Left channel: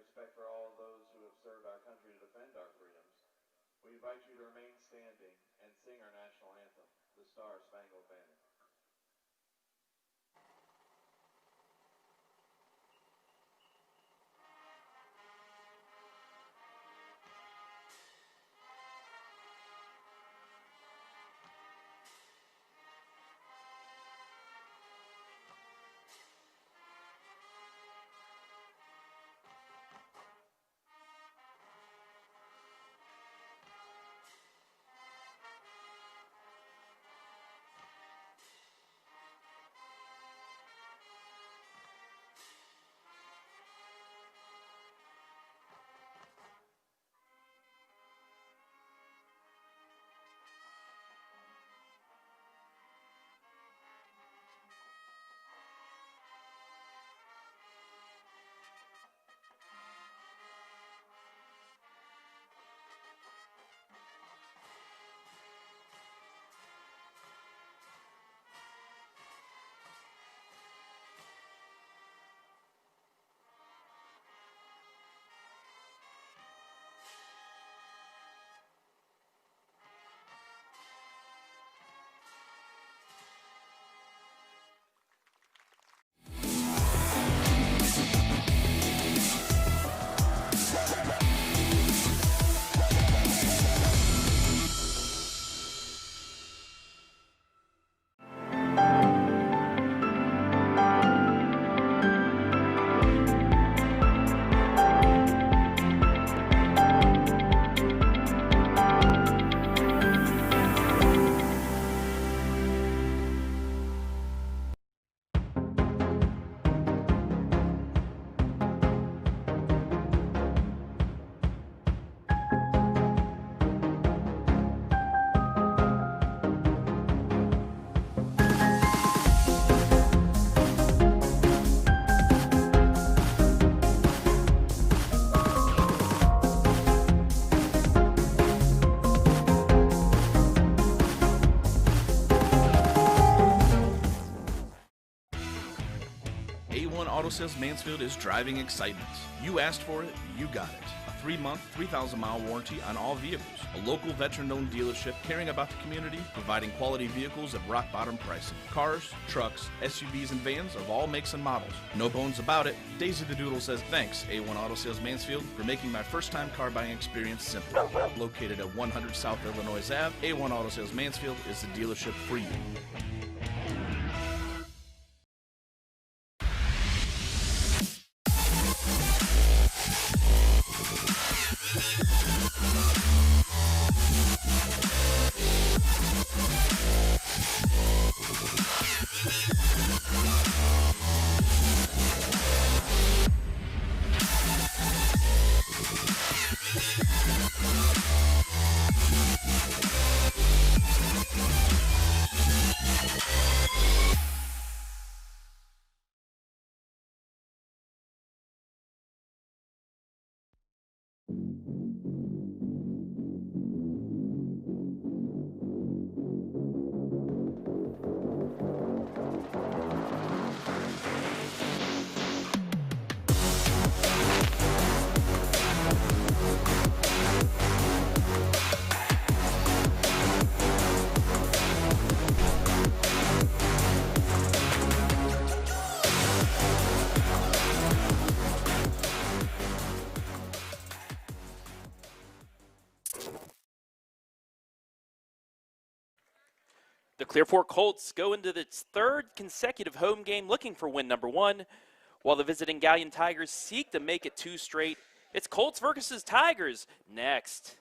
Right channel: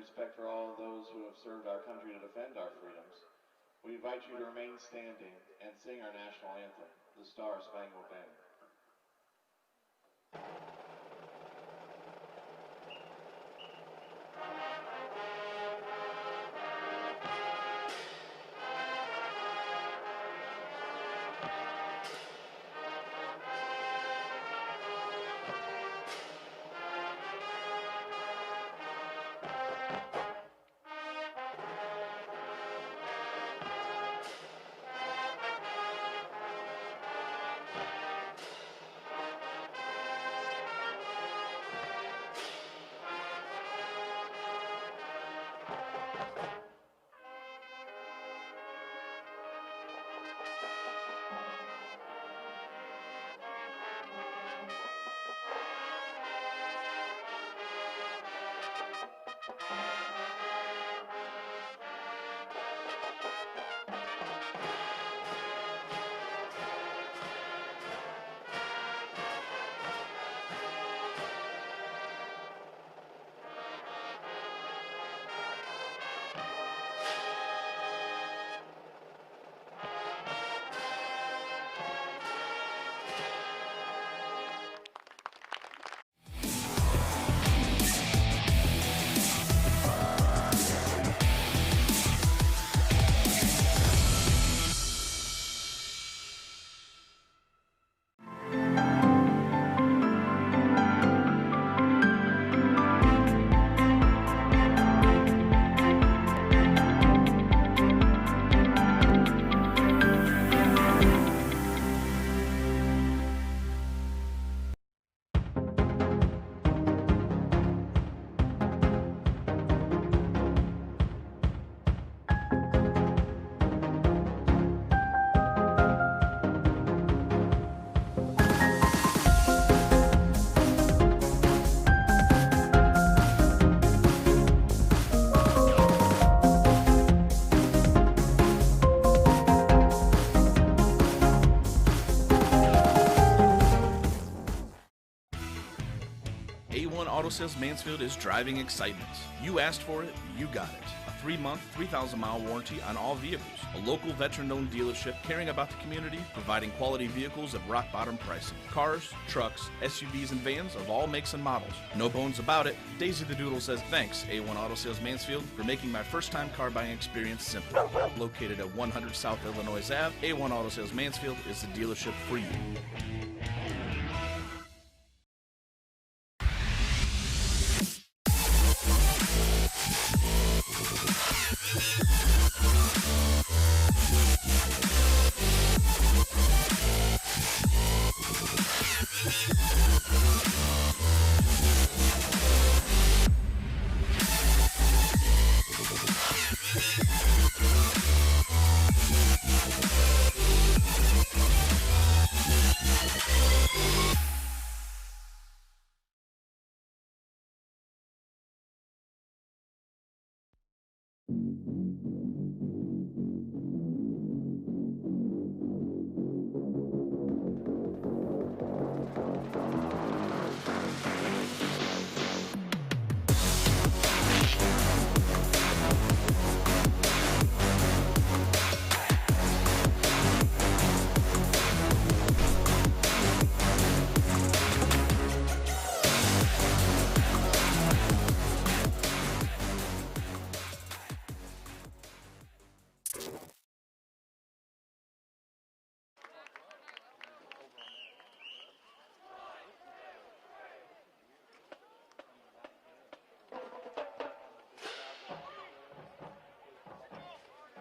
respect for all those who have served our country to defend our freedoms, we invite you to remain standing and sing our national anthem, the Star-Spangled Banner. A1 Auto Sales Mansfield is driving excitement. You asked for it, you got it. A 3-month, 3,000-mile warranty on all vehicles. A local veteran-owned dealership caring about the community, providing quality vehicles at rock-bottom pricing. Cars, trucks, SUVs, and vans of all makes and models. No bones about it. Daisy the Doodle says thanks, A1 Auto Sales Mansfield, for making my first-time car buying experience simple. Located at 100 South Illinois Ave, A1 Auto Sales Mansfield is the dealership for you. The Clearfork Colts go into its third consecutive home game looking for win number 1, while the visiting Galion Tigers seek to make it 2 straight. It's Colts versus Tigers next.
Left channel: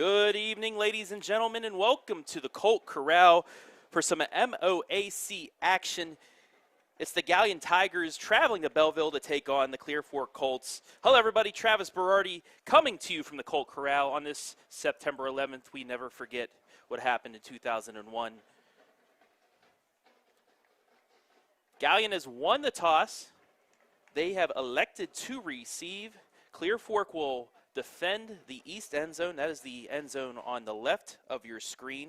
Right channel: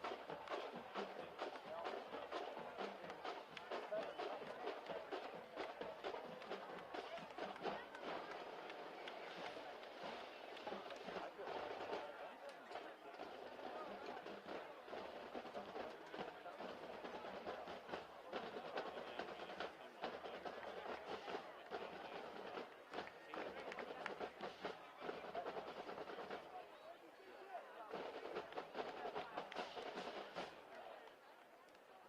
Good evening, ladies and gentlemen, and welcome to the Colt Corral for some MOAC action. It's the Galion Tigers traveling to Belleville to take on the Clear Fork Colts. Hello, everybody. Travis Berardi coming to you from the Colt Corral on this September 11th. We never forget what happened in 2001. Galion has won the toss. They have elected to receive. Clear Fork will defend the east end zone. That is the end zone on the left of your screen.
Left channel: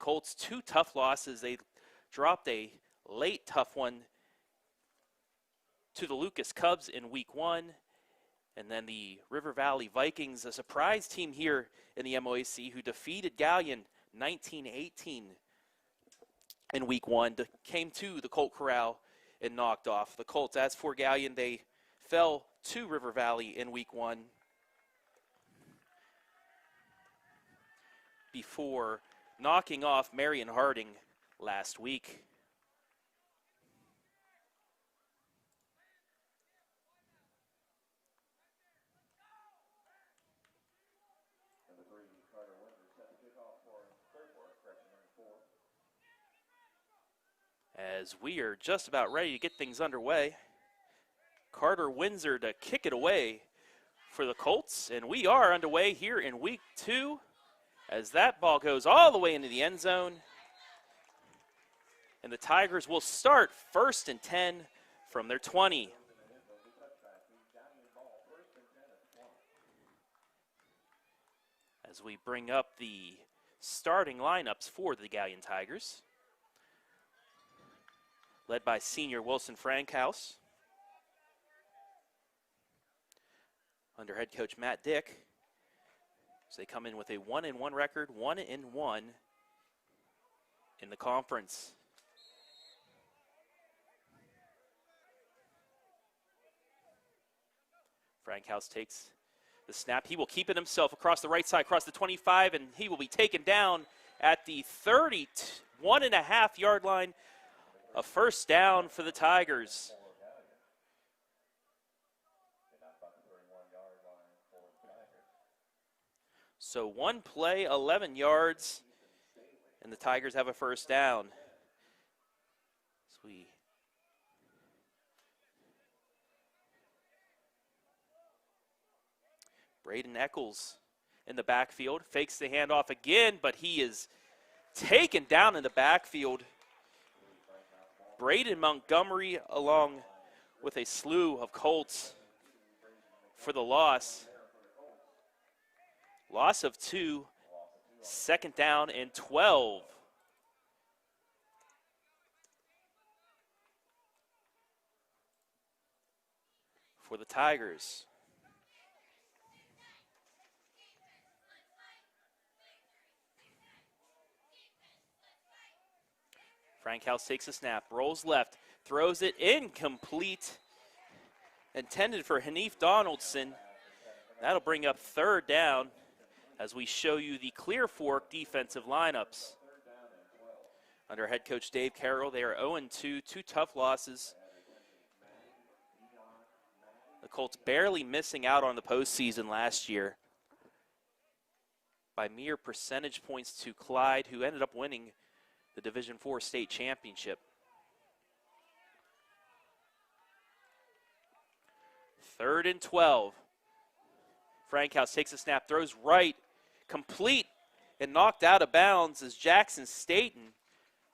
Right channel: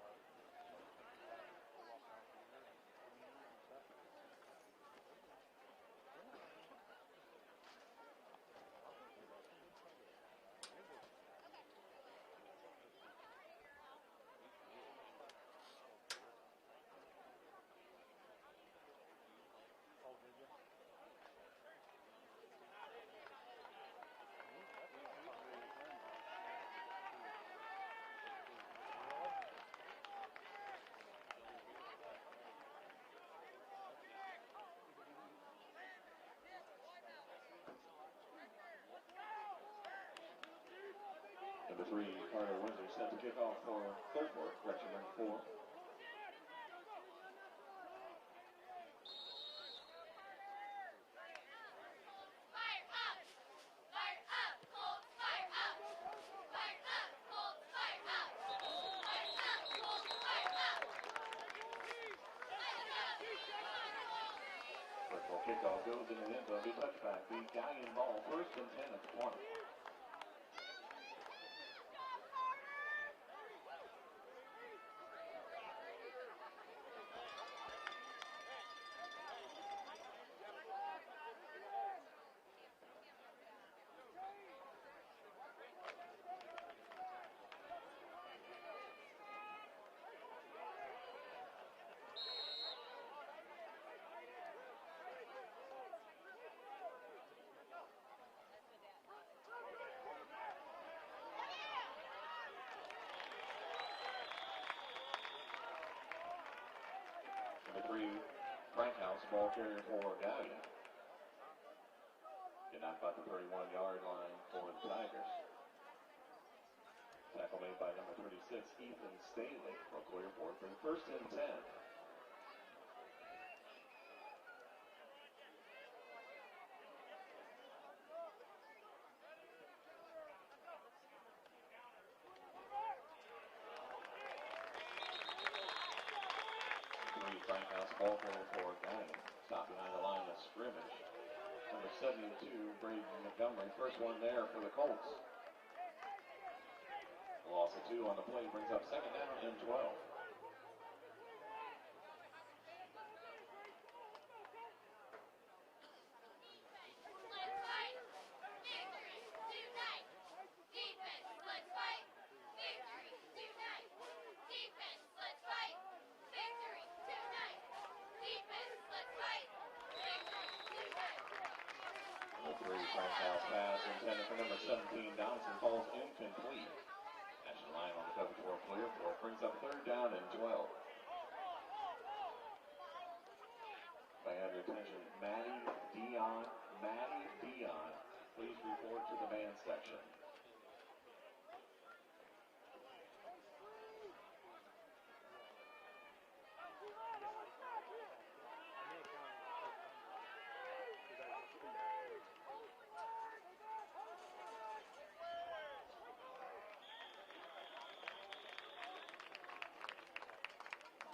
Colts, 2 tough losses. They dropped a late tough one to the Lucas Cubs in week 1. And then the River Valley Vikings, a surprise team here in the MOAC, who defeated Galion 19-18 in week 1, came to the Colt Corral and knocked off the Colts. As for Galion, they fell to River Valley in week 1 before knocking off Marion Harding last week. Number 3, Carter Windsor, set to kick off for Clear Fork, correction number 4. As we are just about ready to get things underway, Carter Windsor to kick it away for the Colts, and we are underway here in week 2 as that ball goes all the way into the end zone. And the Tigers will start 1st and 10 from their 20. As we bring up the starting lineups for the Galion Tigers, led by senior Wilson Frankhouse, under head coach Matt Dick. So they come in with a 1-1 record, 1-1 in the conference. Frankhouse takes the snap. He will keep it himself across the right side, across the 25, and he will be taken down at the 31.5-yard line. A first down for the Tigers. So 1 play, 11 yards, and the Tigers have a first down. Braden Eccles in the backfield, fakes the handoff again, but he is taken down in the backfield. Braden Montgomery along with a slew of Colts for the loss. Loss of 2, 2nd down and 12. For the Tigers. Frankhouse takes a snap, rolls left, throws it incomplete. Intended for Hanif Donaldson. That'll bring up 3rd down as we show you the Clear Fork defensive lineups. Under head coach Dave Carroll, they are 0-2, 2 tough losses. The Colts barely missing out on the postseason last year by mere percentage points to Clyde, who ended up winning the Division IV state championship. 3rd and 12. Frankhouse takes a snap, throws right, complete, and knocked out of bounds is Jackson Staten,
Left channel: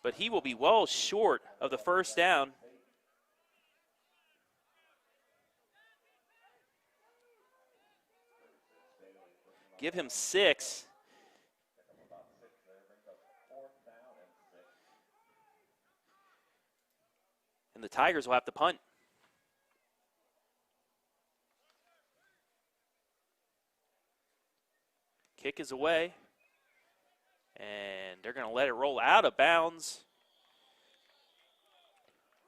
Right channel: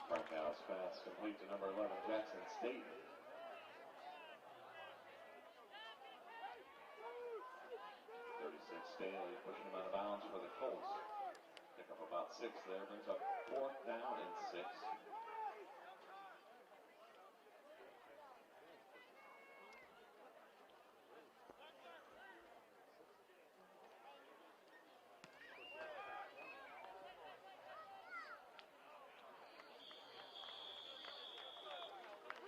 but he will be well short of the first down. Give him 6. And the Tigers will have to punt. Kick is away, and they're going to let it roll out of bounds.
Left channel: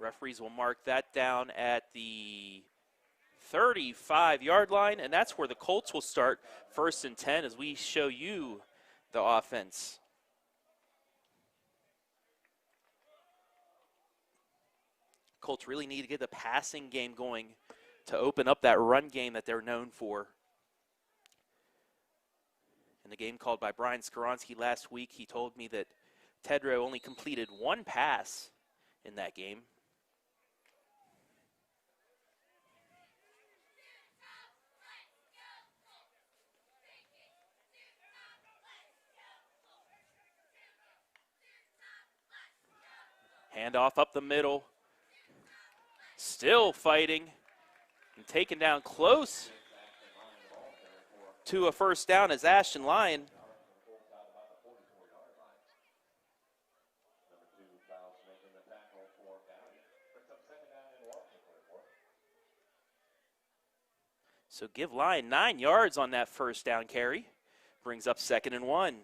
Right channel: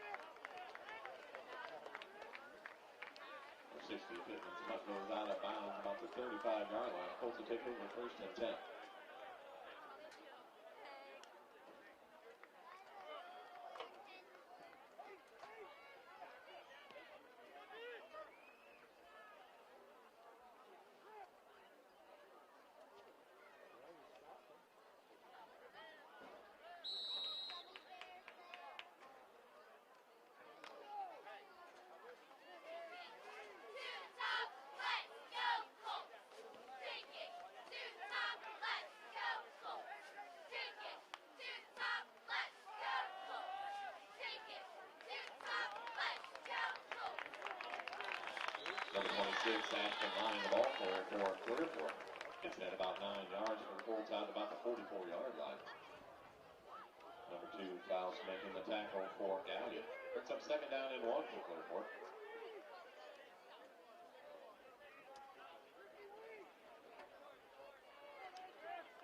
Referees will mark that down at the 35-yard line, and that's where the Colts will start 1st and 10 as we show you the offense. Colts really need to get the passing game going to open up that run game that they're known for. In the game called by Brian Skoronsky last week, he told me that Tedrow only completed one pass in that game. Handoff up the middle. Still fighting and taken down close to a first down as Ashton Lyon. Number 2, Faust making the tackle for Galion. Brings up 2nd down and 1 for Clearport. So give Lyon 9 yards on that first down carry. Brings up 2nd and 1.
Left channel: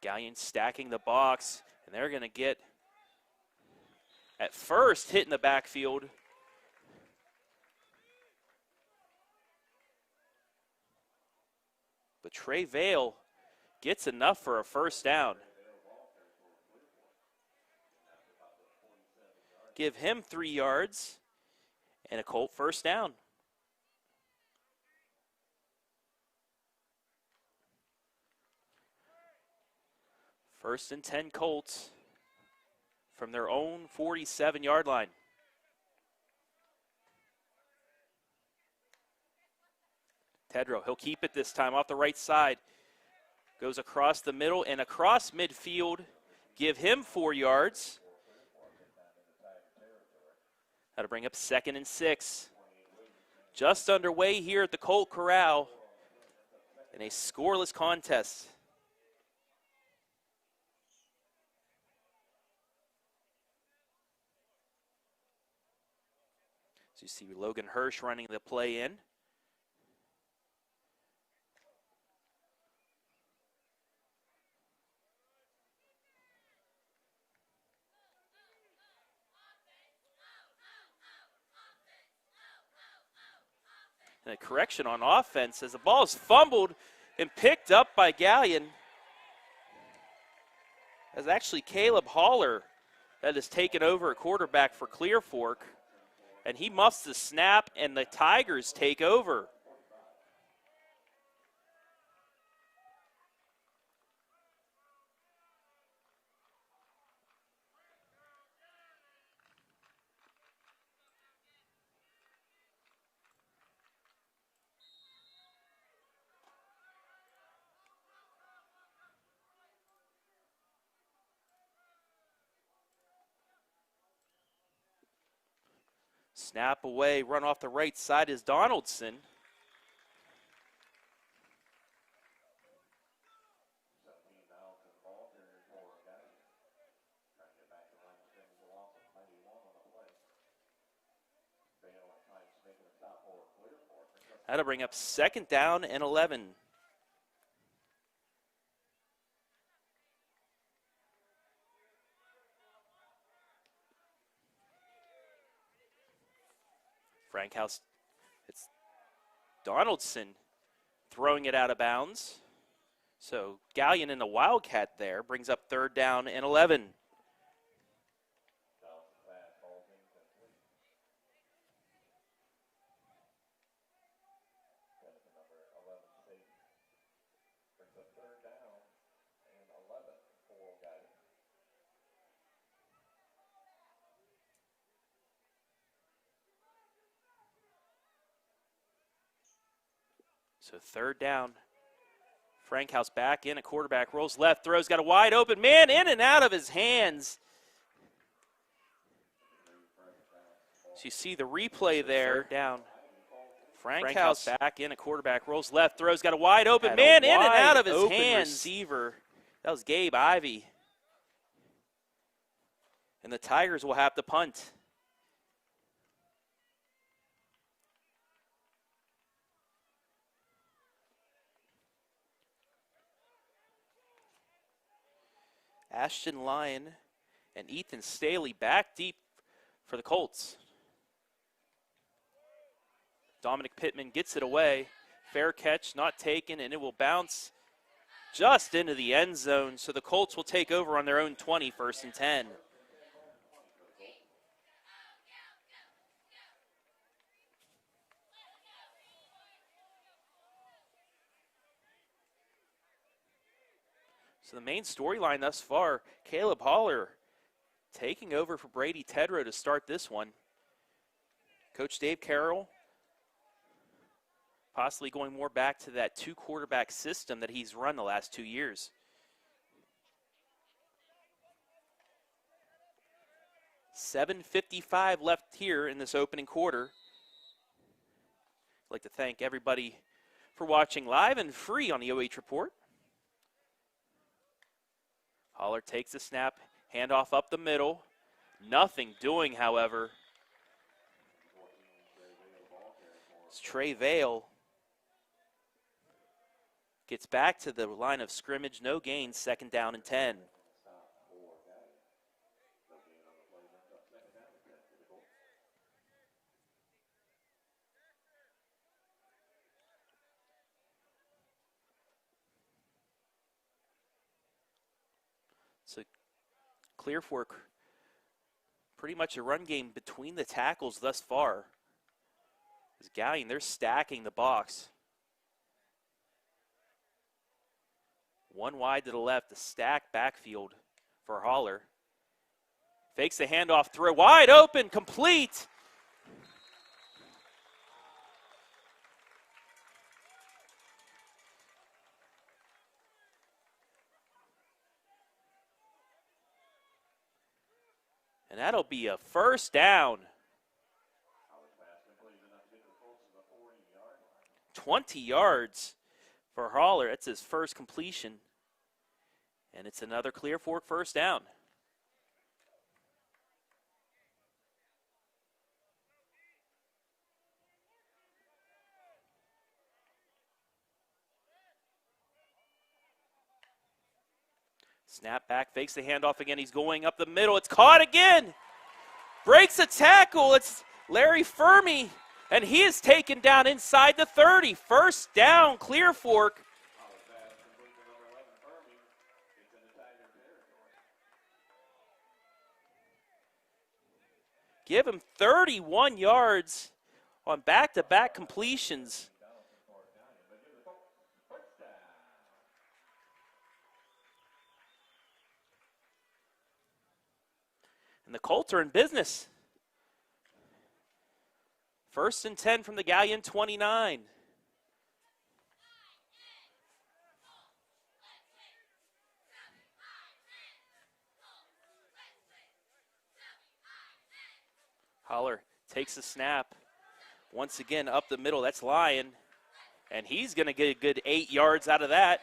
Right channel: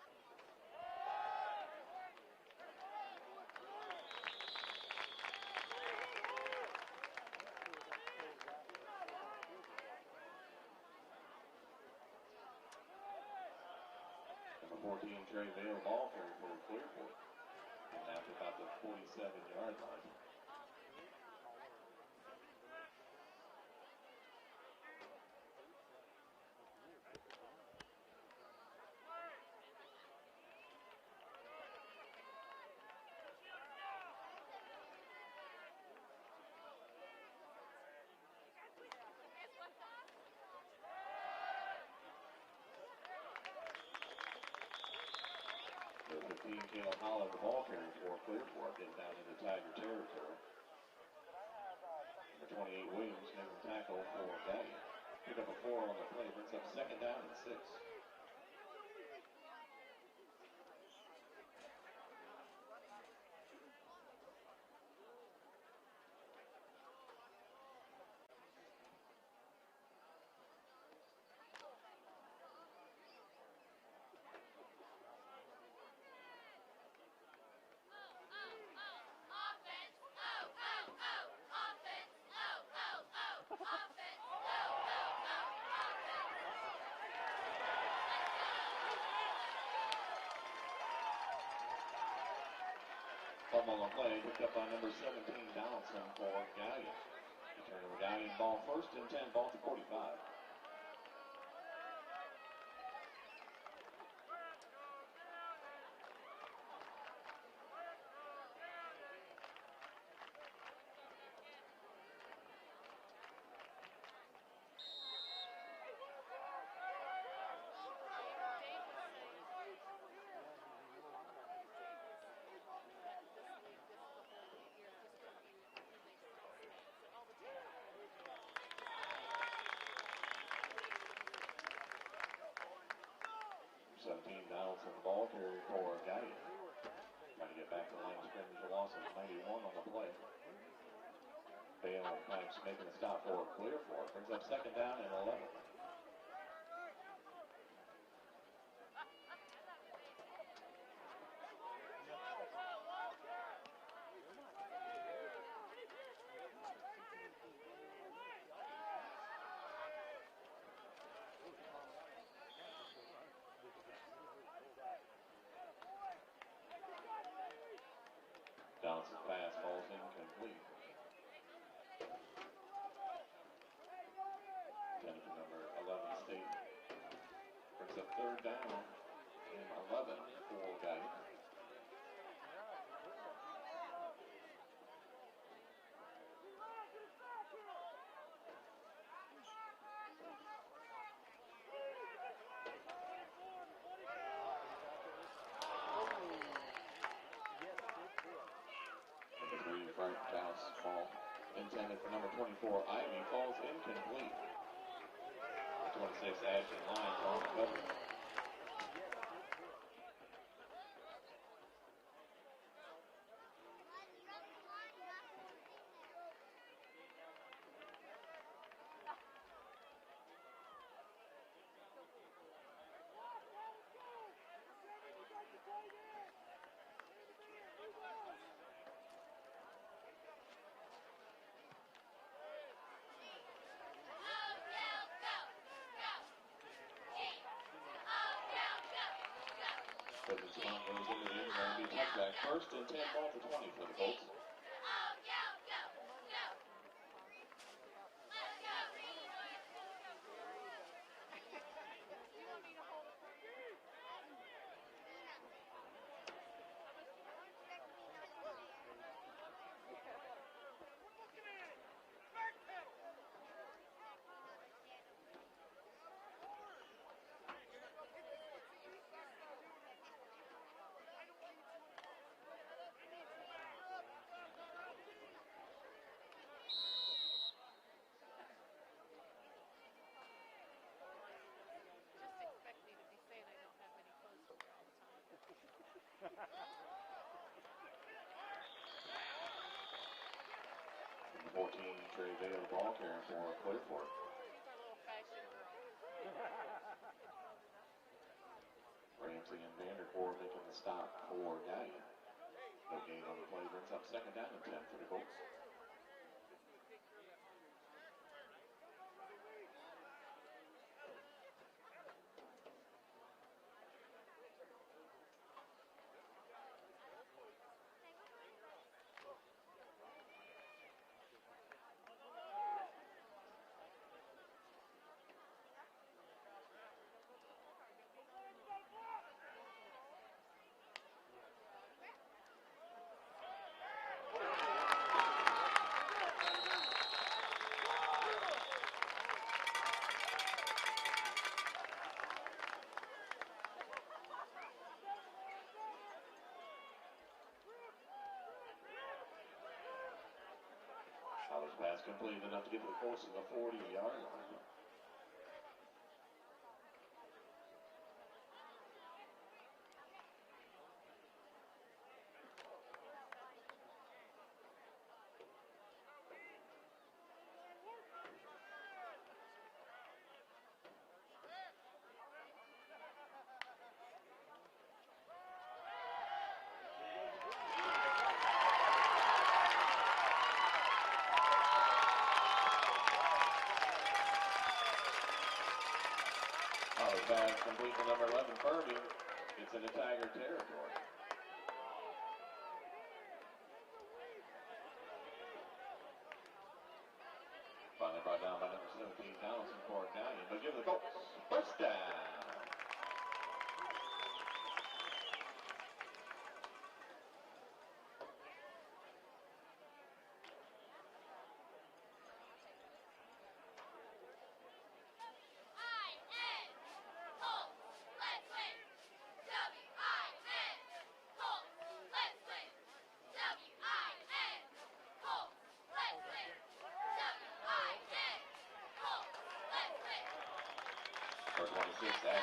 Galion stacking the box, and they're going to get, at first, hit in the backfield. But Trey Vale gets enough for a first down. Give him 3 yards and a Colt first down. First and 10 Colts from their own 47-yard line. Tedrow, he'll keep it this time off the right side. Goes across the middle and across midfield. Give him 4 yards. That'll bring up 2nd and 6. Just underway here at the Colt Corral in a scoreless contest. So you see Logan Hirsch running the play in. And a correction on offense as the ball is fumbled and picked up by Galion. That's actually Caleb Haller that has taken over a quarterback for Clear Fork. And he muffs the snap, and the Tigers take over. Snap away, run off the right side is Donaldson. 17 Donaldson, the ball carrier for Galion. Trying to get back to the line of scrimmage, a loss of 91 on the play. Bale making a stop for Clearfork. That'll bring up 2nd down and 11. Frankhouse, it's Donaldson throwing it out of bounds. So Galion in the Wildcat there brings up 3rd down and 11. Donaldson pass falls incomplete. Tentative number 11 State brings up 3rd down and 11 for Galion. So 3rd down. Frankhouse back in, a quarterback rolls left, throws, got a wide open man in and out of his hands. So you see the replay there down. Frankhouse back in, a quarterback rolls left, throws, got a wide open man in and out of his hands. Receiver. That was Gabe Ivey. And the Tigers will have to punt. Ashton Lyon and Ethan Staley back deep for the Colts. Dominic Pittman gets it away. Fair catch, not taken, and it will bounce just into the end zone, so the Colts will take over on their own 20, 1st and 10. First and 10, ball for 20 for the Colts. So the main storyline thus far, Caleb Holler taking over for Brady Tedrow to start this one. Coach Dave Carroll possibly going more back to that 2-quarterback system that he's run the last 2 years. $7:55 left here in this opening quarter. I'd like to thank everybody for watching live and free on the OH Report. Holler takes the snap, handoff up the middle. Nothing doing, however. 14, Trey Vale, ball carrier for It's Trey Vale gets back to the line of scrimmage, no gain, 2nd down and 10. Making the stop for Galion. No gain on the play, brings up 2nd down and 10 for the Colts. So Clear Fork, pretty much a run game between the tackles thus far. As Galion, they're stacking the box. One wide to the left, a stacked backfield for Holler. Fakes the handoff, throw wide open, complete. And that'll be a 1st down. Holler's pass completed enough to get to the Colts to the 40-yard line. 20 yards for Holler. That's his first completion. And it's another Clear Fork 1st down. Snap back, fakes the handoff again. He's going up the middle. It's caught again. Breaks the tackle. It's Larry Fermi, and he is taken down inside the 30. 1st down, Clear Fork. Holler's pass complete to number 11, Furby. It's into Tiger territory. Give him 31 yards on back-to-back completions. 15,000 for Galion, but give the Colts 1st down. And the Colts are in business. 1st and 10 from the Galion 29. Holler takes the snap. Once again up the middle, that's Lyon. And he's gonna get a good 8 yards out of that.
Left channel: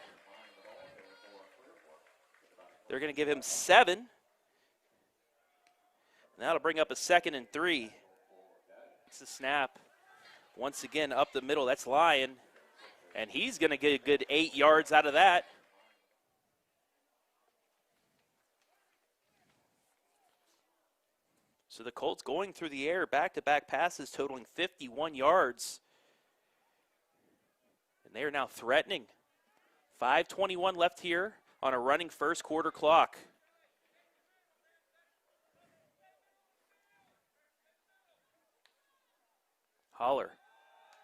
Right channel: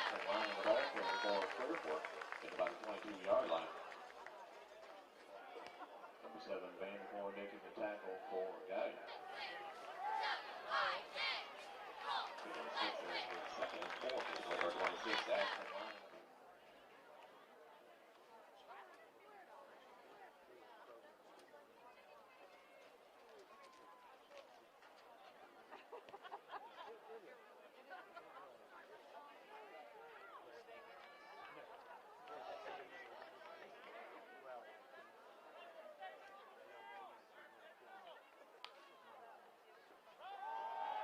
They're gonna give him 7. Now to bring up a 2nd and 3. It's the snap. Once again up the middle, that's Lyon. And he's gonna get a good 8 yards out of that. So the Colts going through the air, back-to-back passes totaling 51 yards. And they are now threatening. 5:21 left here on a running 1st quarter clock. Holler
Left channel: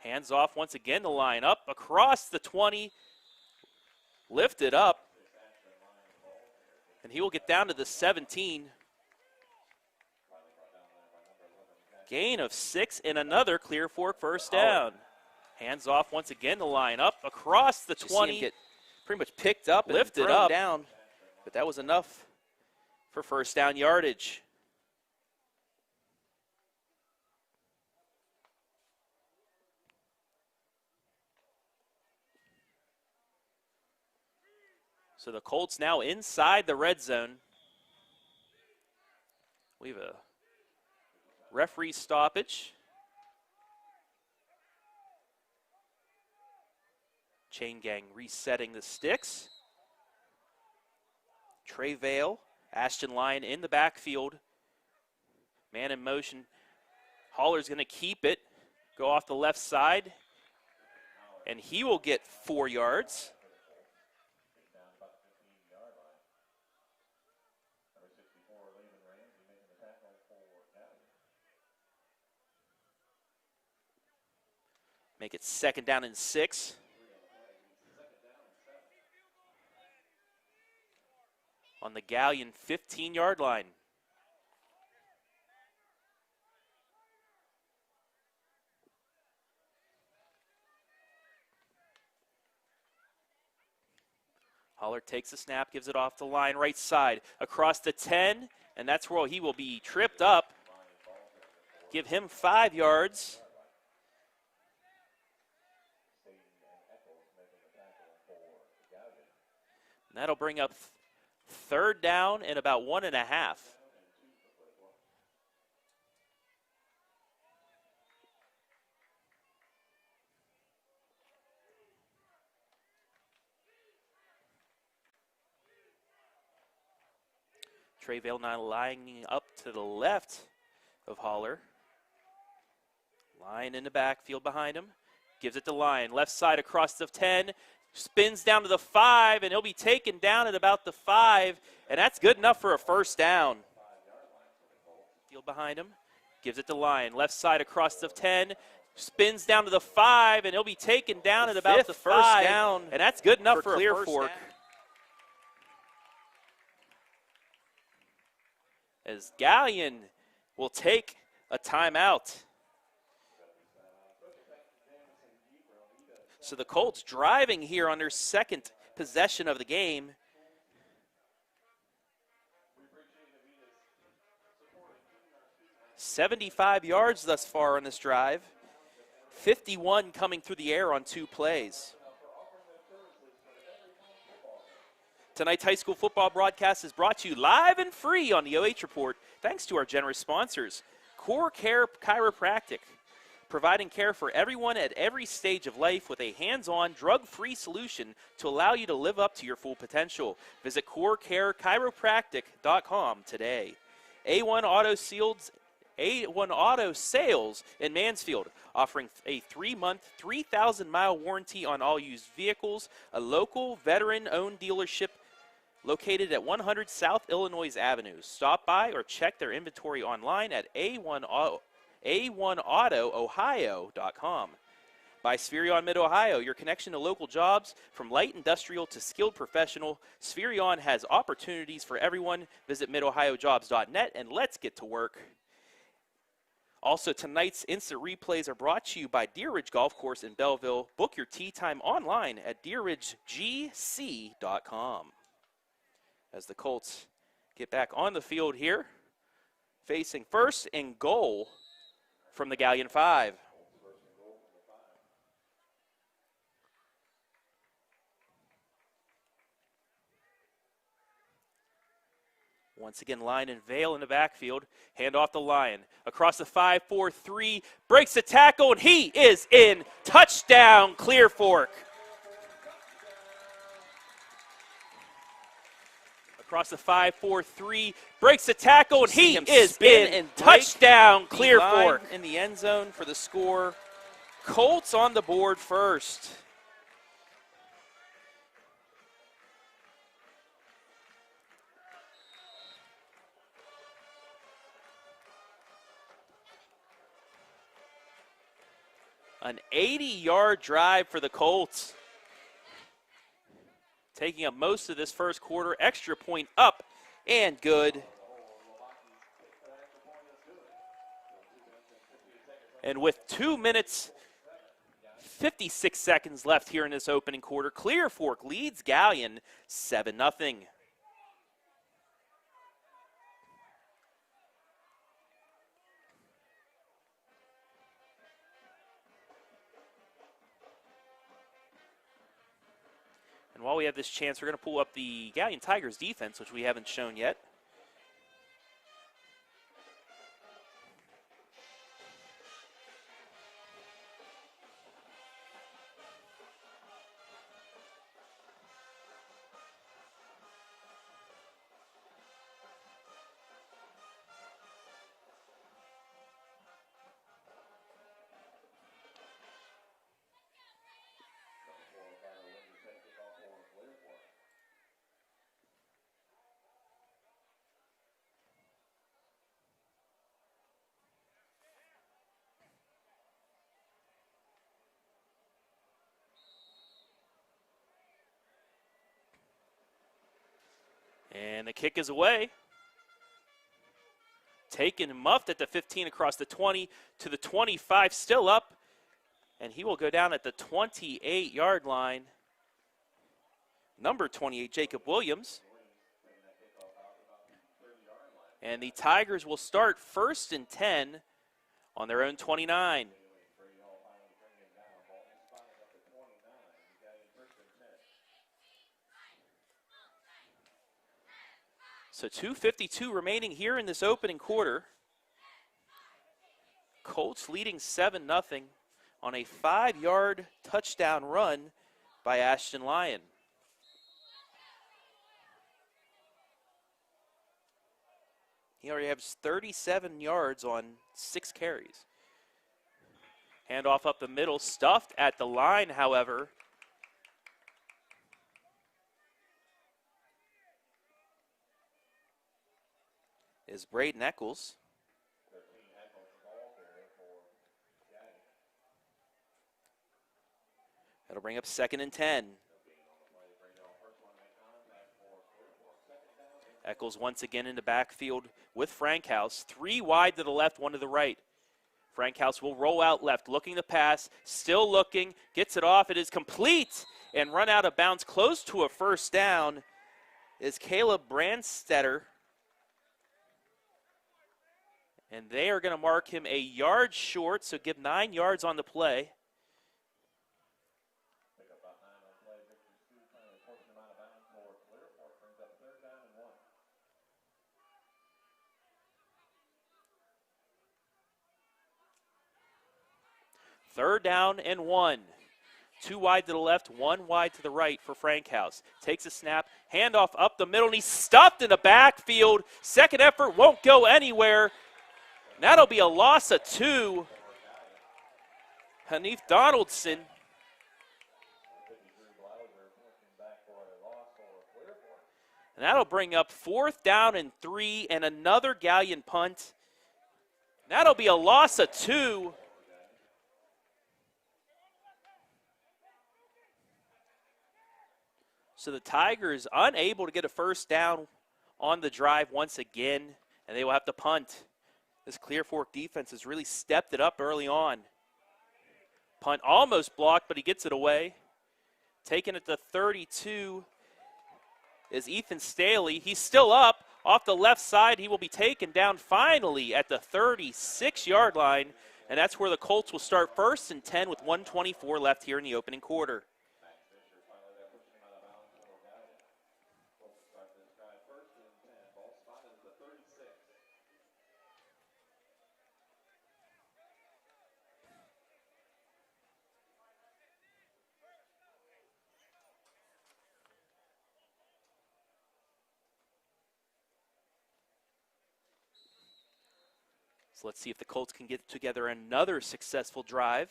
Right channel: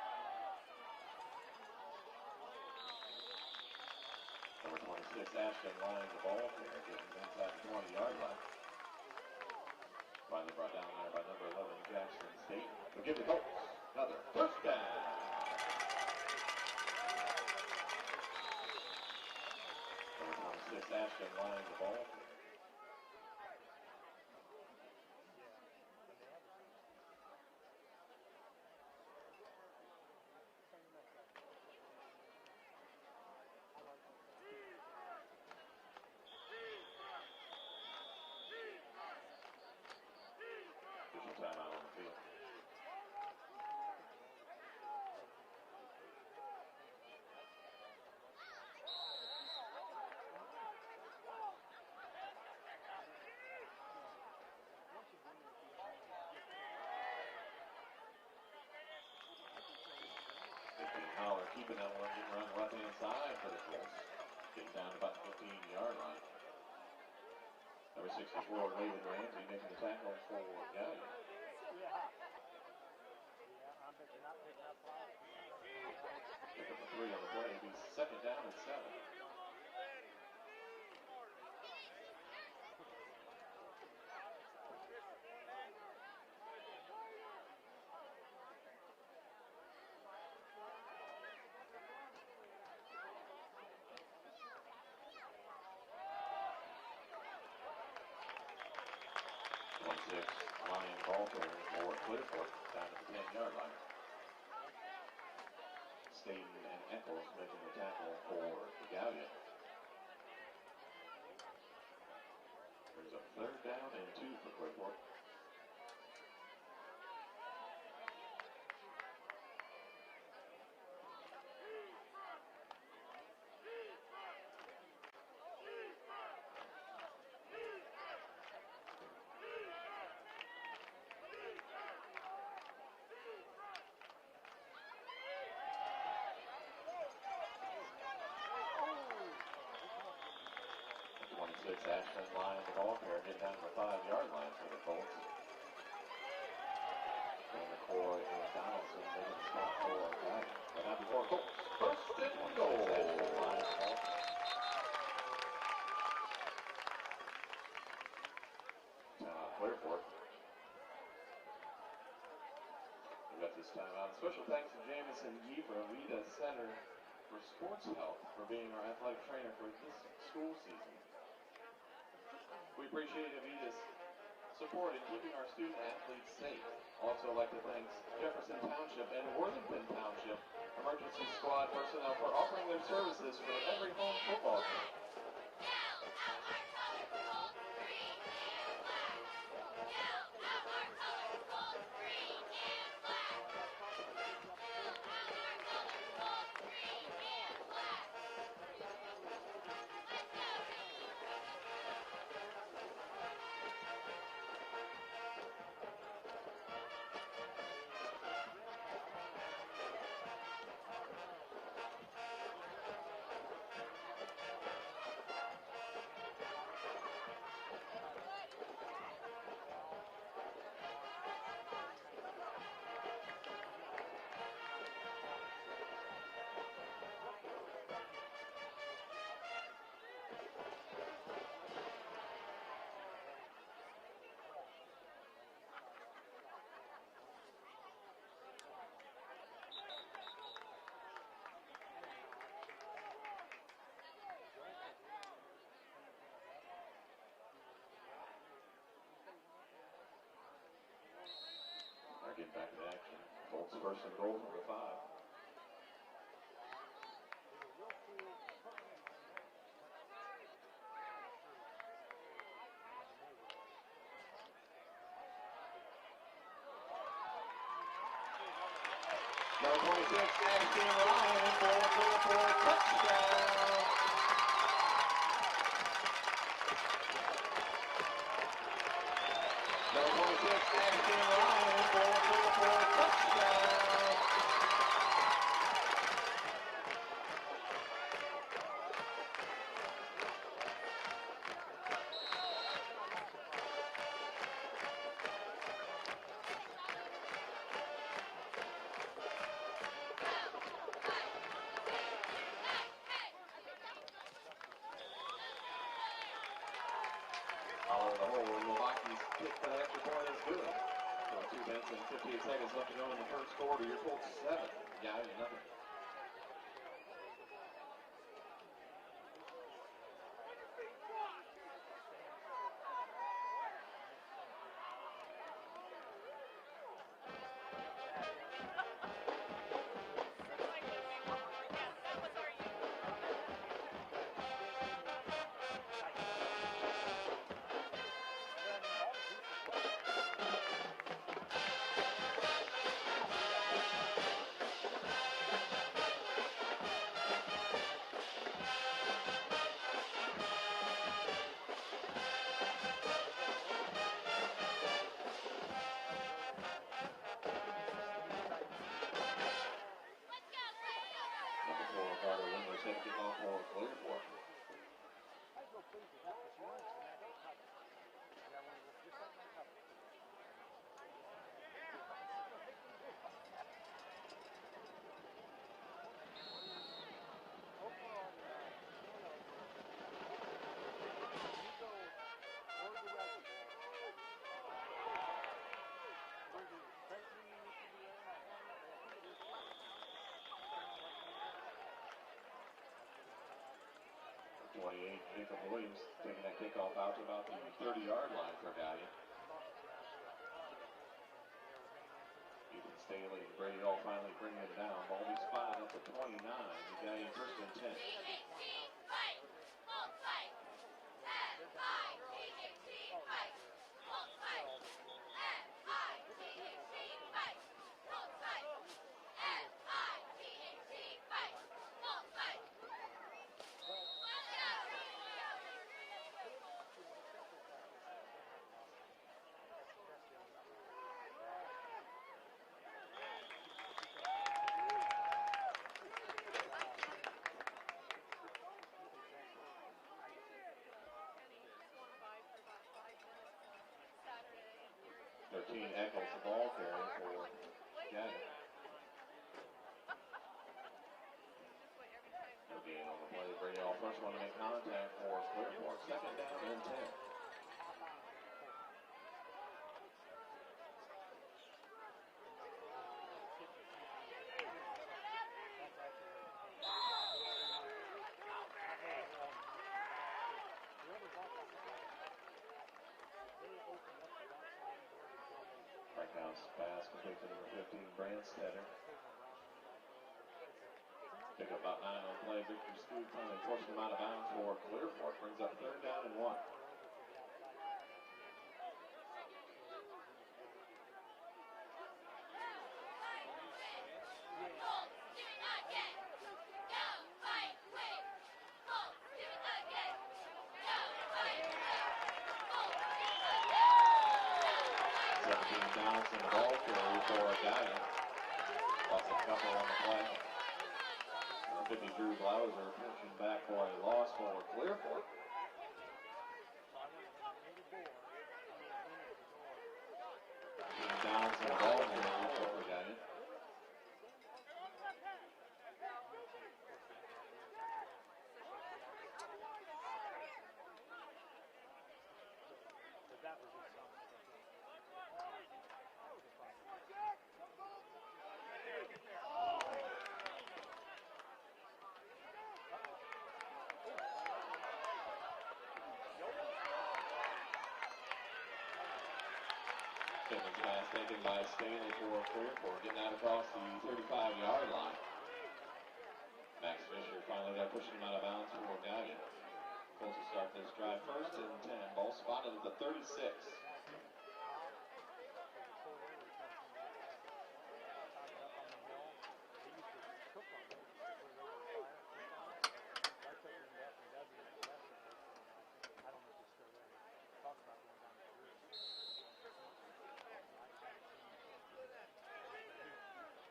hands off once again, the line up across the 20, lifted up, and he will get down to the 17. Gain of 6 and another Clear Fork 1st down. Hands off once again, the line up across the 20. Get pretty much picked up, lifted up, down, but that was enough for 1st down yardage. So the Colts now inside the red zone. We have a referee stoppage. Chain gang resetting the sticks. Trey Vale, Ashton Lyon in the backfield. Man in motion. Holler's gonna keep it, go off the left side, and he will get 4 yards. for Raven Ramsey, making the tackle for Galion. Make it 2nd down and 6. 3 on the play, it'll be 2nd down and 7. On the Galion 15-yard line. Holler takes the snap, gives it off the line, right side, across the 10, and that's where he will be tripped up. Give him 5 yards. And that'll bring up 3rd down and about 1.5. Trey Vale now lining up to the left of Holler. Lyon in the backfield behind him. Gives it to Lyon. Left side across the 10. Spins down to the 5, and he'll be taken down at about the 5. And that's good enough for a 1st down. Field behind him. Gives it to Lyon. Left side across the 10. Spins down to the 5, and he'll be taken down at about the 1st down. And that's good enough for Clear Fork. As Galion will take a timeout. So the Colts driving here on their 2nd possession of the game. 75 yards thus far on this drive. 51 coming through the air on 2 plays. Tonight's high school football broadcast is brought to you live and free on the OH Report, thanks to our generous sponsors. Core Care Chiropractic, providing care for everyone at every stage of life with a hands-on, drug-free solution to allow you to live up to your full potential. Visit corecarechiropractic.com today. A1 Auto Sales in Mansfield, offering a 3-month, 3,000-mile warranty on all used vehicles, a local veteran-owned dealership located at 100 South Illinois Avenue. Stop by or check their inventory online at A1AutoOhio.com. By Spherion Mid-Ohio, your connection to local jobs, from light industrial to skilled professional. Spherion has opportunities for everyone. Visit midohiojobs.net and let's get to work. Also, tonight's instant replays are brought to you by Deer Ridge Golf Course in Belleville. Book your tee time online at deerridgegc.com. As the Colts get back on the field here, facing 1st and goal from the Galion 5. Colts 1st and goal from the 5. Once again, Lyon and Vale in the backfield. Hand off the Lyon. Across the 5-4-3, breaks the tackle, and he is in. Touchdown, Clear Fork. Across the 5-4-3, breaks the tackle, and he is in. Touchdown, Clear Fork. In the end zone for the score. Colts on the board first. An 80-yard drive for the Colts. Taking up most of this first quarter. Extra point up and good. And with 2 minutes, 56 seconds left here in this opening quarter, Clear Fork leads Galion 7-0. While we have this chance, we're going to pull up the Galion Tigers defense, which we haven't shown yet. kick is away. Taken, muffed at the 15 across the 20 to the 25, still up. And he will go down at the 28-yard line. Number 28, Jacob Williams. Taking that kickoff out to about the 30-yard line. And the Tigers will start 1st and 10 on their own 29. Bailey, Brady all finally bringing it down. Ball is 5 up to 29. The Galion 1st and 10. So 2:52 remaining here in this opening quarter. Colts leading 7-0 on a 5-yard touchdown run by Ashton Lyon. He already has 37 yards on 6 carries. Handoff up the middle, stuffed at the line, however. Is Braden Eccles. 13 Eccles, the ball carrier for Galion. That'll bring up 2nd and 10. Eccles once again in the backfield with Frankhouse. 3 wide to the left, 1 to the right. Frankhouse will roll out left, looking to pass, still looking, gets it off. It is complete and run out of bounds. Close to a 1st down is Caleb Brandstetter. And they are going to mark him a yard short, so give 9 yards on the play. Pick up about 9 on play. Victor Scoot finally forced him out of bounds for Clearport. Brings up 3rd down and 1. Third down and 1. 2 wide to the left, 1 wide to the right for Frankhouse. Takes a snap, handoff up the middle, and he's stuffed in the backfield. Second effort won't go anywhere. That'll be a loss of 2. Hanif Donaldson. And that'll bring up 4th down and 3 and another Galion punt. That'll be a loss of 2. So the Tigers unable to get a 1st down on the drive once again, and they will have to punt. This Clear Fork defense has really stepped it up early on. Punt almost blocked, but he gets it away. Taken at the 32 is Ethan Staley. He's still up off the left side. He will be taken down finally at the 36-yard line, and that's where the Colts will start 1st and 10 with 1:24 left here in the opening quarter. Max Fisher finally got pushing him out of bounds for Galion. Colts will start this drive 1st and 10. Ball spotted at the 36. So let's see if the Colts can get together another successful drive.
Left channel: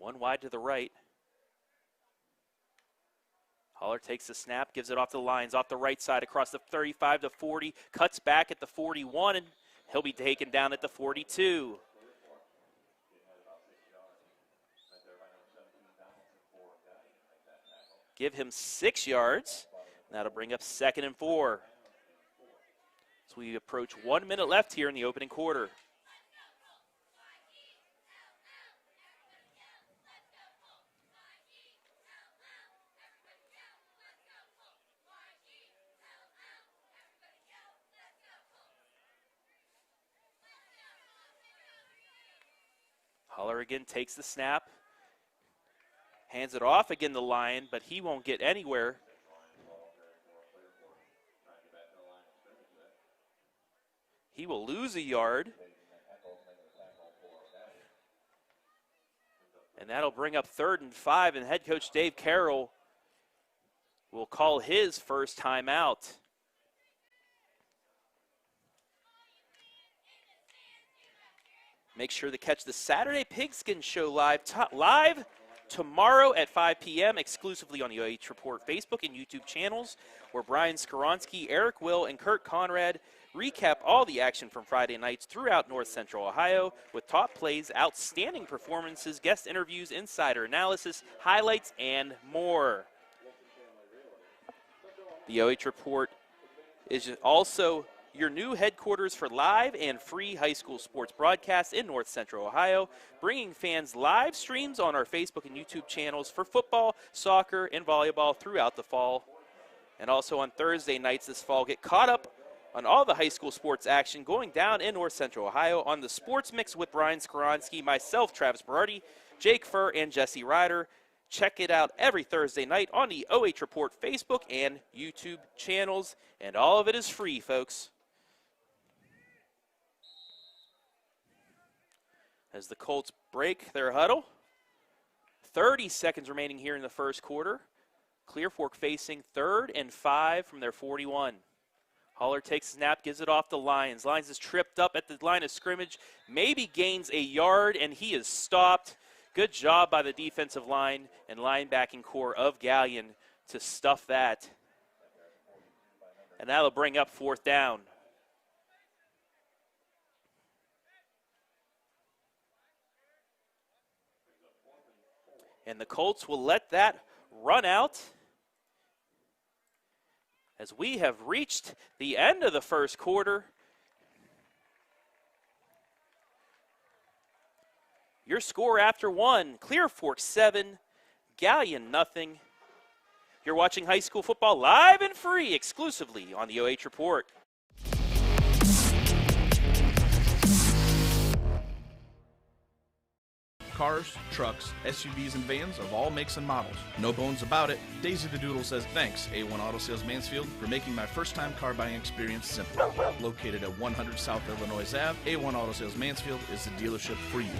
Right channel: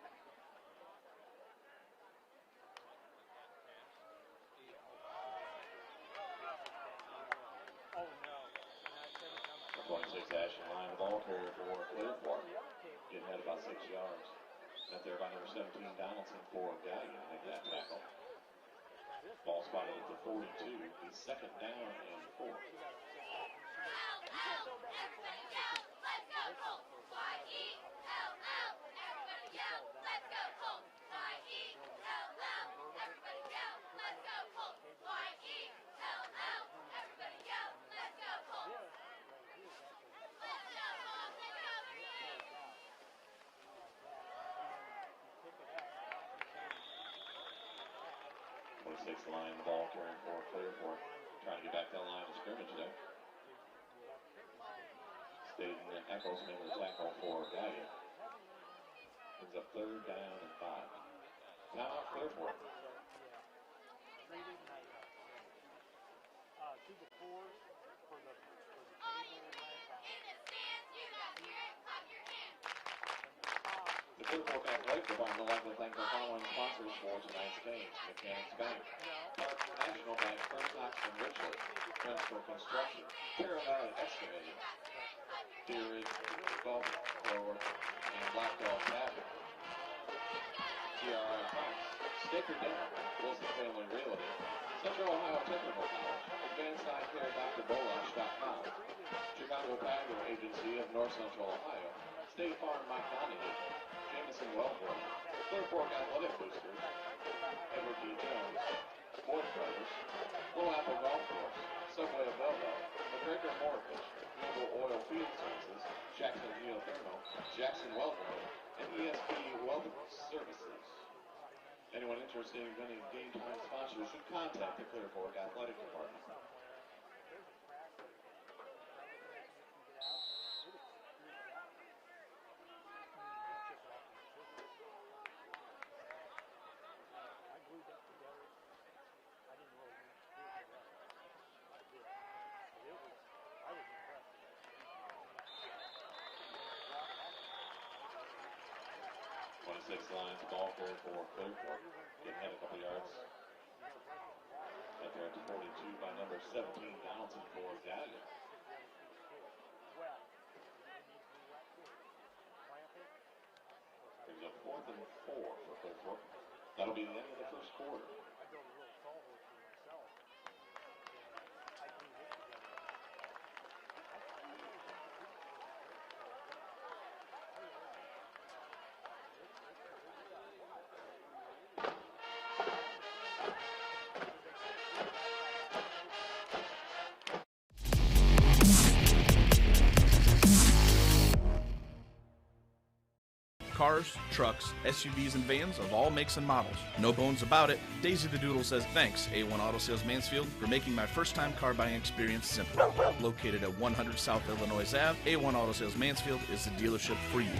One wide to the right. Holler takes the snap, gives it off the lines, off the right side across the 35 to 40, cuts back at the 41, and he'll be taken down at the 42. Give him 6 yards. That'll bring up 2nd and 4. So we approach 1 minute left here in the opening quarter. Holler again takes the snap. Hands it off again to Lyon, but he won't get anywhere. He will lose a yard. And that'll bring up 3rd and 5, and head coach Dave Carroll will call his first timeout. Make sure to catch the Saturday Pigskin Show live tomorrow at 5 p.m. exclusively on the OH Report Facebook and YouTube channels, where Brian Skoronsky, Eric Will, and Kurt Conrad recap all the action from Friday nights throughout North Central Ohio with top plays, outstanding performances, guest interviews, insider analysis, highlights, and more. The OH Report is also your new headquarters for live and free high school sports broadcasts in North Central Ohio, bringing fans live streams on our Facebook and YouTube channels for football, soccer, and volleyball throughout the fall. And also on Thursday nights this fall, get caught up on all the high school sports action going down in North Central Ohio on the Sports Mix with Brian Skoronsky, myself, Travis Berardi, Jake Furr, and Jesse Ryder. Check it out every Thursday night on the OH Report Facebook and YouTube channels, and all of it is free, folks. As the Colts break their huddle, 30 seconds remaining here in the first quarter. Clear Fork facing 3rd and 5 from their 41. Haller takes a snap, gives it off to Lyons. Lyons is tripped up at the line of scrimmage, maybe gains a yard, and he is stopped. Good job by the defensive line and linebacking core of Galion to stuff that. And that'll bring up 4th down. And the Colts will let that run out as we have reached the end of the first quarter. Your score after one, Clear Fork 7, Galion nothing. You're watching high school football live and free exclusively on the OH Report. Cars, trucks, SUVs, and vans of all makes and models. No bones about it. Daisy the Doodle says thanks, A1 Auto Sales Mansfield, for making my first-time car buying experience simple. Located at 100 South Illinois Ave, A1 Auto Sales Mansfield is the dealership for you.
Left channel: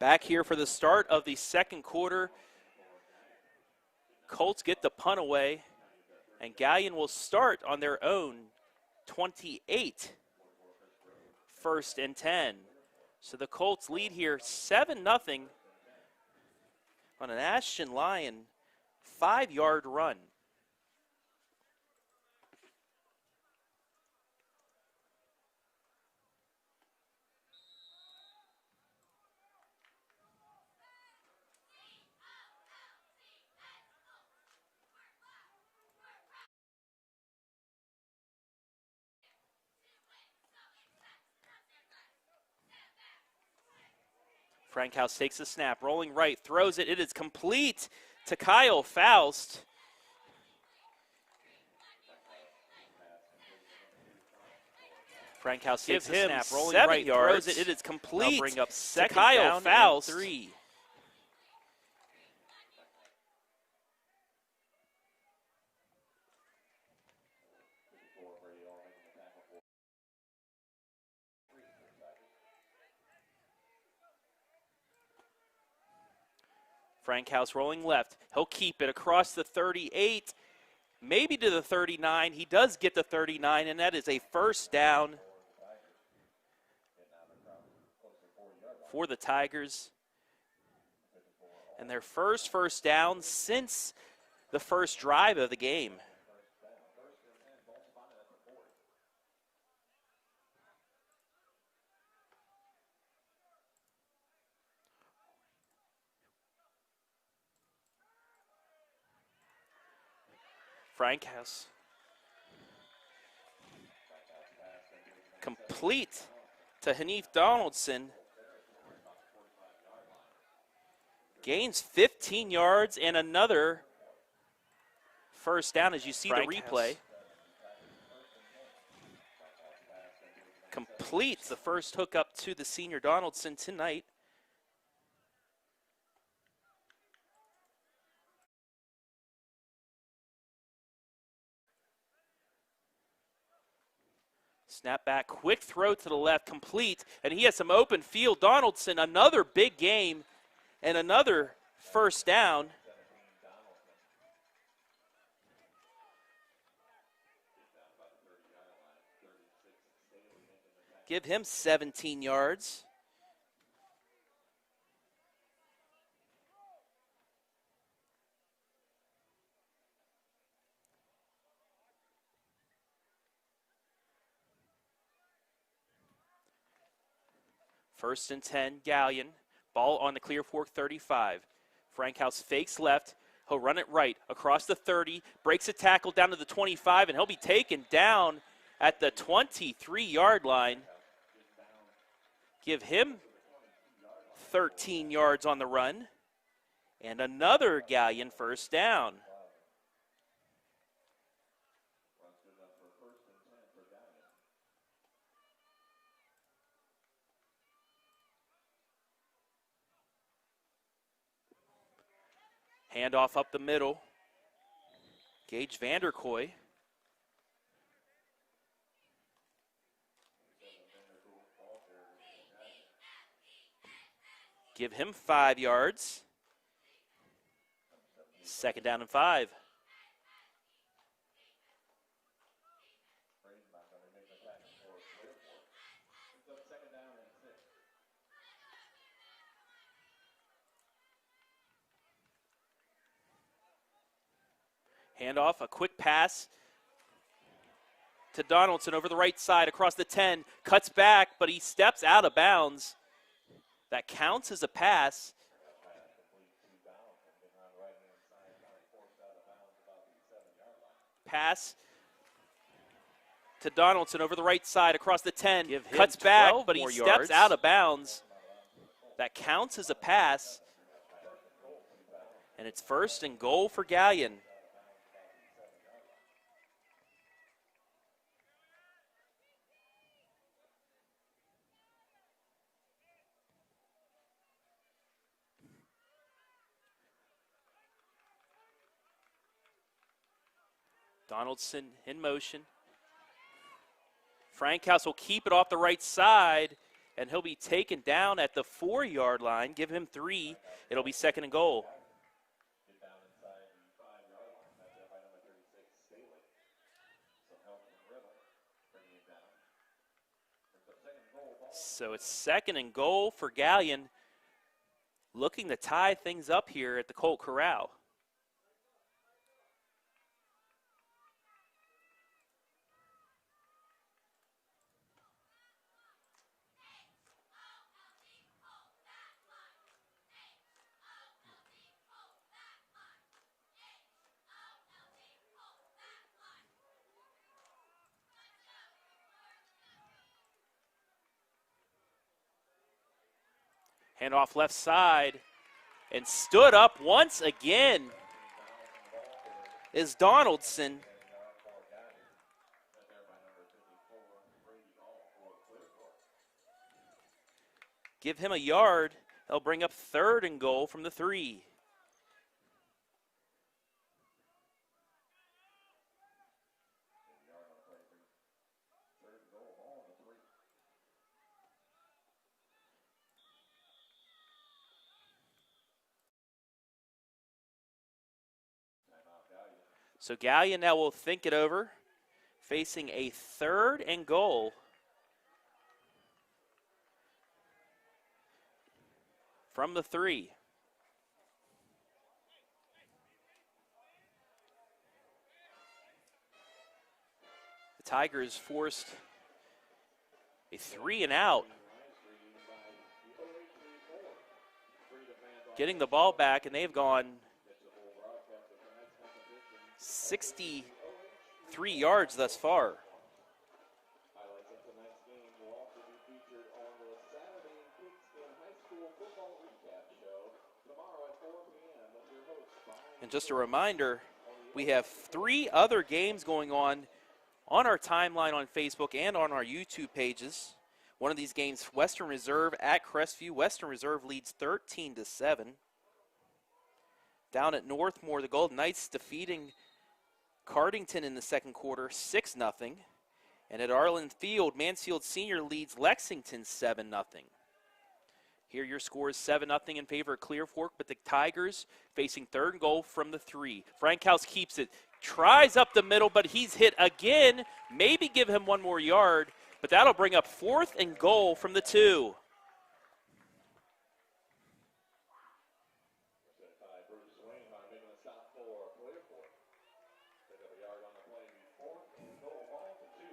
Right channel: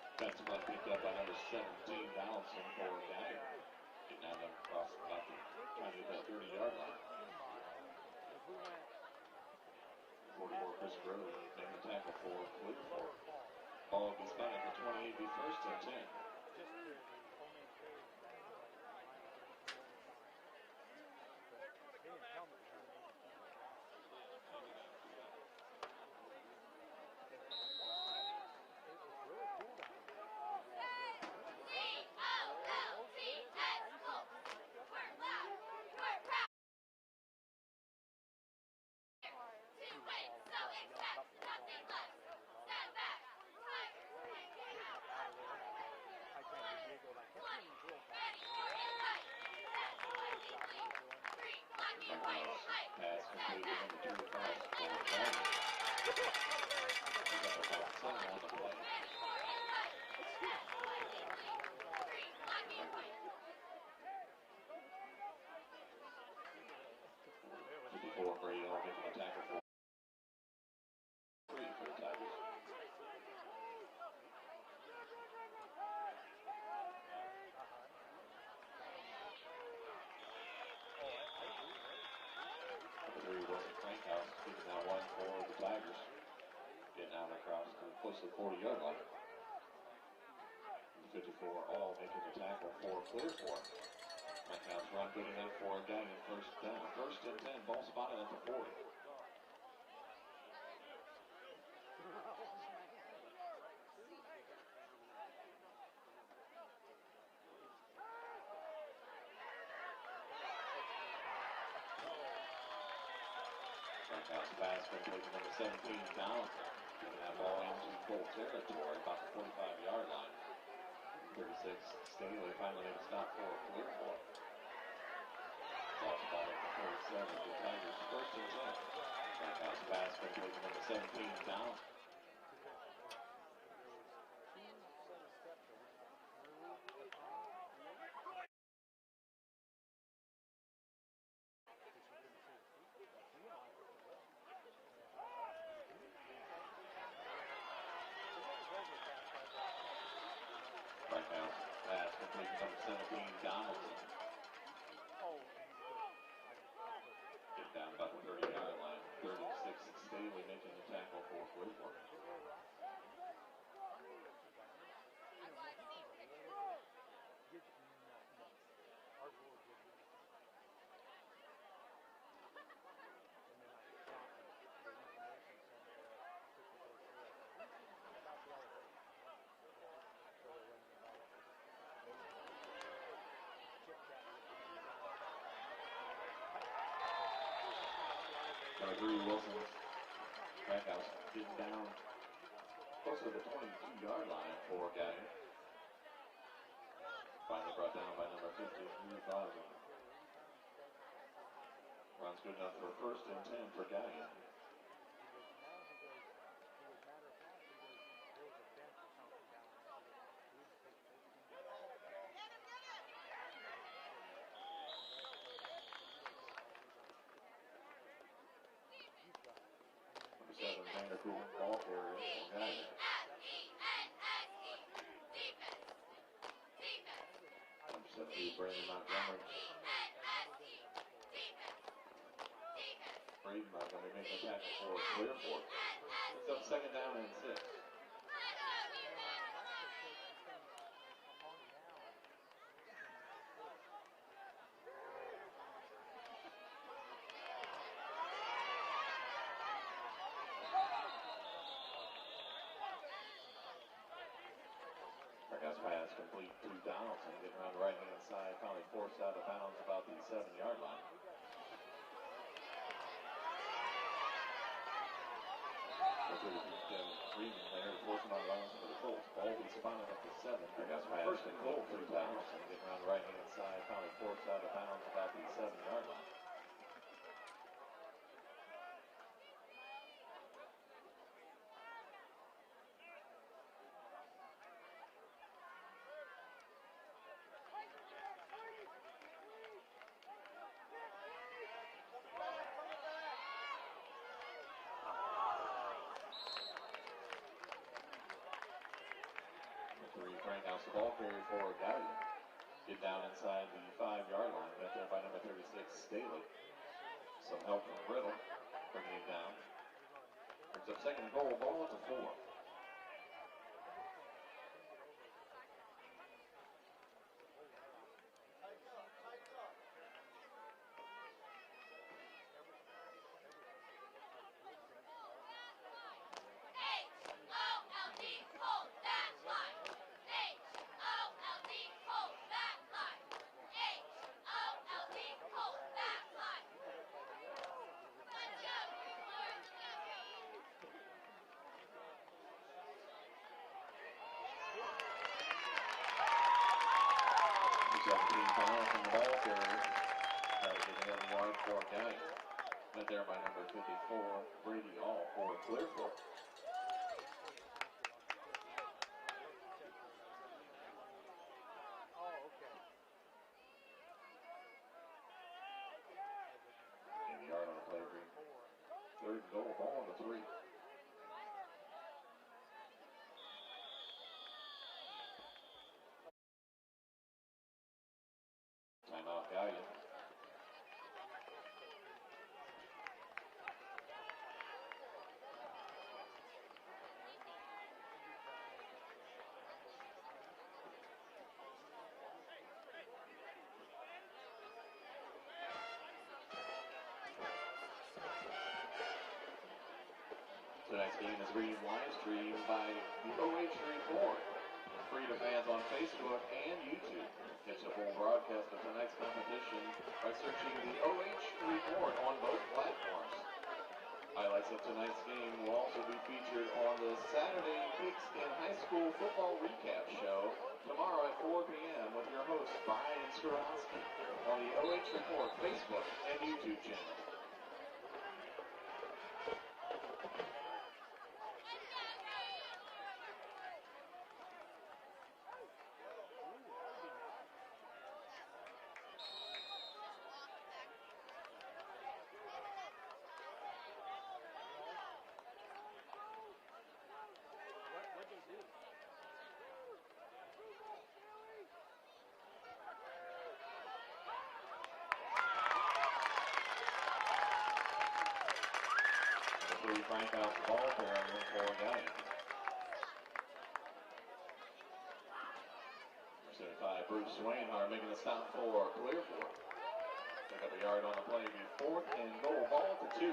Back here for the start of the second quarter. Colts get the punt away, and Galion will start on their own 28. 1st and 10. So the Colts lead here 7-0 on an Ashton Lyon 5-yard run. Frankhouse takes the snap, rolling right, throws it. It is complete to Kyle Faust. Frankhouse takes the snap, rolling right, throws it. It is complete. Bring up second to Kyle Faust. 3. Frankhouse rolling left. He'll keep it across the 38, maybe to the 39. He does get the 39, and that is a 1st down for the Tigers. And their first down since the first drive of the game. Frankhouse Frankhouse pass been taken in the complete second. to Hanif Donaldson. Full territory, about the 45-yard line. Gains 15 yards and another first down as you see the replay. Completes the first hookup to the senior Donaldson tonight. Snap back, quick throw to the left, complete, and he has some open field. Donaldson, another big game and another first down. Give him 17 yards. First and 10, Galion. Ball on the Clear Fork 35. Frankhouse fakes left. He'll run it right across the 30, breaks a tackle down to the 25, and he'll be taken down at the 23-yard line. Give him 13 yards on the run. And another Galion first down. Runs good enough for first and 10 for Galion. Handoff up the middle. Gage Vanderkoy. Give him 5 yards. Second down and 5. Second down and 6. Handoff, a quick pass to Donaldson over the right side across the 10. Cuts back, but he steps out of bounds. That counts as a pass. Pass complete to Donaldson, getting around the right-hand side, probably forced out of bounds about the 7-yard line. Pass to Donaldson over the right side across the 10. Cuts back, but he steps out of bounds. That counts as a pass. And it's first and goal for Galion. Donaldson in motion. Frankhouse will keep it off the right side, and he'll be taken down at the 4-yard line. Give him 3. It'll be second and goal. Get down inside the 5-yard line. That's there by number 36, Staley. Some help from Riddle, bringing him down. It's a second and goal. So it's second and goal for Galion, looking to tie things up here at the Colt Corral. Hand off left side, and stood up once again is Donaldson. Give him a yard. They'll bring up third and goal from the 3. Third and goal, ball on the 3. So Galion now will think it over, facing a third and goal from the 3. The Tigers forced a 3 and out. Getting the ball back, and they've gone It's a full broadcast of tonight's competition. 63 yards thus far. Highlights of tonight's game will also be featured on the Saturday Pigskin High School Football Recap Show tomorrow at 4 p.m. with your host, Brian. And just a reminder, we have 3 other games going on our timeline on Facebook and on our YouTube pages. One of these games, Western Reserve at Crestview. Western Reserve leads 13-7. Down at Northmore, the Golden Knights defeating Cardington in the second quarter, 6-0. And at Arlen Field, Mansfield Senior leads Lexington 7-0. Here your score is 7-0 in favor of Clear Fork, but the Tigers facing third and goal from the 3. Frankhouse keeps it, tries up the middle, but he's hit again. Maybe give him 1 more yard, but that'll bring up 4th and goal from the 2. Bruce Swainhart making the stop for Clear Fork. Pick up a yard on the play, be 4th and goal, ball to 2.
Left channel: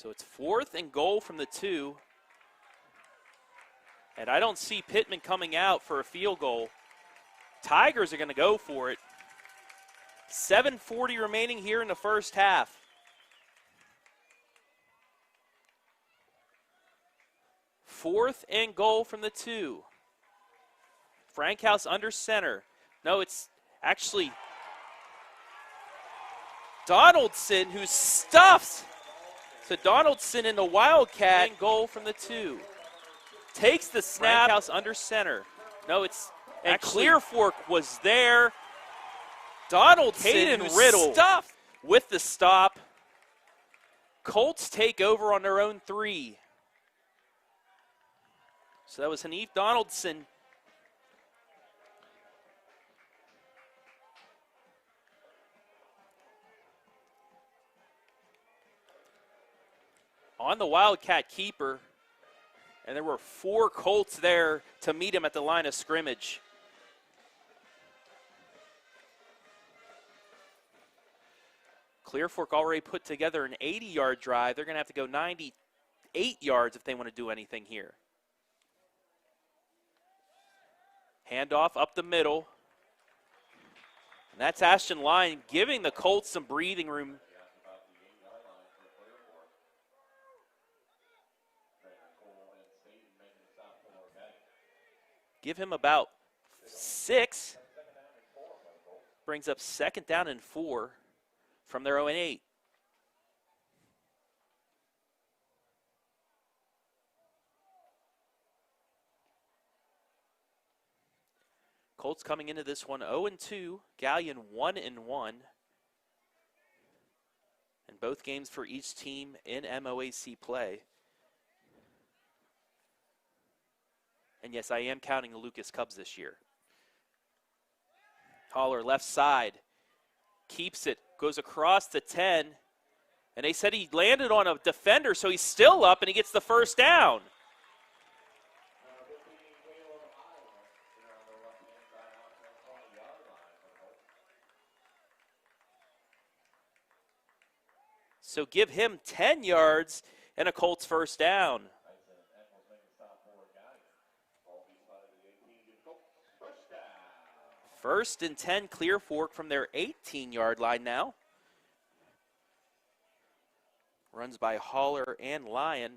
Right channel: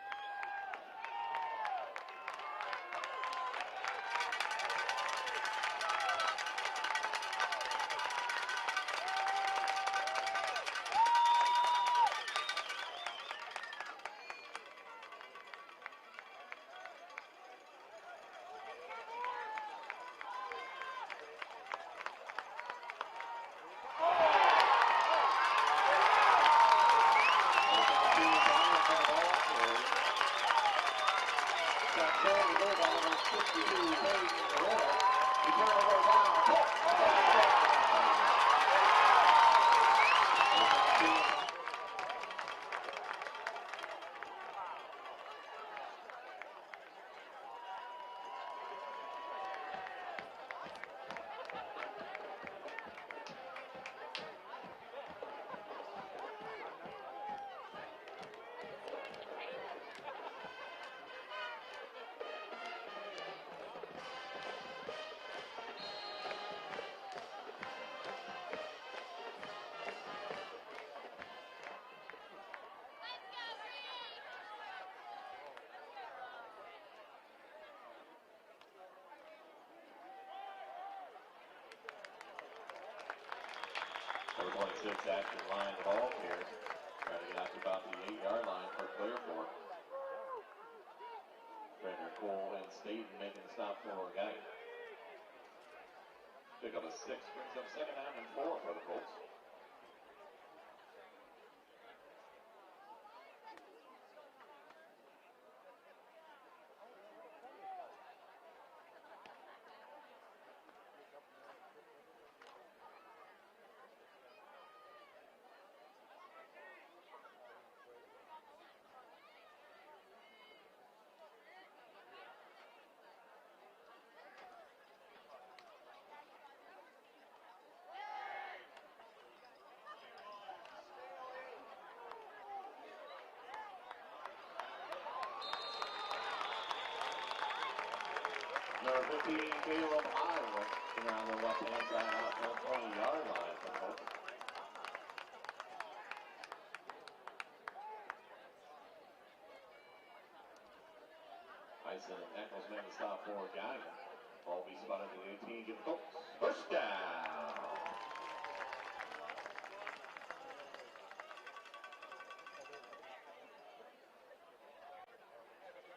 So it's 4th and goal from the 2. And I don't see Pittman coming out for a field goal. Tigers are going to go for it. 7:40 remaining here in the first half. Fourth and goal from the 2. Frankhouse under center. No, it's actually Donaldson who stuffs to Donaldson in the Wildcat. Goal from the 2. Takes the snap. Frankhouse under center. No, it's and Clear Fork was there. Donaldson Riddle stuff with the stop. Colts take over on their own 3. So that was Hanif Donaldson. On the Wildcat keeper, and there were 4 Colts there to meet him at the line of scrimmage. Clear Fork already put together an 80-yard drive. They're going to have to go 98 yards if they want to do anything here. Handoff up the middle. And that's Ashton Lyon giving the Colts some breathing room. Give him about 6. Brings up 2nd down and 4 from their 0-8. Colts coming into this one 0-2. Galion 1-1. And both games for each team in MOAC play. And yes, I am counting the Lucas Cubs this year. Holler left side, keeps it, goes across to 10. And they said he landed on a defender, so he's still up and he gets the first down. Number 15, Caleb Iowa, on the left-hand side out to the 20-yard line. So give him 10 yards and a Colts first down. Tyson Eccles making the stop for Galion. Ball be spotted at the 18, give the Colts first down. 1st and 10, Clear Fork from their 18-yard line now. Runs by Holler and Lyon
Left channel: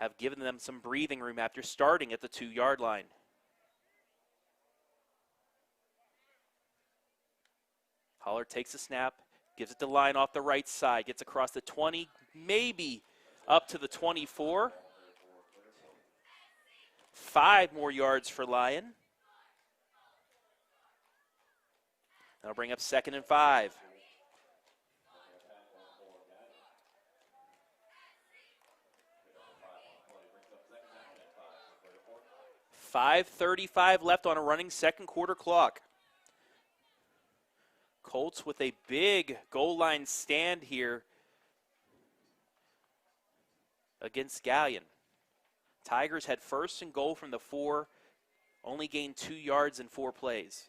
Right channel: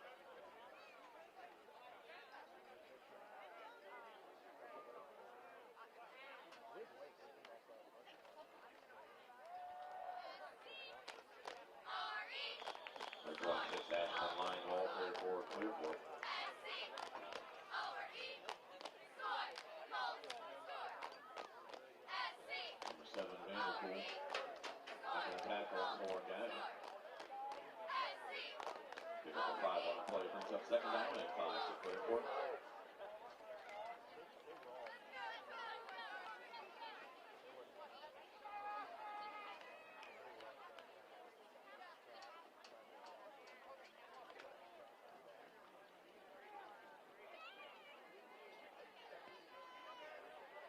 have given them some breathing room after starting at the 2-yard line. Holler takes the snap, gives it to Lyon off the right side, gets across the 20, maybe up to the 24. 5 more yards for Lyon. That'll bring up 2nd and 5. 5:35 left on a running second quarter clock. Colts with a big goal line stand here against Galion. Tigers had 1st and goal from the 4, only gained 2 yards in 4 plays.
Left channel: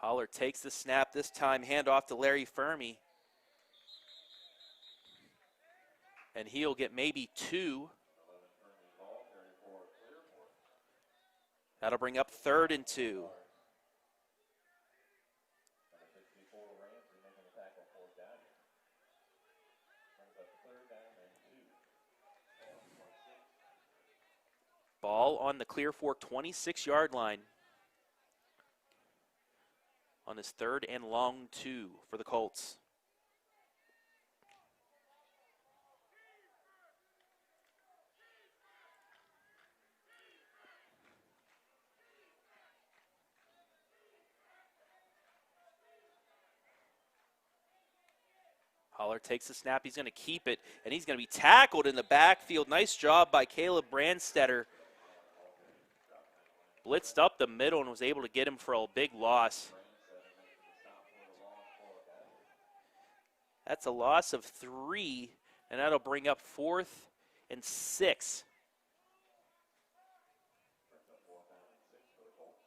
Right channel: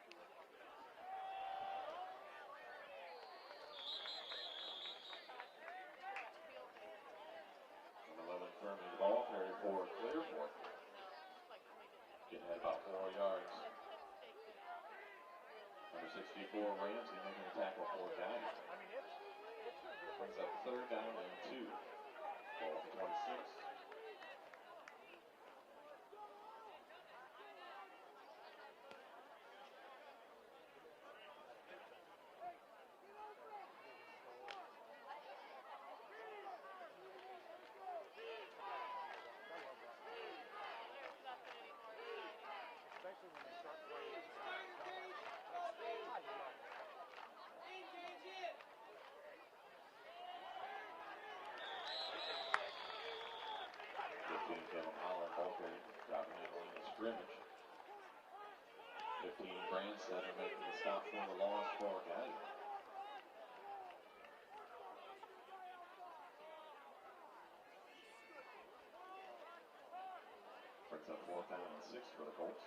Holler takes the snap this time, handoff to Larry Fermi. And he'll get maybe 2. for Clearfork. That'll bring up 3rd and 2. Number 64, Ramsey, making a tackle for Galion. Brings up 3rd down and 2. Ball at the 26. Ball on the Clearfork 26-yard line. On this 3rd and long 2 for the Colts. Holler takes the snap, he's going to keep it, and he's going to be tackled in the backfield. Nice job by Caleb Brandstetter. Blitzed up the middle and was able to get him for a big loss. That's a loss of 3, and that'll bring up 4th and 6. Brings up 4th down and 6 for the Colts.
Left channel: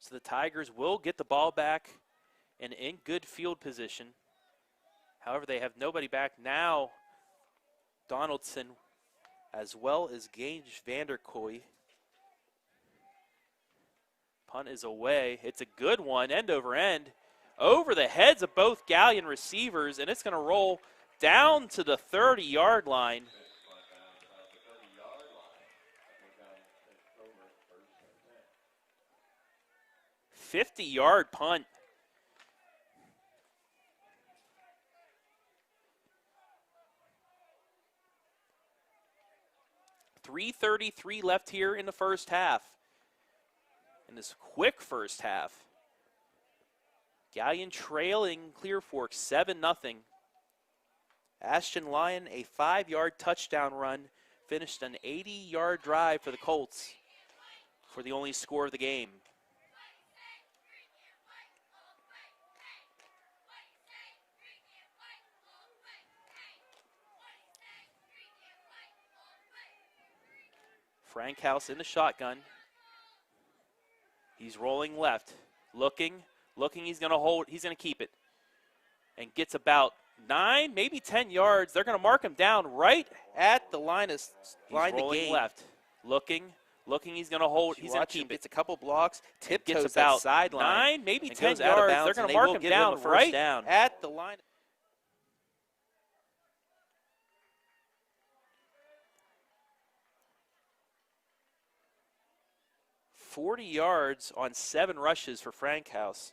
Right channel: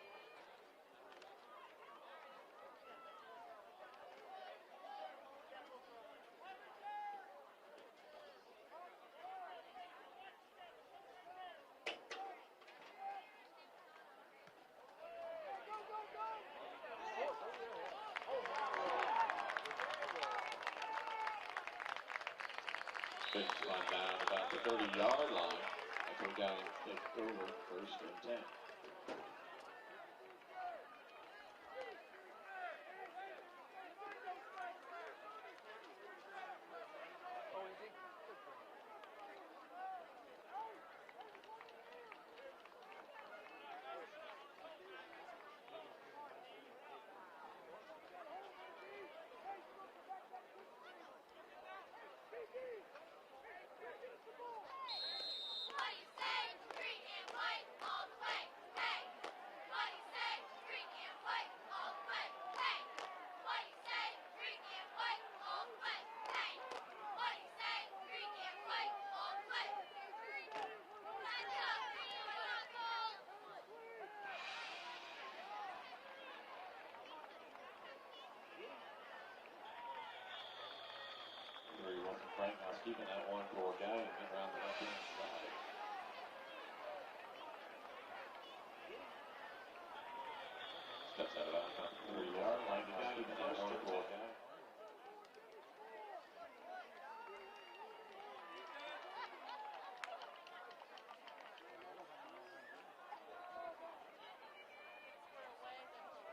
So the Tigers will get the ball back and in good field position. However, they have nobody back now. Donaldson, as well as Gage Vanderkoy. Punt is away. It's a good one, end over end. Over the heads of both Galion receivers, and it's going to roll down to the 30-yard line. Down about the 30-yard line. That's when Galion takes over 1st and 10. 50-yard punt. .333 left here in the first half. In this quick first half. Galion trailing Clearfork 7-0. Ashton Lyon, a 5-yard touchdown run, finished an 80-yard drive for the Colts for the only score of the game. Frankhouse in the shotgun. He's rolling left, looking, he's gonna hold, he's gonna keep it. And gets about 9, maybe 10 yards. They're gonna mark him down right at the line of the game. Left, looking, he's gonna hold, he's gonna keep it. It's a couple blocks, tiptoes gets about sideline. 9, maybe 10 yards. They're gonna mark him down right at the line. 40 yards on 7 rushes for Frankhouse.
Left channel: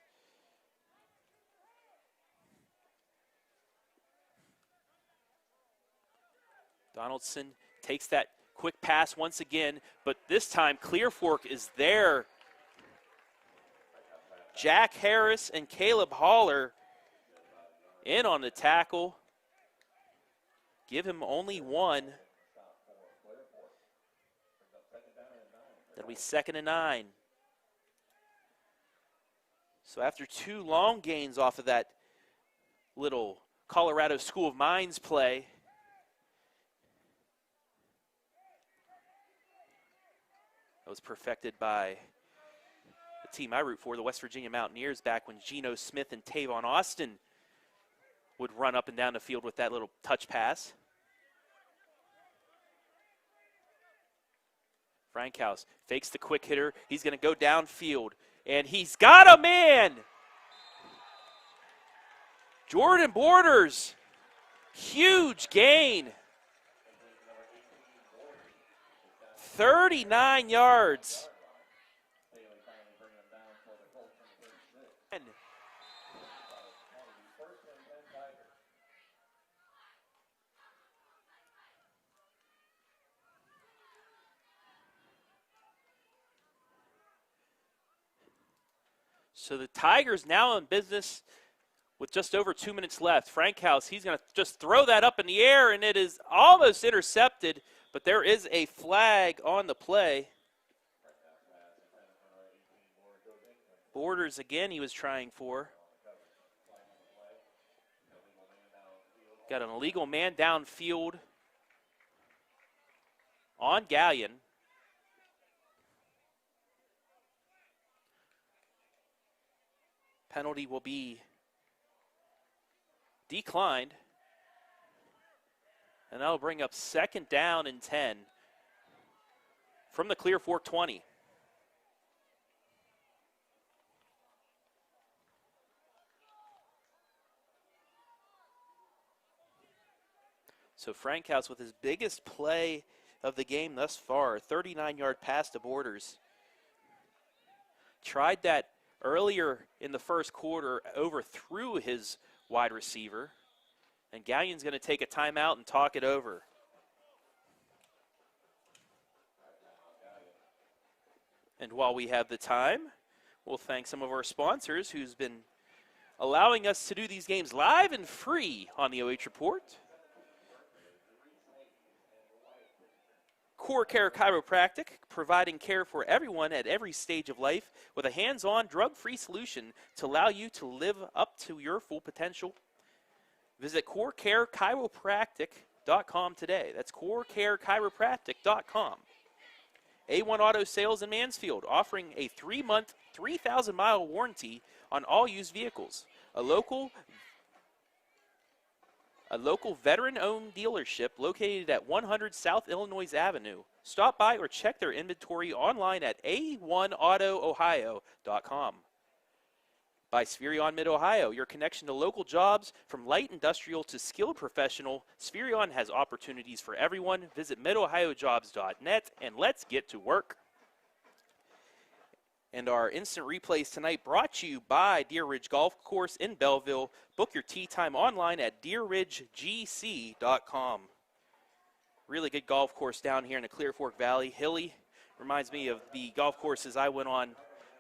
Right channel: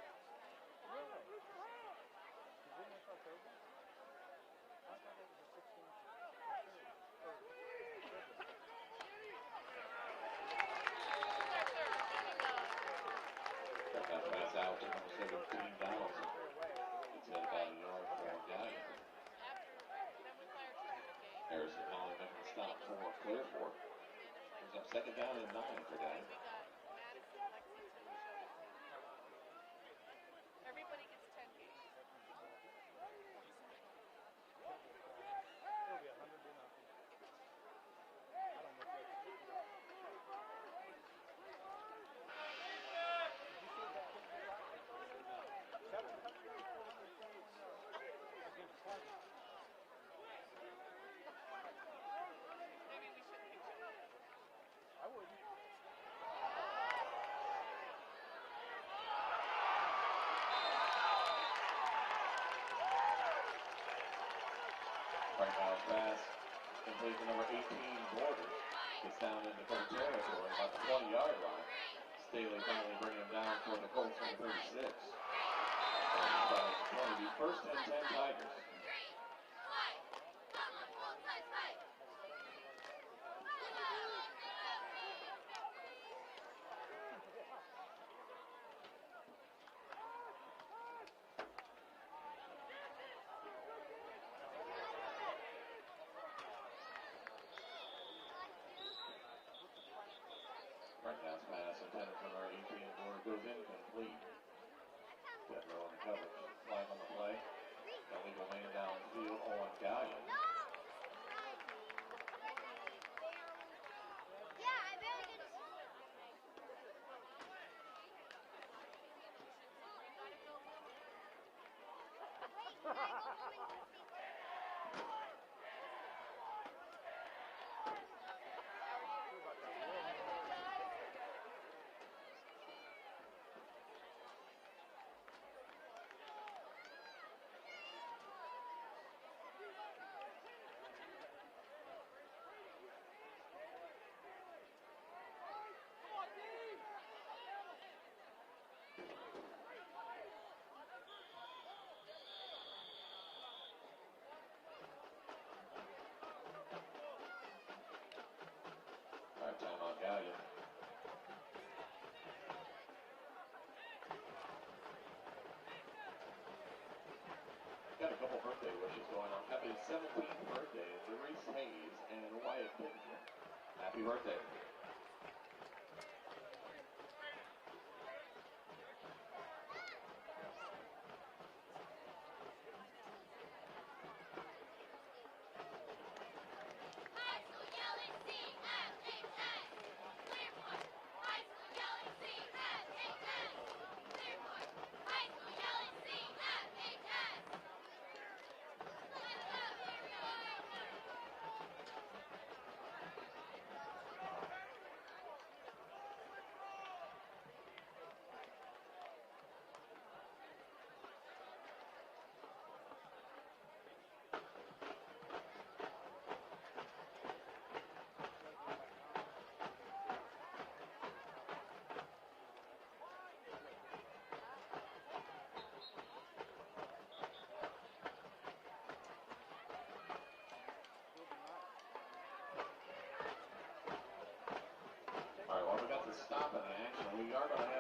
Donaldson takes that quick pass once again, but this time Clearfork is there. Jack Harris and Caleb Haller in on the tackle. Give him only 1. It'll be 2nd and 9. So after 2 long gains off of that little Colorado School of Mines play, it was perfected by the team I root for, the West Virginia Mountaineers, back when Geno Smith and Tavon Austin would run up and down the field with that little touch pass. Frankhouse fakes the quick hitter. He's going to go downfield, and he's got a man. Jordan Borders, huge gain. 39 yards. So the Tigers now in business with just over 2 minutes left. Frankhouse, he's going to just throw that up in the air, and it is almost intercepted, but there is a flag on the play. Borders again he was trying for. Got an illegal man downfield on Galion. Penalty will be declined. And that'll bring up 2nd down and 10 from the Clear Fork 20. So Frankhouse with his biggest play of the game thus far, 39-yard pass to Borders. Tried that earlier in the first quarter, overthrew his wide receiver. And Galion's going to take a timeout and talk it over. All right, timeout, Galion. And while we have the time, we'll thank some of our sponsors who's been allowing us to do these games live and free on the OH Report. Core Care Chiropractic, providing care for everyone at every stage of life with a hands-on, drug-free solution to allow you to live up to your full potential. Visit CoreCareChiropractic.com today. That's CoreCareChiropractic.com. A1 Auto Sales in Mansfield, offering a 3-month, 3,000-mile warranty on all used vehicles. A local veteran-owned dealership located at 100 South Illinois Avenue. Stop by or check their inventory online at A1AutoOhio.com. By Spherion Mid-Ohio, your connection to local jobs from light industrial to skilled professional. Spherion has opportunities for everyone. Visit midohiojobs.net and let's get to work. And our instant replays tonight brought to you by Deer Ridge Golf Course in Belleville. Book your tee time online at deerridgegc.com. Really good golf course down here in the Clear Fork Valley. Hilly, reminds me of the golf courses I went on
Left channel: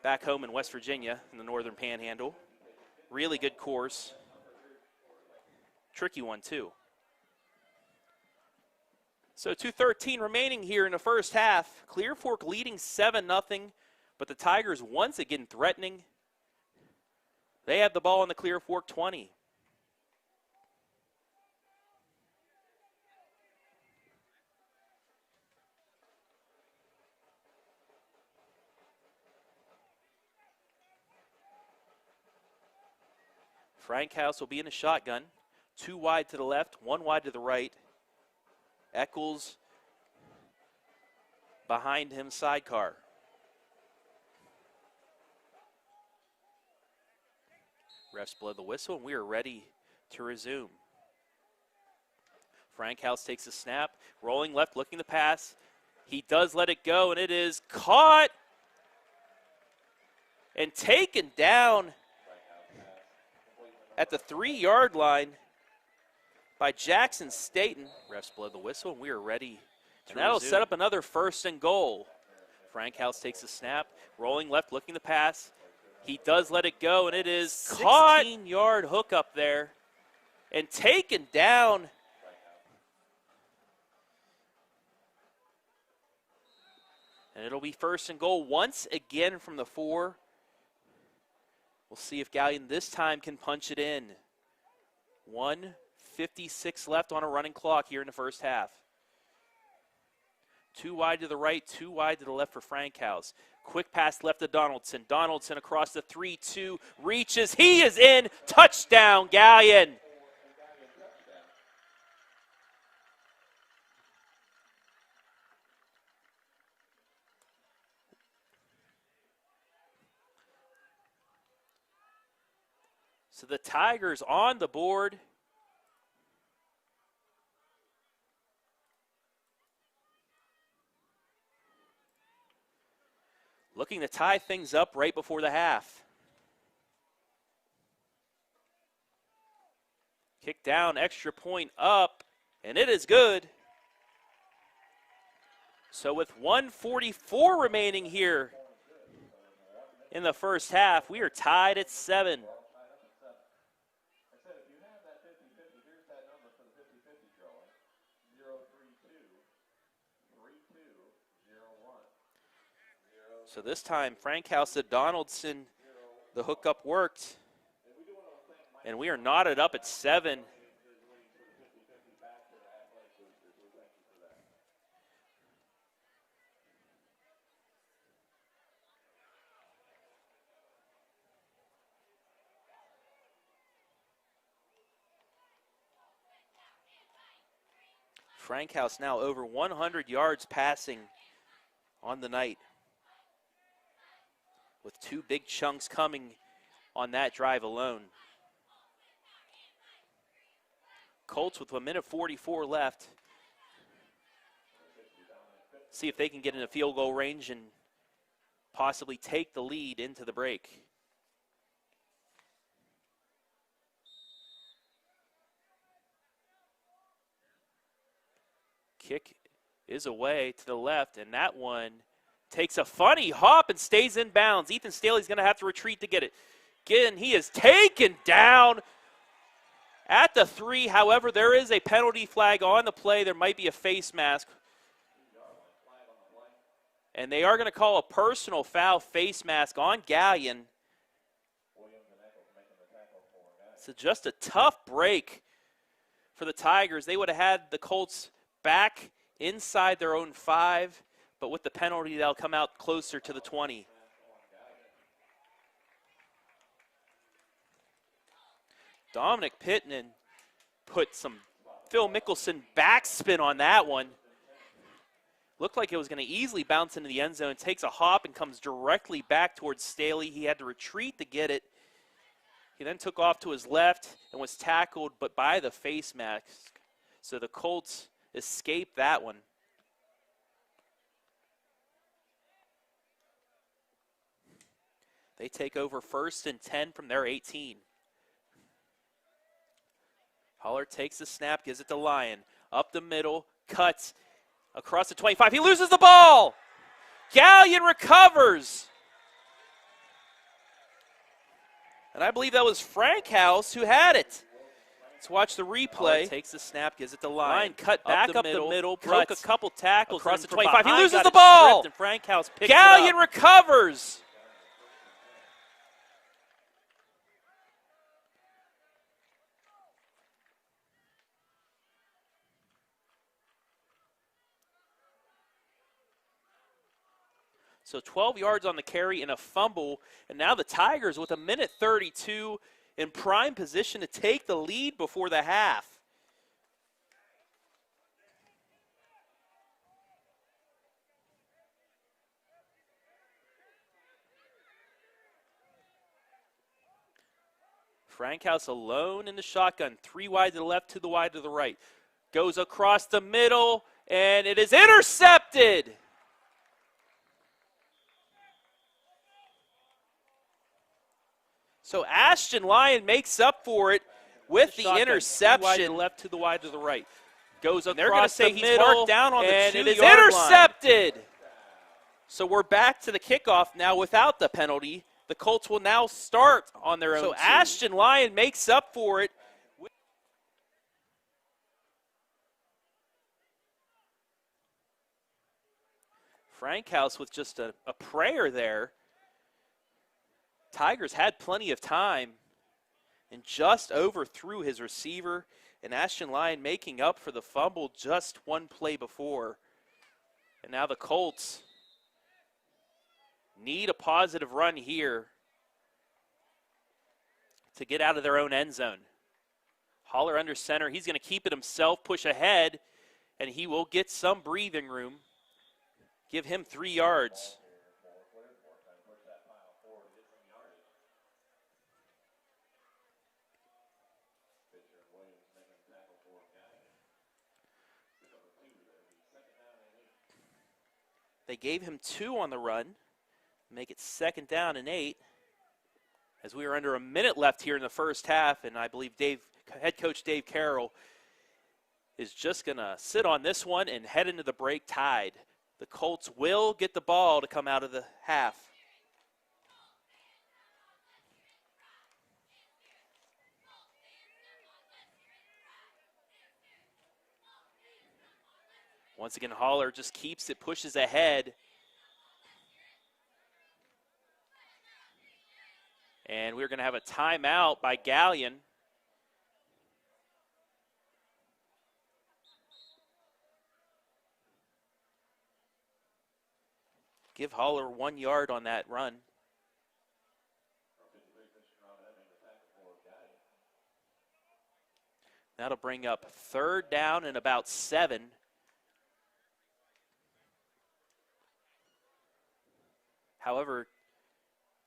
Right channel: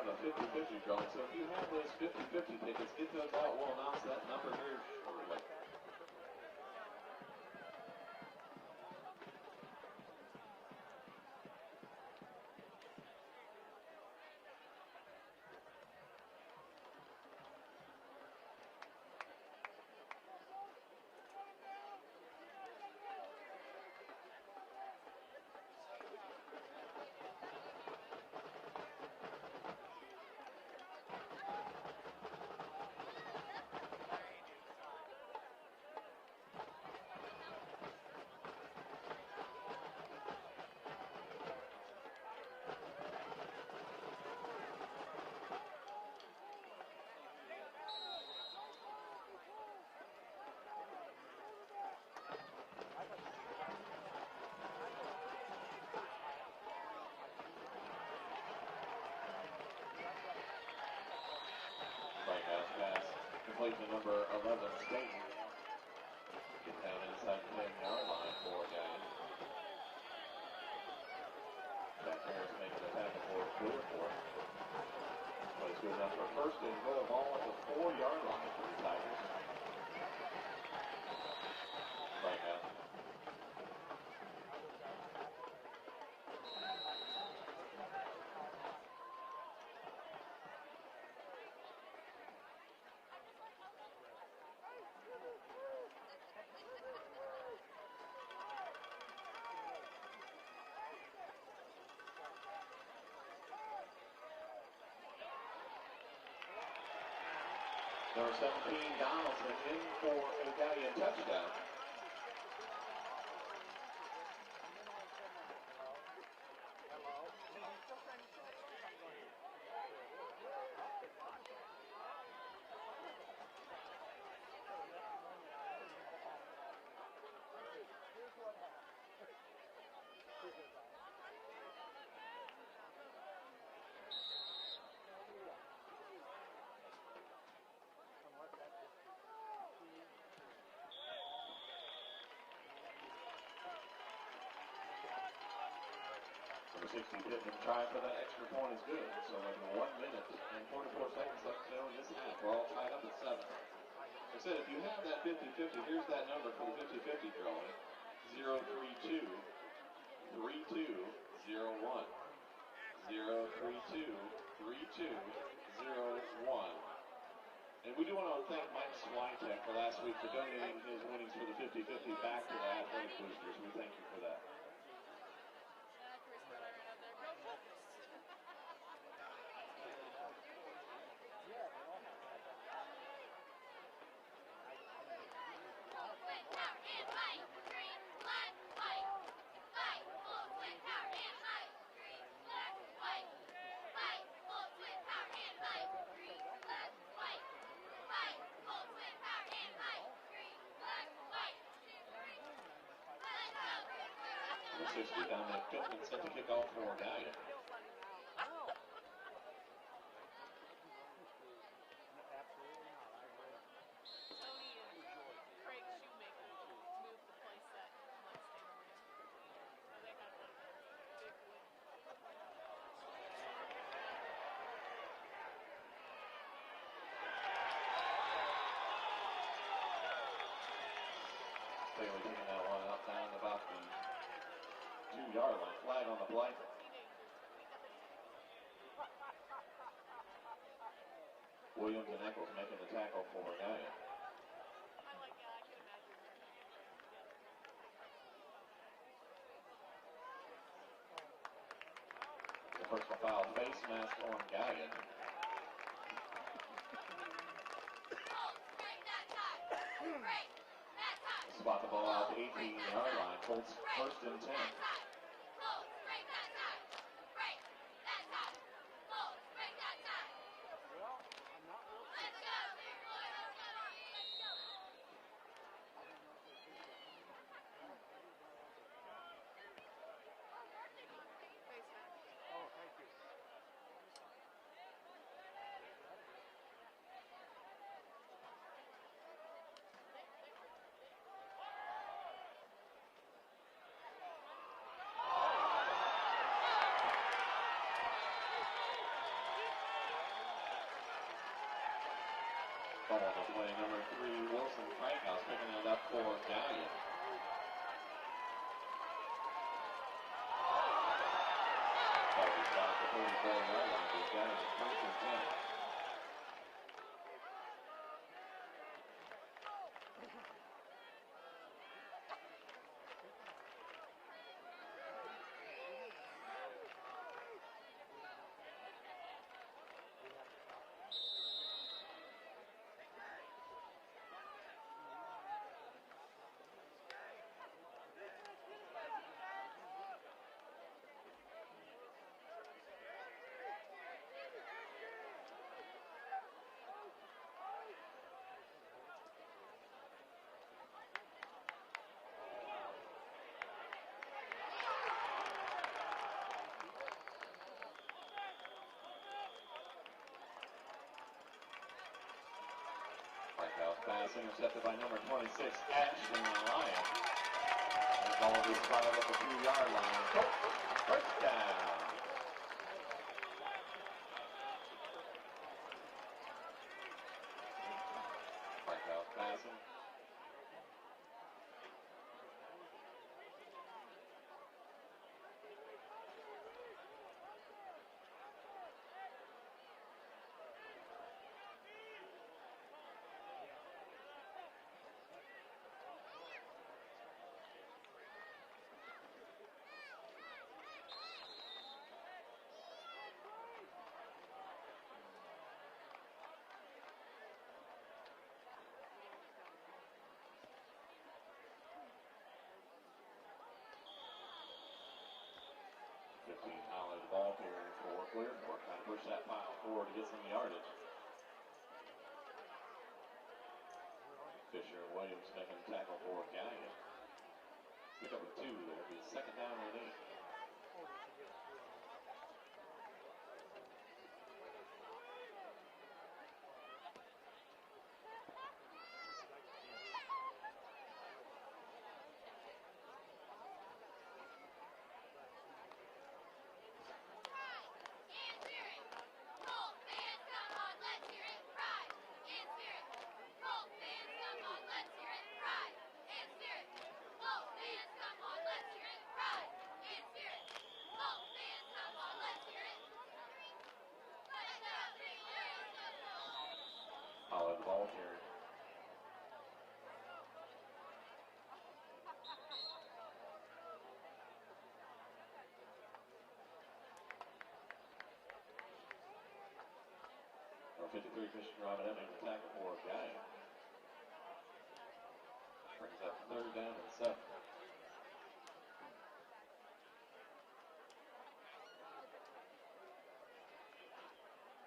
back home in West Virginia, in the Northern Panhandle. Really good course. Tricky one, too. So 2:13 remaining here in the first half. Clear Fork leading 7-0, but the Tigers once again threatening. They have the ball in the Clear Fork 20. Frankhouse will be in a shotgun. 2 wide to the left, 1 wide to the right. Eccles behind him, sidecar. Refs blow the whistle, and we are ready to resume. Frankhouse takes a snap, rolling left, looking to pass. He does let it go, and it is caught and taken down at the 3-yard line by Jackson Staten. Refs blow the whistle, and we are ready to that'll set up another 1st and goal. Frankhouse takes a snap, rolling left, looking to pass. He does let it go, and it is caught. 16-yard hook up there and taken down. And it'll be 1st and goal once again from the 4. We'll see if Galion this time can punch it in. 1:56 left on a running clock here in the first half. 2 wide to the right, 2 wide to the left for Frankhouse. Quick pass left to Donaldson. Donaldson across the 3-2, reaches, he is in, touchdown Galion. So the Tigers on the board. Looking to tie things up right before the half. Kick down, extra point up, and it is good. So with 1:44 remaining here in the first half, we are tied at 7. If you have that 50-50, here's that number for the 50-50 drawing. 032 3201. So this time, Frankhouse to Donaldson, the hookup worked, and we are knotted up at 7. Frankhouse now over 100 yards passing on the night, with 2 big chunks coming on that drive alone. Colts with 1:44 left. See if they can get in a field goal range and possibly take the lead into the break. Kick is away to the left, and that one takes a funny hop and stays in bounds. Ethan Staley's going to have to retreat to get it. Again, he is taken down at the 3. However, there is a penalty flag on the play. There might be a face mask. 2-yard line flag on the play. And they are going to call a personal foul face mask on Galion. Williams and Eccles making the tackle for Galion. So just a tough break for the Tigers. They would have had the Colts back inside their own 5, but with the penalty, they'll come out closer to the 20. Dominic Pittman put some Phil Mickelson backspin on that one. Looked like it was going to easily bounce into the end zone. Takes a hop and comes directly back towards Staley. He had to retreat to get it. He then took off to his left and was tackled, but by the face mask. So the Colts escaped that one. They take over 1st and 10 from their 18. Holler takes the snap, gives it to Lyon. Up the middle, cuts across the 25. He loses the ball. Galion recovers. And I believe that was Frankhouse who had it. Let's watch the replay. Takes the snap, gives it to Lyon. Cut back up the middle, broke a couple tackles across the 25. He loses the ball. Frankhouse picks Galion recovers. So 12 yards on the carry and a fumble. And now the Tigers with 1:32 in prime position to take the lead before the half. Frankhouse alone in the shotgun. 3 wide to the left, 2 wide to the right. Goes across the middle, and it is intercepted. So Ashton Lyon makes up for it with the interception. Left to the wide to the right. Goes across the middle, down on and it is intercepted. So we're back to the kickoff now without the penalty. The Colts will now start on their own. So Ashton Lyon makes up for it. Frankhouse with just a prayer there. Tigers had plenty of time and just overthrew his receiver, and Ashton Lyon making up for the fumble just 1 play before. And now the Colts need a positive run here to get out of their own end zone. Holler under center. He's going to keep it himself, push ahead, and he will get some breathing room. Give him 3 yards. Push that pile forward to get some yardage. Fisher and Williams making a tackle for Galion. Pick up a 2 there. Be 2nd down and 8. They gave him 2 on the run. Make it 2nd down and 8. As we are under a minute left here in the first half, and I believe head coach Dave Carroll is just going to sit on this one and head into the break tied. The Colts will get the ball to come out of the half. Once again, Holler just keeps it, pushes ahead. And we're going to have a timeout by Galion. Give Holler 1 yard on that run. 53 Christian Robin having the tackle for Galion. That'll bring up 3rd down and about 7. However,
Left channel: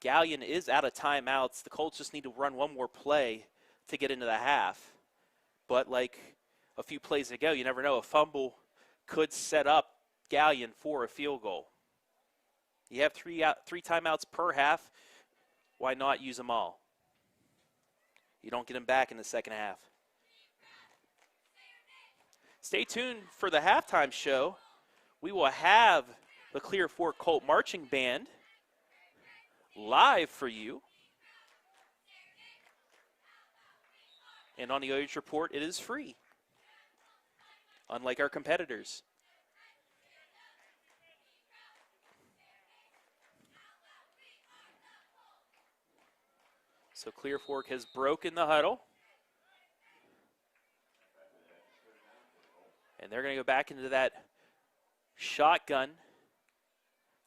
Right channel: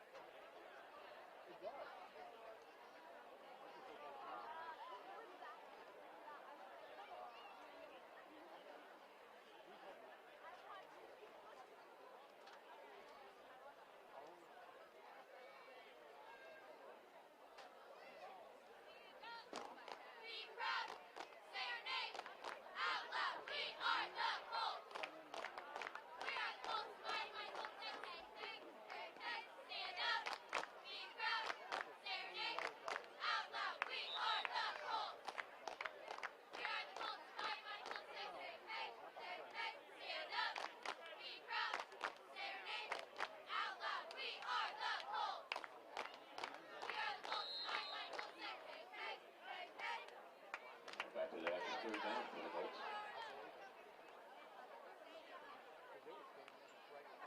Galion is out of timeouts. The Colts just need to run one more play to get into the half. But like a few plays ago, you never know. A fumble could set up Galion for a field goal. You have three timeouts per half. Why not use them all? You don't get them back in the second half. Stay tuned for the halftime show. We will have the Clear Fork Colt Marching Band live for you. And on the OH Report, it is free, unlike our competitors. So Clear Fork has broken the huddle. And they're going to go back into that shotgun.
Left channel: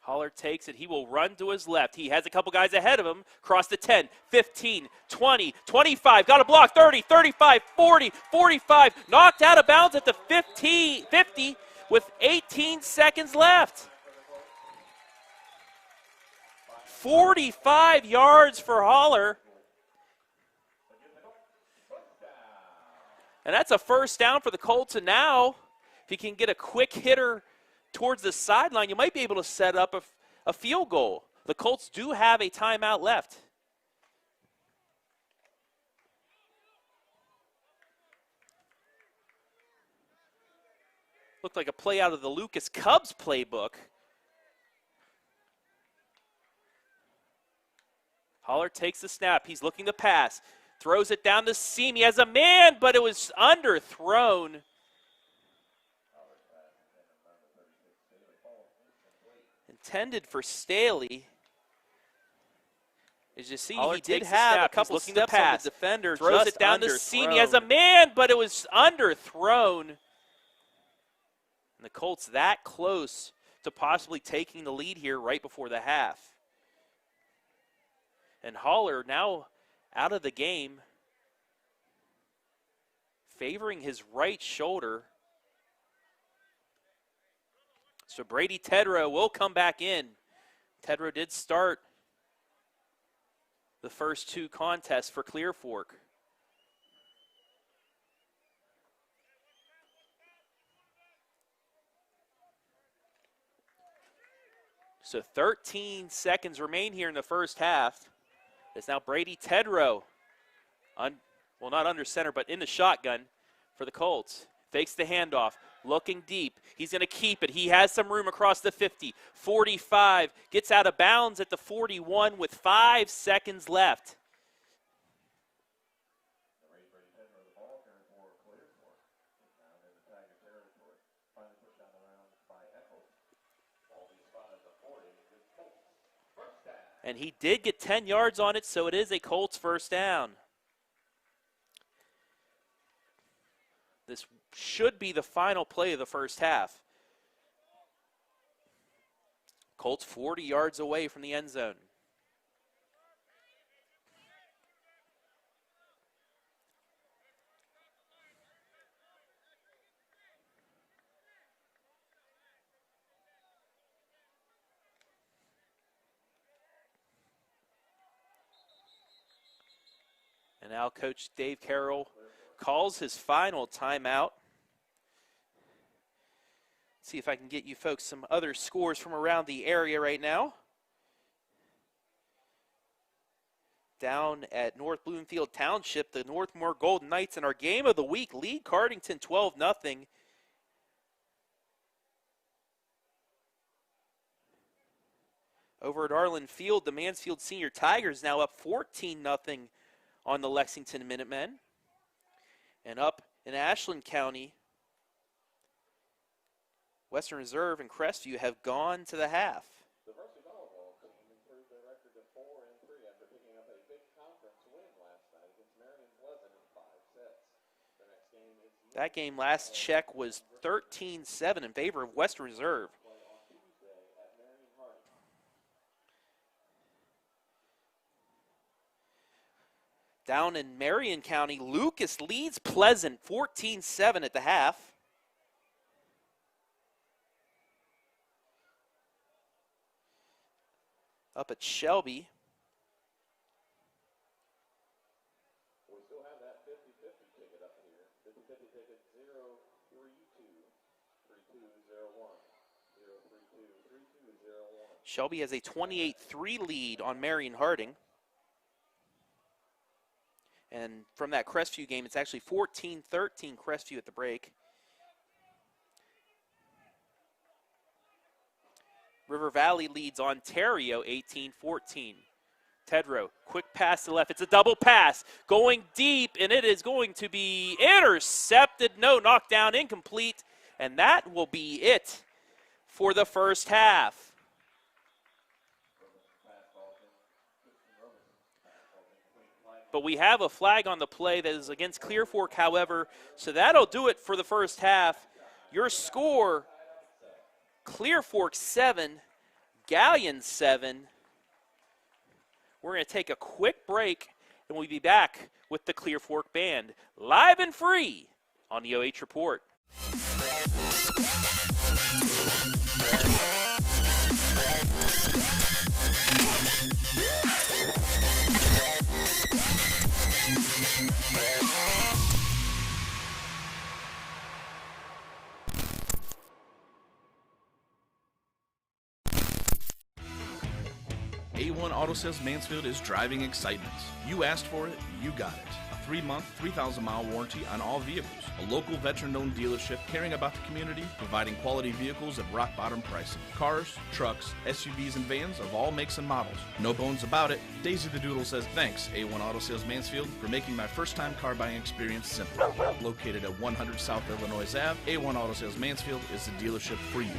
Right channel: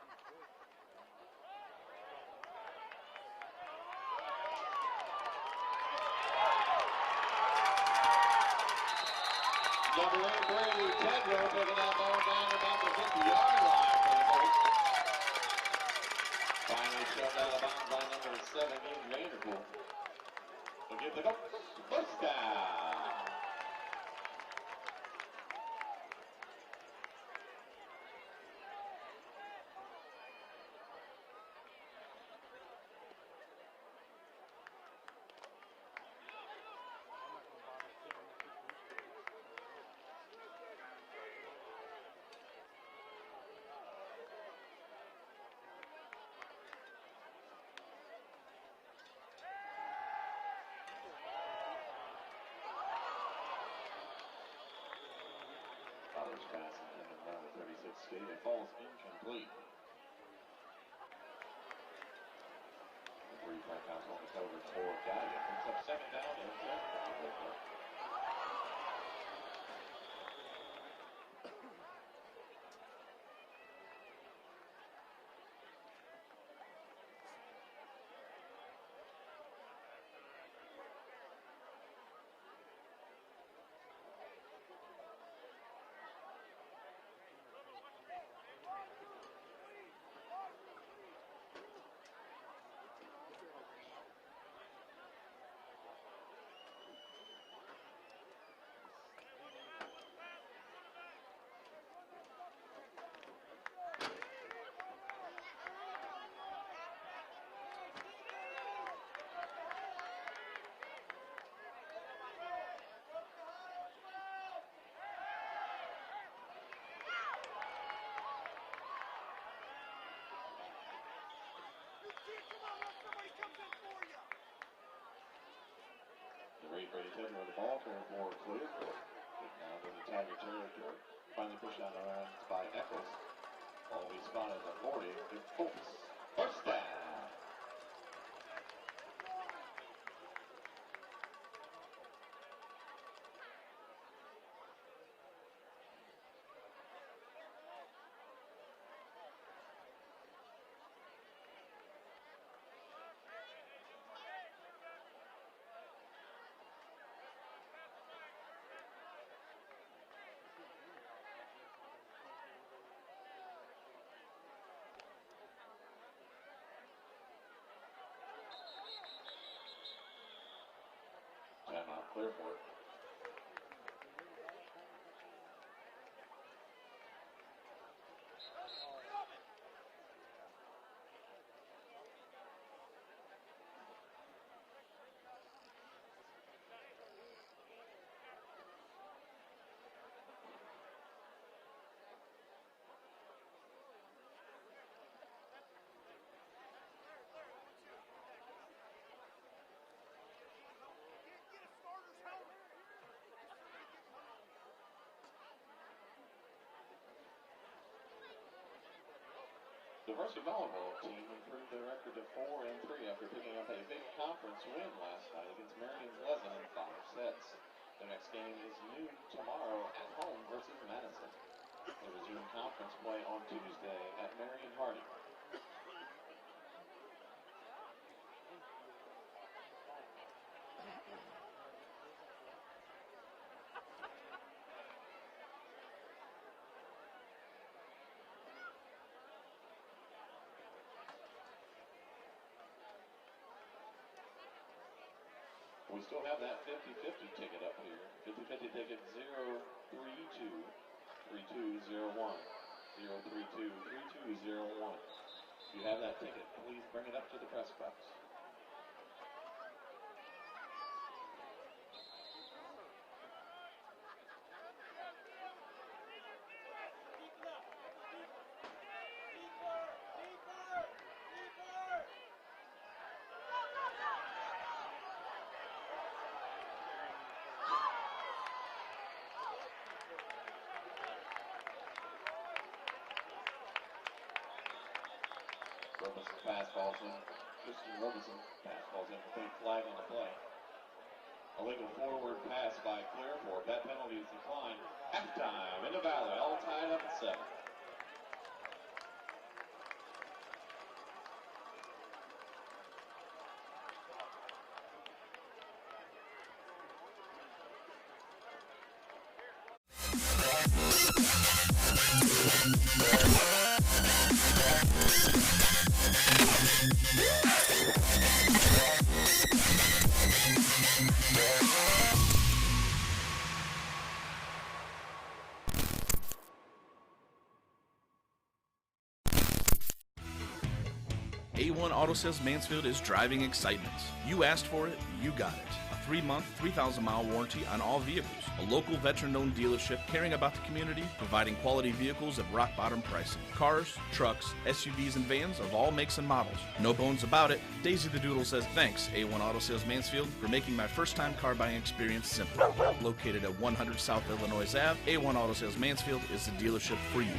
Holler takes it. He will run to his left. He has a couple guys ahead of him. Cross the 10, 15, 20, 25. Got a block, 30, 35, 40, 45. Knocked out of bounds at the 50 with 18 seconds left. 45 yards for Holler. And that's a first down for the Colts. And now, if he can get a quick hitter towards the sideline, you might be able to set up a field goal. The Colts do have a timeout left. Looked like a play out of the Lucas Cubs playbook. Holler takes the snap. He's looking to pass. Throws it down the seam. He has a man, but it was underthrown. Intended for Staley. As you see, he did have a couple steps on the defender. Throws it down the seam. He has a man, but it was underthrown. The Colts that close to possibly taking the lead here right before the half. And Holler now out of the game, favoring his right shoulder. So Brady Tedrow will come back in. Tedrow did start the first 2 contests for Clear Fork. So 13 seconds remain here in the first half. It's now Brady Tedrow, well, not under center, but in the shotgun for the Colts. Fakes the handoff, looking deep. He's going to keep it. He has some room across the 50, 45, gets out of bounds at the 41 with 5 seconds left. Brady Tedrow, the ball turn for Clear Fork. Now in the Tiger territory. Finally pushed out around by Eccles. Always spotted the 40. Colts. First down. And he did get 10 yards on it, so it is a Colts first down. This should be the final play of the first half. Colts 40 yards away from the end zone. And now Coach Dave Carroll calls his final timeout. See if I can get you folks some other scores from around the area right now. Down at North Bloomfield Township, the Northmore Golden Knights in our game of the week lead Cardington 12-0. Over at Arlen Field, the Mansfield Senior Tigers now up 14-0 on the Lexington Minutemen. And up in Ashland County, Western Reserve and Crestview have gone to the half. The varsity volleyball team improved their record to 4-3 after picking up a big conference win last night against Marion Pleasant in 5 sets. The next game is that game last check was 13-7 in favor of Western Reserve. Play on Tuesday at Marion Harding. Down in Marion County, Lucas leads Pleasant 14-7 at the half. Up at Shelby. We still have that 50-50 ticket up here. 50-50 ticket 032-3201. 032-3201. Shelby has a 28-3 lead on Marion Harding. And from that Crestview game, it's actually 14-13 Crestview at the break. River Valley leads Ontario 18-14. Tedrow, quick pass to the left. It's a double pass going deep, and it is going to be intercepted. No, knocked down, incomplete. And that will be it for the first half. But we have a flag on the play that is against Clear Fork, however, so that'll do it for the first half. Your score, Clear Fork 7, Galion 7. We're going to take a quick break, and we'll be back with the Clear Fork Band, live and free on the OH Report. A1 Auto Sales Mansfield is driving excitement. You asked for it, you got it. A 3-month, 3,000-mile warranty on all vehicles. A local veteran-owned dealership caring about the community, providing quality vehicles at rock-bottom pricing. Cars, trucks, SUVs, and vans of all makes and models. No bones about it. Daisy the Doodle says, thanks, A1 Auto Sales Mansfield, for making my first-time car buying experience simple. Located at 100 South Illinois Ave, A1 Auto Sales Mansfield is the dealership for you.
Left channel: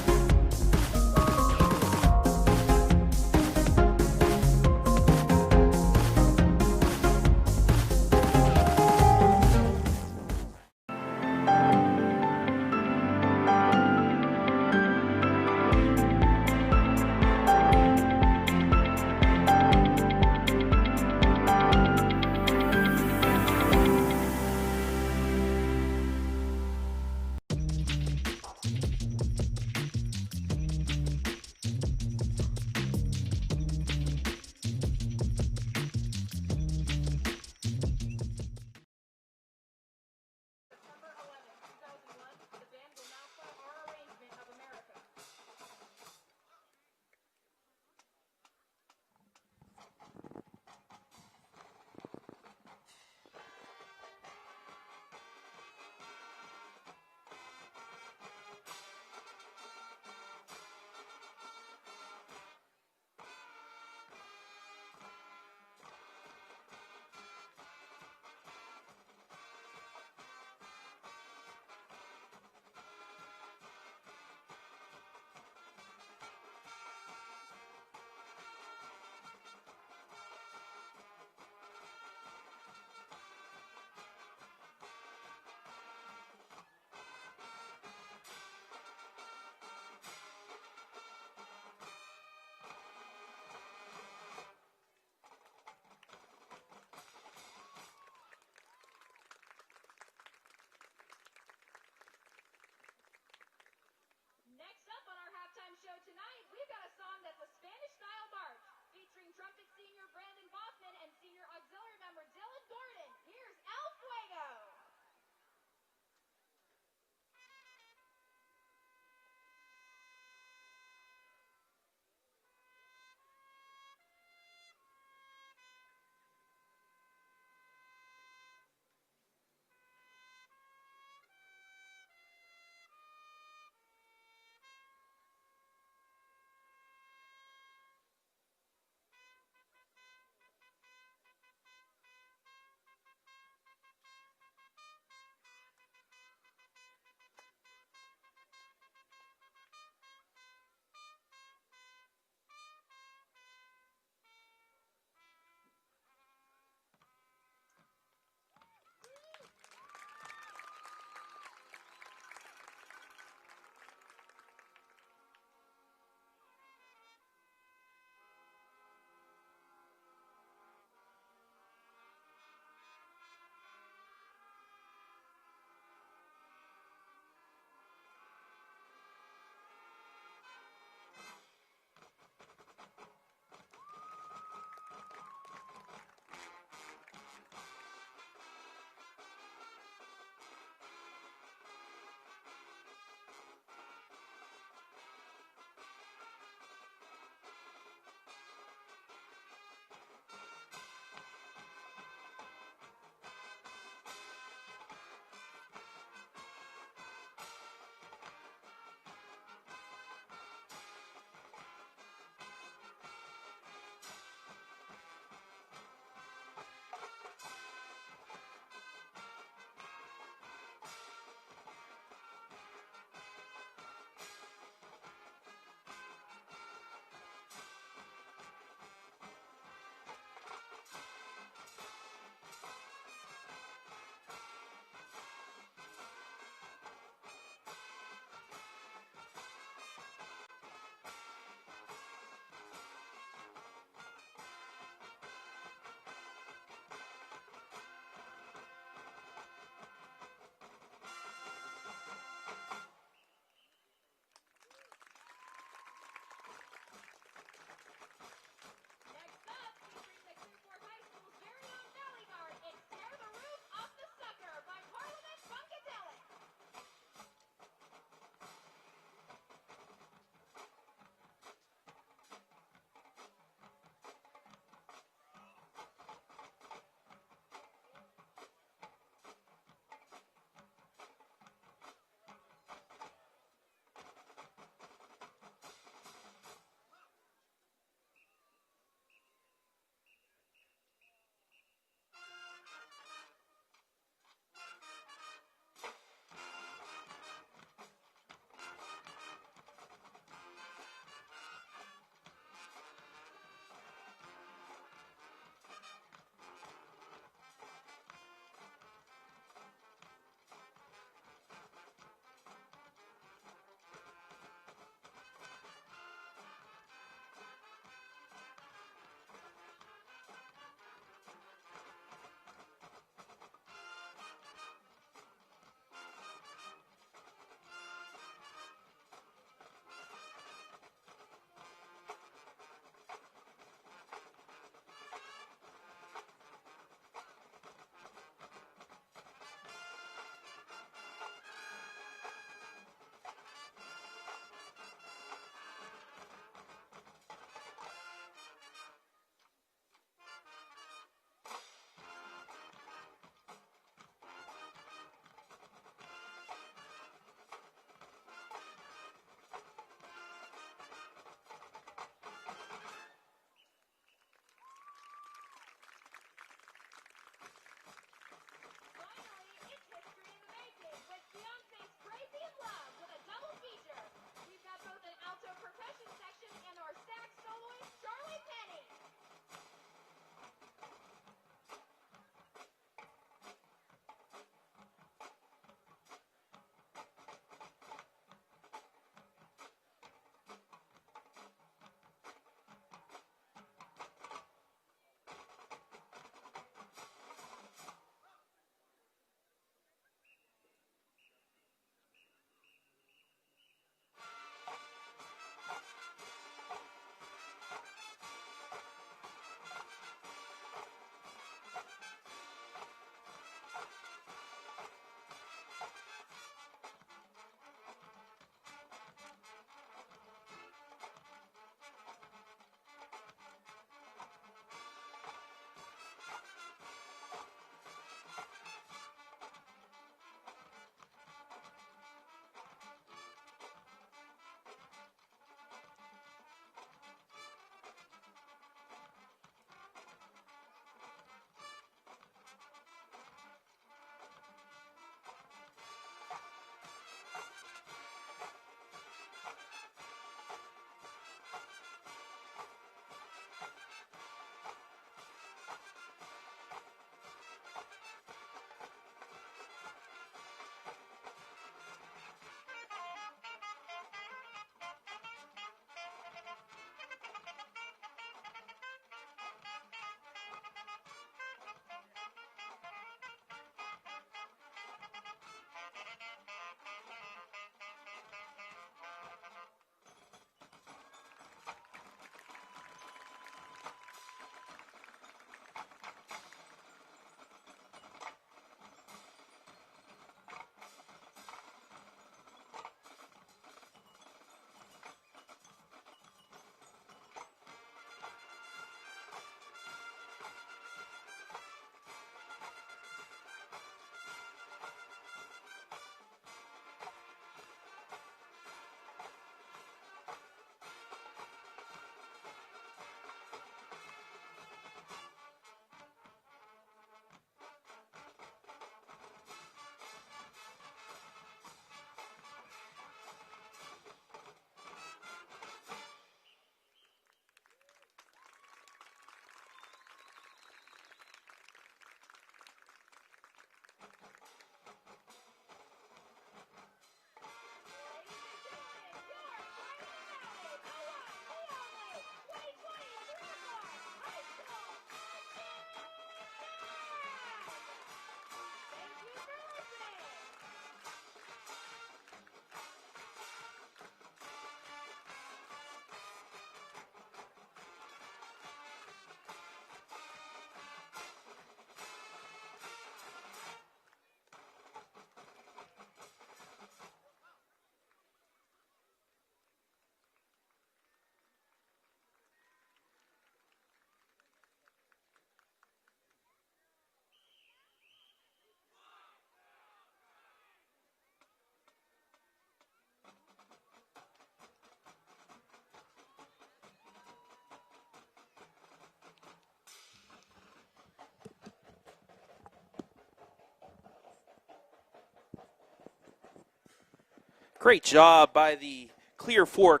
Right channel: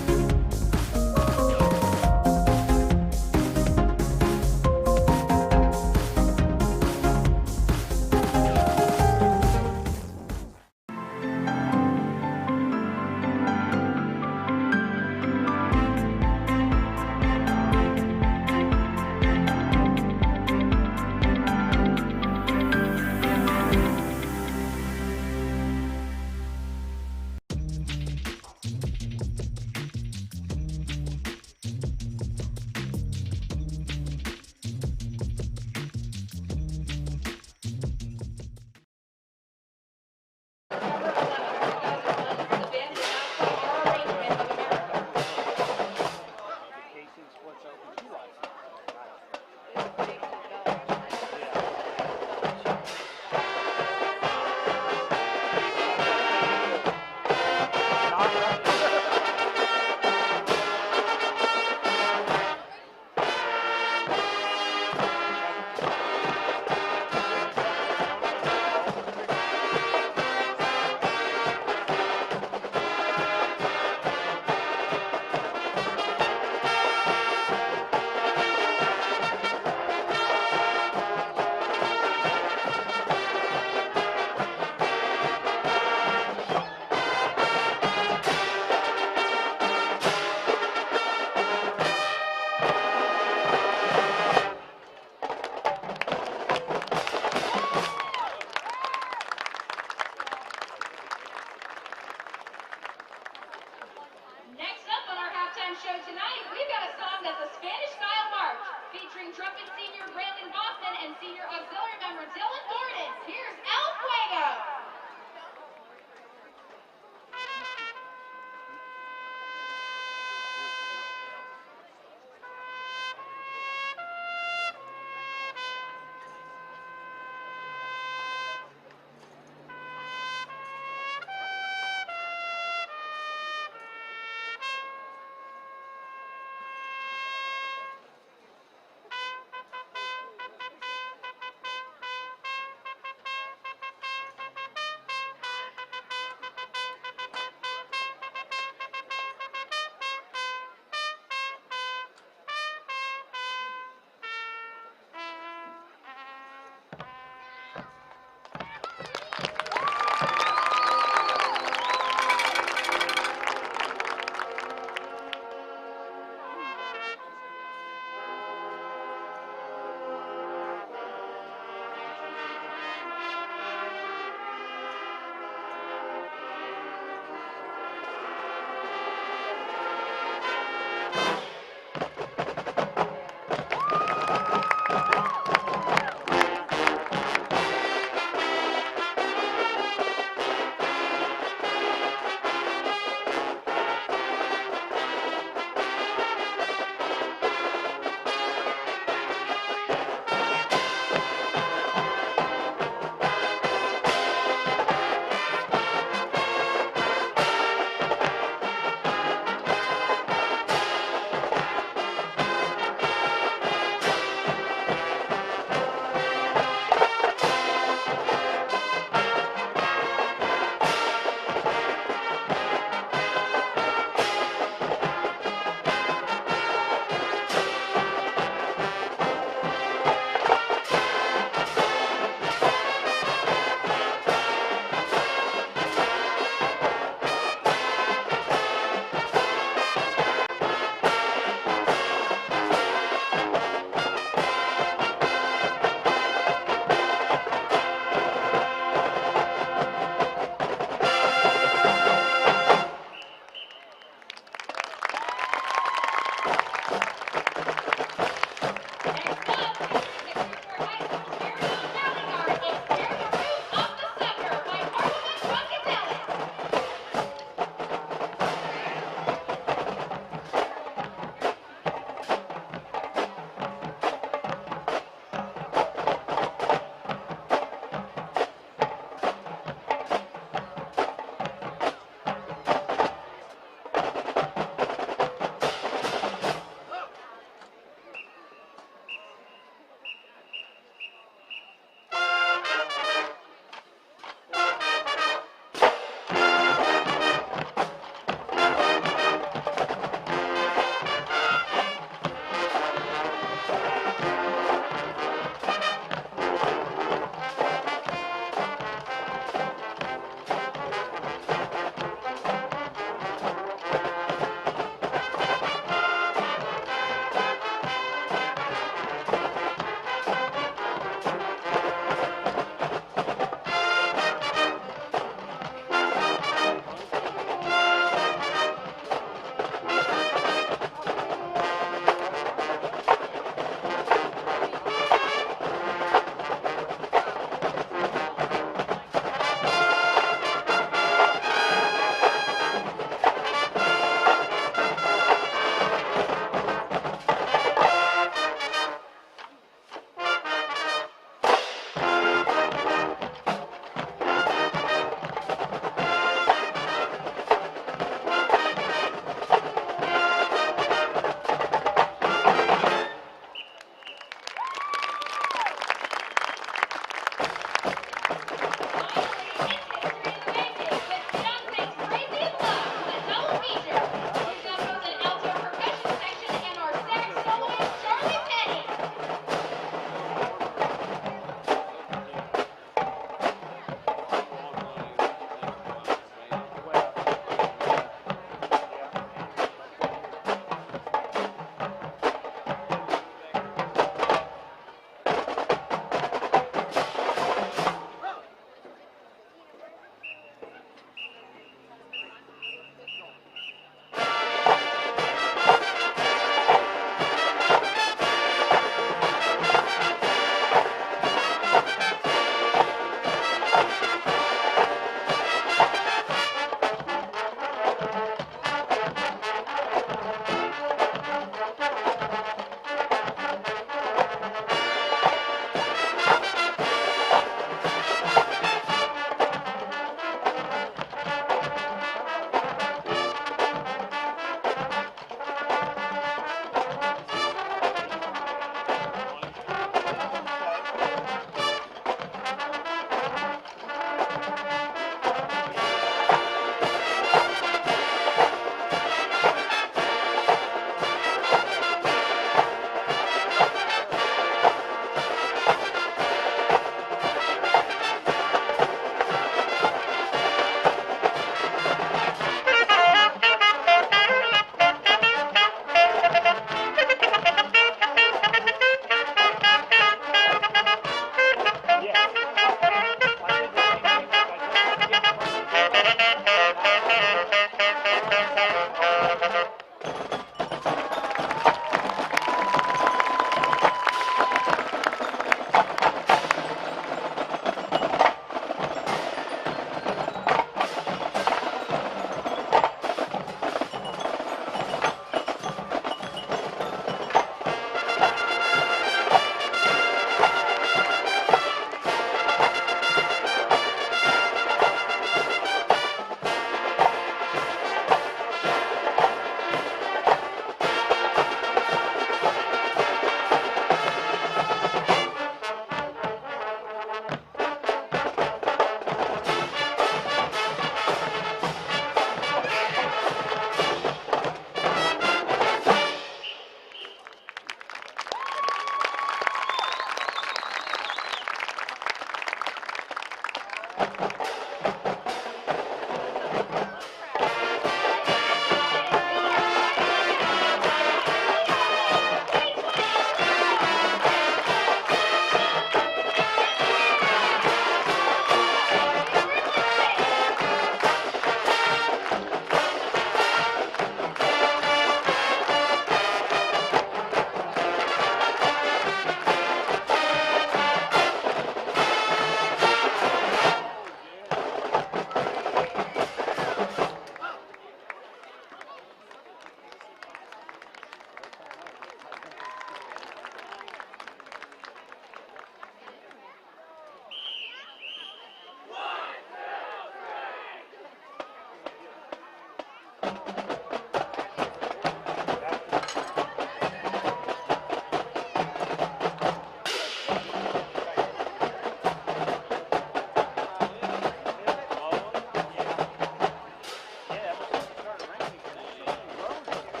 Great job by the Clear Fork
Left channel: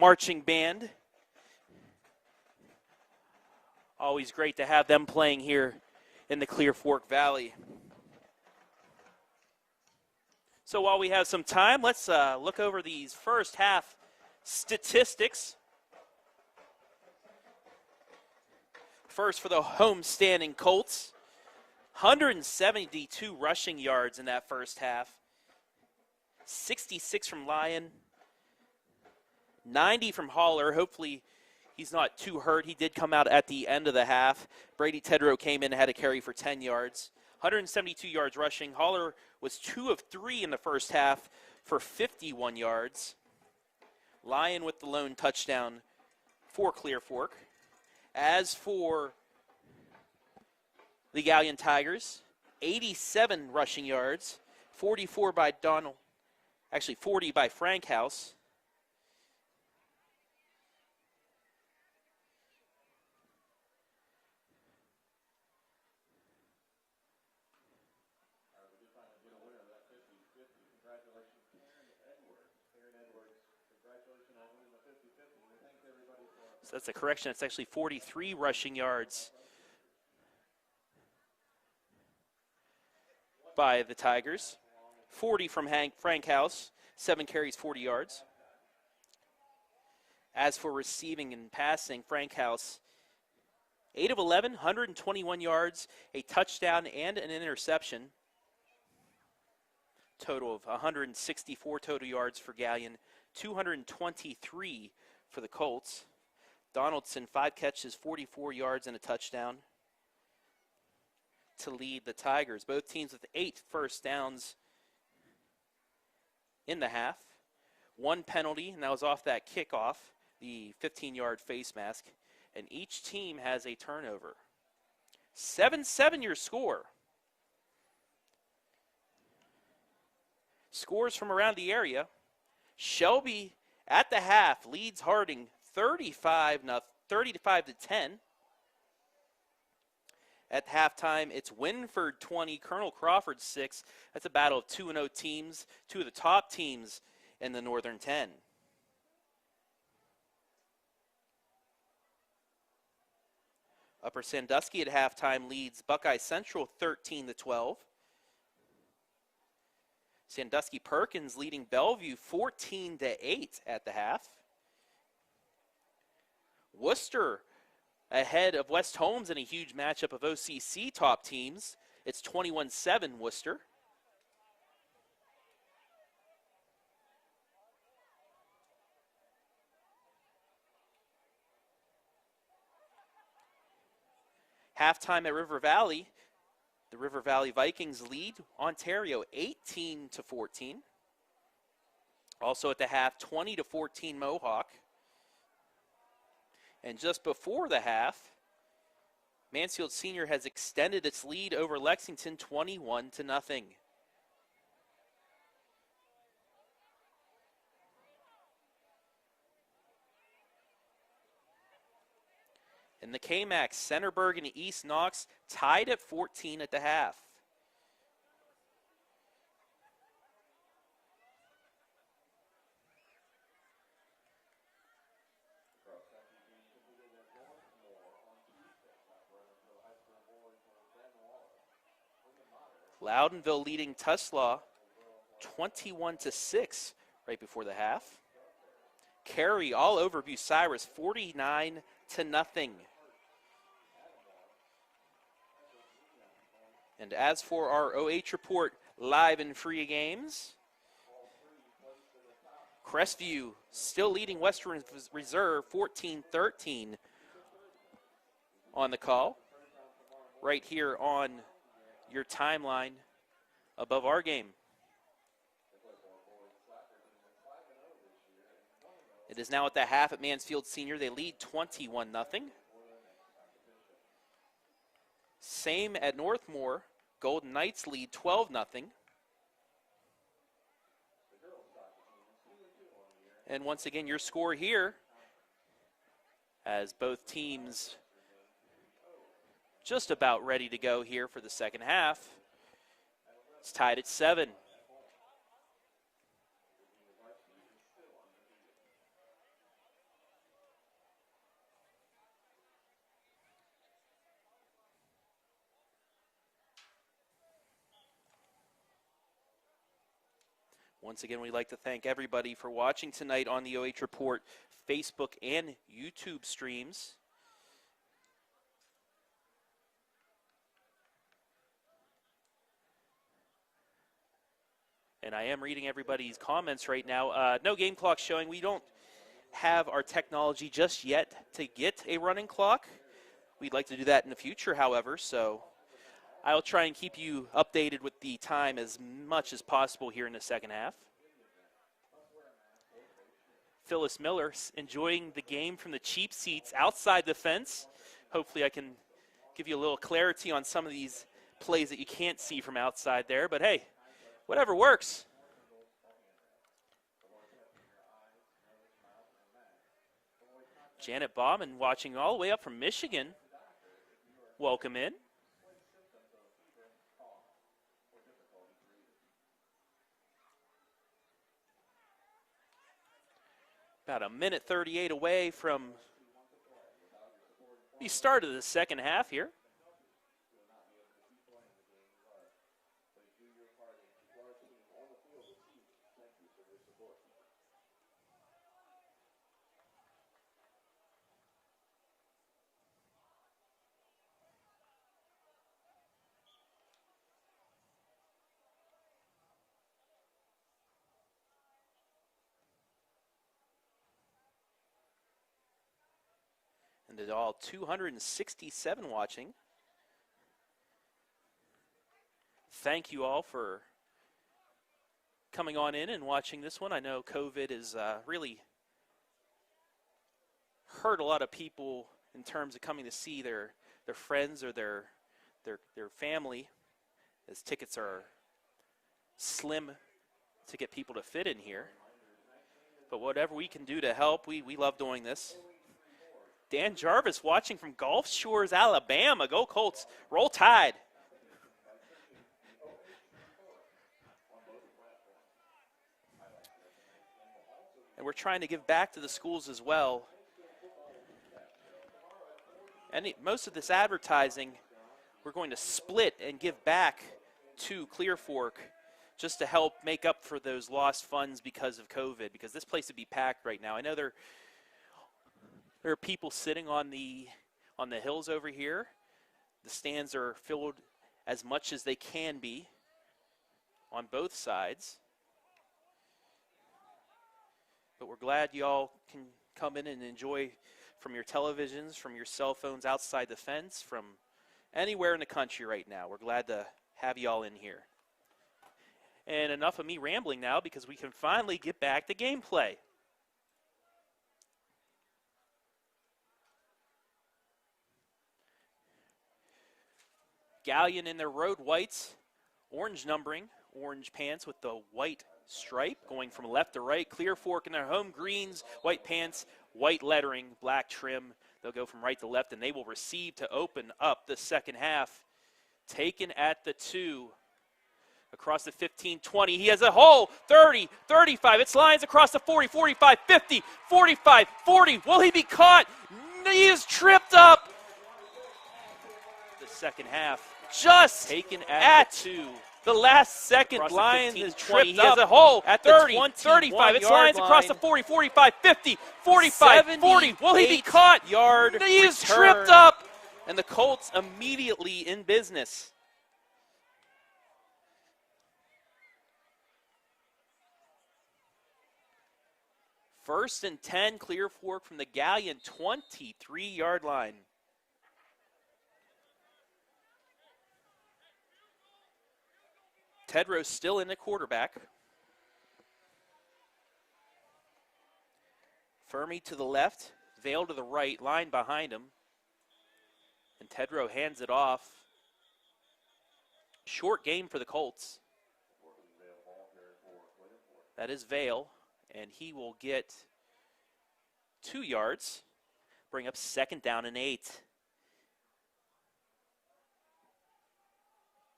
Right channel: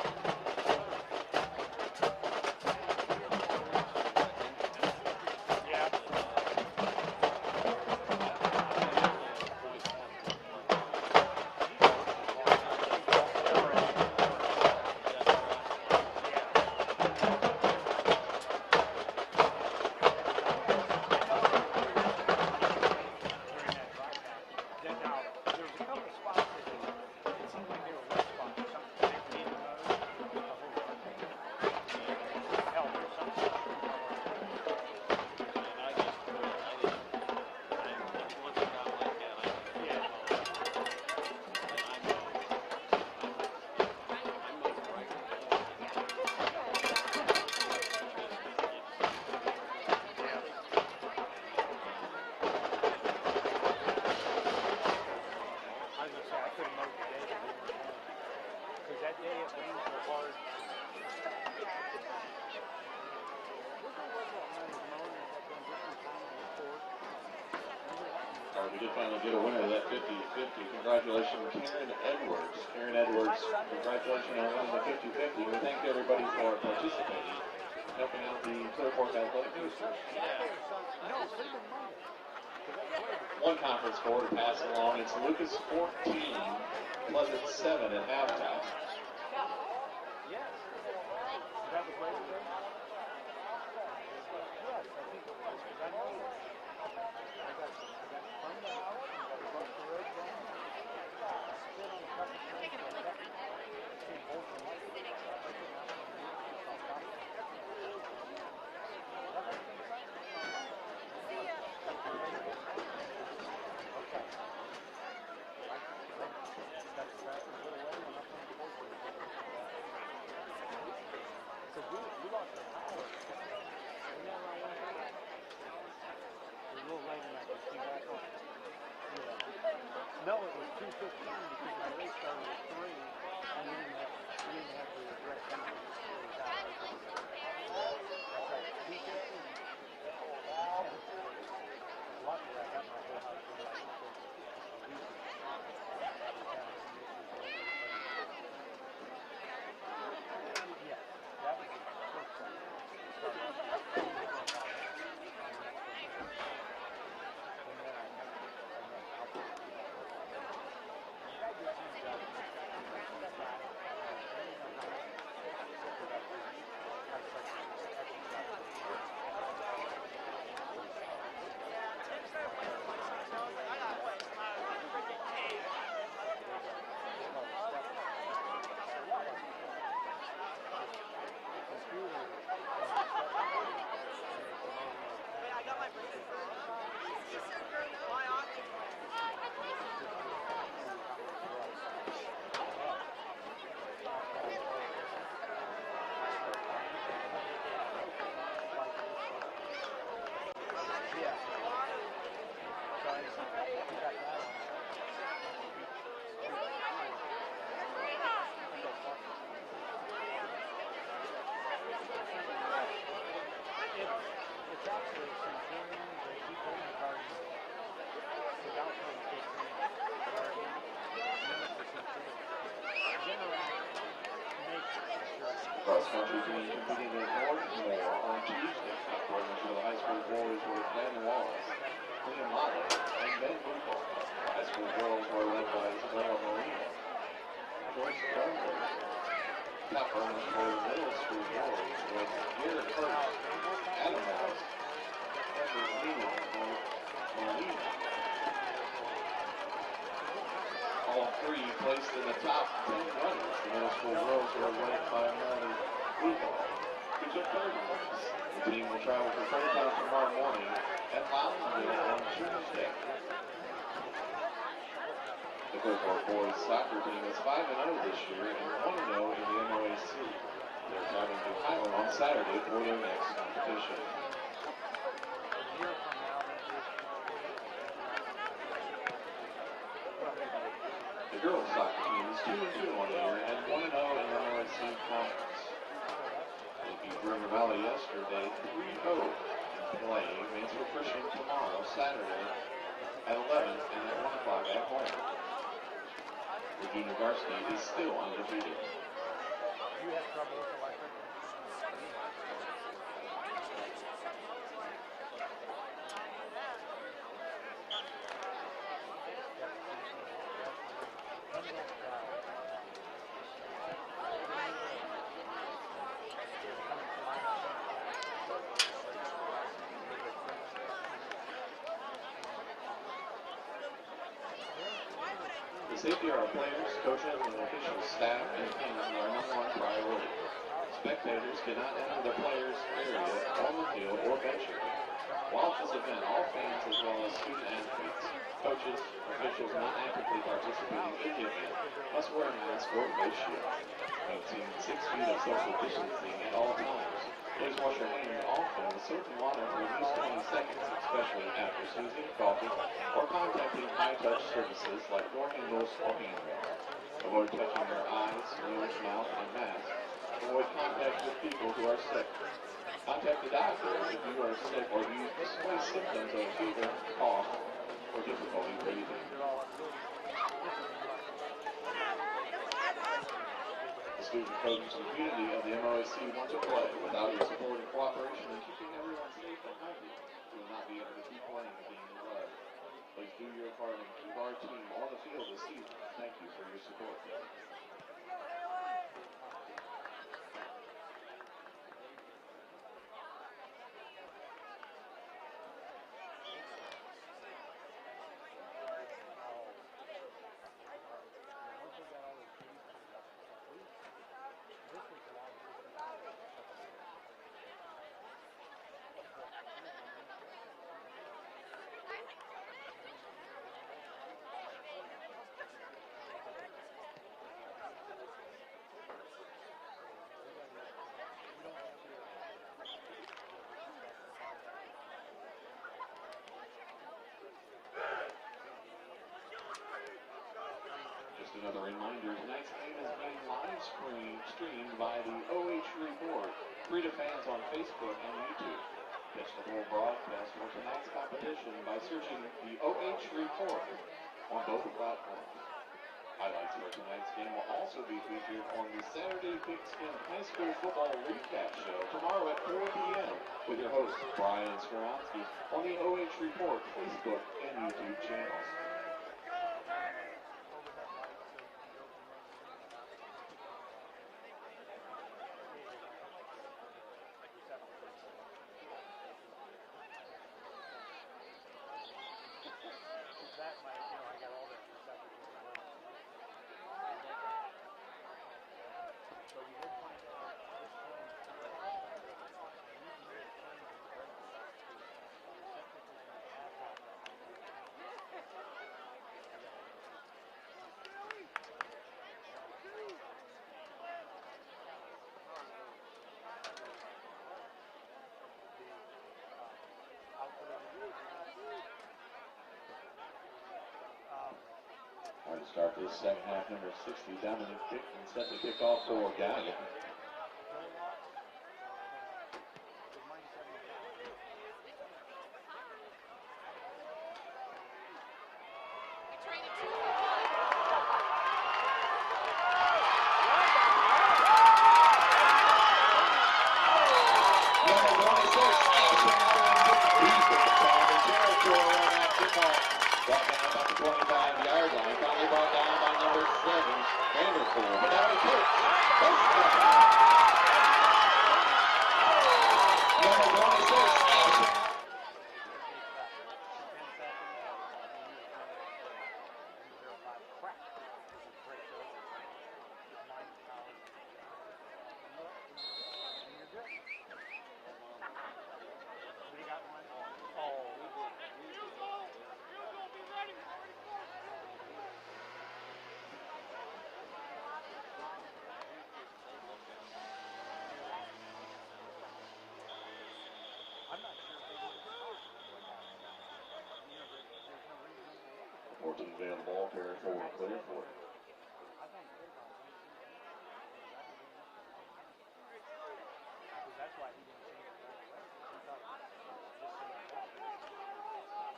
marching band. Always great to have them playing here in the Clear Fork Valley. So while we have some time, let's look over these first half statistics. First for the home-standing Colts, 172 rushing yards in that first half, 66 from Lyon, 90 from Haller. Hopefully he's not too hurt. He did come out at the end of the half. Brady Tedrow came in and had a carry for 10 yards. 172 yards rushing. Haller was 2 of 3 in the first half for 51 yards. Lyon with the lone touchdown for Clear Fork. As for the Galion Tigers, 87 rushing yards, 44 by Donald, actually 40 by Frank House. We did finally get a winner of that 50-50. Congratulations, Karen Edwards. Karen Edwards, congratulations on winning the 50-50. We thank everybody for That's a correction. It's actually 43 rushing yards by the Tigers. 40 from Frank House. 7 carries, 40 yards. As for receiving and passing, Frank House, 8 of 11, 121 yards, a touchdown, and an interception. Total of 164 total yards for Galion, 223 for the Colts. Donaldson, 5 catches, 44 yards, and a touchdown to lead the Tigers. Both teams with 8 first downs in the half. 1 penalty, and that was off that kickoff, the 15-yard face mask, and each team has a turnover. 7-7 your score. Scores from around the area. Shelby at the half leads Harding 30-5 to 10. At halftime, it's Winford 20, Colonel Crawford 6. That's a battle of 2-0 teams, 2 of the top teams in the Northern 10. Upper Sandusky at halftime leads Buckeye Central 13 to 12. Sandusky Perkins leading Bellevue 14 to 8 at the half. Worcester ahead of West Holmes in a huge matchup of OCC top teams. It's 21-7 Worcester. Halftime at River Valley. The River Valley Vikings lead Ontario 18 to 14. Also at the half, 20 to 14 Mohawk. And just before the half, Mansfield Senior has extended its lead over Lexington 21 to nothing. In the KMAX, Centerburg and East Knox tied at 14 at the half. Cross-country team competing in Northmore on Tuesday. According to the high school boys were Glenn Wallace, Liam Motley. Loudonville leading Tuslaw 21 to 6 right before the half. Carey all over Bucyrus 49 to nothing. And as for our OH report live and free games, all 3 placed in the top. Crestview still leading Western Reserve 14-13 on the call. Right here on your timeline above our game. The Clearfork boys soccer team is 5-0 this year and 1-0. It is now at the half at Mansfield Senior. They lead 21-0. For their next competition. Same at Northmore. Golden Knights lead 12-0. The girls soccer team is 2-2 on the year. And once again, your score here, as both teams just about ready to go here for the second half. It's tied at 7. The junior varsity is still undefeated. Once again, we'd like to thank everybody for watching tonight on the OH Report Facebook and YouTube streams. And I am reading everybody's comments right now. No game clock showing. We don't have our technology just yet to get a running clock. We'd like to do that in the future, however, so I'll try and keep you updated with the time as much as possible here in the second half. Phyllis Miller enjoying the game from the cheap seats outside the fence. Hopefully I can give you a little clarity on some of these plays that you can't see from outside there, but hey, whatever works. Janet Bauman watching all the way up from Michigan. Welcome in. About a minute 38 away from the start of the second half here. Thank you for your support. And all 267 watching. Thank you all for coming on in and watching this one. I know COVID has really hurt a lot of people in terms of coming to see their friends or their family, as tickets are slim to get people to fit in here. But whatever we can do to help, we love doing this. Dan Jarvis watching from Gulf Shores, Alabama. Go Colts, roll Tide. By searching the OH.REPORT on both platforms. Highlights for tonight's game will also be. We're trying to give back to the schools as well. High school football recap show tomorrow at 4 p.m. And most of this advertising, we're going to split and give back to Clear Fork just to help make up for those lost funds because of COVID, because this place would be packed right now. I know there are people sitting on the hills over here. The stands are filled as much as they can be on both sides. But we're glad y'all can come in and enjoy from your televisions, from your cell phones outside the fence, from anywhere in the country right now. We're glad to have y'all in here. And enough of me rambling now, because we can finally get back to gameplay. Galion in their road whites, orange numbering, orange pants with the white stripe going from left to right. Clear Fork in their home greens, white pants, white lettering, black trim. They'll go from right to left, and they will receive to open up the second half. Taken at the 2. Across the 15, 20, he has a hole, 30, 35, it's lines across the 40, 45, 50, 45, 40, will he be caught? He is tripped up. Just at the last second, Lions is tripped up. He has a hole at 30, 35, it's lines across the 40, 45, 50, 45, 40, will he be caught? He is tripped up. And the Colts immediately in business. First and 10, Clear Fork from the Galion 23-yard line. Tedros still in the quarterback. Fermi to the left, Vale to the right, line behind him. And Tedro hands it off. Short game for the Colts. 14 Vale ball carrier for Clear Fork. That is Vale. And he will get 2 yards, bring up second down and 8.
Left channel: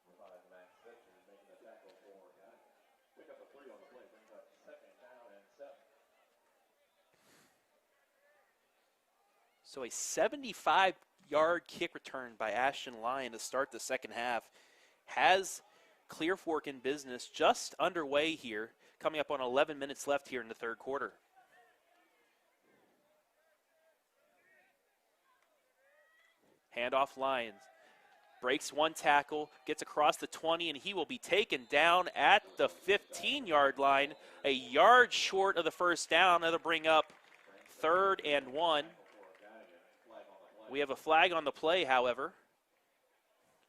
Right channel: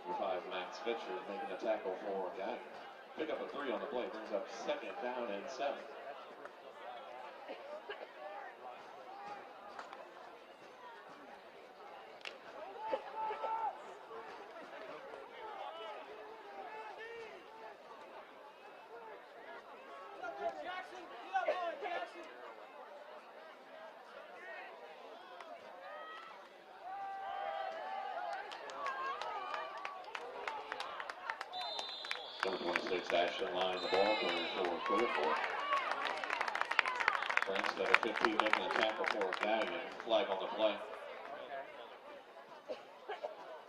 Number 5, Max Fitcher making a tackle for Galion. Pick up a 3 on the play, brings up 2nd down and 7. So a 75-yard kick return by Ashton Lyon to start the second half has Clear Fork in business just underway here, coming up on 11 minutes left here in the third quarter. Handoff Lyons. Breaks one tackle, gets across the 20, and he will be taken down at the 15-yard line. A yard short of the first down. That'll bring up 3rd and 1. We have a flag on the play, however.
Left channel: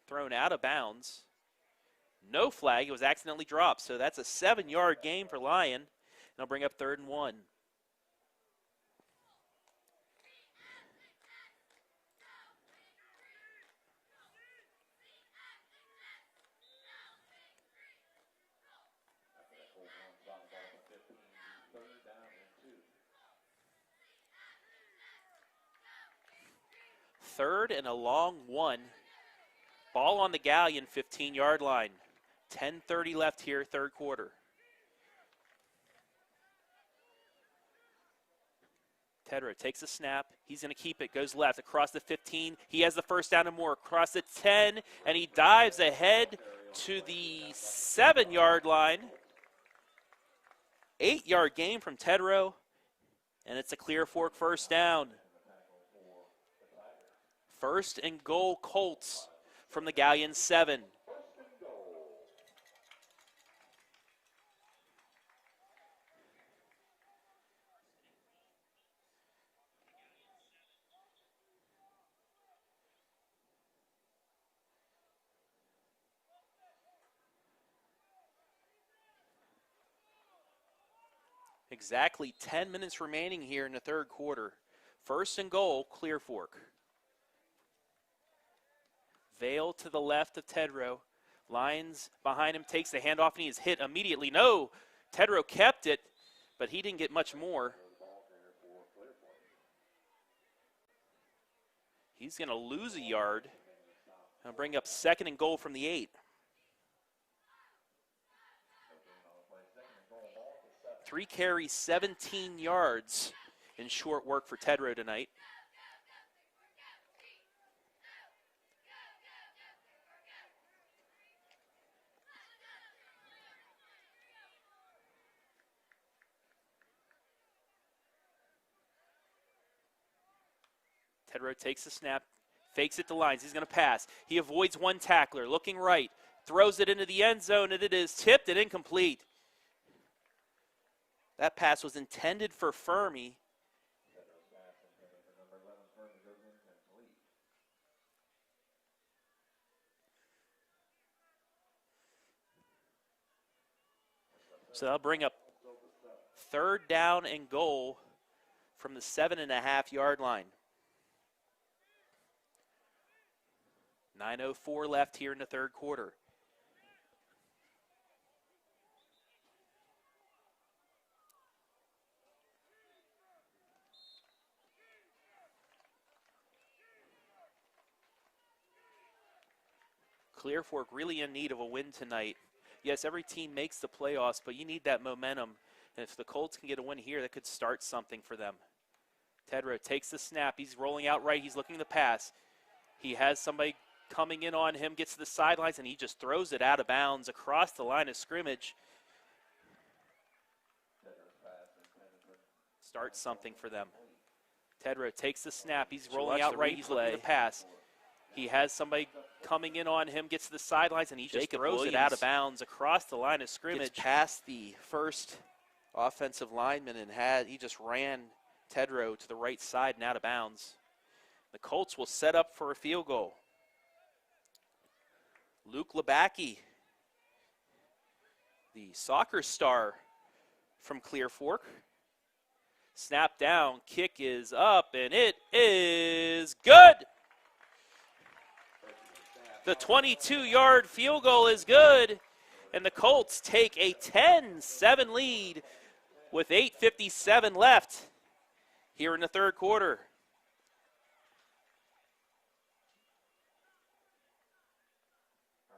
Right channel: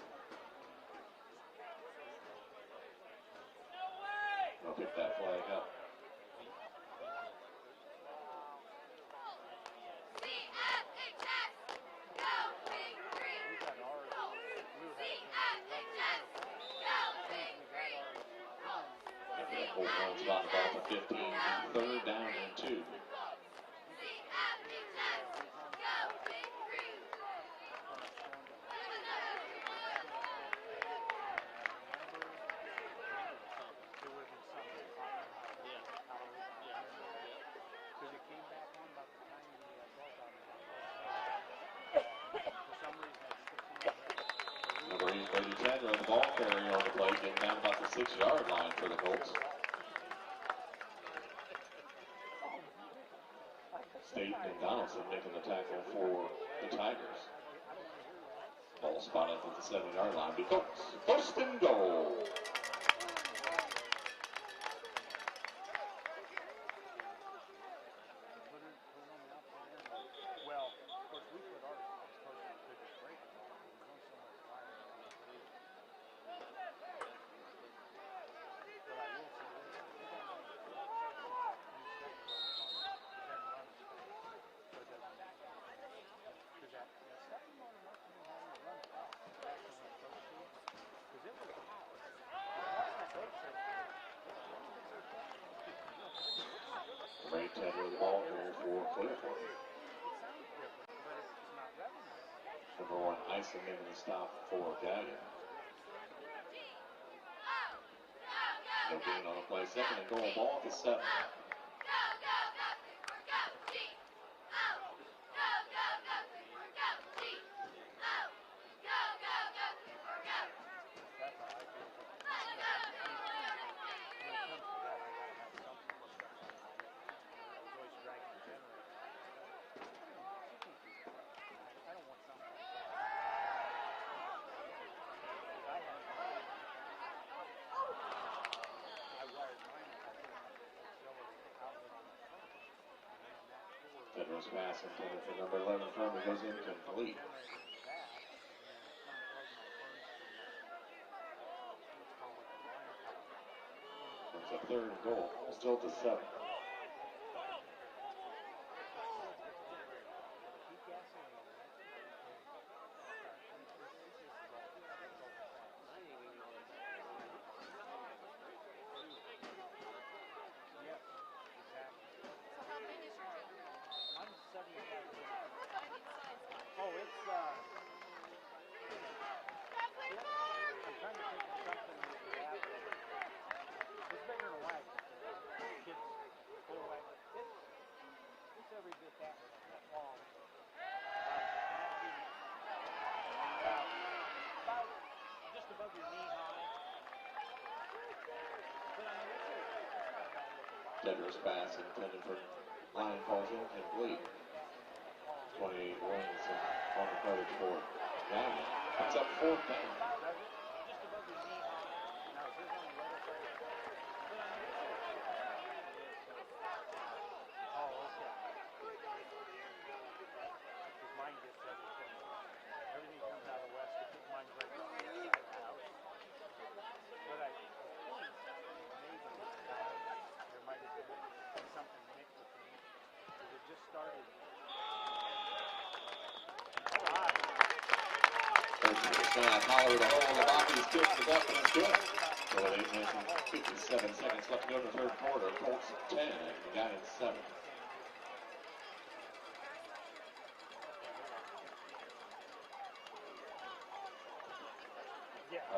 Thrown out of bounds. No flag, it was accidentally dropped. So that's a 7-yard gain for Lyon. They'll bring up 3rd and 1. Spot the ball for 15, 3rd down and 2. 3rd and a long 1. Ball on the Galion 15-yard line. 10:30 left here, third quarter. Tedrow takes a snap. He's going to keep it. Goes left across the 15. He has the first down and more. Across the 10, and he dives ahead to the 7-yard line. 8-yard gain from Tedrow, and it's a Clear Fork first down. 1st and goal, Colts from the Galion 7. 1st and goal. Exactly 10 minutes remaining here in the third quarter. 1st and goal, Clear Fork. Vale to the left of Tedrow. Lyons behind him, takes the handoff, and he is hit immediately. No, Tedrow kept it, but he didn't get much more. He's going to lose a yard and bring up 2nd and goal from the 8. No gain on the play. 2nd and goal, ball at the 7. 3 carries, 17 yards in short work for Tedrow tonight. Tedrow takes the snap, fakes it to Lyons. He's going to pass. He avoids one tackler, looking right. Throws it into the end zone, and it is tipped and incomplete. That pass was intended for Fermi. Tedrow's pass intended for number 11, Fermi, goes incomplete. So that'll bring up 3rd down and goal from the 7.5-yard line. 9:04 left here in the third quarter. Clear Fork really in need of a win tonight. Yes, every team makes the playoffs, but you need that momentum. And if the Colts can get a win here, that could start something for them. Tedrow takes the snap. He's rolling out right. He's looking to pass. He has somebody coming in on him, gets to the sidelines, and he just throws it out of bounds across the line of scrimmage. Tedrow's pass intended for starts something for them. Tedrow takes the snap. He's rolling out right. He's looking to pass. He has somebody coming in on him, gets to the sidelines, and he just throws it out of bounds across the line of scrimmage. Past the first offensive lineman, and he just ran Tedrow to the right side and out of bounds. The Colts will set up for a field goal. Luke Labacki, the soccer star from Clear Fork. Snap down, kick is up, and it is good. The 22-yard field goal is good, and the Colts take a 10-7 lead with 8:57 left here in the third quarter.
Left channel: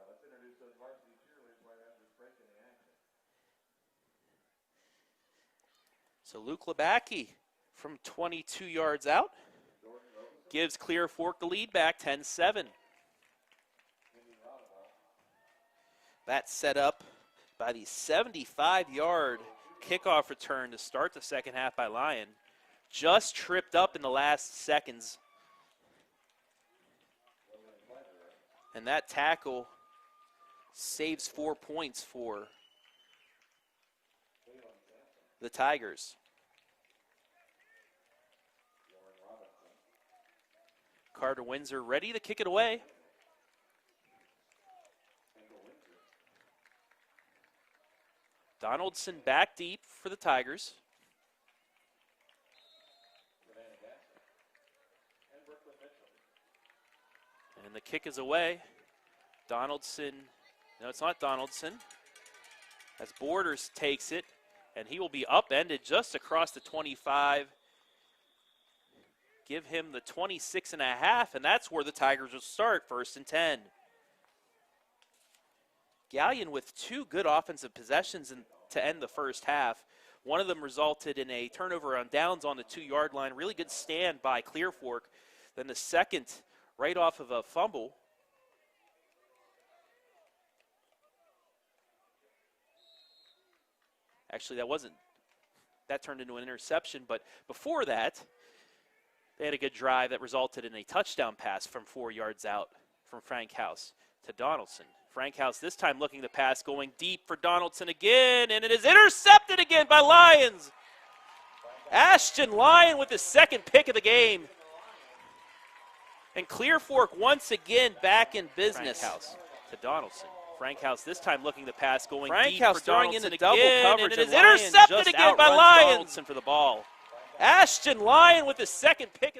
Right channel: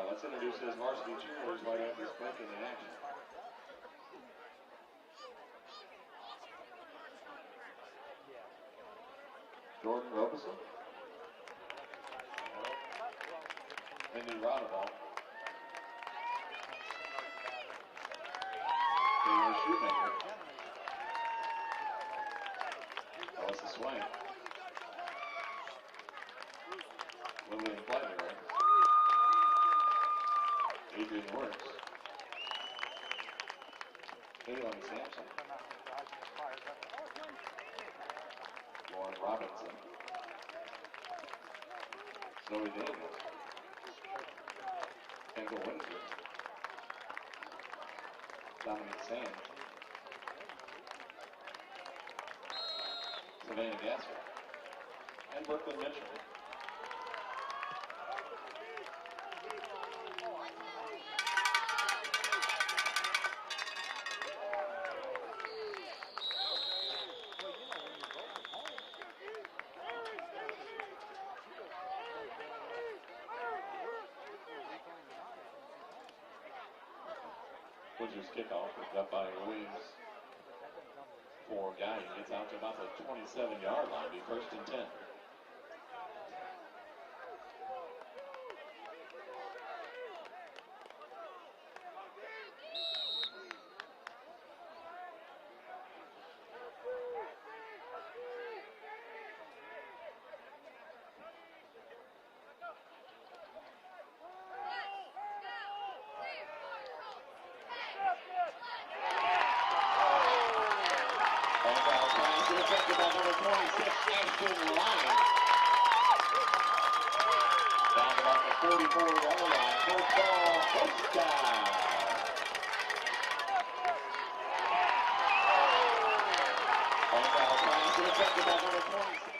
Let's introduce his varsity cheerleaders right after this break in the action. So Luke Labacki from 22 yards out Jordan Robeson. gives Clear Fork the lead back, 10-7. That's set up by the 75-yard kickoff return to start the second half by Lyon. Just tripped up in the last seconds. And that tackle saves 4 points for the Tigers. Carter Windsor ready to kick it away. Donaldson back deep for the Tigers. And Brooklyn Mitchell. And the kick is away. Donaldson, no, it's not Donaldson. As Borders takes it, and he will be upended just across the 25. Give him the 26 and a half, and that's where the Tigers will start, 1st and 10. Galion with 2 good offensive possessions to end the first half. One of them resulted in a turnover on downs on the 2-yard line. Really good stand by Clear Fork. Then the second, right off of a fumble. Actually, that turned into an interception, but before that, they had a good drive that resulted in a touchdown pass from 4 yards out from Frank House to Donaldson. Frank House this time looking to pass, going deep for Donaldson again, and it is intercepted again by Lions. Ashton Lyon with the second pick of the game. And Clear Fork once again back in business. Frank House this time looking to pass, going Frank deep House for throwing Donaldson into double again, coverage, and it is and Lyon intercepted just again by outruns Lions. Donaldson For the ball. Ashton Lyon with the second pick.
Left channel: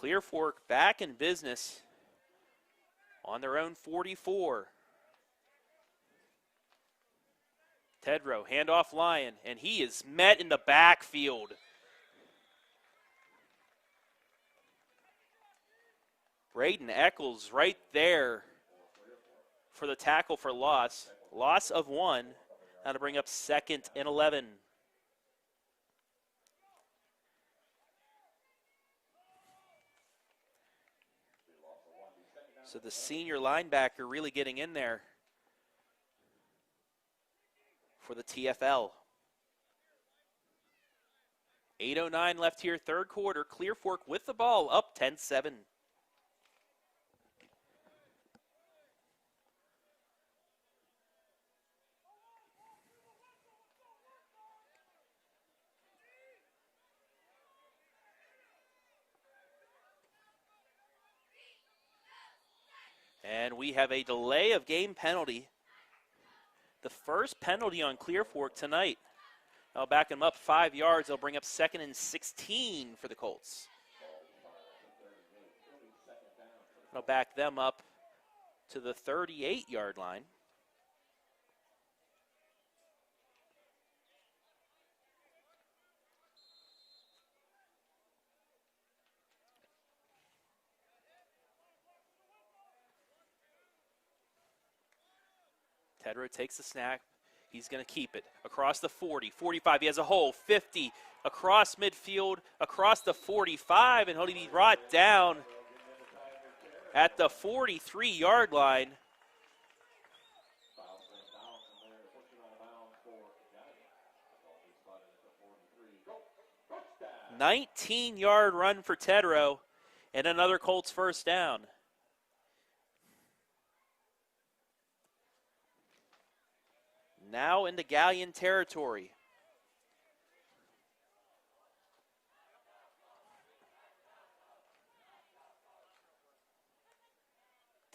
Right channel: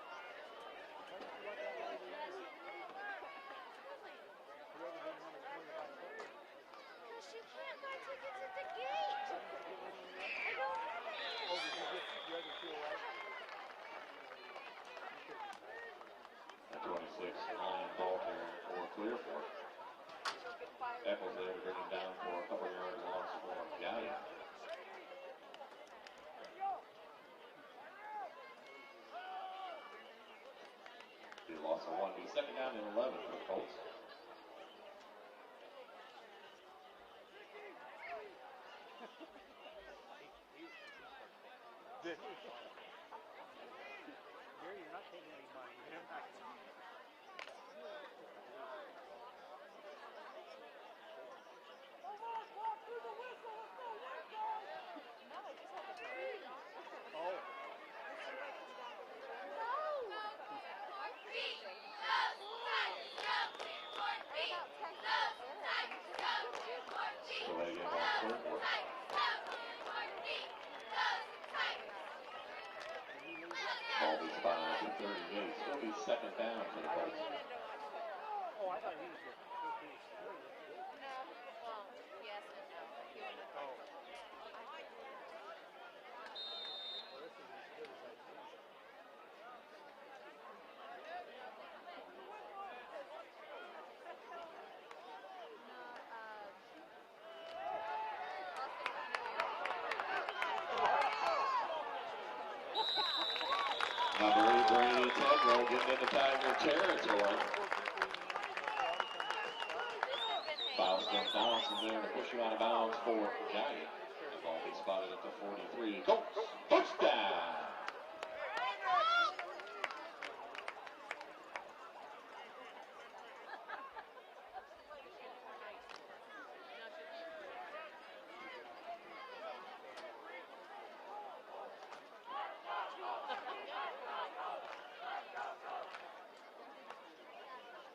Clear Fork back in business on their own 44. Tedrow, handoff Lyon, and he is met in the backfield. Braden Eccles right there for the tackle for loss. Loss of 1. Now to bring up 2nd and 11. So the senior linebacker really getting in there for the TFL. 8:09 left here, 3rd quarter. Clear Fork with the ball, up 10-7. And we have a delay of game penalty. The first penalty on Clear Fork tonight. I'll back him up 5 yards. They'll bring up 2nd and 16 for the Colts. They'll back them up to the 38-yard line. Tedrow takes the snap. He's going to keep it across the 40, 45. He has a hole, 50, across midfield, across the 45, and he'll be brought down at the 43-yard line. 19-yard run for Tedrow, and another Colts first down. Now into Galion territory.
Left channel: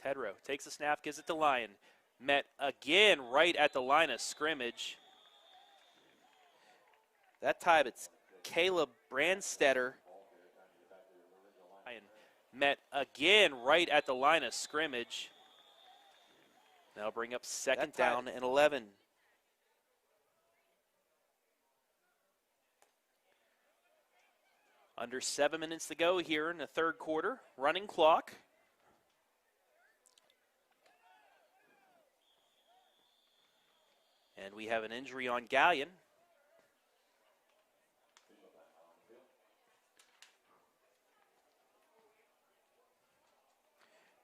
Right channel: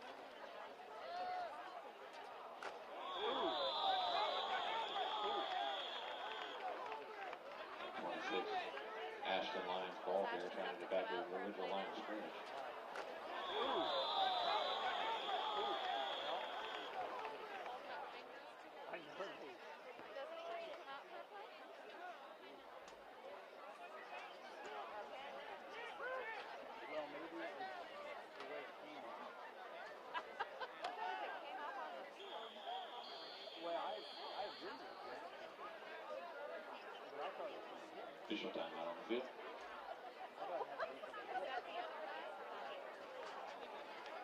Tedrow takes the snap, gives it to Lyon. Met again right at the line of scrimmage. That time it's Caleb Brandstetter. Met again right at the line of scrimmage. That'll bring up 2nd down and 11. Under 7 minutes to go here in the third quarter. Running clock. And we have an injury on Galion. Official timeout on the field.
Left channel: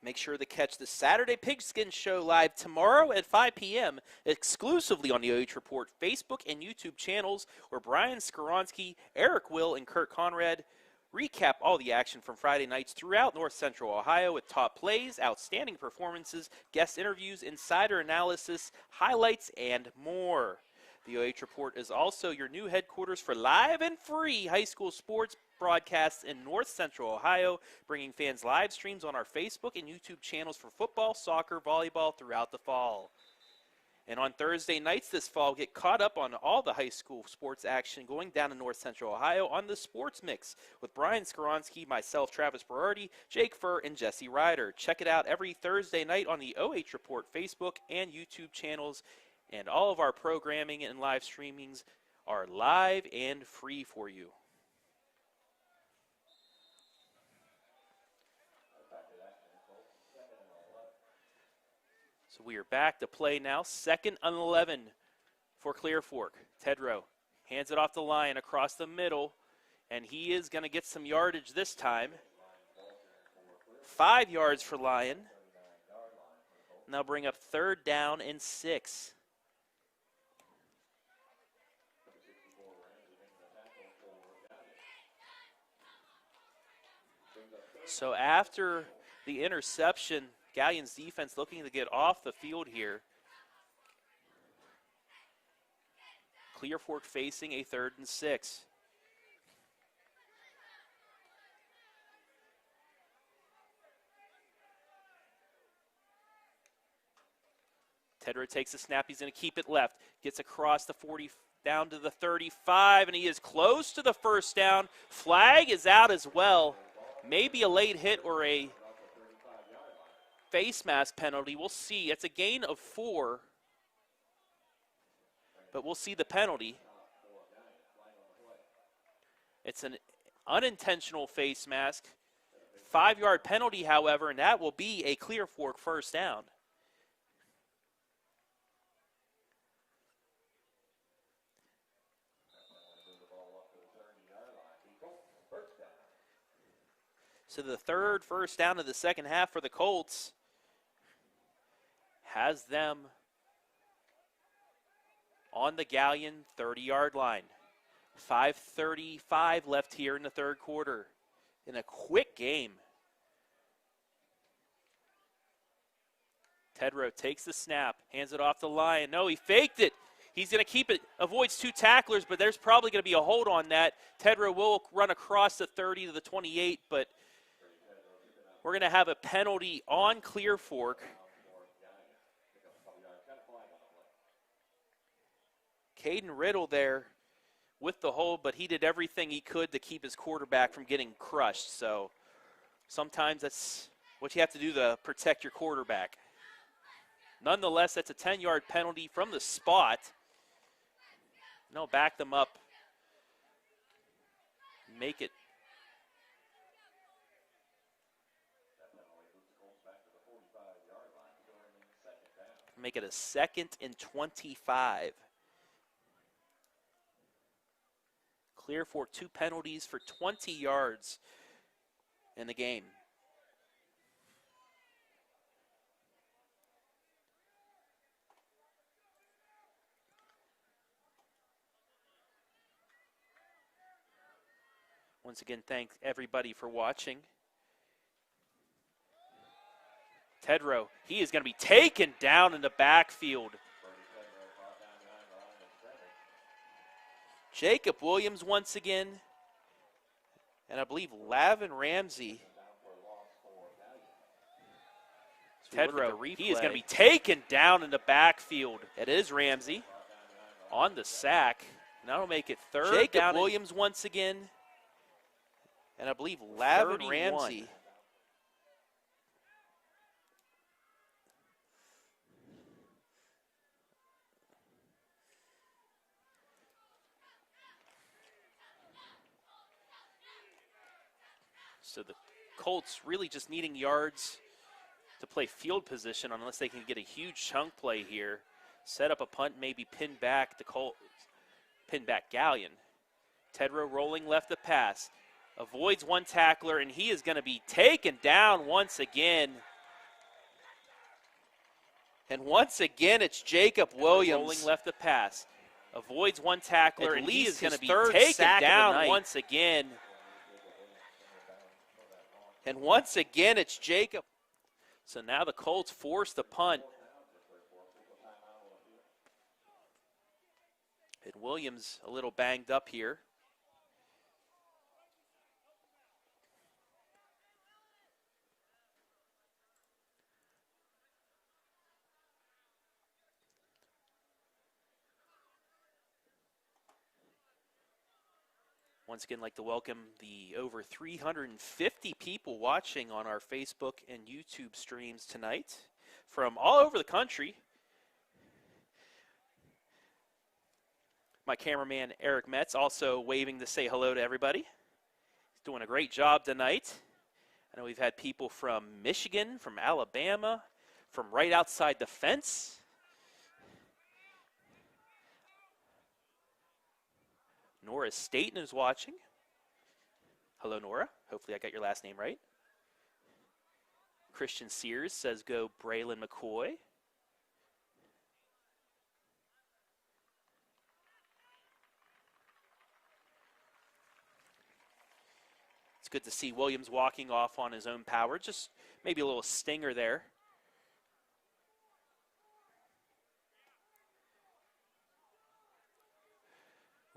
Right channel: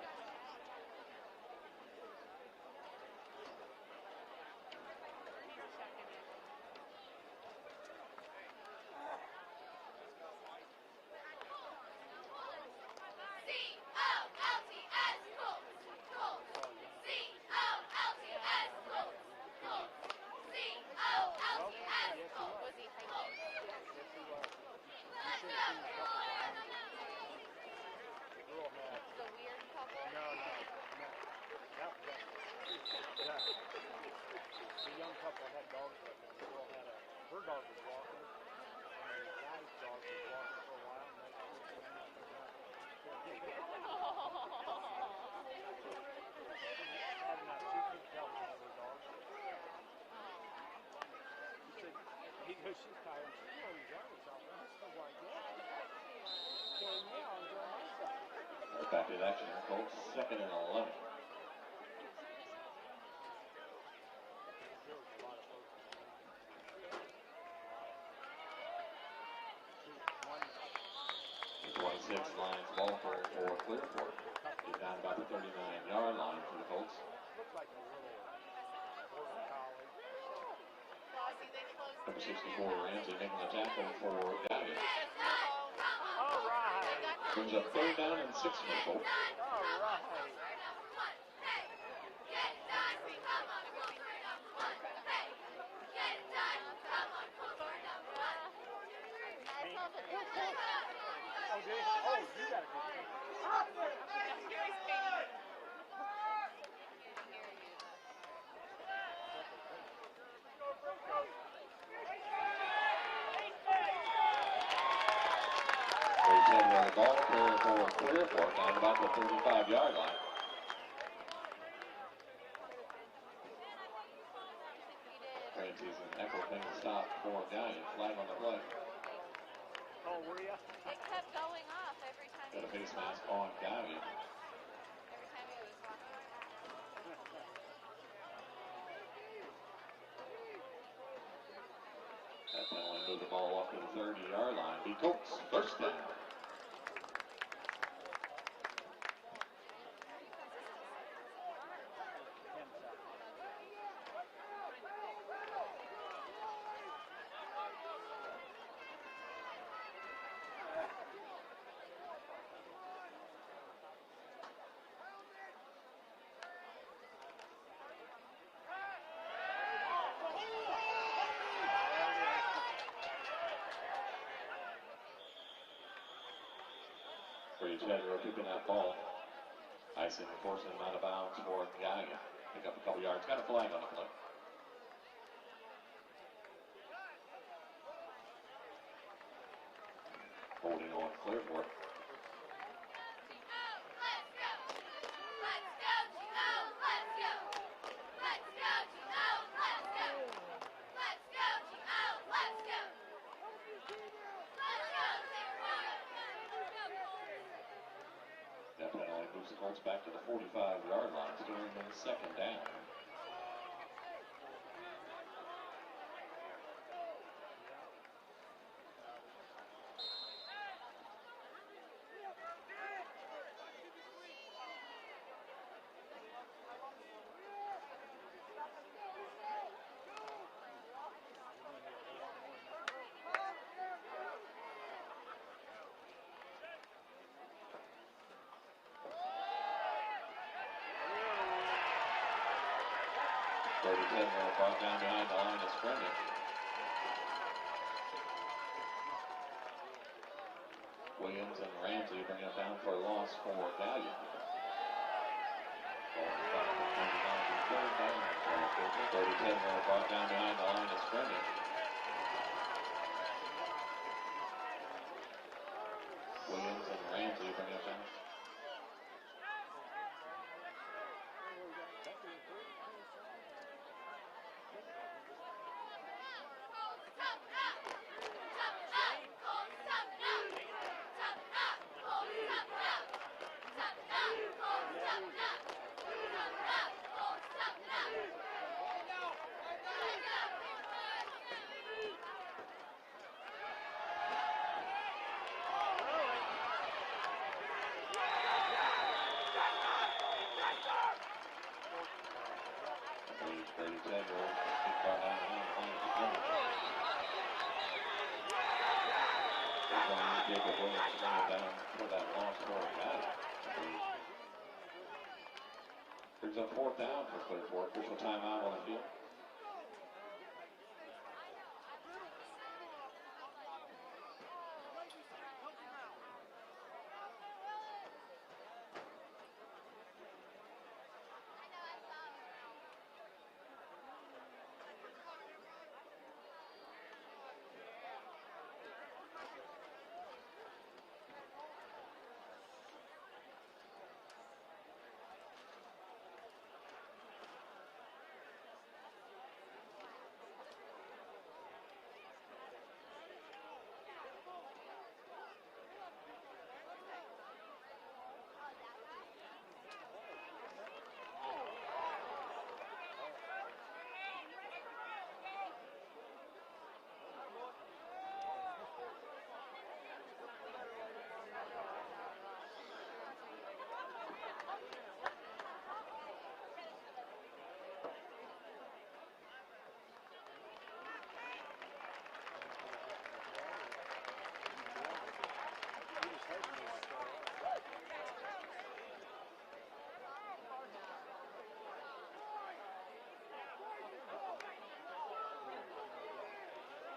Make sure to catch the Saturday Pigskin Show live tomorrow at 5 p.m. exclusively on the OH Report Facebook and YouTube channels, where Brian Skoronsky, Eric Will, and Kurt Conrad recap all the action from Friday nights throughout North Central Ohio with top plays, outstanding performances, guest interviews, insider analysis, highlights, and more. The OH Report is also your new headquarters for live and free high school sports broadcasts in North Central Ohio, bringing fans live streams on our Facebook and YouTube channels for football, soccer, volleyball throughout the fall. And on Thursday nights this fall, get caught up on all the high school sports action going down in North Central Ohio on the Sports Mix with Brian Skoronsky, myself, Travis Berardi, Jake Furr, and Jesse Ryder. Check it out every Thursday night on the OH Report Facebook and YouTube channels. And all of our programming and live streamings are live and free for you. Back to action, Colts, 2nd and 11. So we are back to play now. 2nd and 11 for Clear Fork. Tedrow hands it off the line across the middle, and he is going to get some yardage this time. 5 yards for Lyon. 39-yard line for the Colts. Now bring up 3rd down and 6. Number 64, Ramsey making the tackle for Galion. So after the interception, Galion's defense looking to get off the field here. Clear Fork facing a 3rd and 6. Tedrow takes the snap, he's going to keep it left. Gets across the 40, down to the 35, and he is close to the 1st down. Flag is out as well. Maybe a late hit or a face mask penalty. We'll see. It's a gain of 4, but we'll see the penalty. It's an unintentional face mask. 5-yard penalty, however, and that will be a Clear Fork 1st down. Move the ball up to the 30-yard line. The Colts, 1st down. So the 3rd 1st down of the 2nd half for the Colts has them on the Galion 30-yard line. 5:35 left here in the 3rd quarter. In a quick game. Tedrow takes the snap, hands it off the line. No, he faked it. He's going to keep it, avoids 2 tacklers, but there's probably going to be a hold on that. Tedrow will run across the 30 to the 28, but we're going to have a penalty on Clear Fork. Caden Riddle there with the hold, but he did everything he could to keep his quarterback from getting crushed. So sometimes that's what you have to do to protect your quarterback. Nonetheless, that's a 10-yard penalty from the spot. No, back them up. Make it. That penalty moves the Colts back to the 45-yard line, still in 2nd down. Make it a 2nd and 25. Clear Fork 2 penalties for 20 yards in the game. Once again, thanks everybody for watching. Tedrow, he is going to be taken down in the backfield. Jacob Williams once again, and I believe Lavin Ramsey. Tedrow, he is going to be taken down in the backfield. It is Ramsey on the sack. That'll make it 3rd. Jacob Williams once again, and I believe Lavin Ramsey. So the Colts really just needing yards to play field position unless they can get a huge chunk play here. Set up a punt, maybe pin back Galion. Tedrow rolling left to pass. Avoids one tackler, and he is going to be taken down once again. And once again, it's Jacob Williams rolling left to pass. Avoids one tackler, and he is going to be taken down once again. And once again, it's Jacob. So now the Colts force the punt. And Williams a little banged up here. Once again, I'd like to welcome the over 350 people watching on our Facebook and YouTube streams tonight from all over the country. My cameraman, Eric Metz, also waving to say hello to everybody. He's doing a great job tonight. I know we've had people from Michigan, from Alabama, from right outside the fence. Nora Staten is watching. Hello, Nora. Hopefully I got your last name right. Christian Sears says go Braylon McCoy. It's good to see Williams walking off on his own power. Just maybe a little stinger there.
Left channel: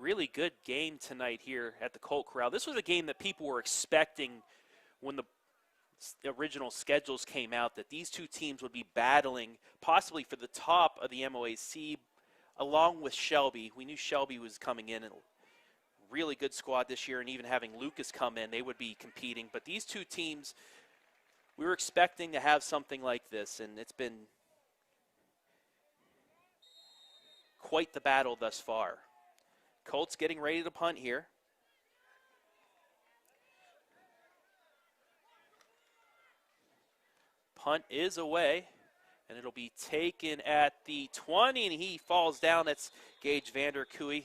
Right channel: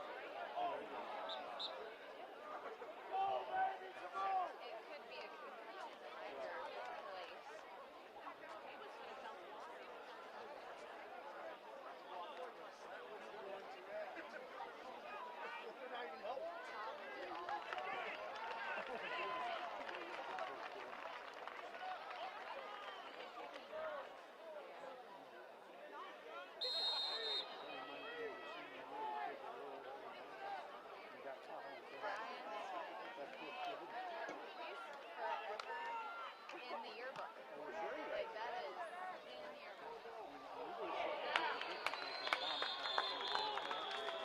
Really good game tonight here at the Colt Corral. This was a game that people were expecting when the original schedules came out, that these two teams would be battling possibly for the top of the MOAC along with Shelby. We knew Shelby was coming in, and really good squad this year, and even having Lucas come in, they would be competing. But these two teams, we were expecting to have something like this, and it's been quite the battle thus far. Colts getting ready to punt here. Punt is away, and it'll be taken at the 20, and he falls down. That's Gage Vander Kooi.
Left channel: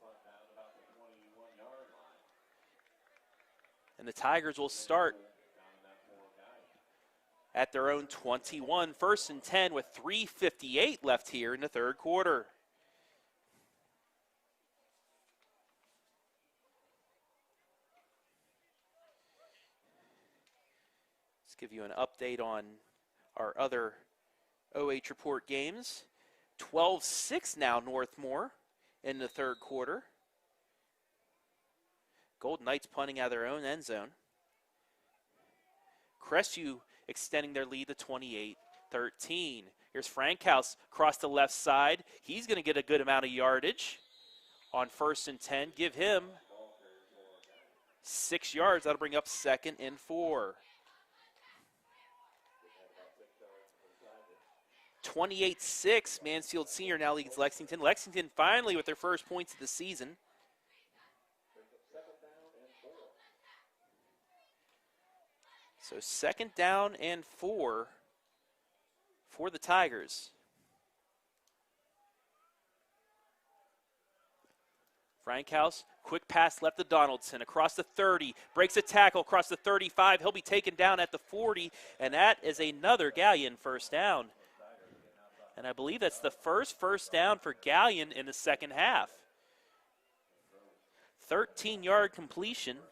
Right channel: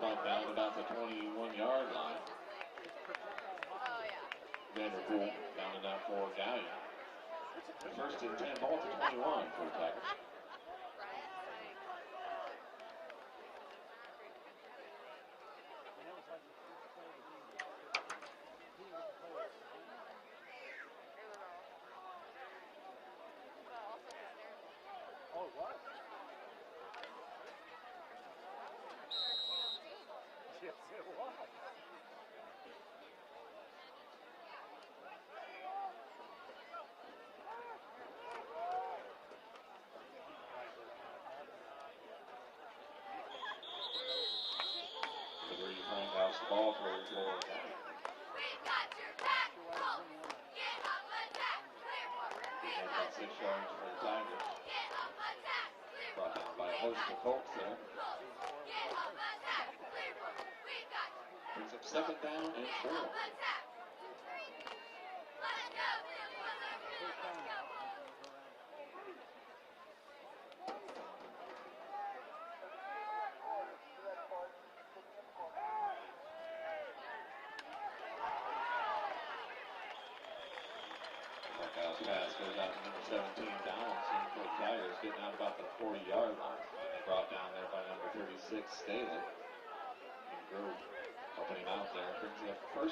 Down about the 21-yard line. And the Tigers will start at their own 21. First and 10 with 3:58 left here in the third quarter. Let's give you an update on our other OH Report games. 12-6 now, Northmore in the third quarter. Golden Knights punting out of their own end zone. Crestview extending their lead to 28-13. Here's Frankhouse across the left side. He's going to get a good amount of yardage on first and 10. Give him 6 yards. That'll bring up second and 4. 28-6, Mansfield Senior now leads Lexington. Lexington finally with their first points of the season. Second down and 4. So second down and 4 for the Tigers. Frankhouse, quick pass left to Donaldson across the 30, breaks a tackle across the 35. He'll be taken down at the 40, and that is another Galion first down. And I believe that's the first down for Galion in the second half. 13-yard completion will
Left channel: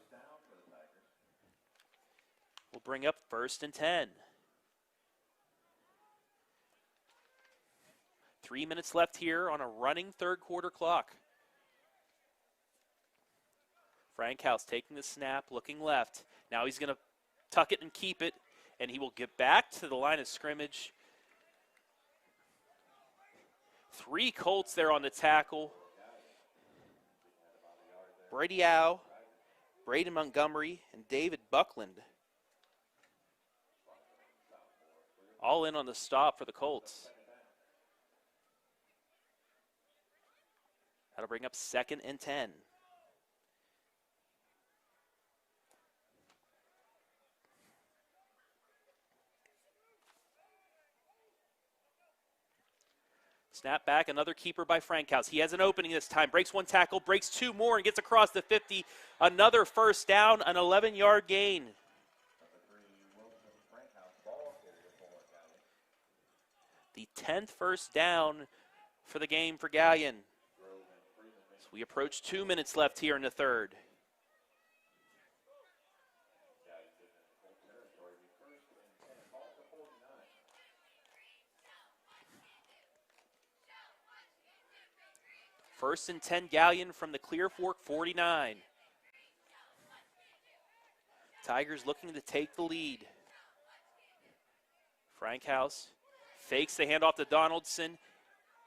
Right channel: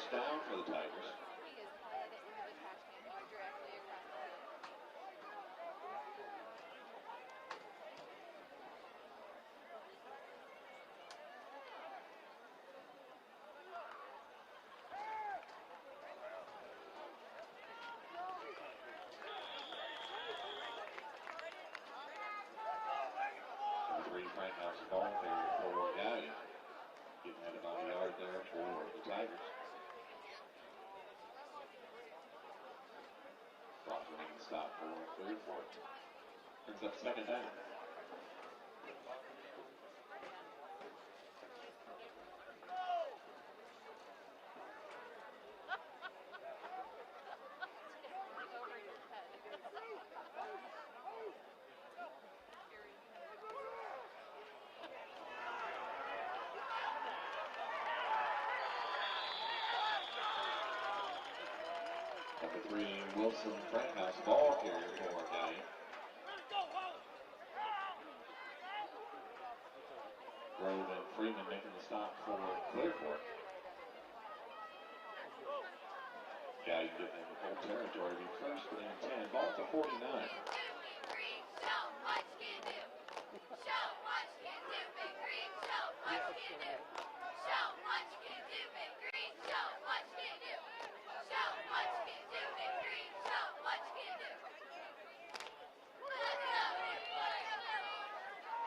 bring up first and 10. 3 minutes left here on a running third quarter clock. Frankhouse taking the snap, looking left. Now he's going to tuck it and keep it, and he will get back to the line of scrimmage. 3 Colts there on the tackle. Brady Howe, Braden Montgomery, and David Buckland. All in on the stop for the Colts. That'll bring up second and 10. Snap back, another keeper by Frankhouse. He has an opening this time, breaks one tackle, breaks two more, and gets across the 50. Another first down, an 11-yard gain. Number 3, Wilson Frankhouse, ball carrier for Galion. The 10th first down for the game for Galion. Grove and Freeman making We the approach stop. 2 minutes left here in the third. Galion getting into full territory. Be first and 10, ball to 49. First and 10 Galion from the Clear Fork 49. Tigers looking to take the lead. Frankhouse fakes the handoff to Donaldson,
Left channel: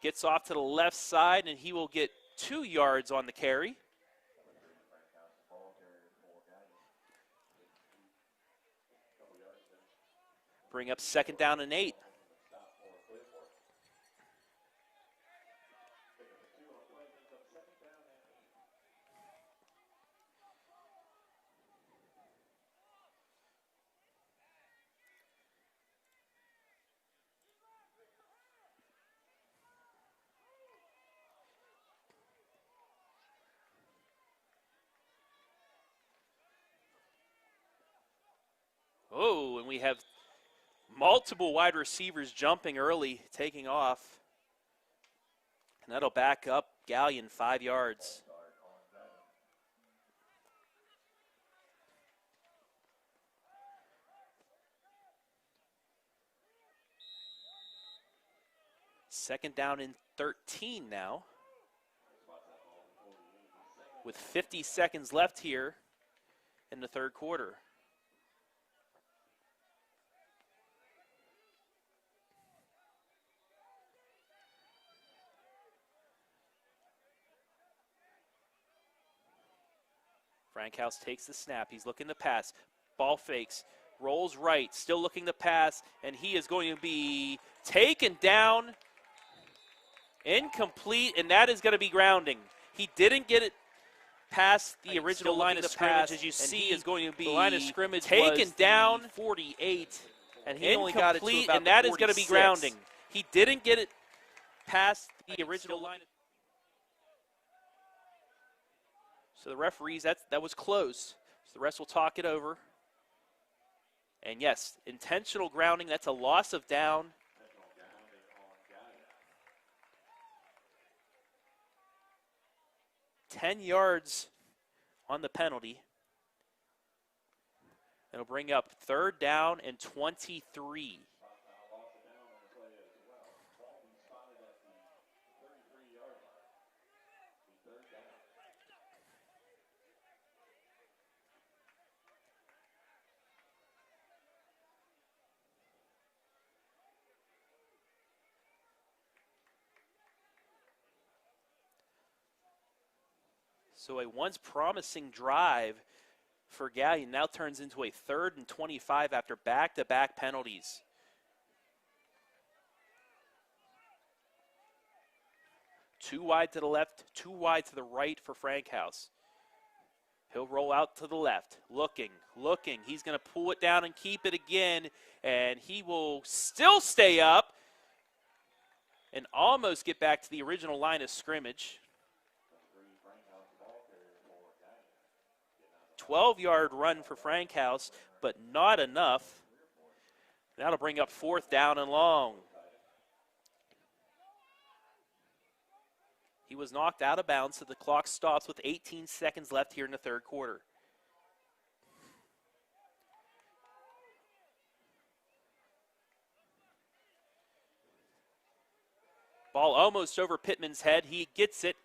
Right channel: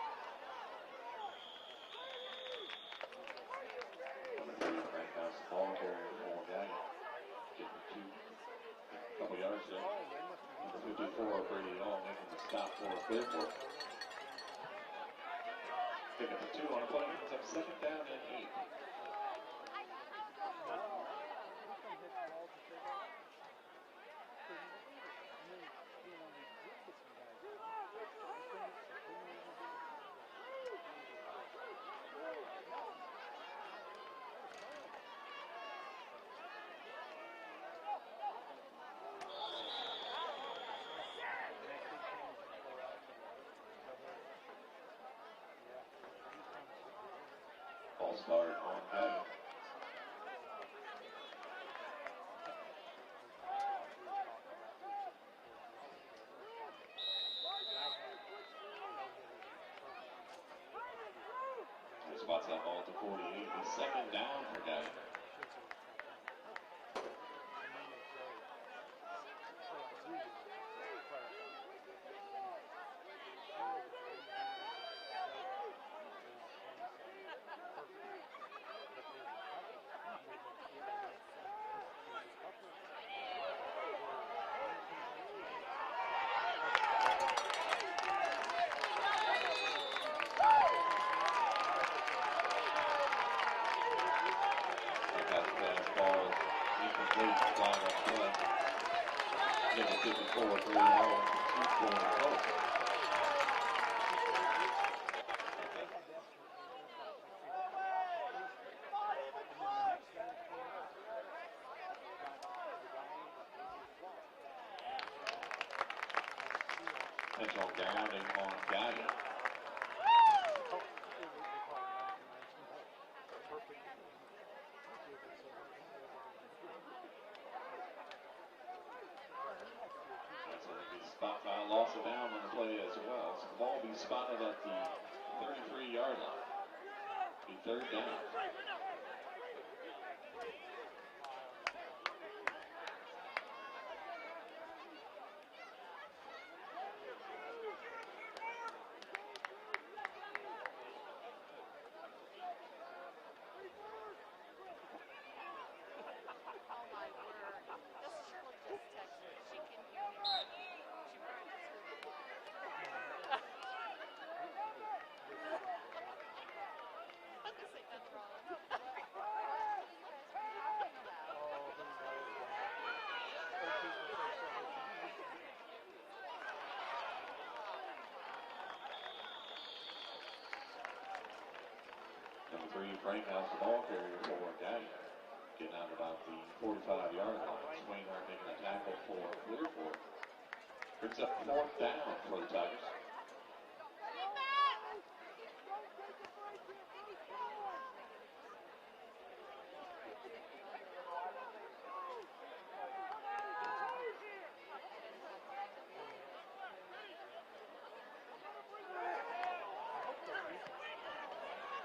gets off to the left side, and he will get 2 yards on the carry. Number 3, Frankhouse, ball carrier for Galion. Getting couple yards there. Bring up second down and 8. Making the stop for Clear Fork. Pick up the 2 on the play. Brings up second down and 8. Oh, and we have multiple wide receivers jumping early, taking off. And that'll back up Galion 5 yards. Ball start on Galion. Second down and 13 now. Spots that ball to 48. The second With down 50 for Galion. seconds left here in the third quarter. Frankhouse takes the snap. He's looking to pass. Ball fakes. Rolls right. Still looking to pass. And he is going to be taken down. Incomplete. And that is going to be grounding. He didn't get it past the original line of scrimmage. As you see, is going to be line of scrimmage taken down. 48. Incomplete. And that is going to be grounding. He didn't get it past the original line. So the referees, that was close. So the rest will talk it over. And yes, intentional grounding, that's a loss of down. Intentional grounding on Galion. 10 yards on the penalty. It'll bring up third down and 23. Spot by a loss of down on the play as well. So the ball will be spotted at the 33-yard line. Be third down. So a once promising drive for Galion now turns into a 3rd and 25 after back-to-back penalties. Too wide to the left, too wide to the right for Frankhouse. He'll roll out to the left, looking. He's going to pull it down and keep it again, and he will still stay up and almost get back to the original line of scrimmage. Number 3, Frankhouse, the ball carrier for Galion. 12-yard run for Frankhouse, but not enough. That'll bring up 4th down and long. He was knocked out of bounds, so the clock stops with 18 seconds left here in the third quarter. Ball almost over Pittman's head. He gets it.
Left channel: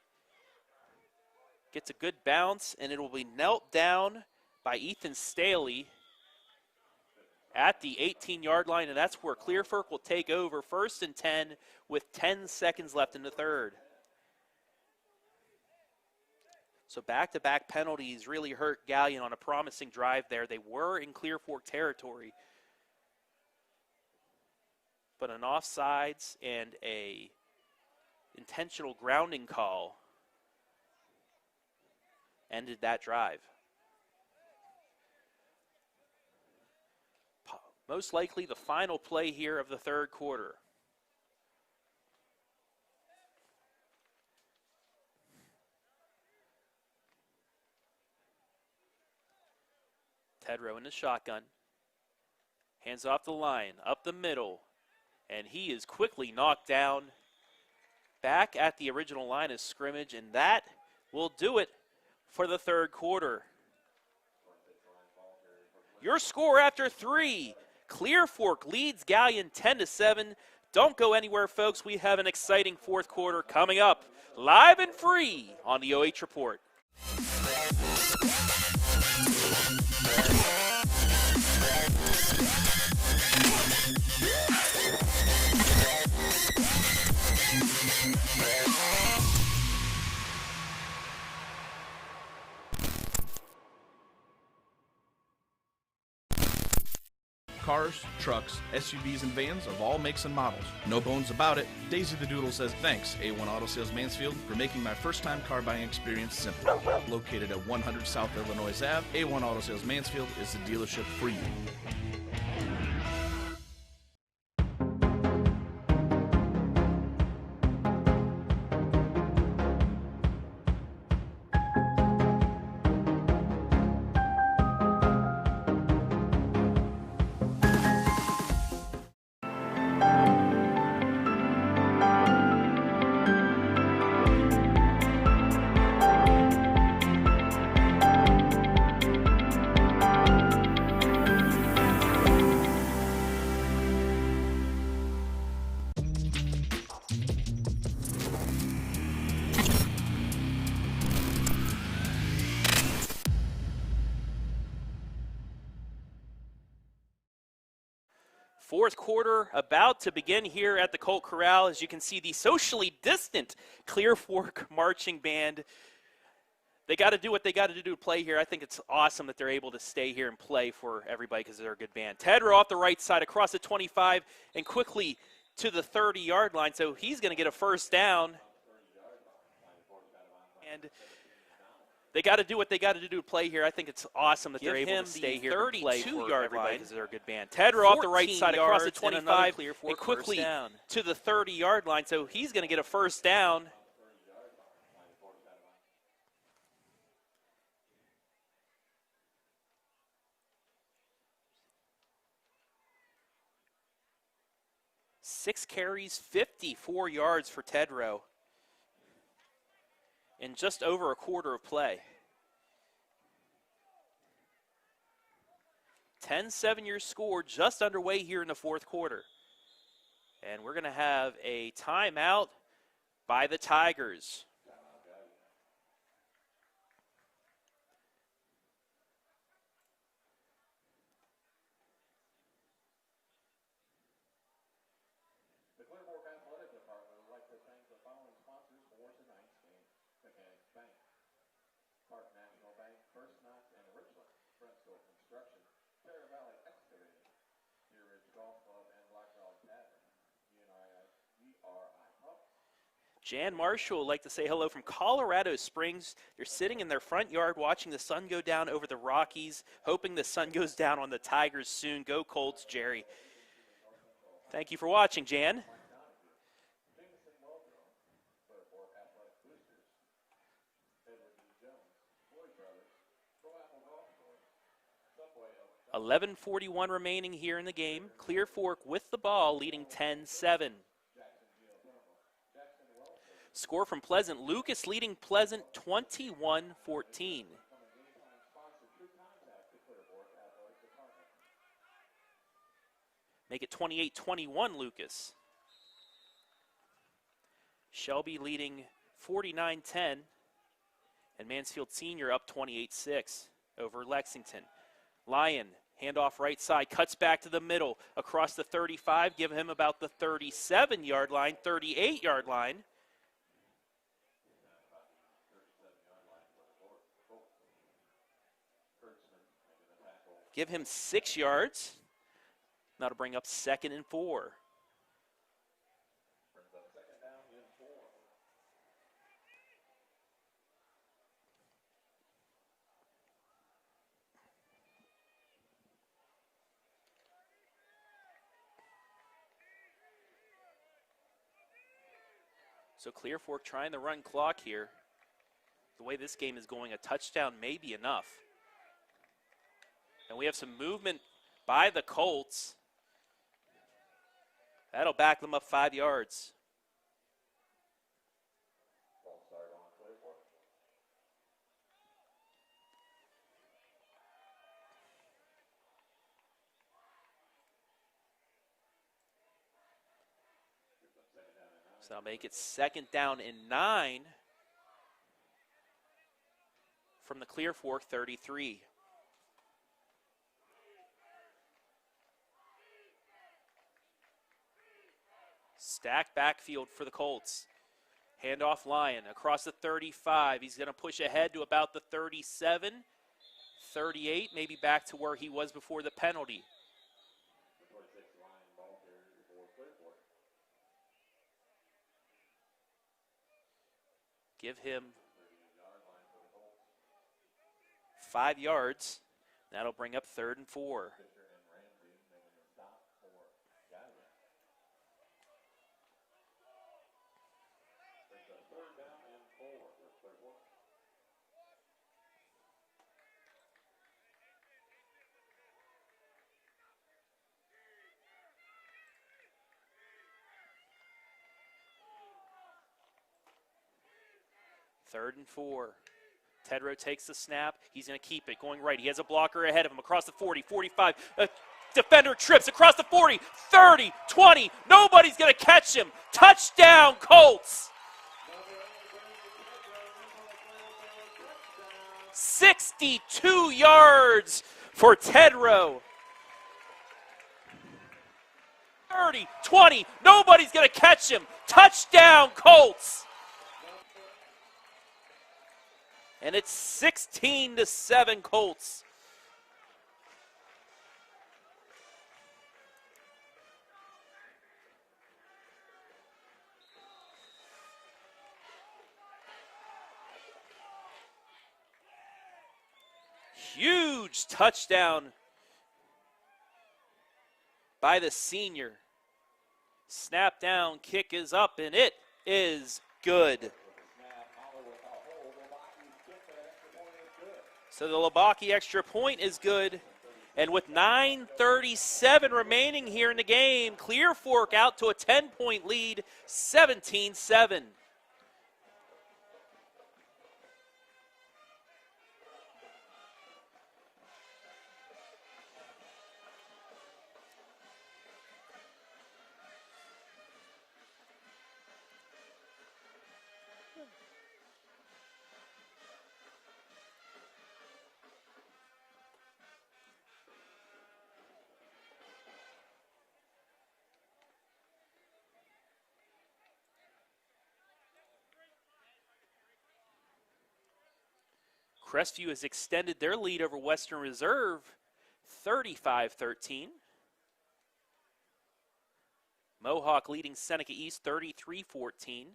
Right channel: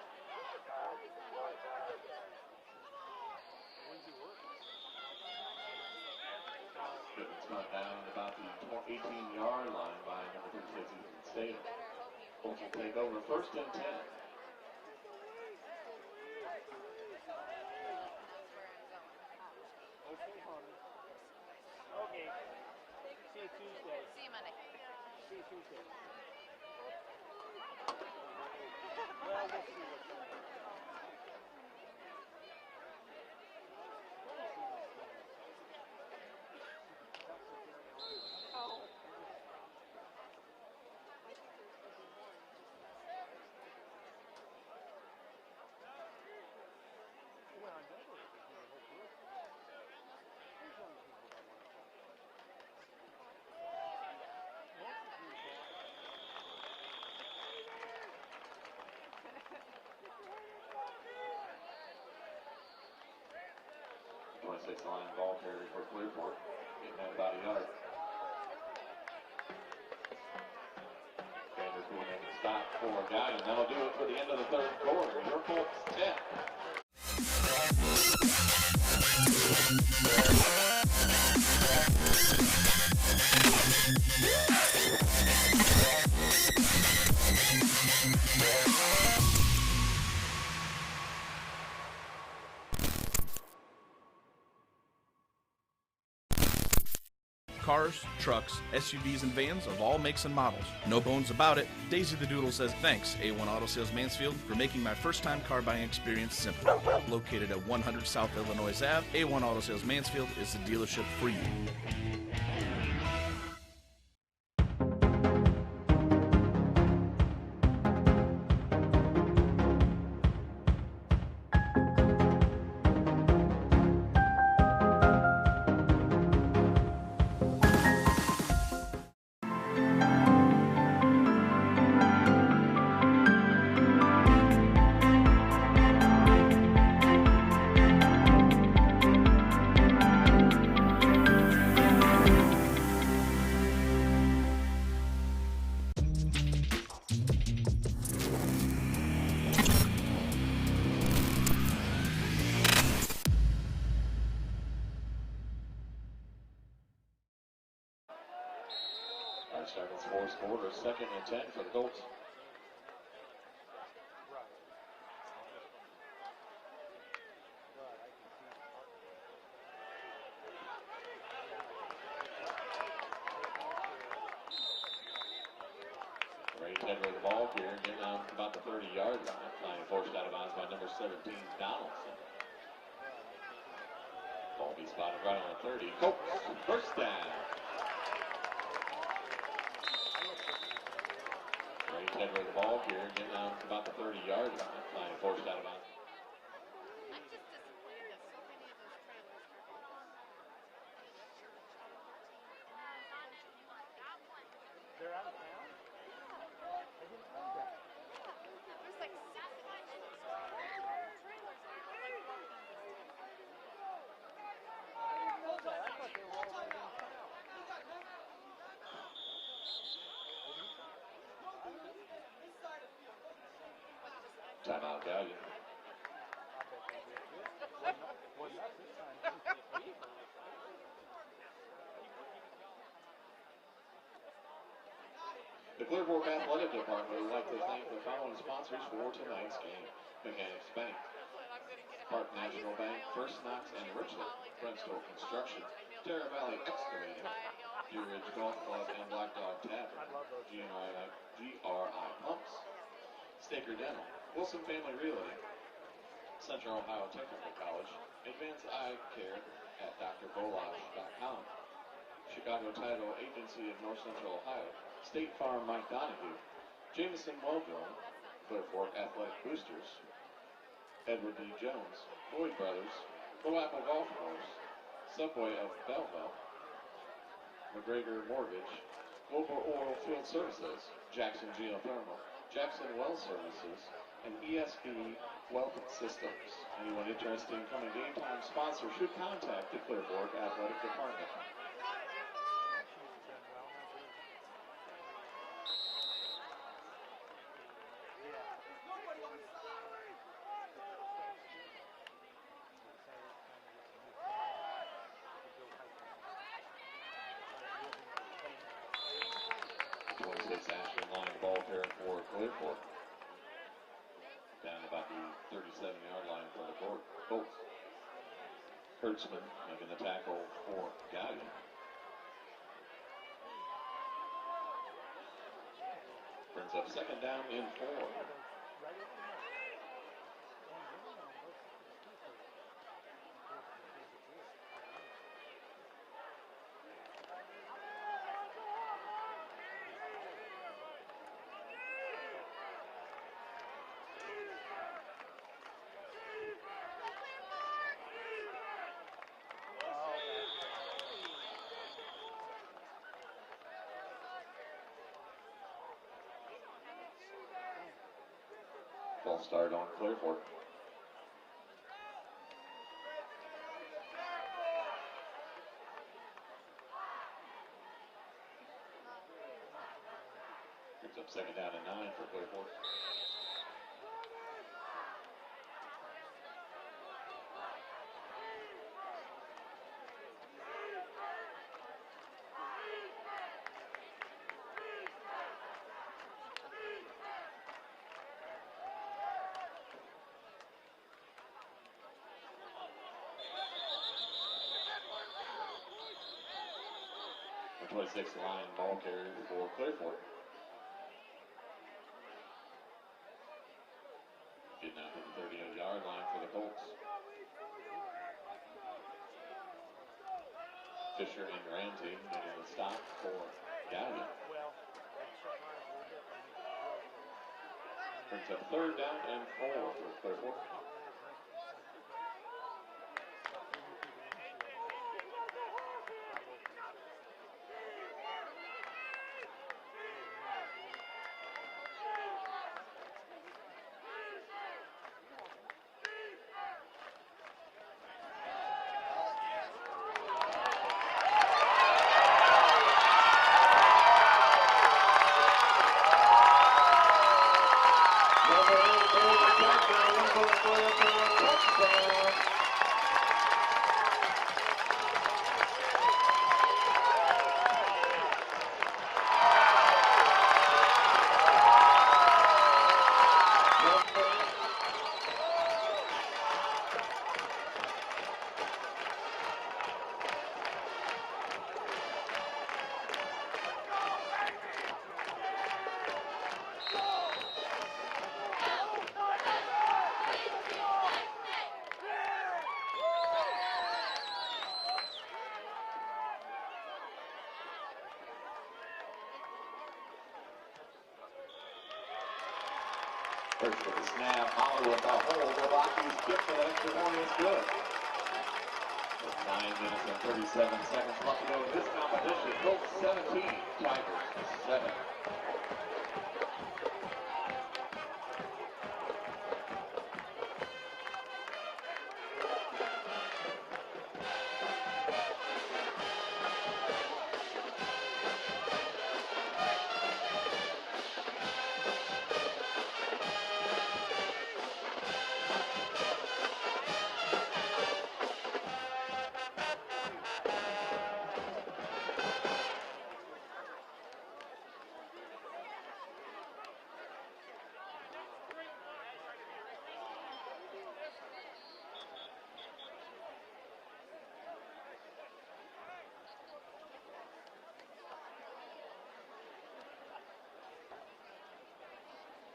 Gets a good bounce, and it will be knelt down by Ethan Staley at the 18-yard line, and that's where Clear Fork will take over. 1st and 10 with 10 seconds left in the third. So back-to-back penalties really hurt Galion on a promising drive there. They were in Clear Fork territory, but an offsides and a intentional grounding call ended that drive. Most likely the final play here of the third quarter. Tedrow in the shotgun. Hands off the line, up the middle, and he is quickly knocked down back at the original line of scrimmage, and that will do it for the third quarter. Your score after 3, Clear Fork leads Galion 10-7. Don't go anywhere, folks. We have an exciting fourth quarter coming up, live and free on the OH Report. Cars, trucks, SUVs, and vans of all makes and models. No bones about it, Daisy the Doodle says thanks, A1 Auto Sales Mansfield, for making my first-time car buying experience simple. Located at 100 South Illinois Ave, A1 Auto Sales Mansfield is the dealership for you. Fourth quarter about to begin here at the Colt Corral. As you can see, the socially distant Clear Fork marching band. They got to do what they got to do to play here. I think it's awesome that they're able to stay here and play for everybody because they're a good band. Tedrow off the right side across the 25 and quickly to the 30-yard line. So he's going to get a first down. They got to do what they got to do to play here. I think it's awesome that they're able to stay here and play for everybody because they're a good band. Tedrow off the right side across the 25 and quickly to the 30-yard line. So he's going to get a first down. Six carries, 54 yards for Tedrow in just over a quarter of play. 10-7 your score just underway here in the fourth quarter. And we're going to have a timeout by the Tigers. Timeout, Galion. The Clear Fork Athletic Department would like to thank the following sponsors for tonight's game. Mechanics Bank, Park National Bank, First Knox and Richland, Friendstone Construction, Terra Valley Excavating, Deer Ridge Golf Club and Black Dog Tavern, GRI Pumps. Jan Marshall would like to say hello from Colorado Springs. You're sitting in their front yard watching the sun go down over the Rockies, hoping the sun goes down on the Tigers soon. Go Colts, Jerry. Thank you for watching, Jan. Jameson Wellville, Clear Fork Athletic Boosters, Edward D. Jones, Boyd Brothers, Blue Apple Golf Course, Subway of 11:41 remaining here in the game. Clear Fork with the ball, leading 10-7. Jackson Geothermal, Jackson Well Services. Score from Pleasant. Lucas leading Pleasant 21-14. Incoming game time sponsor should contact the Clear Fork Athletic Department. Make it 28-21, Lucas. Shelby leading 49-10. And Mansfield Senior up 28-6 over Lexington. Lyon, handoff right side, cuts back to the middle, across the 35, give him about the 37-yard line, 38-yard line. Down about the 37-yard line for the Colts. Hertzman making the tackle. Give him 6 yards. Now to bring up 2nd and 4. Brings up 2nd down in 4. So Clear Fork trying to run clock here. The way this game is going, a touchdown may be enough. And we have some movement by the Colts. That'll back them up 5 yards. False start on Clearfork. Brings up second down and 9. They'll make it second down and 9 from the Clear Fork 33. Stacked backfield for the Colts. Handoff Lyon across the 35. He's going to push ahead to about the 37, 38, maybe back to where he was before the penalty. The 26 line ball carrier for Clearfork. Give him 38-yard line for the Colts. 5 yards. That'll bring up 3rd and 4. Fisher and Ramsey making the stop for Galion. Brings up 3rd down and 4 for Clearfork. Third and 4. Tedrow takes the snap. He's going to keep it going right. He has a blocker ahead of him across the 40, 45. Defender trips across the 40, 30, 20. Nobody's going to catch him. Touchdown, Colts. 62 yards for Tedrow. 30, 20. Nobody's going to catch him. Touchdown, Colts. And it's 16-7 Colts. Huge touchdown by the senior. Snap down, kick is up, and it is good. So the Labaki extra point is good. And with 9:37 remaining here in the game, Clear Fork out to a 10-point lead, 17-7. Crestview has extended their lead over Western Reserve, 35-13. Mohawk leading Seneca East, 33-14.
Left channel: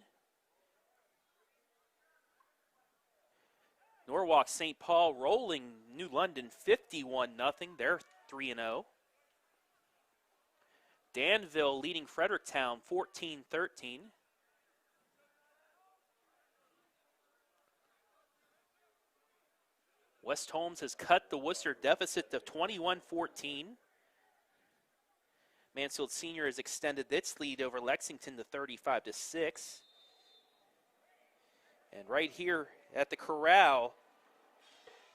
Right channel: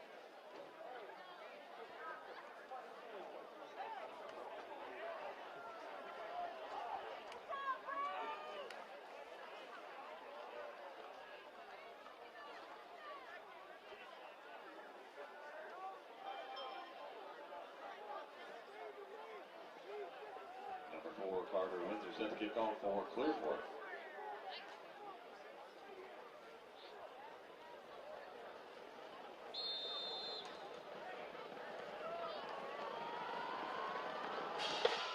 Norwalk St. Paul rolling New London 51-0. They're 3-0. Danville leading Fredericktown 14-13. West Holmes has cut the Worcester deficit to 21-14. Mansfield Senior has extended its lead over Lexington to 35-6. And right here at the corral,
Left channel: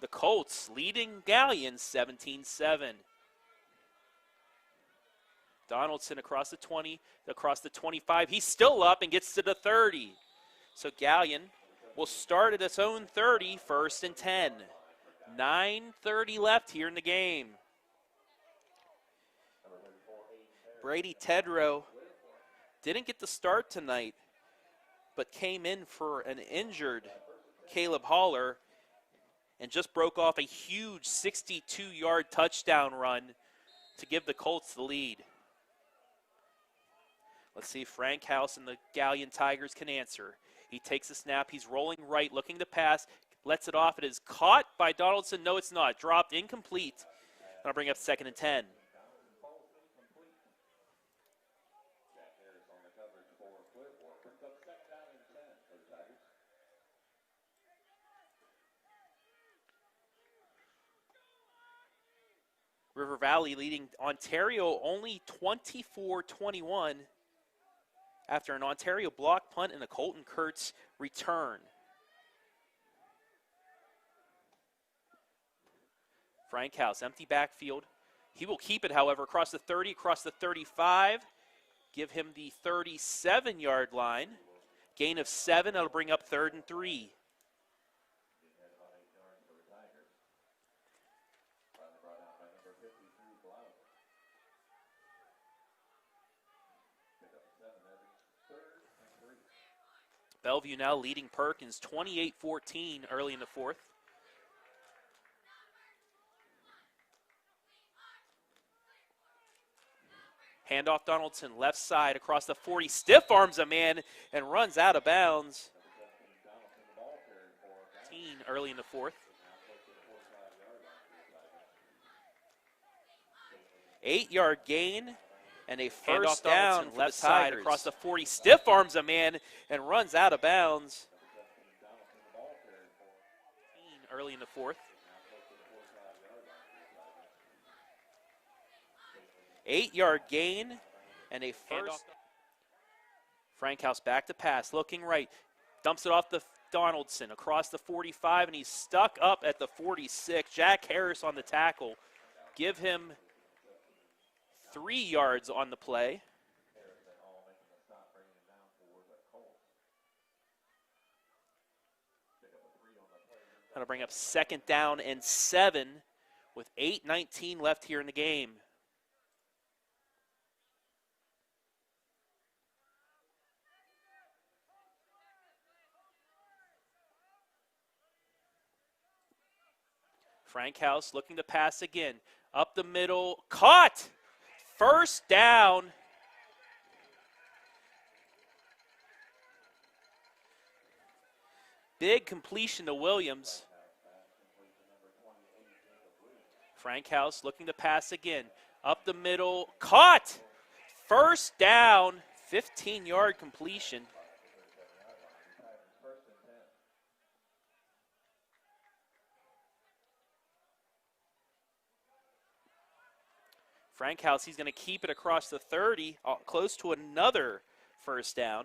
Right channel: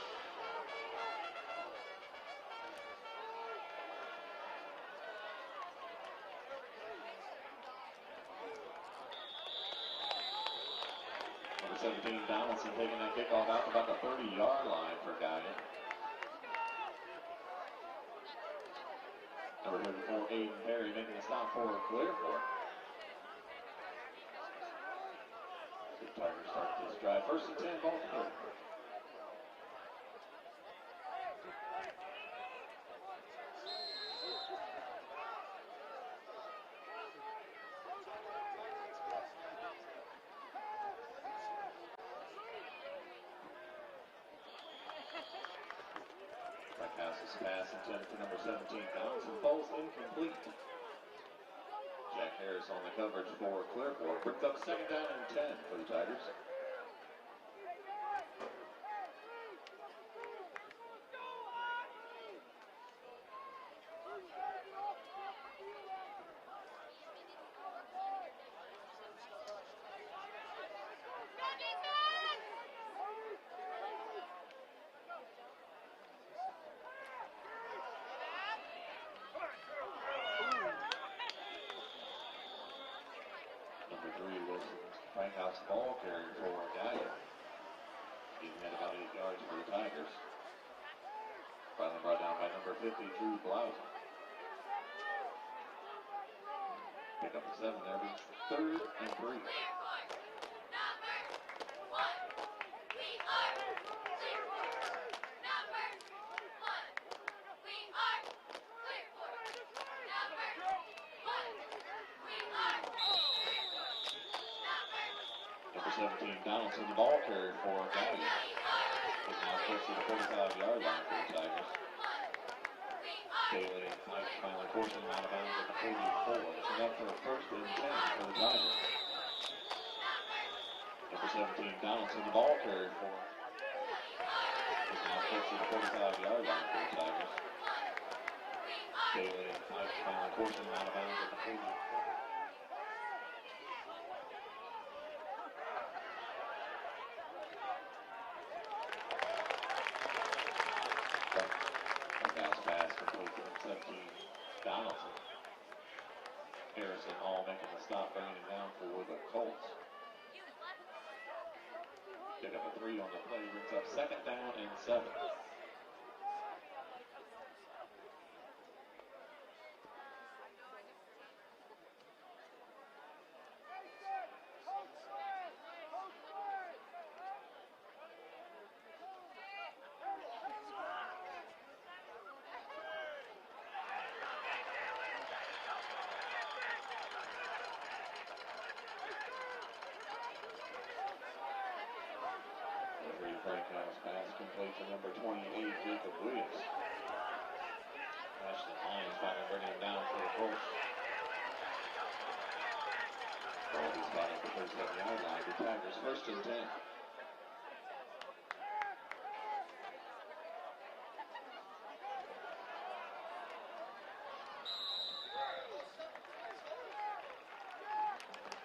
the Colts leading Galion 17-7. Donaldson across the 20, across the 25. He's still up and gets to the 30. So Galion will start at its own 30, 1st and 10. 9:30 left here in the game. Brady Tedrow didn't get the start tonight, but came in for an injured Caleb Haller and just broke off a huge 62-yard touchdown run to give the Colts the lead. Let's see if Frank House and the Galion Tigers can answer. He takes the snap, he's rolling right, looking to pass, lets it off. It is caught by Donaldson. No, it's not. Dropped, incomplete. Gonna bring up 2nd and 10. Jack Harris on the coverage for Clearfork. Brings up 2nd down and 10 for the Tigers. River Valley leading Ontario only 24-21 after an Ontario block punt and a Colton Kurtz return. Frank House, empty backfield. He will keep it, however, across the 30, across the 35. Give him the 37-yard line. Gain of 7, that'll bring up 3rd and 3. He had about 8 yards for the Tigers. Finally brought down by number 50, Drew Blouson. Pick up the 7 there, 3rd and 3. Bellevue now leading Perkins 28-14 early in the 4th. Handoff Donaldson, left side across the 40, stiff arms a man and runs out of bounds. Number 17, Donaldson, the ball carrier for Galion. Early in the 4th. Now close to the 45-yard line for the Tigers. 8-yard gain and a first down, left side across the 40, stiff arms a man and runs out of bounds. Number 17, Donaldson, the ball carrier for Early in the 4th. now close to the 45-yard line for the Tigers. 8-yard gain and a first. Frankhouse back to pass, looking right, dumps it off the Donaldson across the 45, and he's stuck up at the 46. Jack Harris on the tackle. Give him 3 yards on the play. Harrison all making the stop, bringing it down for the Colts. Pick up a 3 on the play. That'll bring up 2nd down and 7 with 8:19 left here in the game. Frankhouse looking to pass again. Up the middle, caught! First down. Big completion to Williams. Frankhouse looking to pass again. Up the middle, caught! First down, 15-yard completion. First and 10. Frankhouse, he's going to keep it across the 30, close to another first down.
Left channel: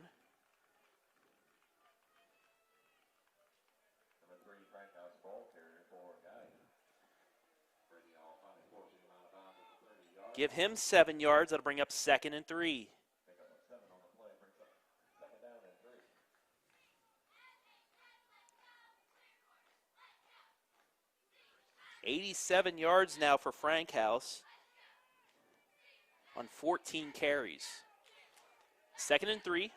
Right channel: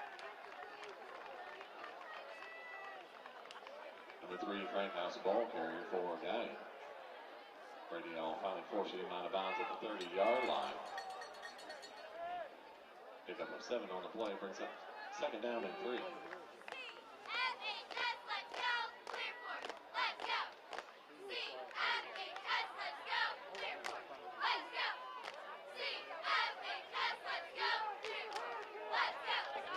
Number 3, Frankhouse, ball carrier for Galion. Brady finally forcing him out of bounds at the 30-yard line. Give him 7 yards, that'll bring up 2nd and 3. Pick up a 7 on the play, brings up 2nd down and 3. $87 yards now for Frankhouse on 14 carries. 2nd and 3.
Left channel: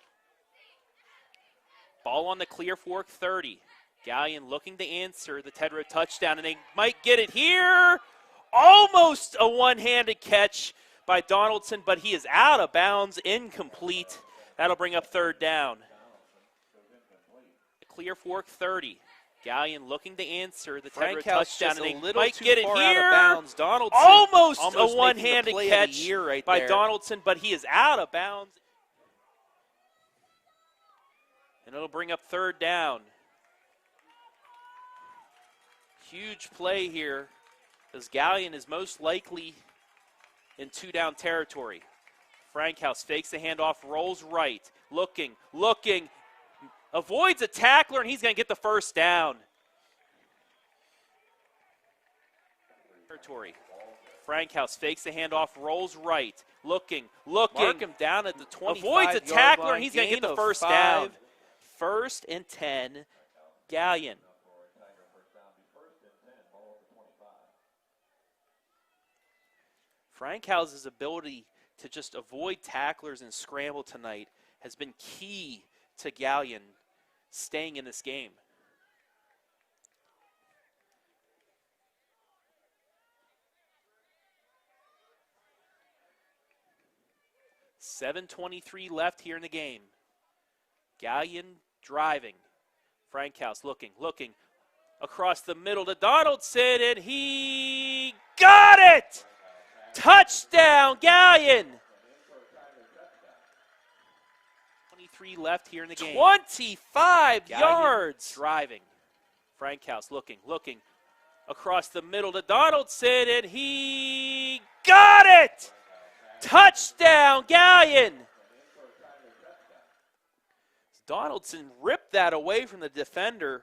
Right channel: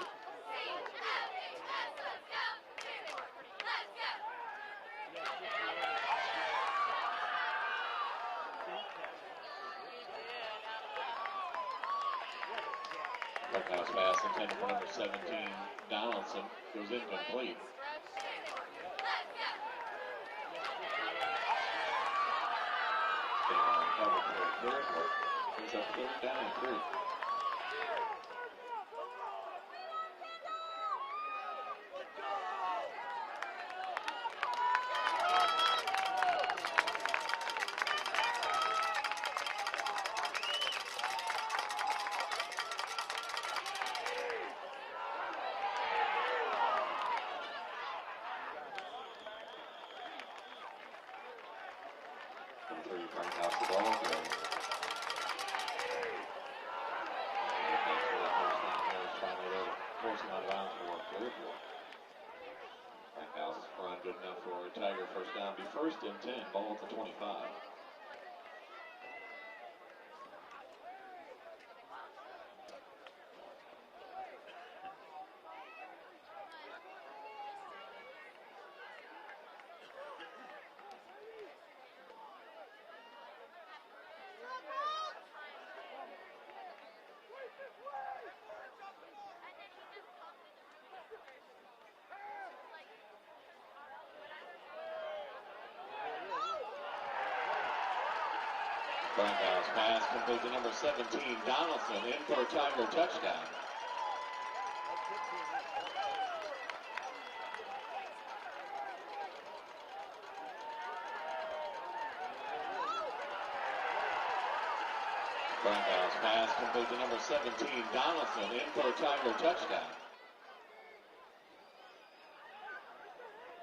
Ball on the Clear Fork 30. Galion looking to answer the Tedrow touchdown, and they might get it here. Almost a one-handed catch by Donaldson, but he is out of bounds, incomplete. That'll bring up 3rd down. Donaldson goes incomplete. Clear Fork 30. Galion looking to answer the Tedrow Frankhouse touchdown, just and a they little might too get it far out of here. bounds. Donaldson Almost a making the one-handed play of the catch year right by there. Donaldson, but he is out of bounds. And it'll bring up 3rd down. Huge play here, as Galion is most likely in 2-down territory. Frankhouse fakes the handoff, rolls right, looking, avoids a tackler, and he's going to get the first down. Frankhouse fakes the handoff, rolls right, looking, Mark him down at the 25 avoids a tackler, and he's going to get the first down. 1st and 10, Galion. Tiger first down, be 1st and 10, ball at the 25. Frankhouse's ability to just avoid tacklers and scramble tonight has been key to Galion staying in this game. .7:23 left here in the game. Galion driving. Frankhouse looking. Across the middle to Donaldson, and he got it! Touchdown, Galion! 23 left here in the game. 25 yards! Driving. Frankhouse looking. Across the middle to Donaldson, and he got it! Frankhouse pass. Touchdown, Galion! Donaldson in for a Tiger touchdown. Donaldson ripped that away from the defender.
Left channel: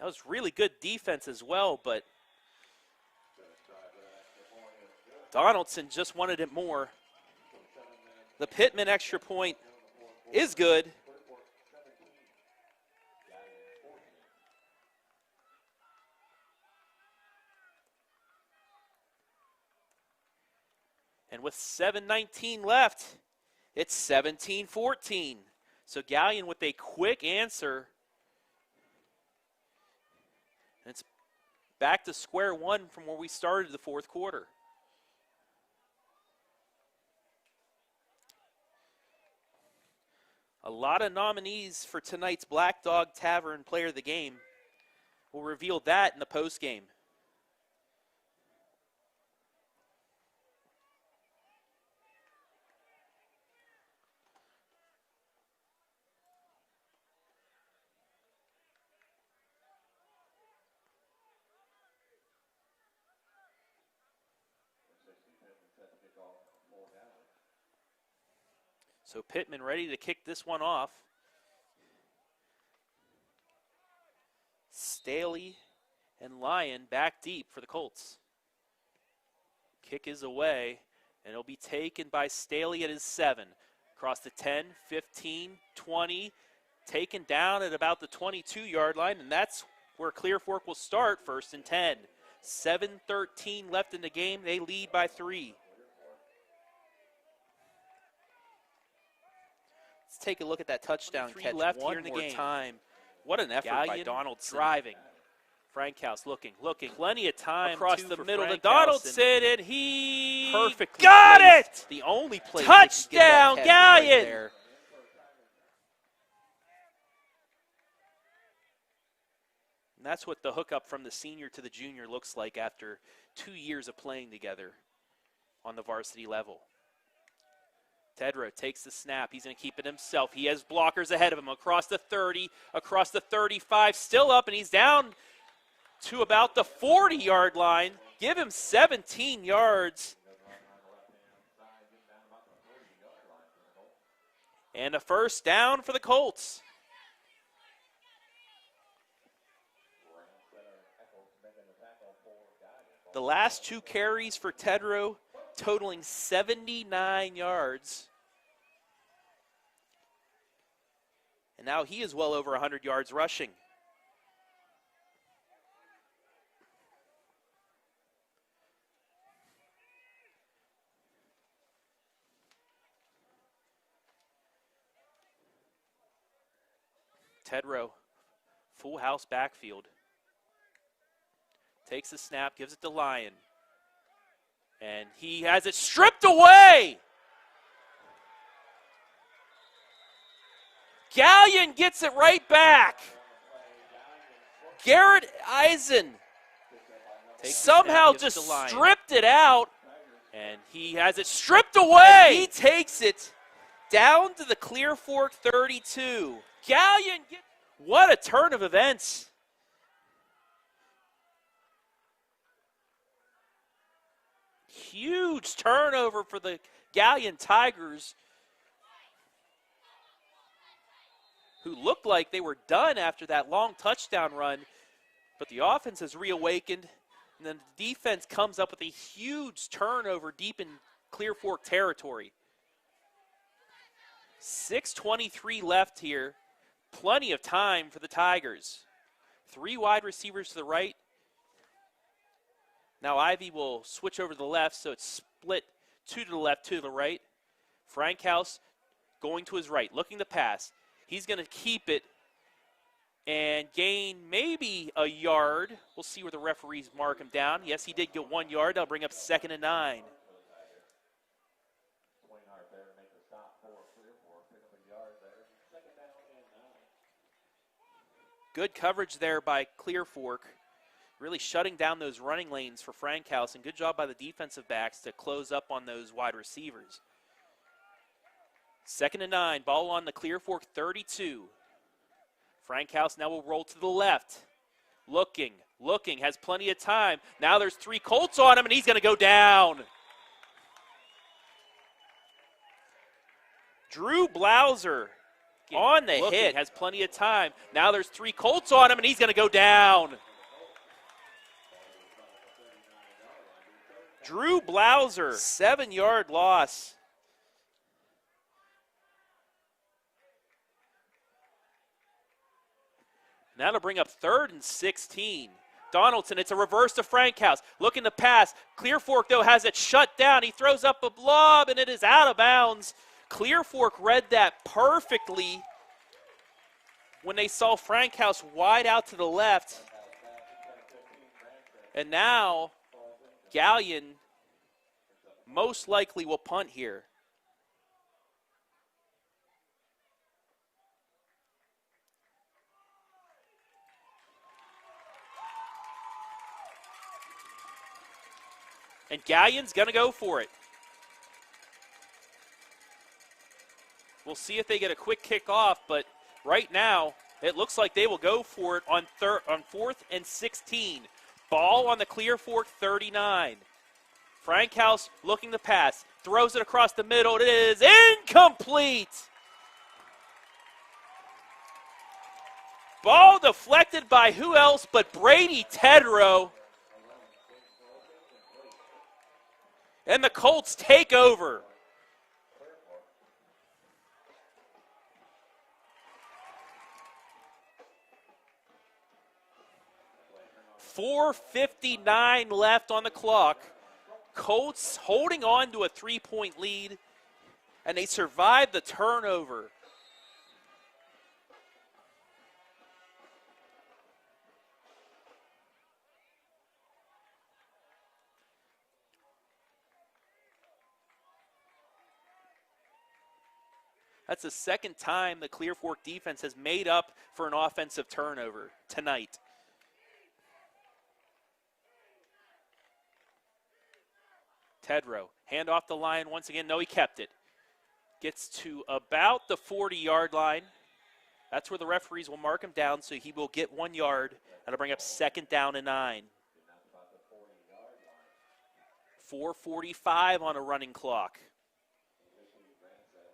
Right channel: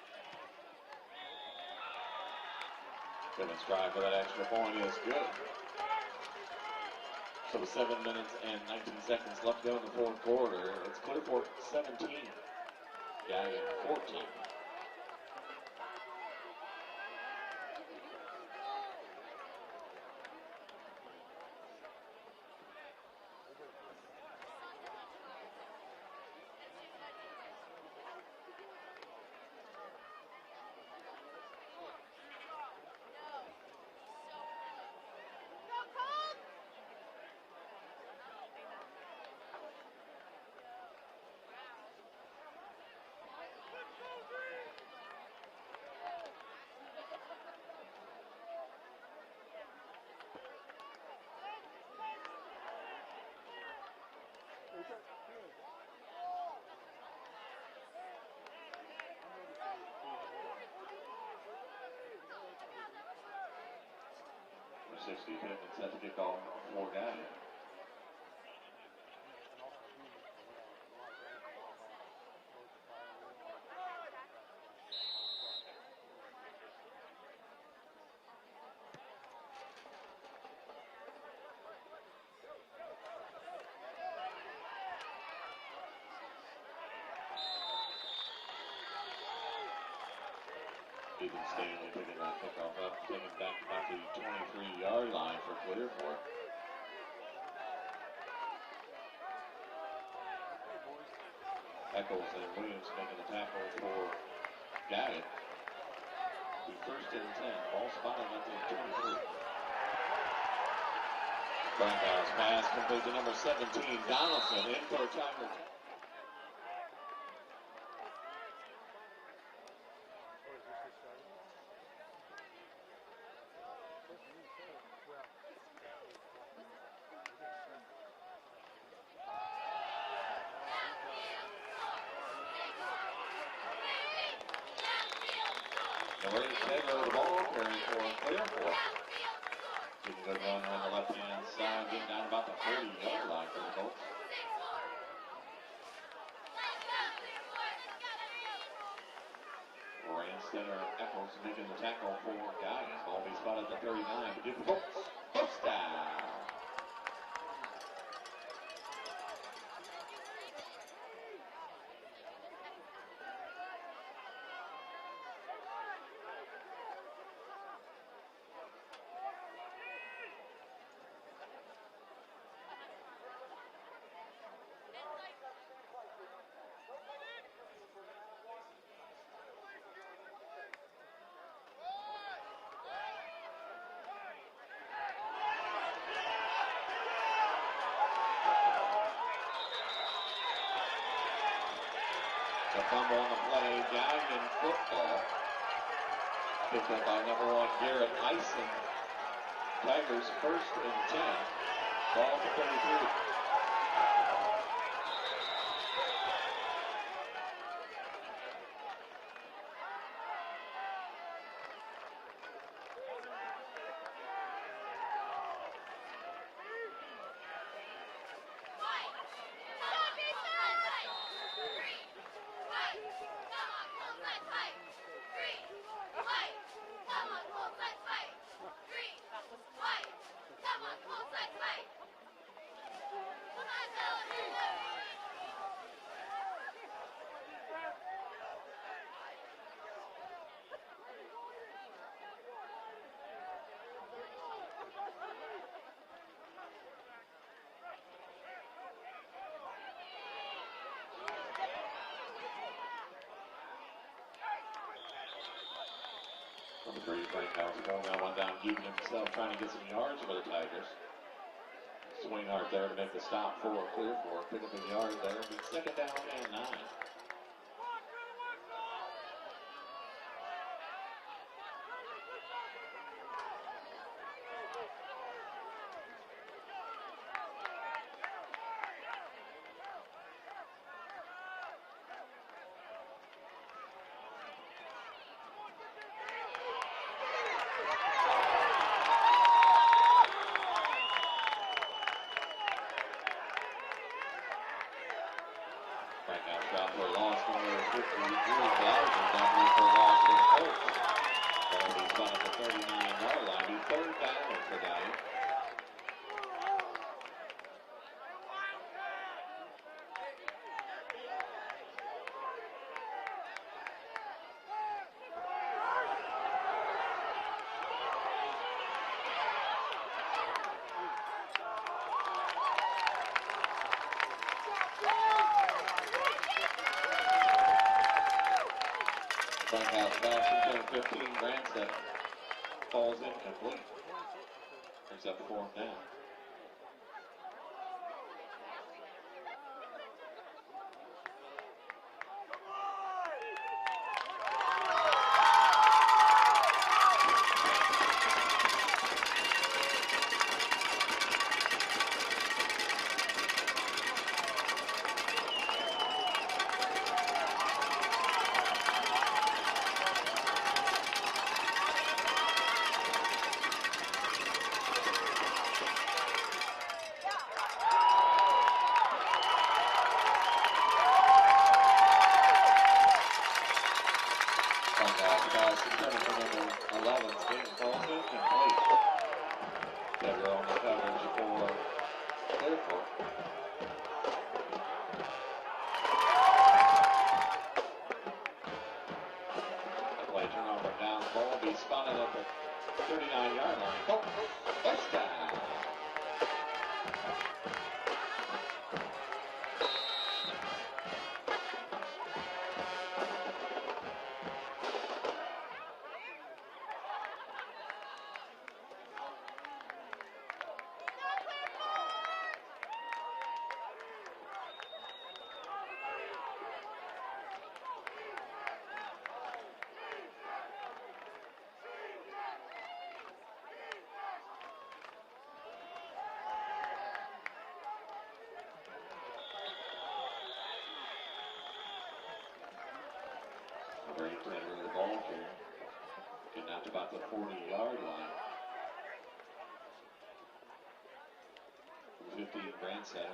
That was really good defense as well, but Pittman's try for that extra point is good. Donaldson just wanted it more. So 7 minutes. The and Pittman 19 extra seconds point left to go in the fourth quarter. is good. It's Clearport 17. Galion 14. And with 7:19 left, it's 17-14. So Galion with a quick answer. It's back to square one from where we started the fourth quarter. A lot of nominees for tonight's Black Dog Tavern Player of the Game. We'll reveal that in the post game. Pittman set to kick off for Galion. So Pittman ready to kick this one off. Staley and Lyon back deep for the Colts. Kick is away, and it'll be taken by Staley at his 7. Across the 10, 15, 20, taken down at about the 22-yard line, and that's where Clear Fork will start, 1st and 10. 7:13 left in the game. They lead by 3. Let's take a look at that touchdown catch. Left here in the game. What an effort by Donaldson. Driving. Frankhouse looking. Plenty of time across the middle to Donaldson, and he got it! The only touchdown, Galion! And that's what the hookup from the senior to the junior looks like after 2 years of playing together on the varsity level. Tedrow takes the snap. He's going to keep it himself. He has blockers ahead of him across the 30, across the 35, still up, and he's down to about the 40-yard line. Give him 17 yards. And a first down for the Colts. The last 2 carries for Tedrow totaling 79 yards. And now he is well over 100 yards rushing. Tedrow, full house backfield. Takes the snap, gives it to Lyon. And he has it stripped away! Galion gets it right back. Garrett Eisen somehow just stripped it out. And he has it stripped away. He takes it down to the Clear Fork 32. Galion, what a turn of events. Huge turnover for the Galion Tigers, who looked like they were done after that long touchdown run, but the offense has reawakened, and then defense comes up with a huge turnover deep in Clear Fork territory. 6:23 left here, plenty of time for the Tigers. 3 wide receivers to the right. Now Ivy will switch over to the left, so it's split 2 to the left, 2 to the right. Frankhouse going to his right, looking to pass. He's going to keep it and gain maybe a yard. We'll see where the referees mark it down. Yes, he did get 1 yard. They'll bring up 2nd and 9. Swinghart there to make the stop for Clear Fork. Pick up a yard there. 2nd down and 9. Good coverage there by Clear Fork, really shutting down those running lanes for Frankhouse, and good job by the defensive backs to close up on those wide receivers. 2nd and 9, ball on the Clear Fork 32. Frankhouse now will roll to the left. Looking, has plenty of time. Now there's 3 Colts on him, and he's going to go down. Drew Blauser on the hit, has plenty of time. Now there's 3 Colts on him, and he's going to go down. Drew Blauser, 7-yard loss. Now to bring up 3rd and 16. Donaldson, it's a reverse to Frankhouse. Looking to pass. Clear Fork, though, has it shut down. He throws up a lob, and it is out of bounds. Clear Fork read that perfectly when they saw Frankhouse wide out to the left. And now Galion most likely will punt here. And Galion's going to go for it. We'll see if they get a quick kickoff, but right now it looks like they will go for it on 4th and 16. Ball on the Clear Fork 39. Frankhouse looking to pass, throws it across the middle. It is incomplete. Ball deflected by who else but Brady Tedrow. And the Colts take over. .459 left on the clock. Colts holding on to a 3-point lead, and they survive the turnover. That's the second time the Clear Fork defense has made up for an offensive turnover tonight. Tedrow, hand off the line once again. No, he kept it. Gets to about the 40-yard line. That's where the referees will mark him down, so he will get 1 yard. That'll bring up 2nd down and 9. Getting out to about the 40-yard line. 4:45 on a running clock. 50 Grandstaff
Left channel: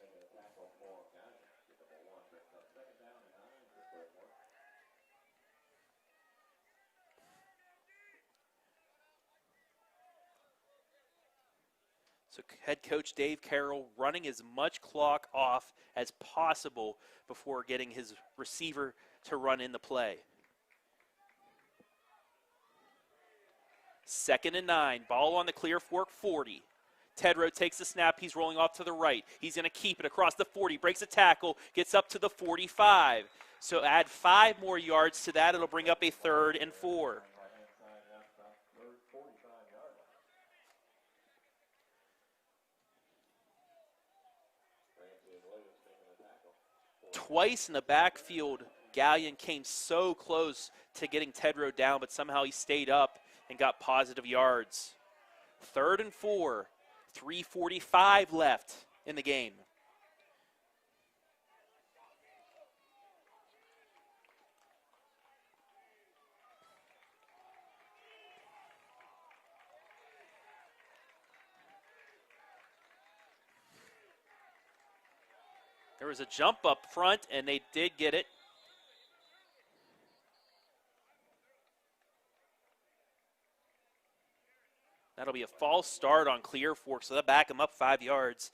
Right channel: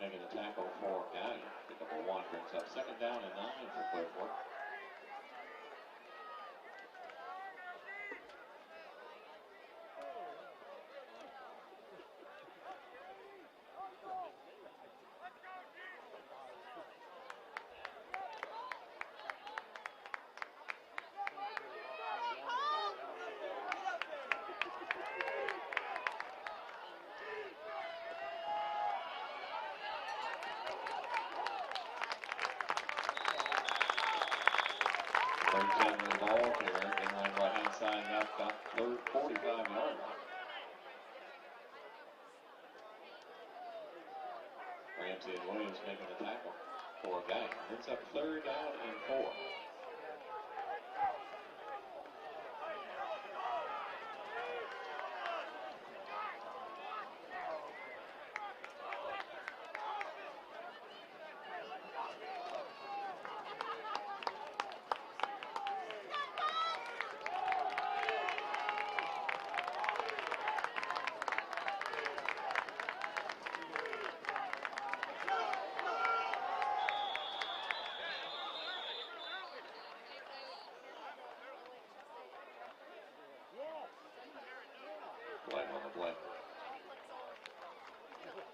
making a tackle for Galion. Pick up a 1, brings up 2nd down and 9 for Clear Fork. So head coach Dave Carroll running as much clock off as possible before getting his receiver to run in the play. 2nd and 9, ball on the Clear Fork 40. Tedrow takes the snap, he's rolling off to the right. He's gonna keep it across the 40, breaks a tackle, gets up to the 45. So add 5 more yards to that, it'll bring up a 3rd and 4. Right-hand side, about 45-yard line. Ramsey and Williams making the tackle. Twice in the backfield, Galion came so close to getting Tedrow down, but somehow he stayed up and got positive yards. 3rd and 4, 3:45 left in the game. There was a jump up front, and they did get it. That'll be a false start on Clear Fork, so they'll back him up 5 yards.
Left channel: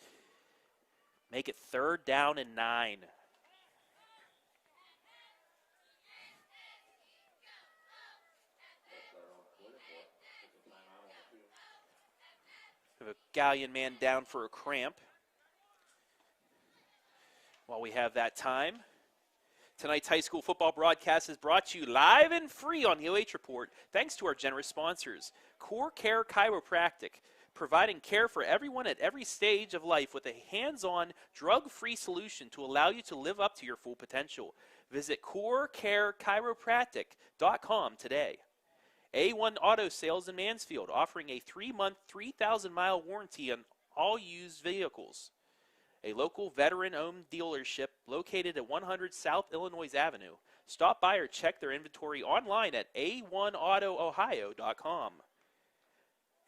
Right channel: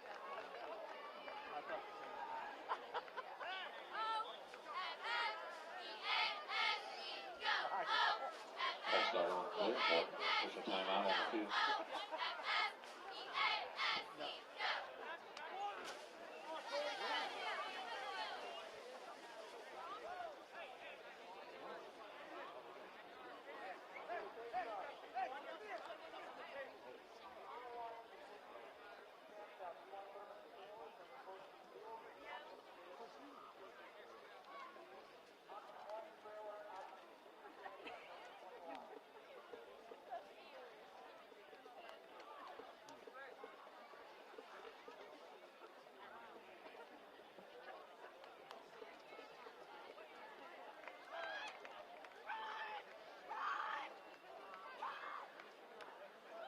Make it 3rd down and 9. The Galion man down for a cramp. While we have that time, tonight's high school football broadcast is brought to you live and free on the OH Report, thanks to our generous sponsors. Core Care Chiropractic, providing care for everyone at every stage of life with a hands-on, drug-free solution to allow you to live up to your full potential. Visit corecarechiropractic.com today. A1 Auto Sales in Mansfield, offering a 3-month, 3,000-mile warranty on all used vehicles. A local veteran-owned dealership located at 100 South Illinois Avenue. Stop by or check their inventory online at a1autoohio.com.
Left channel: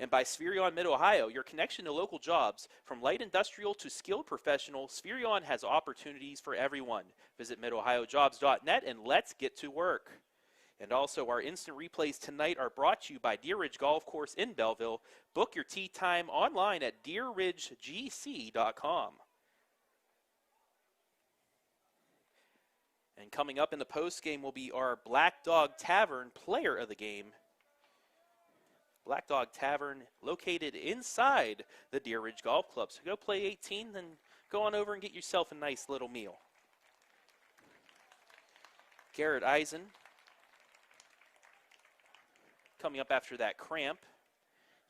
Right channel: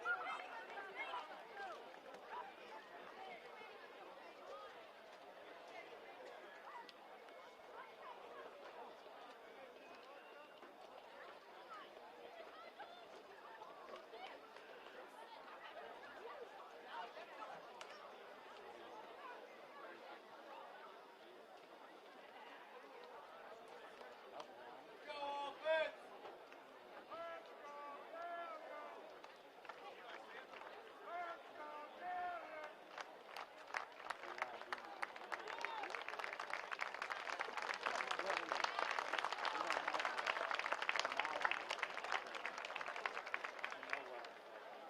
And by Spherion Mid-Ohio, your connection to local jobs. From light industrial to skilled professional, Spherion has opportunities for everyone. Visit midohiojobs.net and let's get to work. And also, our instant replays tonight are brought to you by Deer Ridge Golf Course in Belleville. Book your tee time online at deerridgegc.com. And coming up in the post game will be our Black Dog Tavern player of the game. Black Dog Tavern located inside the Deer Ridge Golf Club. So go play 18, then go on over and get yourself a nice little meal. Garrett Eisen coming up after that cramp.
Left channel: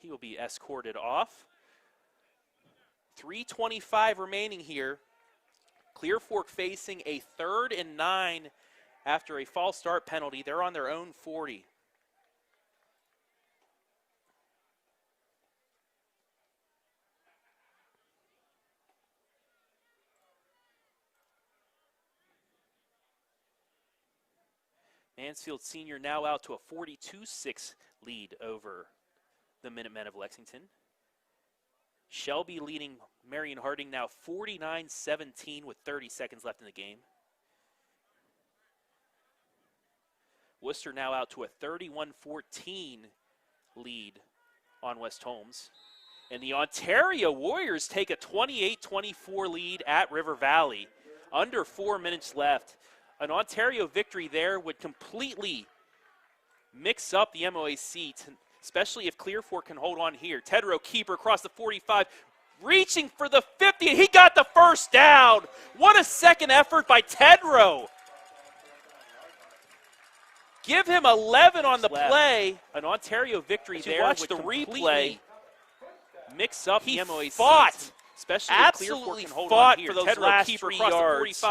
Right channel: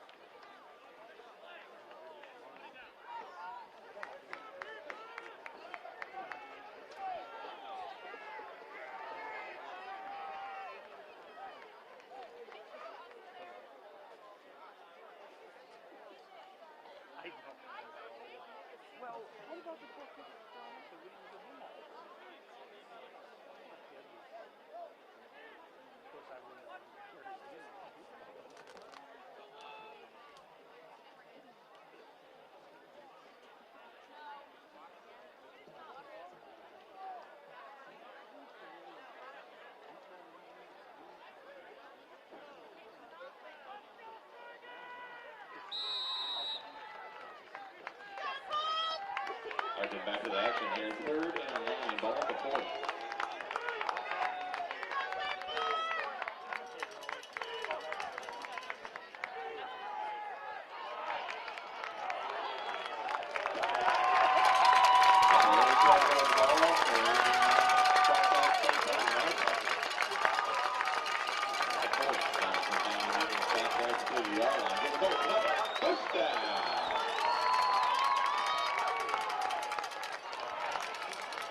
He will be escorted off. 3:25 remaining here. Clear Fork facing a 3rd and 9 after a false start penalty. They're on their own 40. Mansfield Senior now out to a 42-6 lead over the Minutemen of Lexington. Shelby leading Marion Harding now 49-17 with 30 seconds left in the game. Worcester now out to a 31-14 lead on West Holmes. And the Ontario Warriors take a 28-24 lead at River Valley. Under 4 minutes left. An Ontario victory there would completely mix up the MOAC, especially if Clear Fork can hold on here. Tedrow keeper across the 45, reaching for the 50, and he got the first down. What a second effort by Tedrow. Give him 11 on the play. An Ontario victory there. Watch the replay. Mix up the MOAC. Fought, especially absolutely fought for those last 3 yards.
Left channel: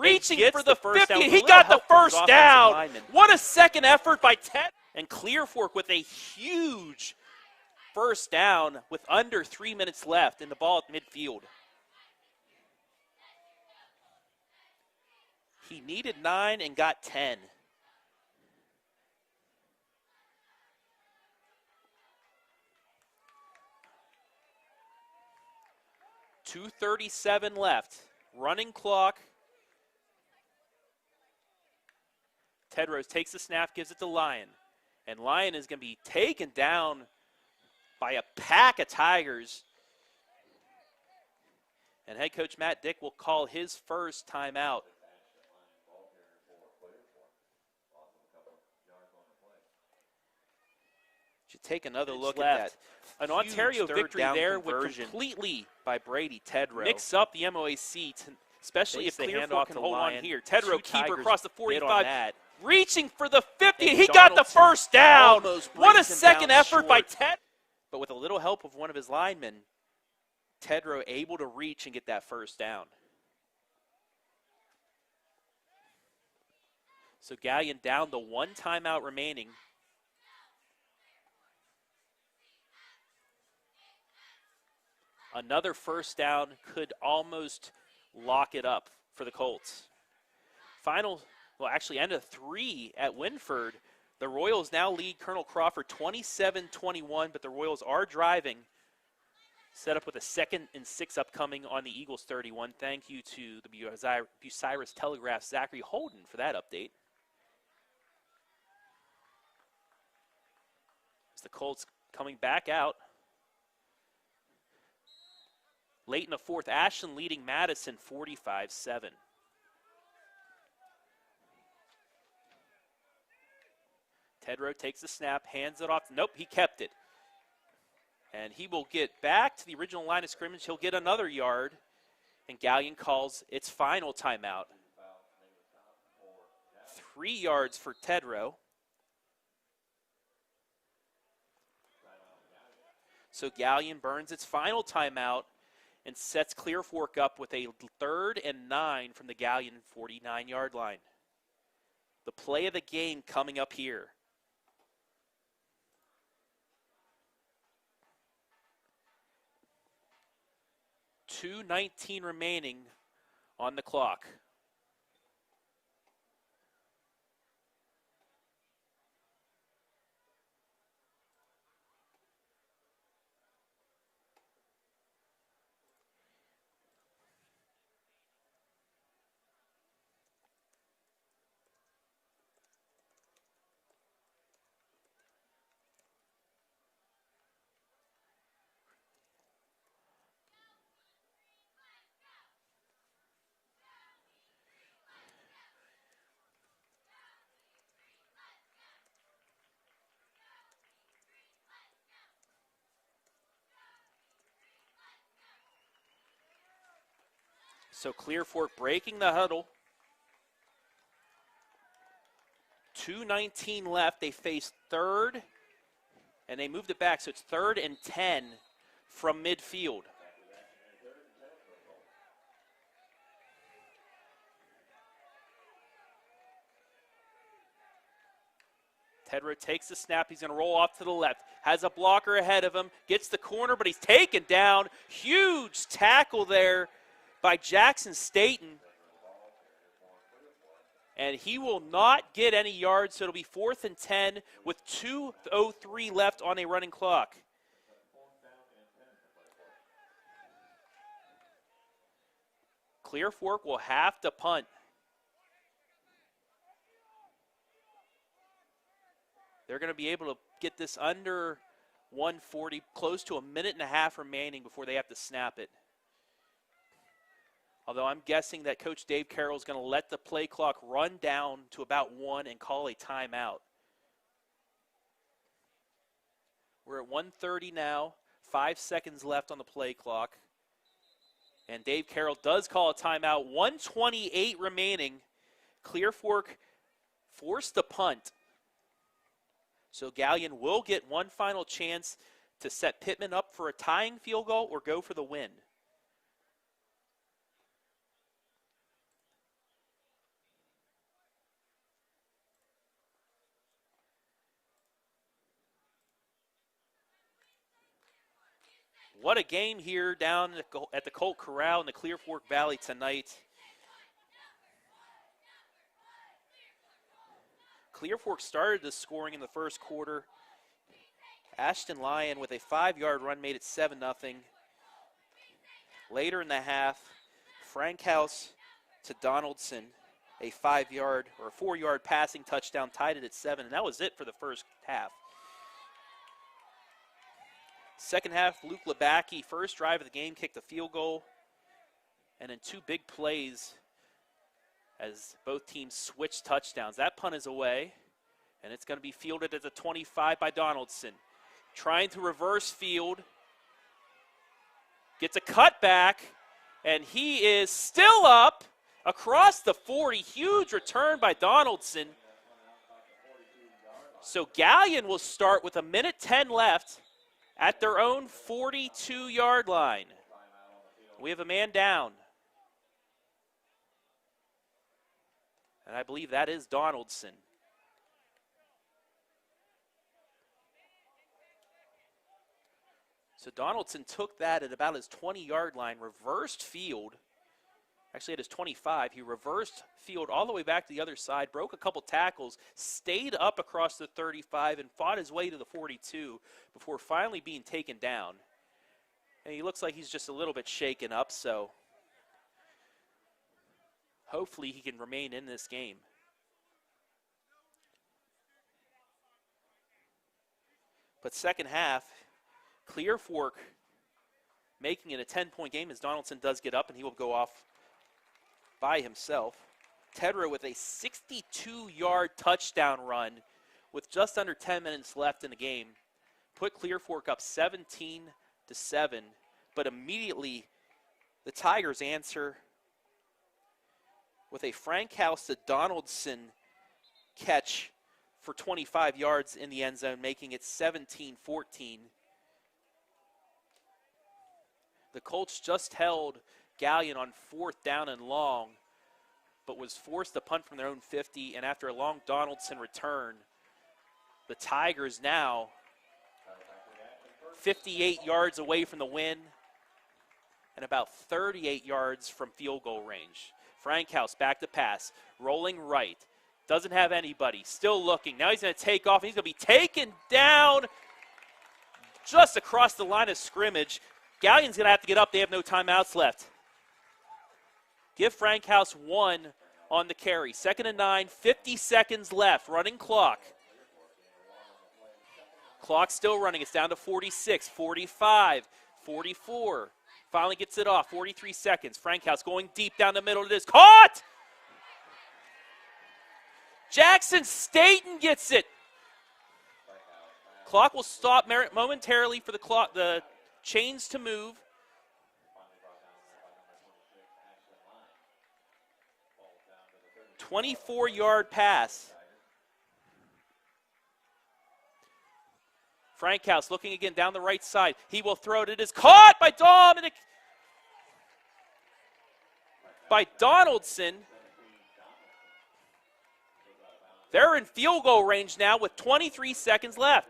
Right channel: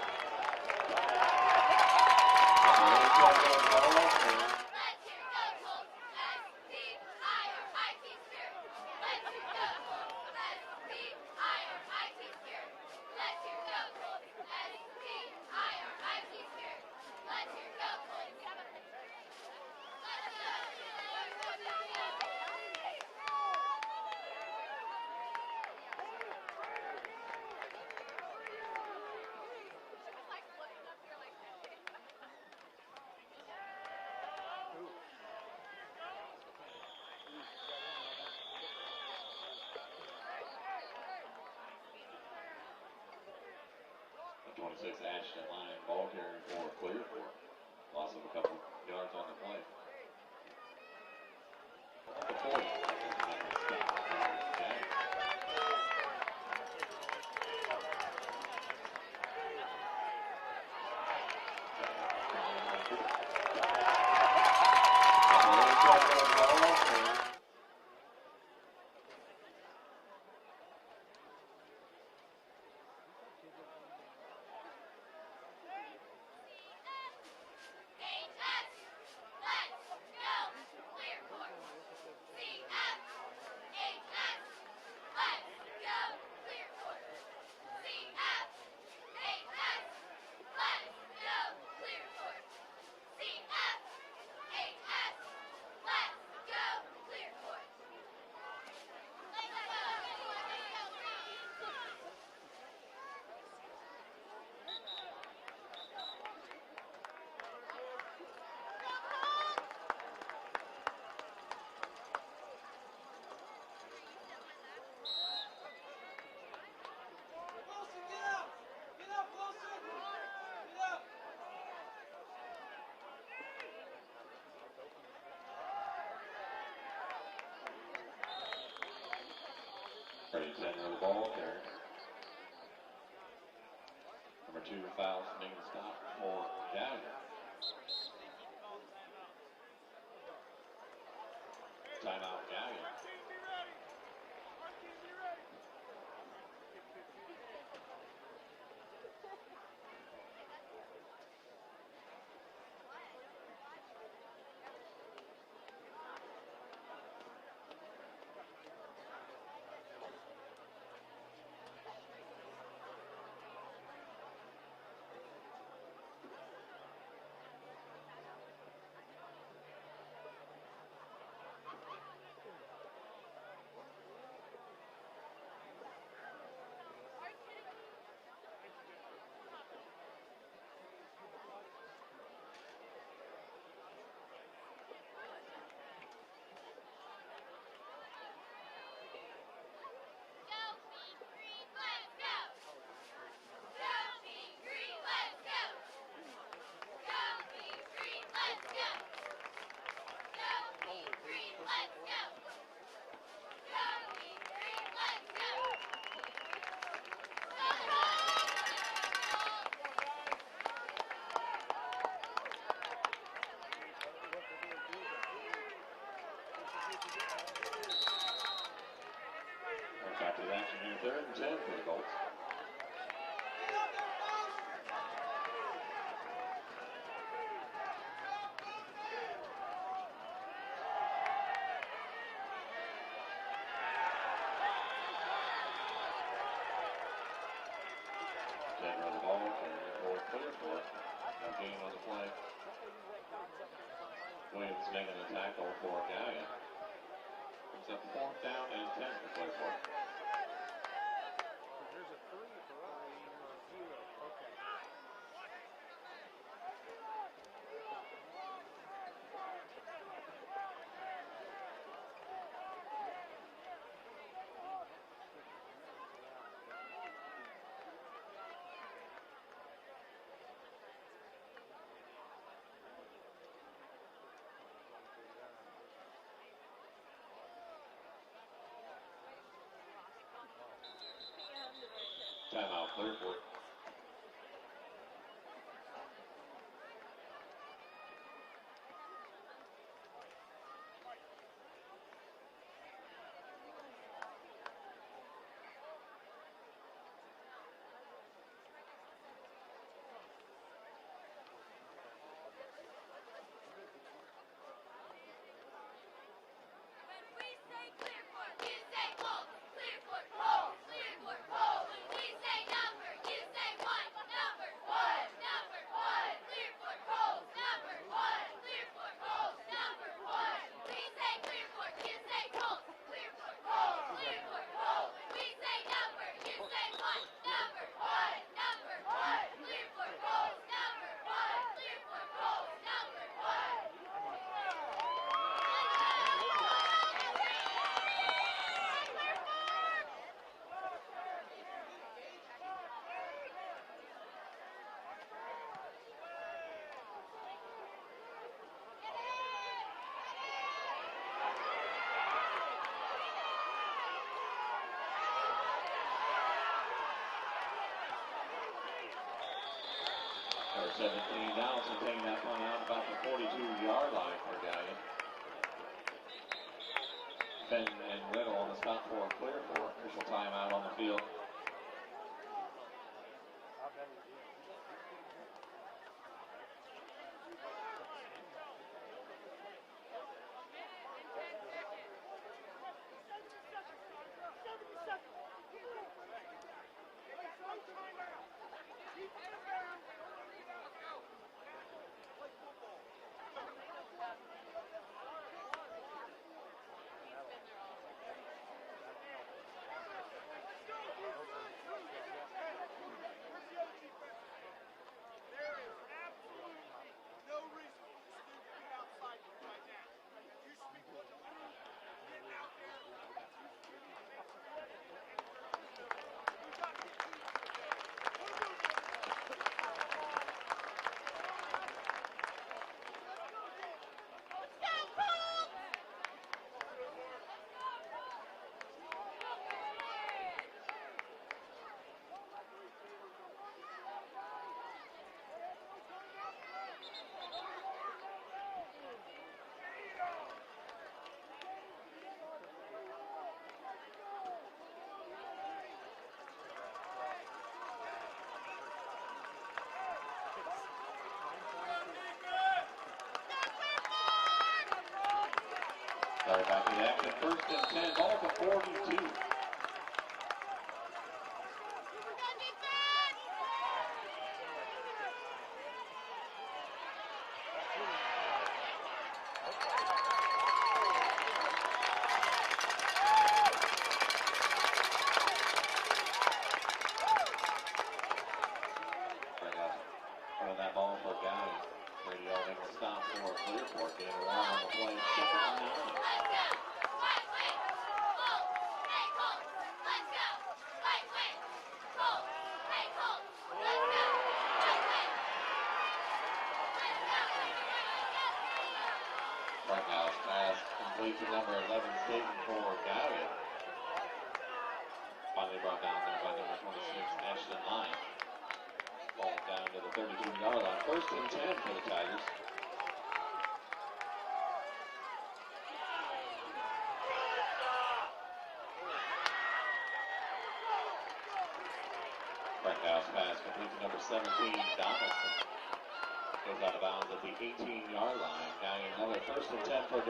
Reaching for the 50, he got the first down. What a second effort by Ted. And Clear Fork with a huge first down with under 3 minutes left in the ball at midfield. He needed 9 and got 10. .237 left. Running clock. Tedrow takes the snap, gives it to Lyon. And Lyon is going to be taken down by a pack of Tigers. And head coach Matt Dick will call his first timeout. Should take another look at that. An Ontario victory there would completely by Brady Tedrow mix up the MOAC, especially if they hand off to hold on here. Tedrow keeper across the 45, reaching for the 50, he got the first down. What a second effort by Ted. But with a little help of one of his linemen, Tedrow able to reach and get that first down. So Galion down to 1 timeout remaining. Another first down could almost lock it up for the Colts. Actually end of 3 at Winford. The Royals now lead Colonel Crawford 27-21, but the Royals are driving. Set up with a 2nd and 6 upcoming on the Eagles 31. Thank you to the Bucyrus Telegraph's Zachary Holden for that update. It's the Colts coming back out. Late in the 4th, Ashland leading Madison 45-7. Tedrow takes the snap, hands it off. Nope, he kept it. And he will get back to the original line of scrimmage. He'll get another yard. And Galion calls its final timeout. 3 yards for Tedrow. So Galion burns its final timeout and sets Clear Fork up with a 3rd and 9 from the Galion 49-yard line. The play of the game coming up here. 2:19 remaining on the clock. So Clear Fork breaking the huddle. 2:19 left. They face third, and they moved it back, so it's 3rd and 10 from midfield. After the action here, 3rd and 10 for the Colts. Tedra takes the snap. He's going to roll off to the left. Has a blocker ahead of him. Gets the corner, but he's taken down. Huge tackle there by Jackson Staten. And he will not get any yards, so it'll be 4th and 10 with 2:03 left on a running clock. It's a 4th down and 10 for Clear Fork. Clear Fork will have to punt. They're going to be able to get this under 140, close to a minute and a half remaining before they have to snap it. Although I'm guessing that Coach Dave Carroll is going to let the play clock run down to about 1 and call a timeout. We're at 1:30 now, 5 seconds left on the play clock. And Dave Carroll does call a timeout, 1:28 remaining. Clear Fork forced to punt. So Galion will get one final chance to set Pittman up for a tying field goal or go for the win. What a game here down at the Colt Corral in the Clear Fork Valley tonight. Clear Fork started the scoring in the first quarter. Ashton Lyon with a 5-yard run made it 7-0. Later in the half, Frank House to Donaldson, a 5-yard or 4-yard passing touchdown, tied it at 7. And that was it for the first half. Second half, Luke Labacki, first drive of the game, kicked a field goal. And then 2 big plays as both teams switched touchdowns. That punt is away, and it's going to be fielded at the 25 by Donaldson. Trying to reverse field. Gets a cutback, and he is still up across the 40. Huge return by Donaldson. So Galion will start with 1:10 left at their own 42-yard line. We have a man down. And I believe that is Donaldson. So Donaldson took that at about his 20-yard line, reversed field. Actually at his 25, he reversed field all the way back to the other side, broke a couple tackles, stayed up across the 35 and fought his way to the 42 before finally being taken down. And he looks like he's just a little bit shaken up, so hopefully he can remain in this game. But second half, Clear Fork making it a 10-point game as Donaldson does get up and he will go off by himself. Tedra with a 62-yard touchdown run with just under 10 minutes left in the game. Put Clear Fork up 17-7, but immediately the Tigers answer with a Frank House to Donaldson catch for 25 yards in the end zone, making it 17-14. The Colts just held Galion on 4th down and long, but was forced to punt from their own 50, and after a long Donaldson return, the Tigers now 58 yards away from the win and about 38 yards from field goal range. Frank House back to pass, rolling right, doesn't have anybody, still looking. Now he's going to take off. He's going to be taken down just across the line of scrimmage. Galion's going to have to get up. They have no timeouts left. Give Frank House 1 on the carry. 2nd and 9, 50 seconds left. Running clock. Clock still running. It's down to 46, 45, 44. Finally gets it off. 43 seconds. Frank House going deep down the middle. It is caught! Jackson Staten gets it. Clock will stop momentarily for the chains to move. Finally brought down there by number 26, Ashton Lyon. 24-yard pass. Frankhouse looking again down the right side. He will throw it. It is caught by Dominic. By Donaldson. They're in field goal range now with 23 seconds left.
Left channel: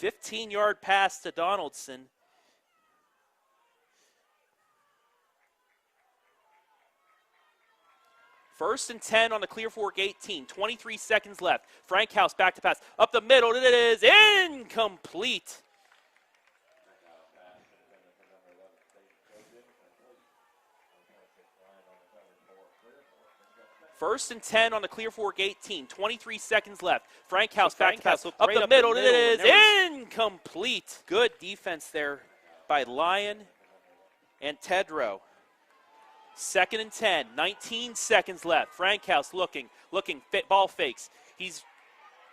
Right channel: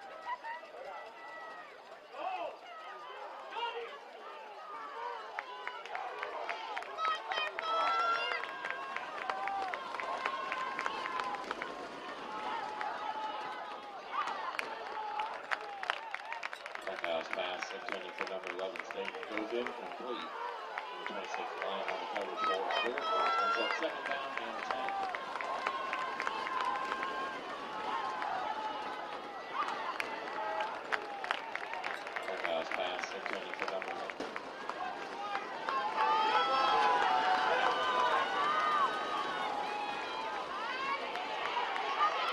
A 15-yard pass to Donaldson. First and 10 on the Clear Fork 18, 23 seconds left. Frankhouse back to pass, up the middle, it is incomplete. Frankhouse pass intended for number 11 State goes incomplete. 26 line on the coverage for Clear Fork. First and 10 on the Clear Fork 18, 23 seconds left. Frankhouse back to pass, up the middle, it is incomplete. Good defense there by Lyon and Tedrow. Second and 10, 19 seconds left. Frankhouse looking, ball fakes. He's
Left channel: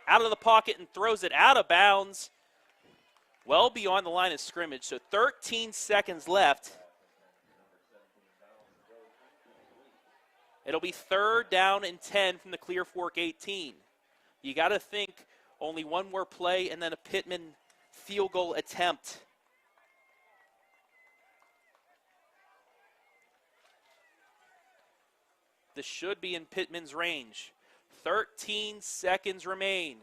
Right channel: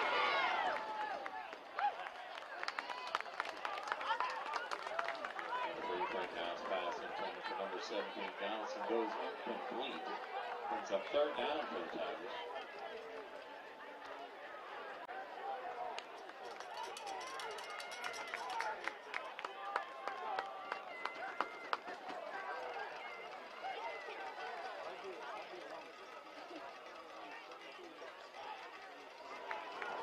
out of the pocket and throws it out of bounds, well beyond the line of scrimmage. So 13 seconds left. It'll be third down and 10 from the Clear Fork 18. You got to think only one more play and then a Pittman field goal attempt. This should be in Pittman's range. 13 seconds remain.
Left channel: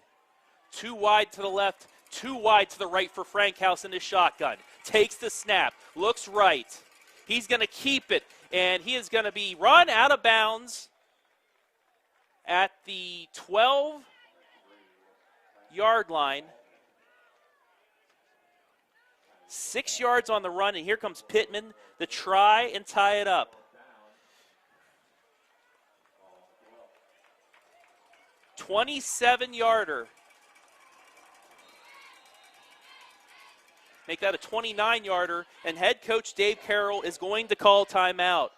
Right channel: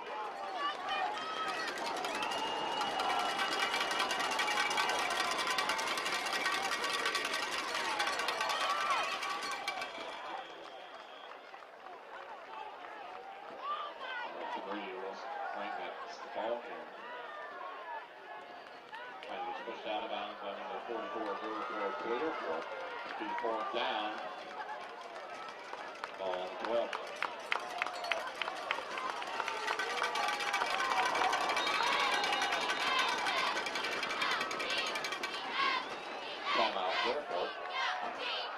Too wide to the left, too wide to the right for Frankhouse in the shotgun. Takes the snap, looks right. He's going to keep it, and he is going to be run out of bounds at the 12-yard line. 6 yards on the run, and here comes Pittman to try and tie it up. 27-yarder. Make that a 29-yarder, and head coach Dave Carroll is going to call timeout.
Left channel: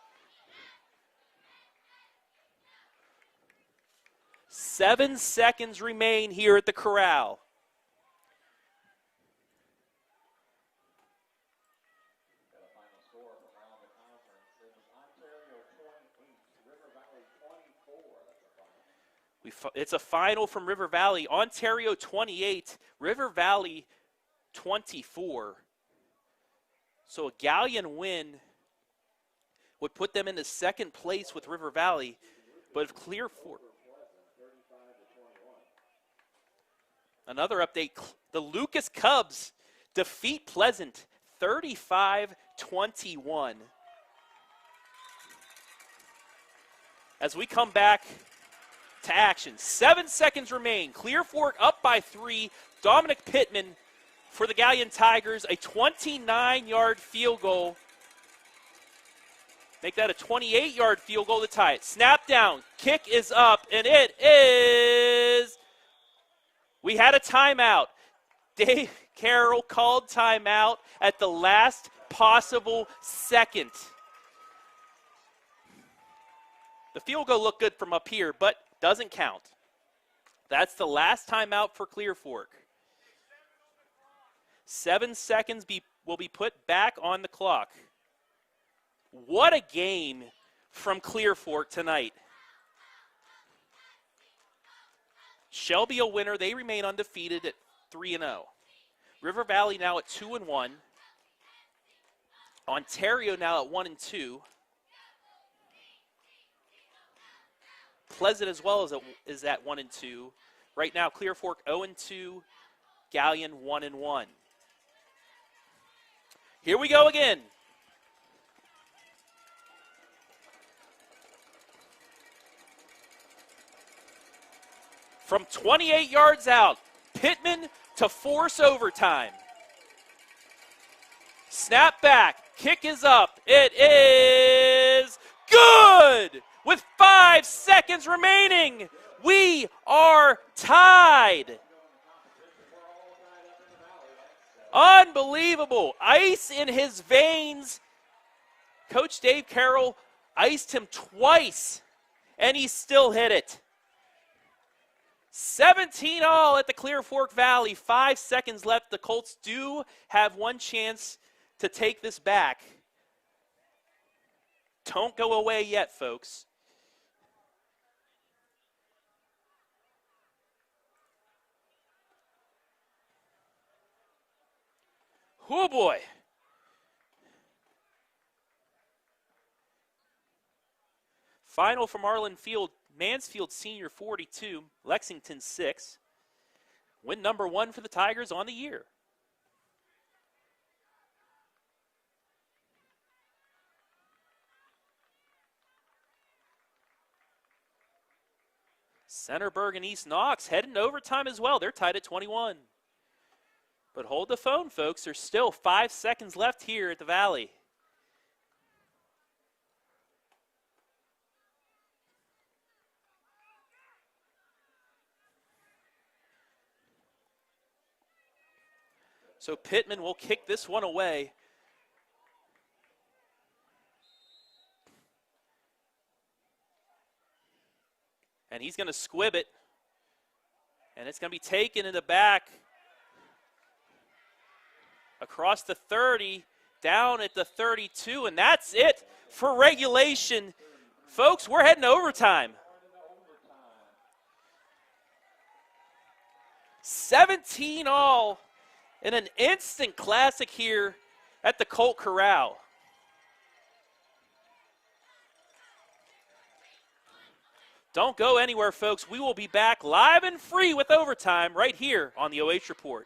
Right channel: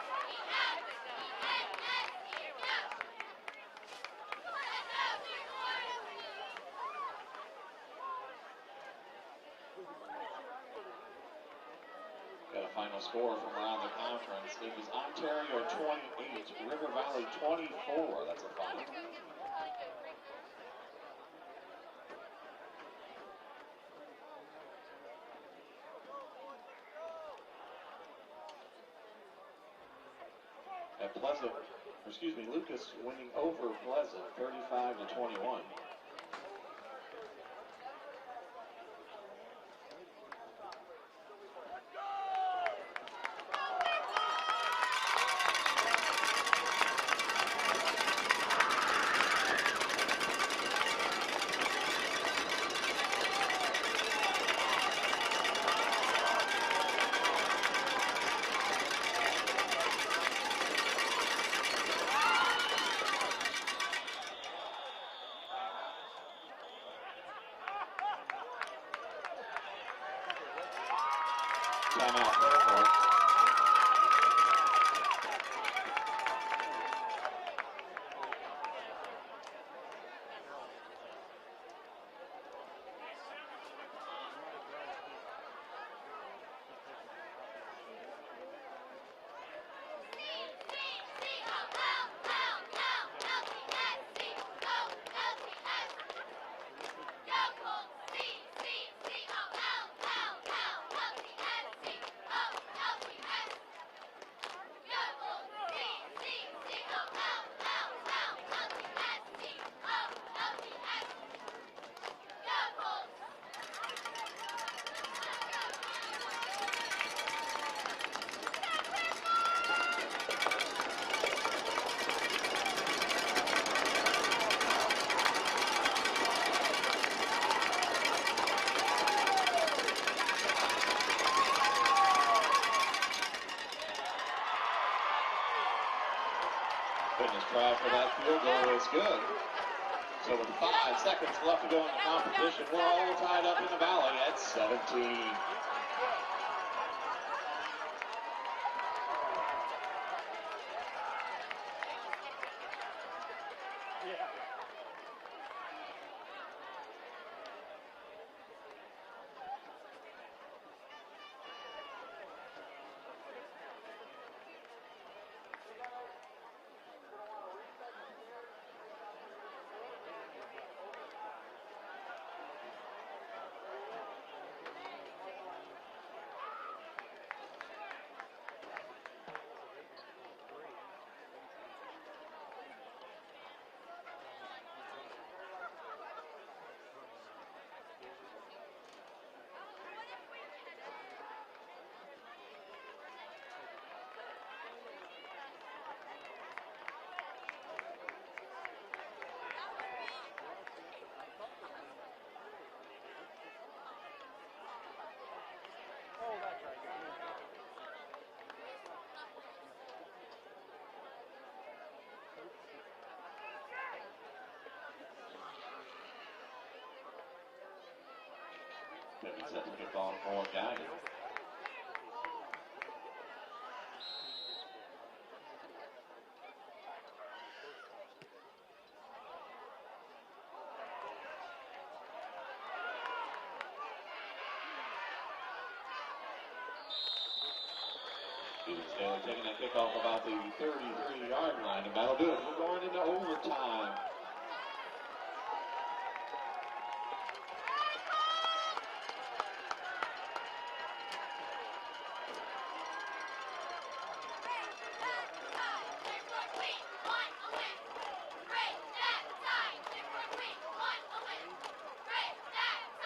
7 seconds remain here at the corral. Got a final score from around the conference. It was Ontario 28, River Valley 24. That's a final. It's a final from River Valley. Ontario 28, River Valley 24. So a Galion win would put them into second place with River Valley. With Clear Fork over Pleasant, 35-21. Another update: the Lucas Cubs defeat Pleasant 35-21. As we come back to action, 7 seconds remain. Clear Fork up by 3. Dominic Pittman for the Galion Tigers, a 29-yard field goal. Make that a 28-yard field goal to tie it. Snap down, kick is up, and it is. We had a timeout. Dave Carroll called timeout at the last possible second. The field goal looked good from up here, but doesn't count. That's the last timeout for Clear Fork. 7 seconds will be put back on the clock. What a game from Clear Fork tonight. Shelby a winner. They remain undefeated at 3-0. River Valley now at 2-1. Ontario now at 1-2. Pleasant as well is at 1-2. Right now, Clear Fork 0-2. Galion 1-1. Here we go again. From 28 yards out, Pittman to force overtime. Snap back, kick is up. It is good! With 5 seconds remaining, we are tied. Unbelievable. Ice in his veins. Coach Dave Carroll iced him twice, and he still hit it. 17-all at the Clear Fork Valley. 5 seconds left. The Colts do have one chance to take this back. Don't go away yet, folks. Oh boy. Final from Arlen Field, Mansfield Senior 42, Lexington 6. Win number 1 for the Tigers on the year. Centerburg and East Knox heading to overtime as well. They're tied at 21. But hold the phone, folks. There's still 5 seconds left here at the Valley. So Pittman will kick this one away. And he's going to squib it. And it's going to be taken in the back. Across the 30, down at the 32, and that's it for regulation. Folks, we're heading to overtime. 17-all in an instant classic here at the Colt Corral. Don't go anywhere, folks. We will be back live and free with overtime right here on the OH Report.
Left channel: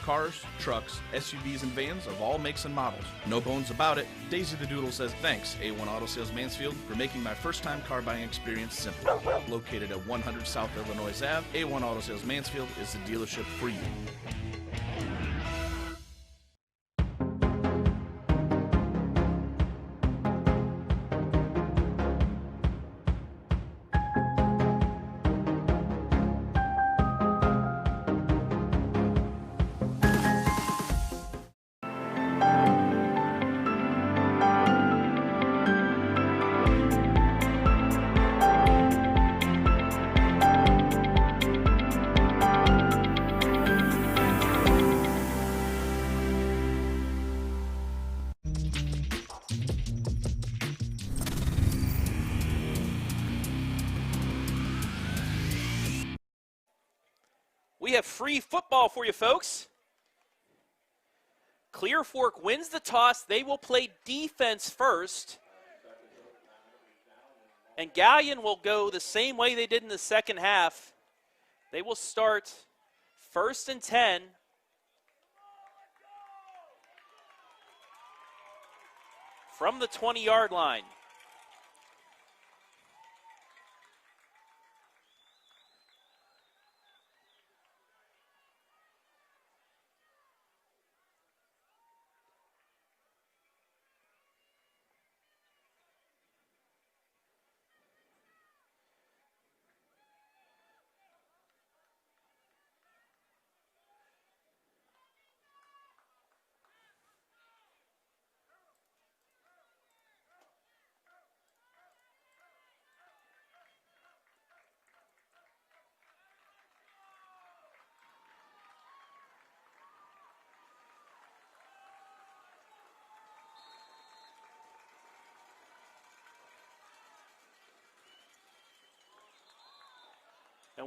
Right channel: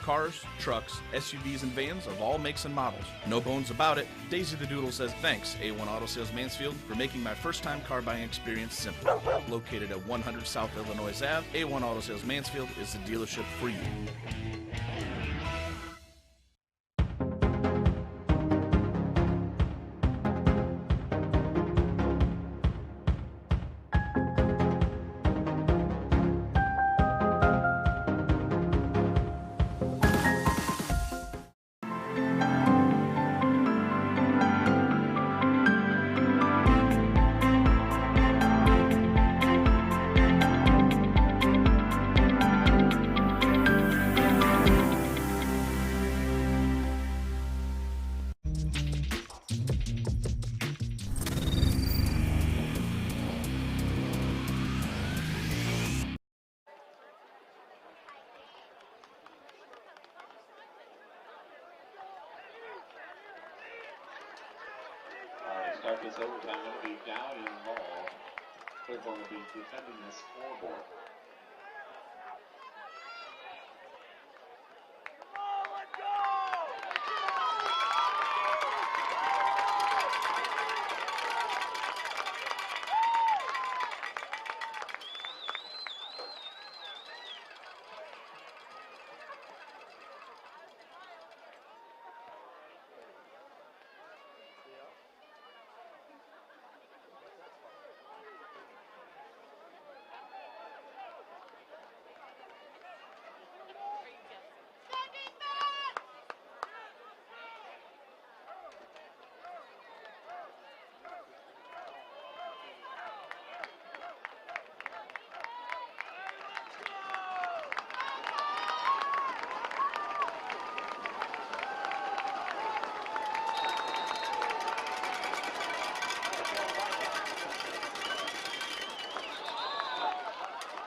Cars, trucks, SUVs, and vans of all makes and models. No bones about it. Daisy the Doodle says thanks, A1 Auto Sales Mansfield, for making my first-time car buying experience simple. Located at 100 South Illinois Ave, A1 Auto Sales Mansfield is the dealership for you. We have free football for you, folks. Clear Fork wins the toss. They will play defense first. And Galion will go the same way they did in the second half. They will start 1st and 10. From the 20-yard line.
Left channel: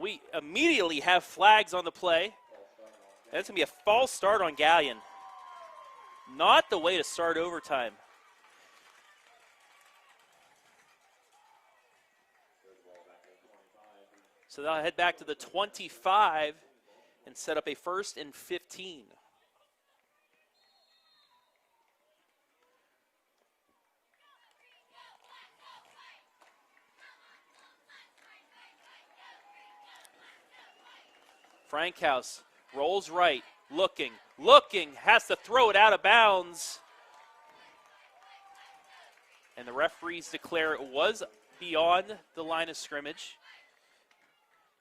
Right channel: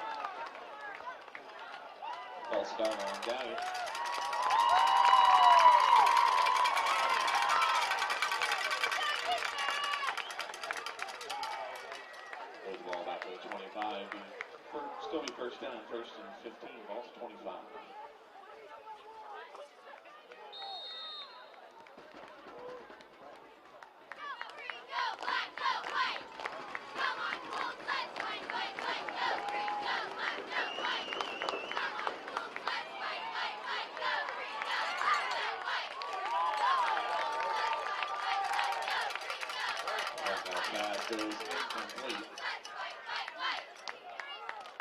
We immediately have flags on the play. That's going to be a false start on Galion. Not the way to start overtime. So they'll head back to the 25 and set up a 1st and 15. Frankhouse rolls right, looking, has to throw it out of bounds. And the referees declare it was beyond the line of scrimmage.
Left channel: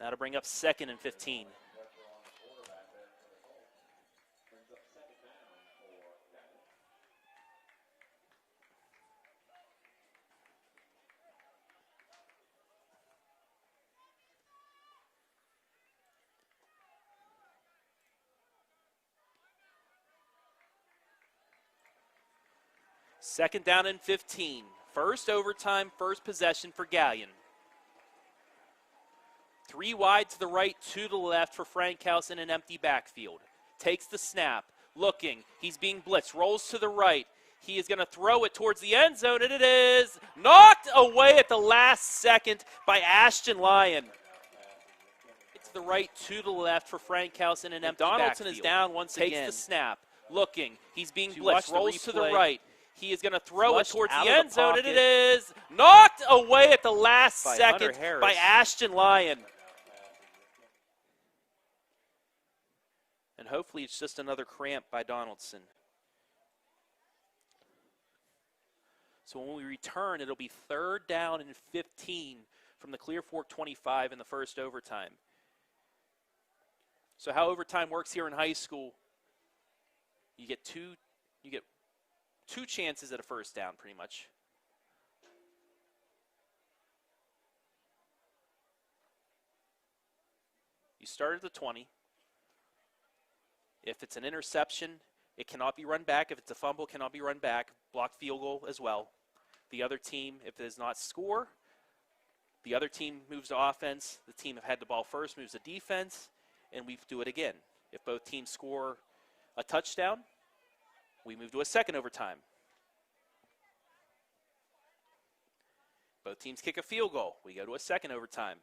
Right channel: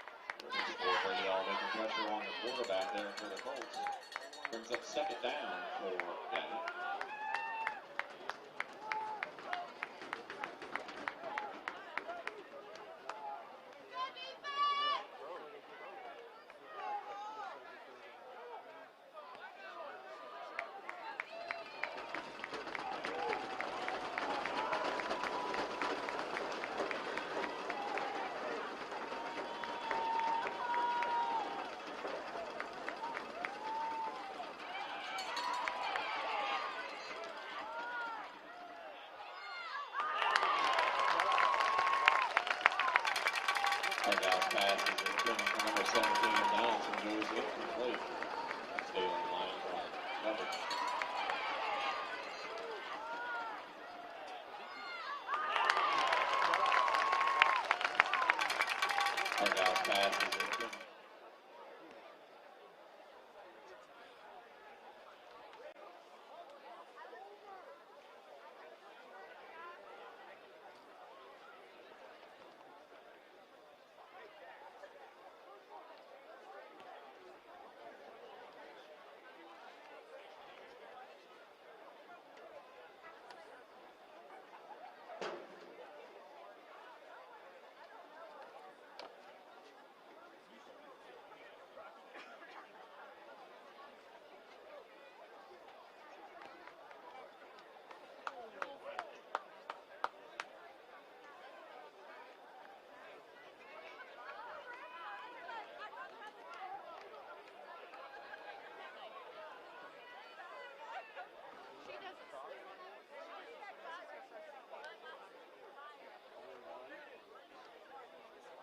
That'll bring up 2nd and 15. Making pressure on the quarterback there for the Colts. Brings up 2nd down for Galion. Second down and 15. First overtime, first possession for Galion. 3 wide to the right, 2 to the left for Frankhouse in an empty backfield. Takes the snap, looking, he's being blitzed, rolls to the right. He is gonna throw it towards the end zone, and it is knocked away at the last second by Ashton Lyon. To the right, 2 to the left for Frankhouse in an empty Donaldson backfield. Is down once again. Takes the snap, looking, he's being blitzed, rolls to the right. He is going to throw it towards the end zone, and it is knocked away at the last second by Ashton Lyon. And hopefully it's just another cramp by Donaldson. So when we return, it'll be 3rd down and 15 from the Clear Fork 25 in the first overtime. So how overtime works here in high school, you get two chances at a first down, pretty much. You start at the 20. If it's an interception, it cannot be run back. If it's a fumble, it cannot be run back. Blocked field goal as well. The other team, if it does not score, the other team moves to offense. The team that had the ball first moves to defense, and we do it again. If both teams score a touchdown, we move to a second overtime. Both teams kick a field goal. We go to a second overtime.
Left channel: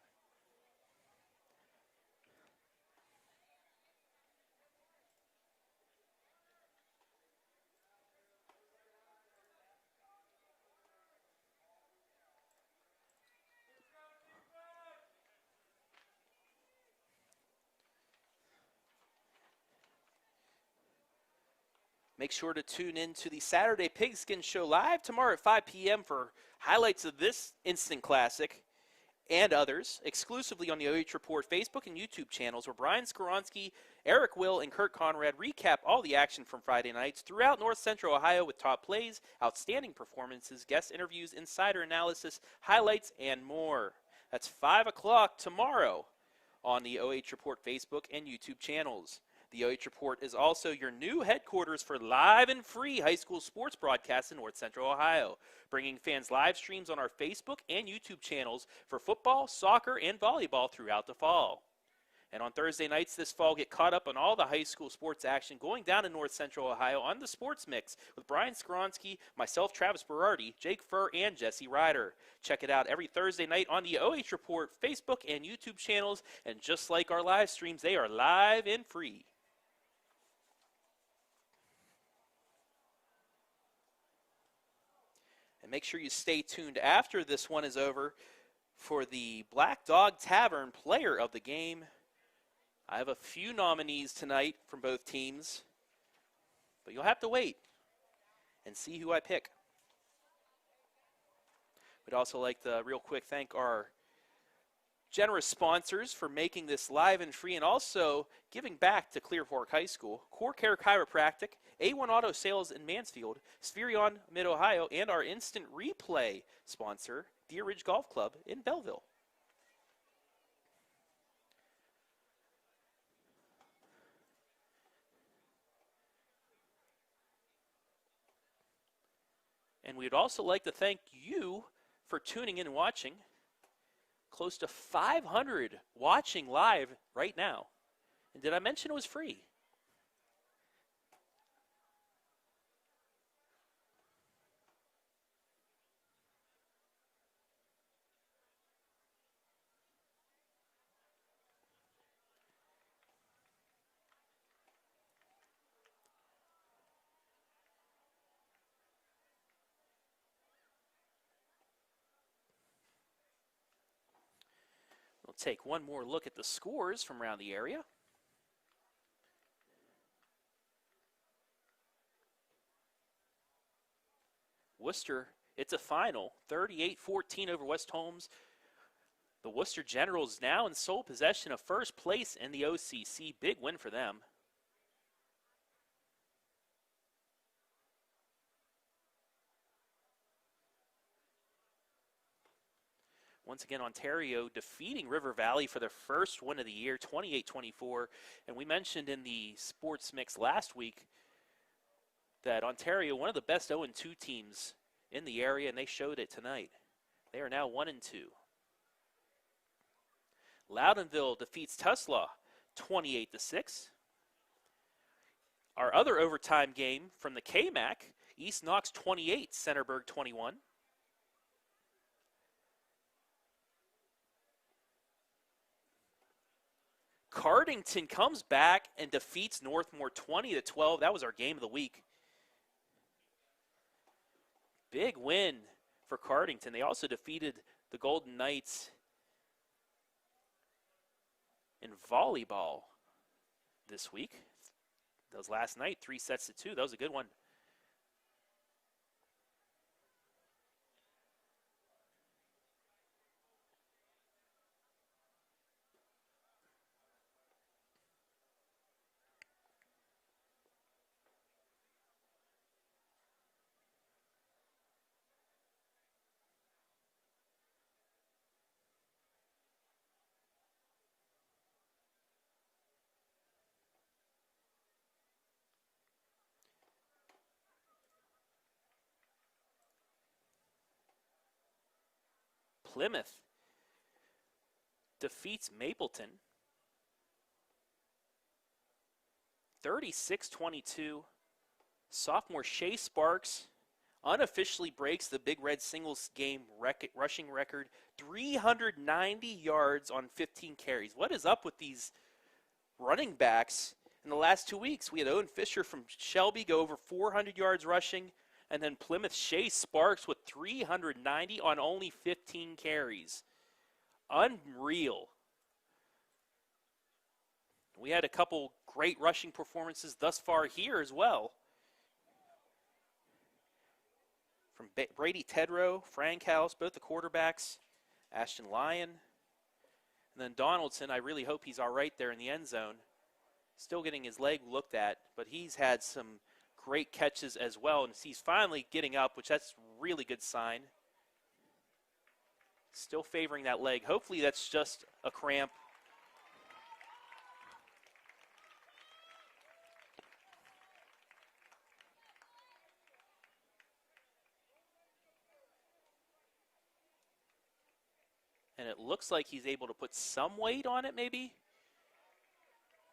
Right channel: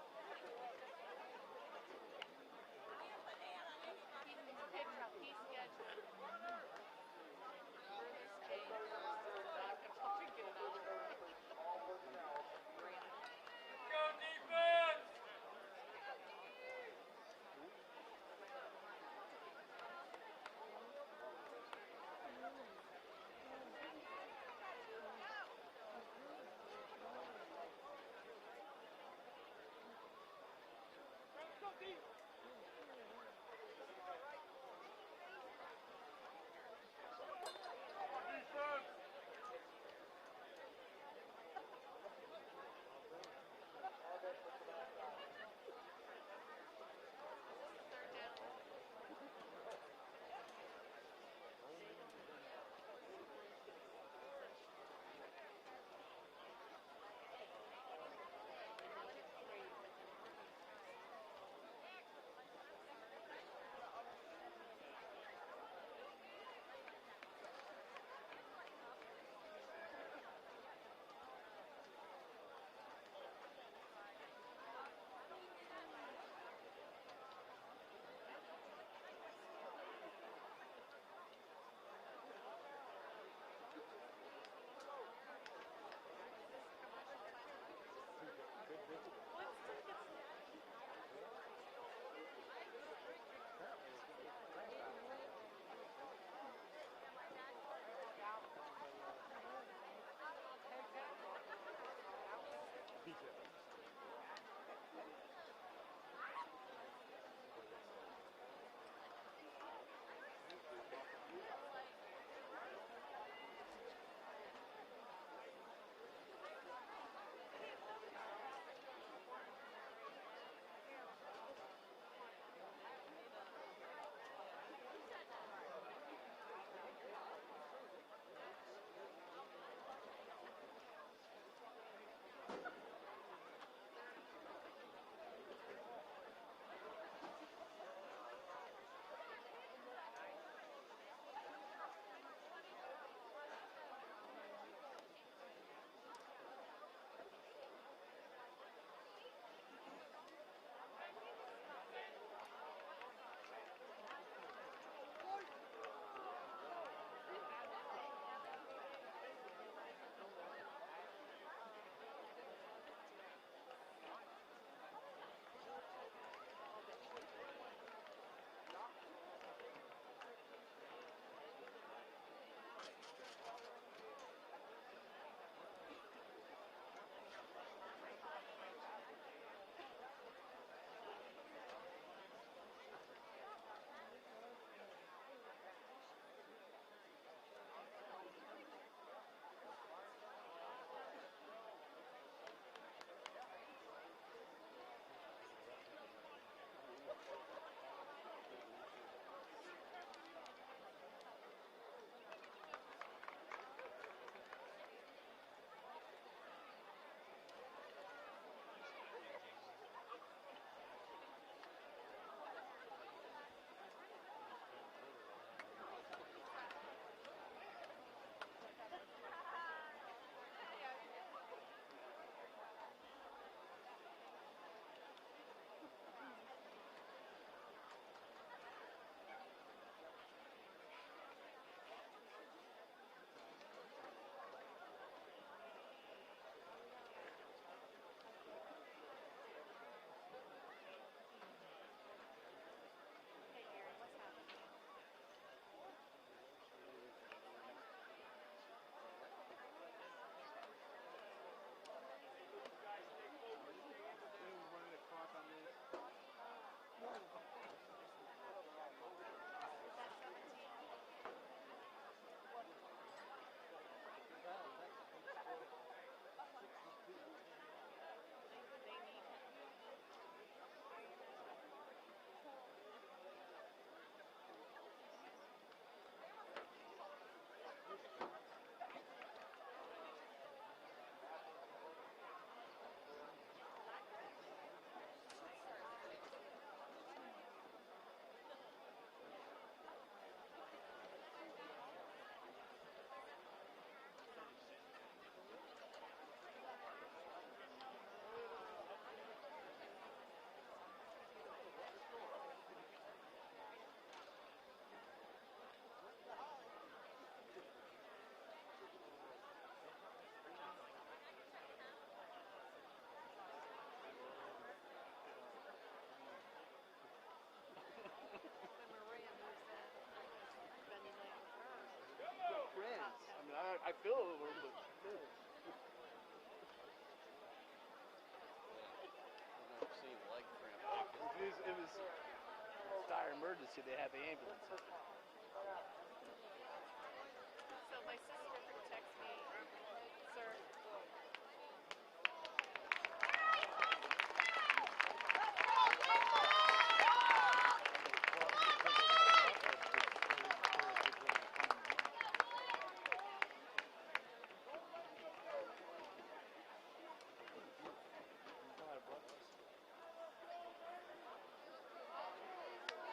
Make sure to tune in to the Saturday Pigskin Show live tomorrow at 5 p.m. for highlights of this instant classic and others exclusively on the OH Report Facebook and YouTube channels, where Brian Skoronsky, Eric Will, and Kurt Conrad recap all the action from Friday nights throughout North Central Ohio with top plays, outstanding performances, guest interviews, insider analysis, highlights, and more. That's 5 o'clock tomorrow on the OH Report Facebook and YouTube channels. The OH Report is also your new headquarters for live and free high school sports broadcasts in North Central Ohio, bringing fans live streams on our Facebook and YouTube channels for football, soccer, and volleyball throughout the fall. And on Thursday nights this fall, get caught up on all the high school sports action going down in North Central Ohio on the Sports Mix with Brian Skoronsky, myself, Travis Berardi, Jake Furr, and Jesse Ryder. Check it out every Thursday night on the OH Report Facebook and YouTube channels, and just like our live streams, they are live and free. Make sure you stay tuned after this one is over for the Black Dog Tavern Player of the Game. I have a few nominees tonight from both teams, but you'll have to wait and see who I pick. We'd also like to real quick thank our generous sponsors for making this live and free, and also giving back to Clear Fork High School, Core Care Chiropractic, A1 Auto Sales in Mansfield, Spherion Mid-Ohio, and our instant replay sponsor, Deer Ridge Golf Club in Belleville. And we'd also like to thank you for tuning in and watching. Close to 500 watching live right now. And did I mention it was free? Take one more look at the scores from around the area. Worcester, it's a final, 38-14 over West Holmes. The Worcester Generals now in sole possession of first place in the OCC. Big win for them. Once again, Ontario defeating River Valley for their first win of the year, 28-24. And we mentioned in the sports mix last week that Ontario, one of the best 0-2 teams in the area, and they showed it tonight. They are now 1-2. Loudonville defeats Tuslaw 28-6. Our other overtime game from the KMAC, East Knox 28, Centerburg 21. Cardington comes back and defeats Northmore 20-12. That was our game of the week. Big win for Cardington. They also defeated the Golden Knights in volleyball this week. That was last night, 3-2. That was a good one. Plymouth defeats Mapleton 36-22. Sophomore Shea Sparks unofficially breaks the Big Red singles game rushing record, 390 yards on 15 carries. What is up with these running backs in the last 2 weeks? We had Owen Fisher from Shelby go over 400 yards rushing, and then Plymouth Shea Sparks with 390 on only 15 carries. Unreal. We had a couple great rushing performances thus far here as well. From Brady Tedrow, Frank House, both the quarterbacks, Ashton Lyon, and then Donaldson. I really hope he's all right there in the end zone. Still getting his leg looked at, but he's had some great catches as well, and he's finally getting up, which that's a really good sign. Still favoring that leg. Hopefully that's just a cramp. And it looks like he's able to put some weight on it maybe,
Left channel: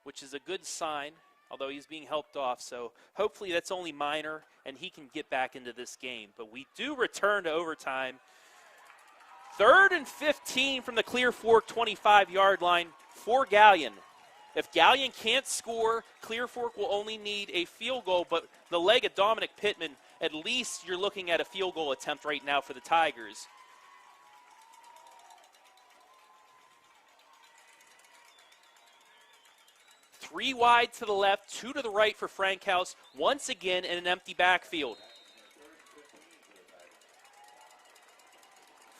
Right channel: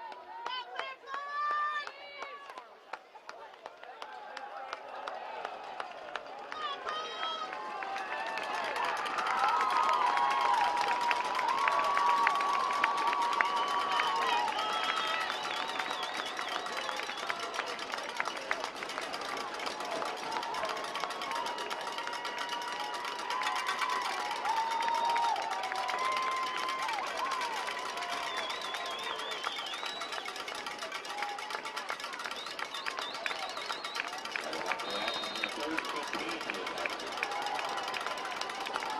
which is a good sign, although he's being helped off. So hopefully that's only minor and he can get back into this game. But we do return to overtime. 3rd and 15 from the Clear Fork 25-yard line for Galion. If Galion can't score, Clear Fork will only need a field goal, but the leg of Dominic Pittman, at least you're looking at a field goal attempt right now for the Tigers. Three wide to the left, 2 to the right for Frank House, once again in an empty backfield.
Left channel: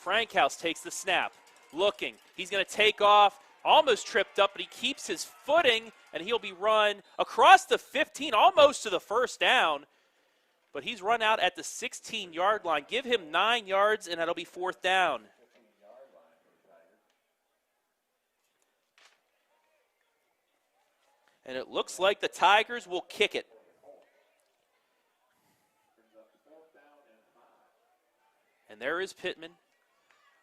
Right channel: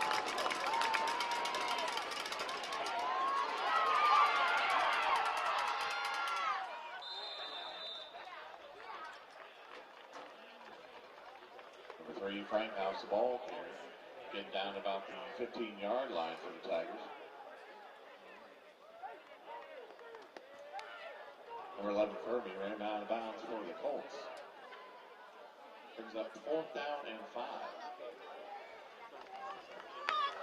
Frank House takes the snap, looking. He's going to take off, almost tripped up, but he keeps his footing, and he'll be run across the 15, almost to the first down. But he's run out at the 16-yard line. Give him 9 yards, and that'll be 4th down. 15-yard line for the Tigers. And it looks like the Tigers will kick it. Brings up 4th down and 5. And there is Pittman,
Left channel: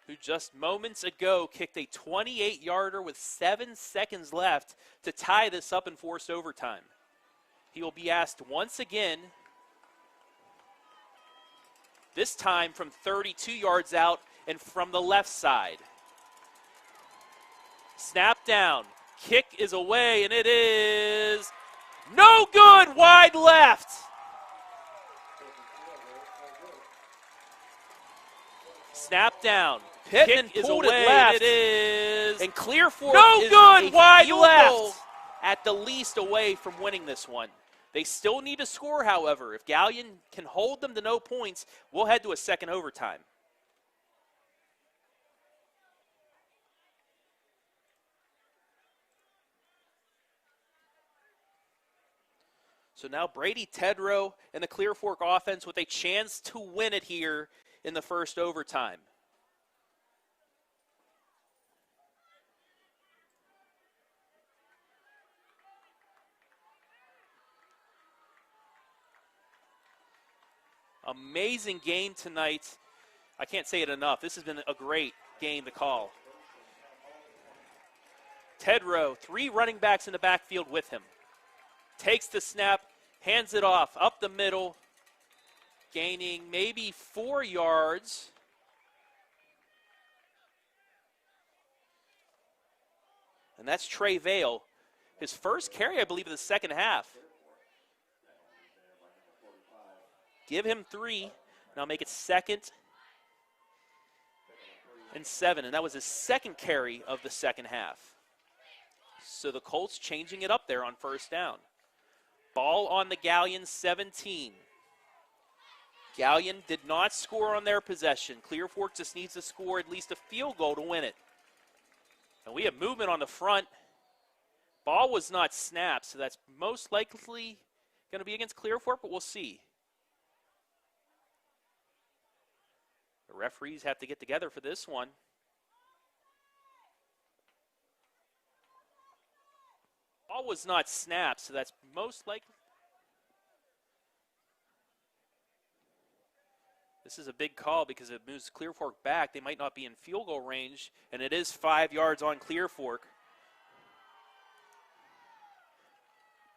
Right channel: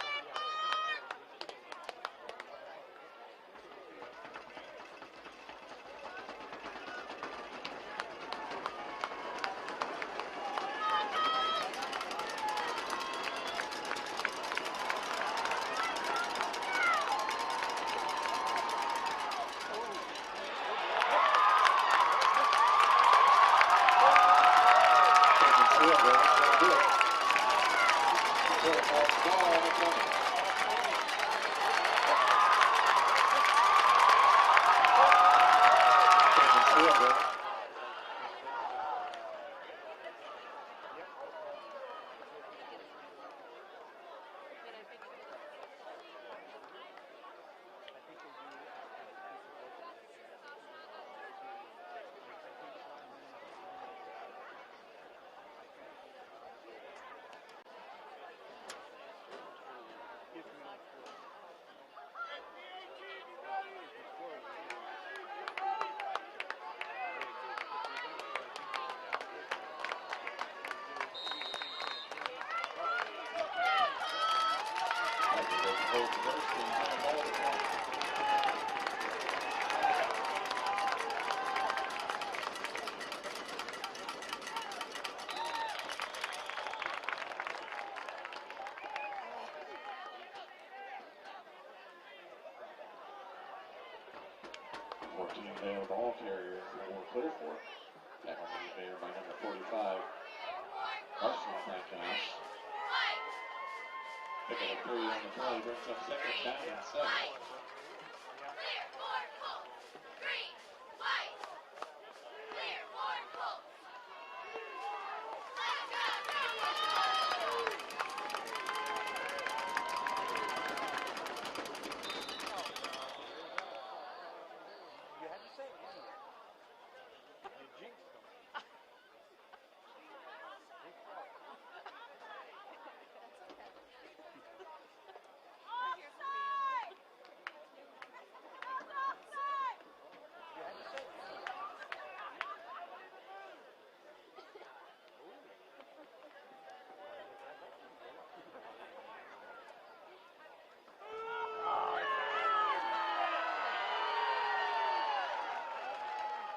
who just moments ago kicked a 28-yarder with 7 seconds left to tie this up and force overtime. He will be asked once again, this time from 32 yards out and from the left side. Snap down, kick is away, and it is no good, wide left. Snap down. Pittman is away. It is. And Clear Fork no good. Wide left. At the least away from winning this one. They still need to score, however. If Galion can hold them to no points, we'll head to a second overtime. So now Brady Tedrow and the Clear Fork offense with a chance to win it here in the first overtime. Amazing game tonight. I can't say it enough. This has been a great game to call. Tedrow, 3 running backs in the backfield with him. Takes the snap, hands it off, up the middle, gaining maybe 4 yards. And that's Trey Vale. His first carry, I believe, in the second half. Give him 3. Now make it 2nd and 7. And that was his second carry of the second half. So the Colts changing it up there on first down. Ball on the Galion 17. Galion did not score on their possession. Clear Fork just needs to score at least a field goal to win it. And we have movement on the front. Ball was not snapped, so that's most likely going to be against Clear Fork, but we'll see. The referees have to get together for this one. Ball was not snapped, so that's most likely. This is a big call because it moves Clear Fork back. They might not be in field goal range, and it is 5 yards on Clear Fork.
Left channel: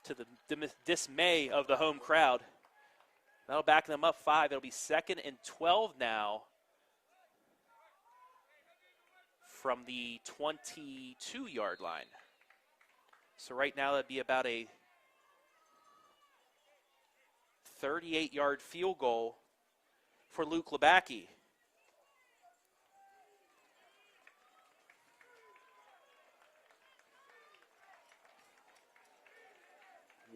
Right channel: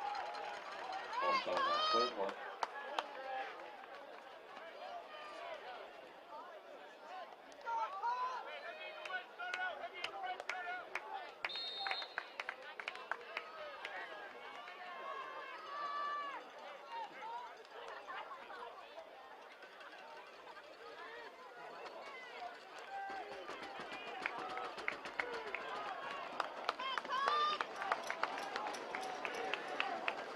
To the dismay of the home crowd. That'll back them up 5. It'll be 2nd and 12 now from the 22-yard line. So right now that'd be about a 38-yard field goal for Luke Labacki.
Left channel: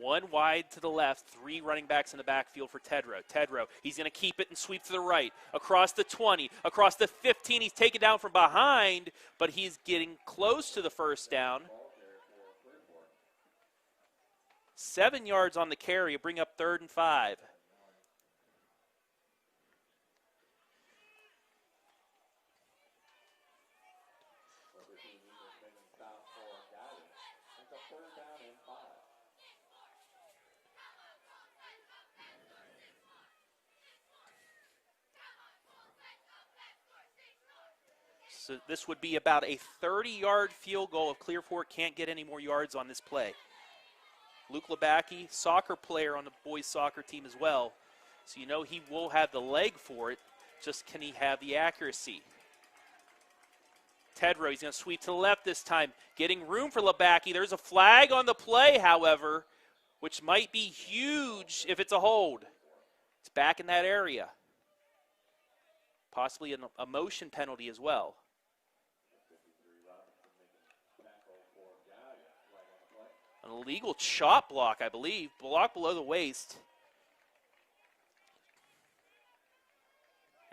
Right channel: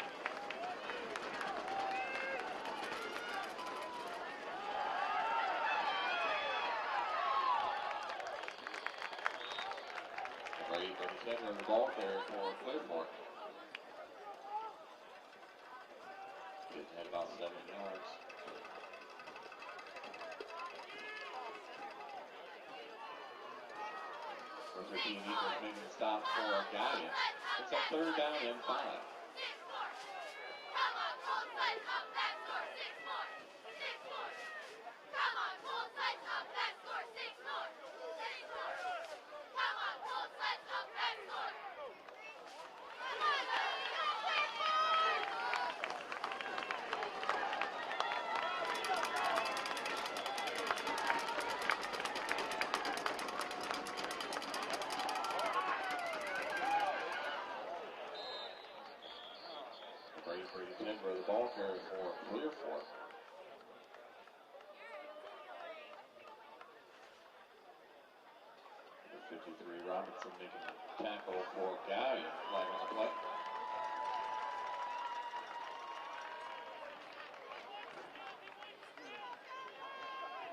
One wide to the left, 3 running backs in the backfield for Tedrow. Tedrow, he's going to keep it and sweep to the right. Across the 20, across the 15, he's taken down from behind, but he's getting close to the first down. 7 yards on the carry, bring up 3rd and 5. Making a stop for Galion. It's a 3rd down and 5. So this would be about a 30-yard field goal if Clear Fork can't get any more yards on this play. Luke Labacki, soccer player on the boys soccer team as well. So you know he will have the leg for it, just can he have the accuracy. Tedrow, he's going to sweep to the left this time, getting room for Labacki. There's a flag on the play, however, which might be huge if it's a hold. It's back in that area. Possibly a motion penalty as well. 53 Robinson making a tackle for Galion. Flag on the play. Illegal chop block, I believe. Block below the waist.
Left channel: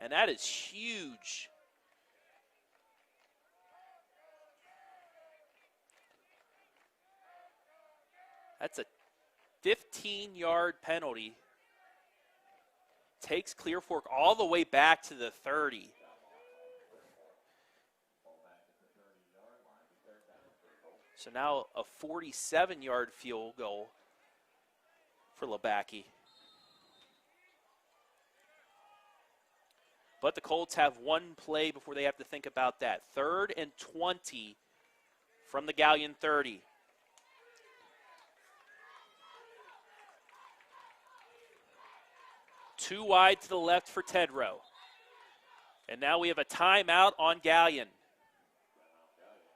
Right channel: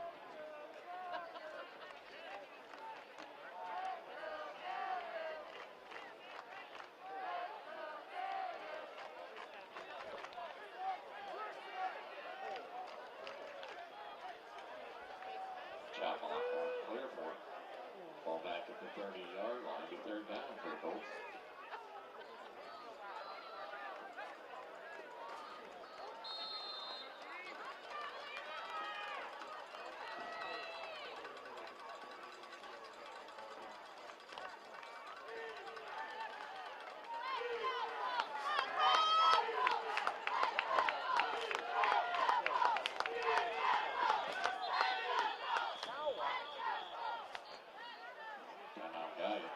And that is huge. That's a 15-yard penalty. Takes Clear Fork all the way back to the 30. Chop block on Clear Fork. Ball back at the 30-yard line. Be 3rd down for the Colts. So now a 47-yard field goal for Labacki. But the Colts have one play before they have to think about that. 3rd and 20 from the Galion 30. Two wide to the left for Tedrow. And now we have a timeout on Galion. Timeout Galion.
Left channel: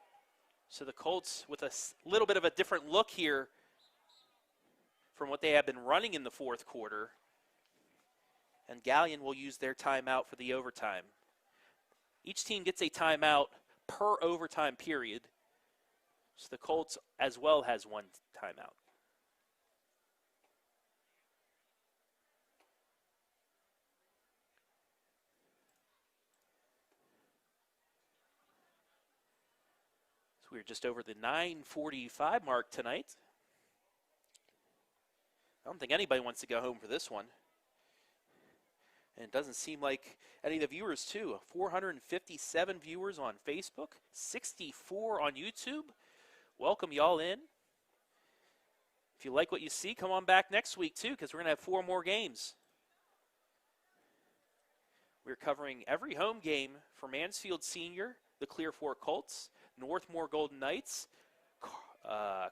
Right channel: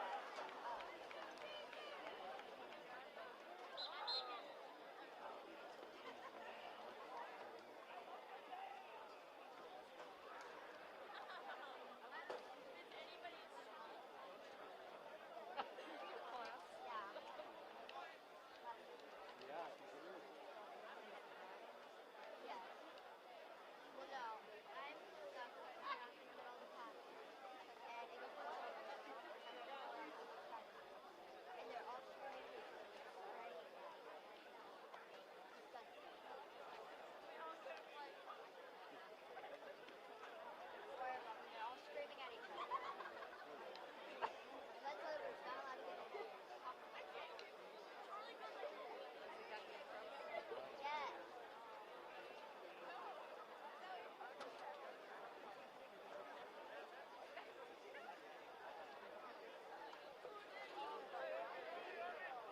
So the Colts with a little bit of a different look here from what they have been running in the 4th quarter. And Galion will use their timeout for the overtime. Each team gets a timeout per overtime period. So the Colts as well has one timeout. We're just over the 9:45 mark tonight. don't think anybody wants to go home for this one. And it doesn't seem like any of the viewers, too. 457 viewers on Facebook, 64 on YouTube. Welcome y'all in. If you like what you see, come on back next week, too, because we're going to have 4 more games. We're covering every home game for Mansfield Senior, the Clear Fork Colts, Northmore Golden Knights,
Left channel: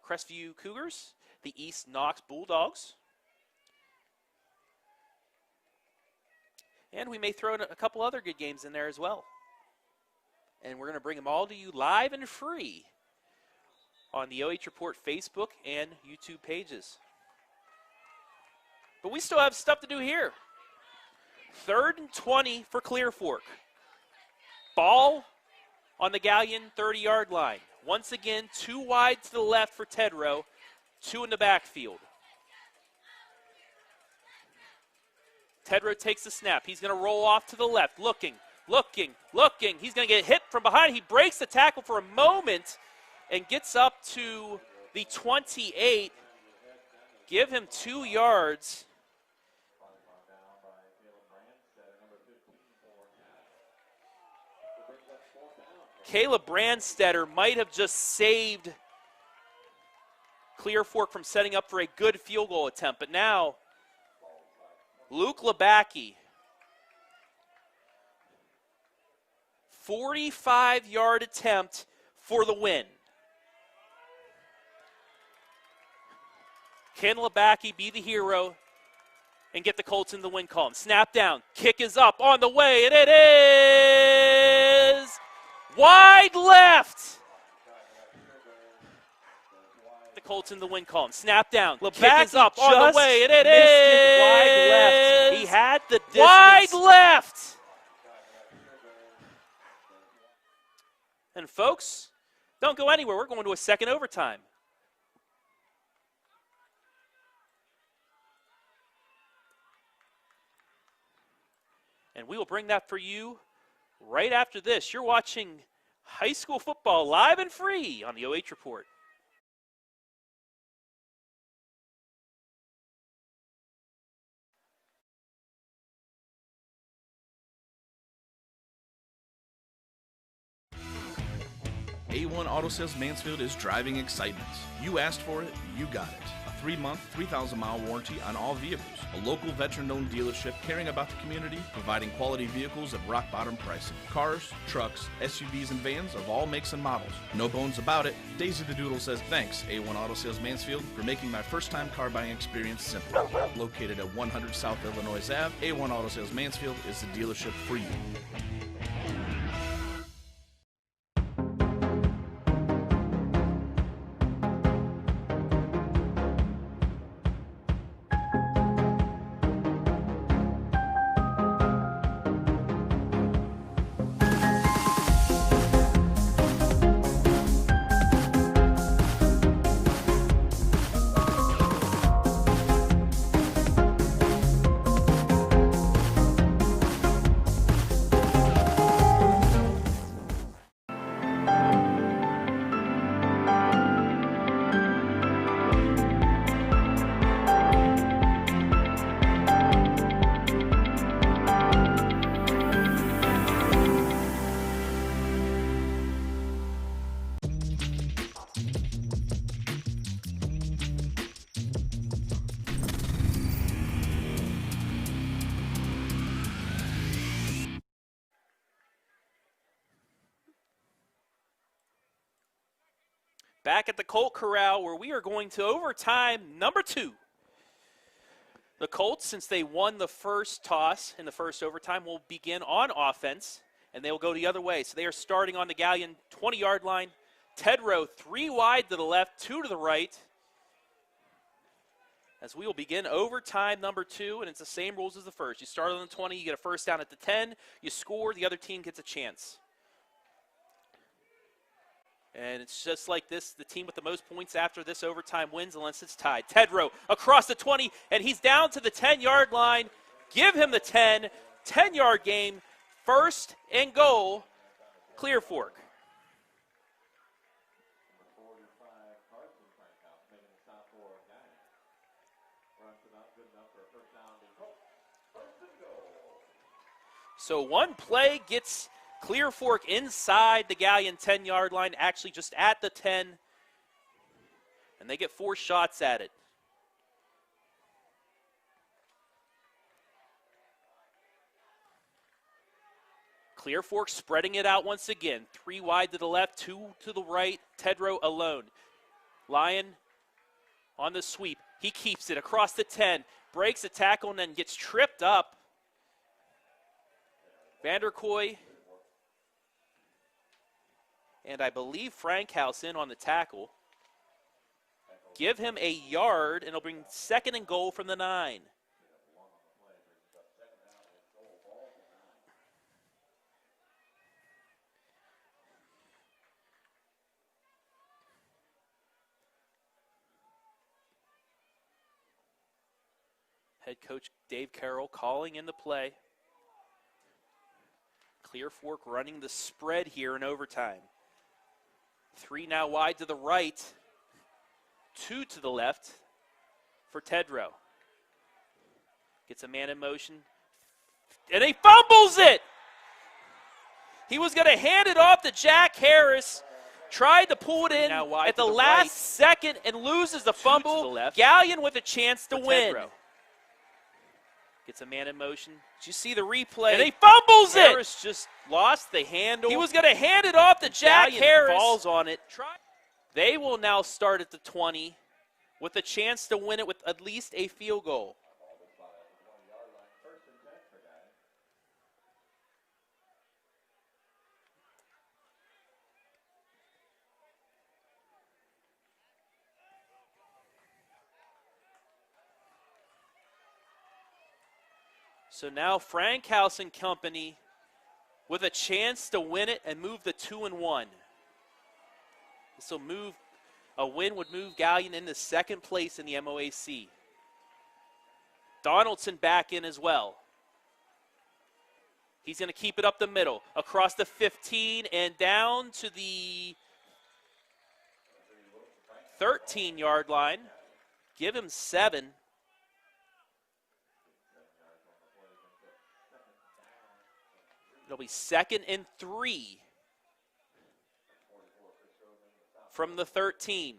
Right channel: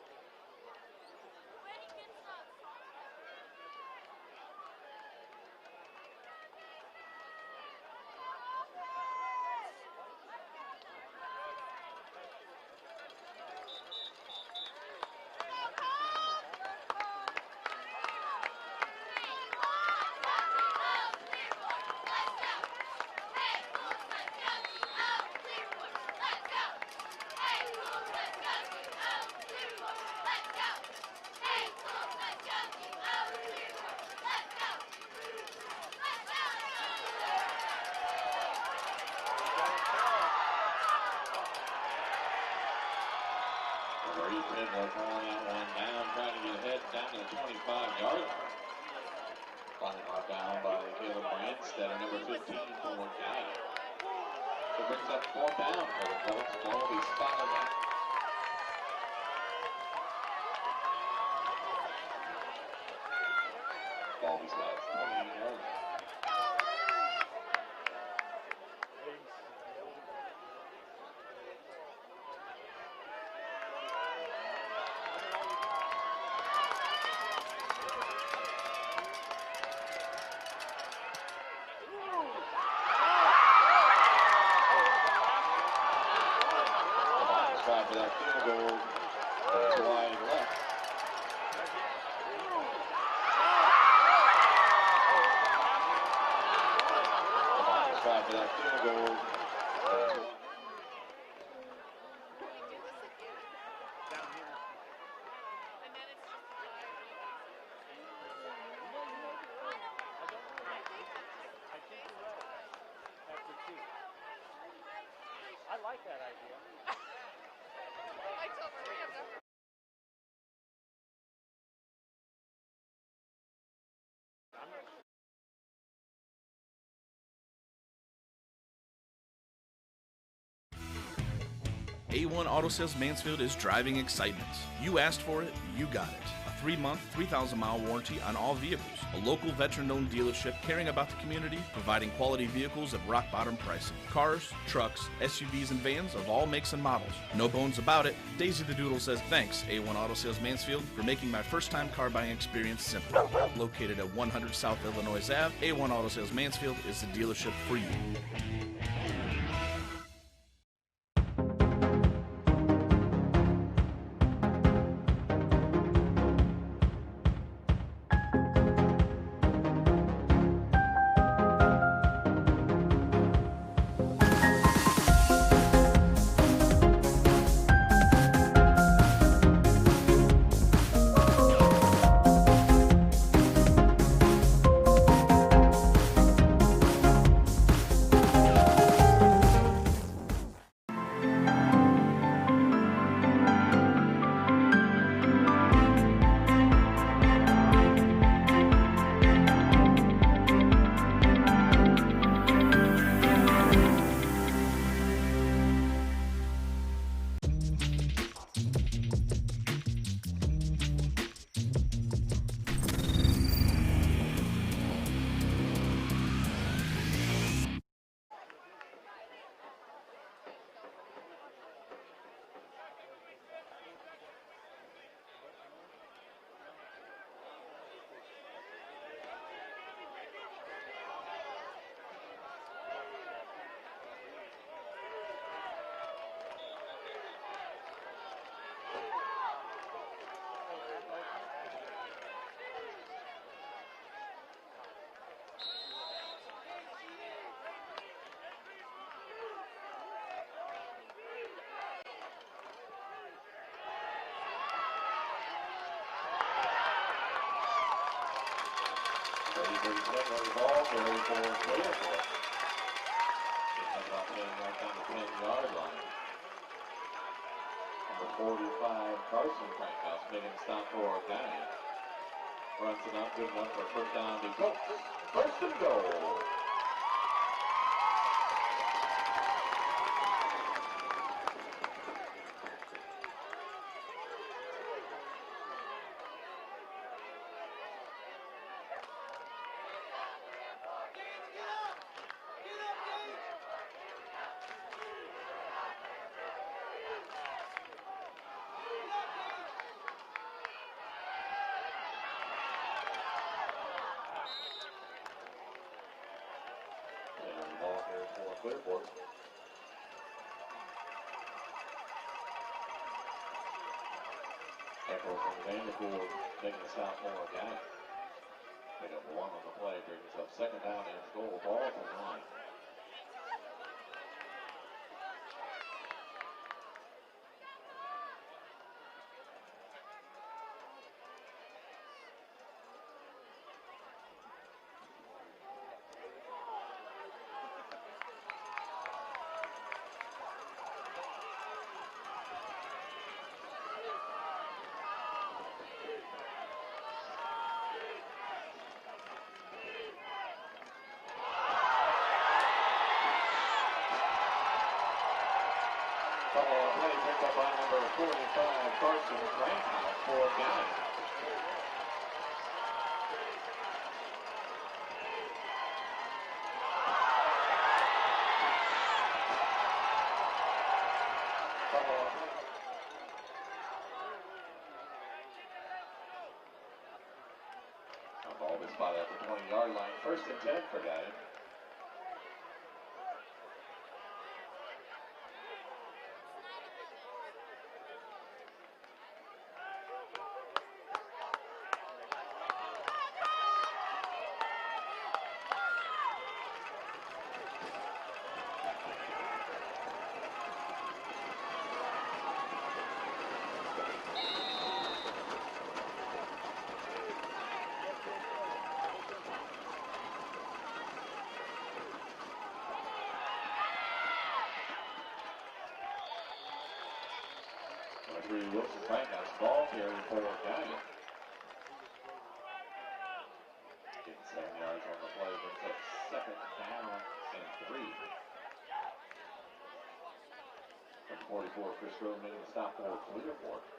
Crestview Cougars, the East Knox Bulldogs. And we may throw in a couple other good games in there as well. And we're going to bring them all to you live and free on the OH Report Facebook and YouTube pages. But we still have stuff to do here. 3rd and 20 for Clear Fork. Ball on the Galion 30-yard line. Once again, 2 wide to the left for Tedrow, 2 in the backfield. Tedrow takes the snap. He's going to roll off to the left, looking. He's going to get hit from behind. He breaks the tackle for a moment and gets up to the 28. Give him 2 yards. Down by Caleb Brandstetter, number 15 for Galion. So brings up 4th down. Caleb Brandstetter might have just saved Clear Fork from setting up for a good field goal attempt, but now Luke Labacki, 45-yard attempt for the win. Can Labacki be the hero and get the Colts in the win column? Snap down, kick is up, on the way, and it is wide left. The Colts in the win column. Snap down, kick is up, on the way, and it is He had the distance. wide left. And folks, don't go anywhere. We're going to a second overtime. And we will bring that for you right after this. You're watching high school football live and free on the OH Report. A1 Auto Sales Mansfield is driving excitement. You asked for it, you got it. A 3-month, 3,000-mile warranty on all vehicles. A local veteran-owned dealership caring about the community, providing quality vehicles at rock-bottom pricing. Cars, trucks, SUVs, and vans of all makes and models. No bones about it. Daisy the Doodle says thanks, A1 Auto Sales Mansfield, for making my first-time car buying experience simple. Located at 100 South Illinois Ave, A1 Auto Sales Mansfield is the dealership for you. Back at the Colt Corral, where we are going to overtime number 2. The Colts, since they won the first toss in the first overtime, will begin on offense, and they will go the other way. So they are starting on the Galion 20-yard line. Tedrow 3 wide to the left, 2 to the right. As we will begin overtime number 2, and it's the same rules as the first. You start on the 20, you get a first down at the 10, you score, the other team gets a chance. And it's just like this, the team with the most points after this overtime wins unless it's tied. Tedrow across the 20, and he's down to the 10-yard line. Give him the 10, 10-yard gain, 1st and goal, Clear Fork. Number 45, Carson Frankhouse making a stop for Galion. Runs it up, good enough for a first down to Colts. First and goal. So one play gets Clear Fork inside the Galion 10-yard line, actually just at the 10. And they get 4 shots at it. Clear Fork spreading it out once again. 3 wide to the left, 2 to the right. Tedrow alone. Lyon on the sweep. He keeps it across the 10. Breaks a tackle and then gets tripped up. Vanderkoy. And I believe Frankhouse in on the tackle. Give him a yard, and it'll bring 2nd and goal from the 9. Pick up 1 on the play, brings up 2nd down and goal. Ball from 9. Head coach Dave Carroll calling in the play. Clear Fork running the spread here in overtime. 3 now wide to the right, 2 to the left for Tedrow. Gets a man in motion, and he fumbles it! He was gonna hand it off to Jack Harris, tried to pull it in at the last second and loses the fumble. Galion with a chance to win. Gets a man in motion. Just see the replay. And he fumbles it! Harris just lost the handle. He was gonna hand it off to Jack Harris. Falls on it. They will now start at the 20 with a chance to win it with at least a field goal. Ball is spotted at the 20-yard line. 1st and 10 for Galion. So now Frankhouse and company with a chance to win it and move the 2-1. So a win would move Galion into 2nd place in the MOAC. Donaldson back in as well. He's going to keep it up the middle, across the 15 and down to the 13-yard line. Give him 7. It'll be 2nd and 3 from the 13.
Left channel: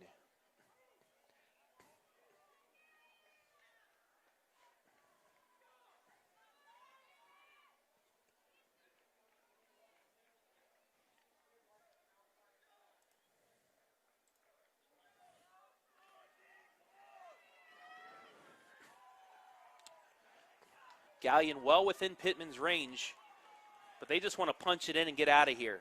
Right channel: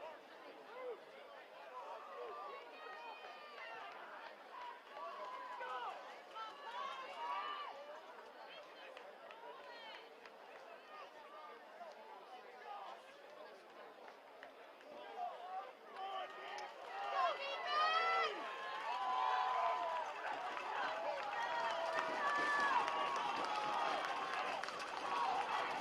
Galion well within Pittman's range. They just want to punch it in and get out of here.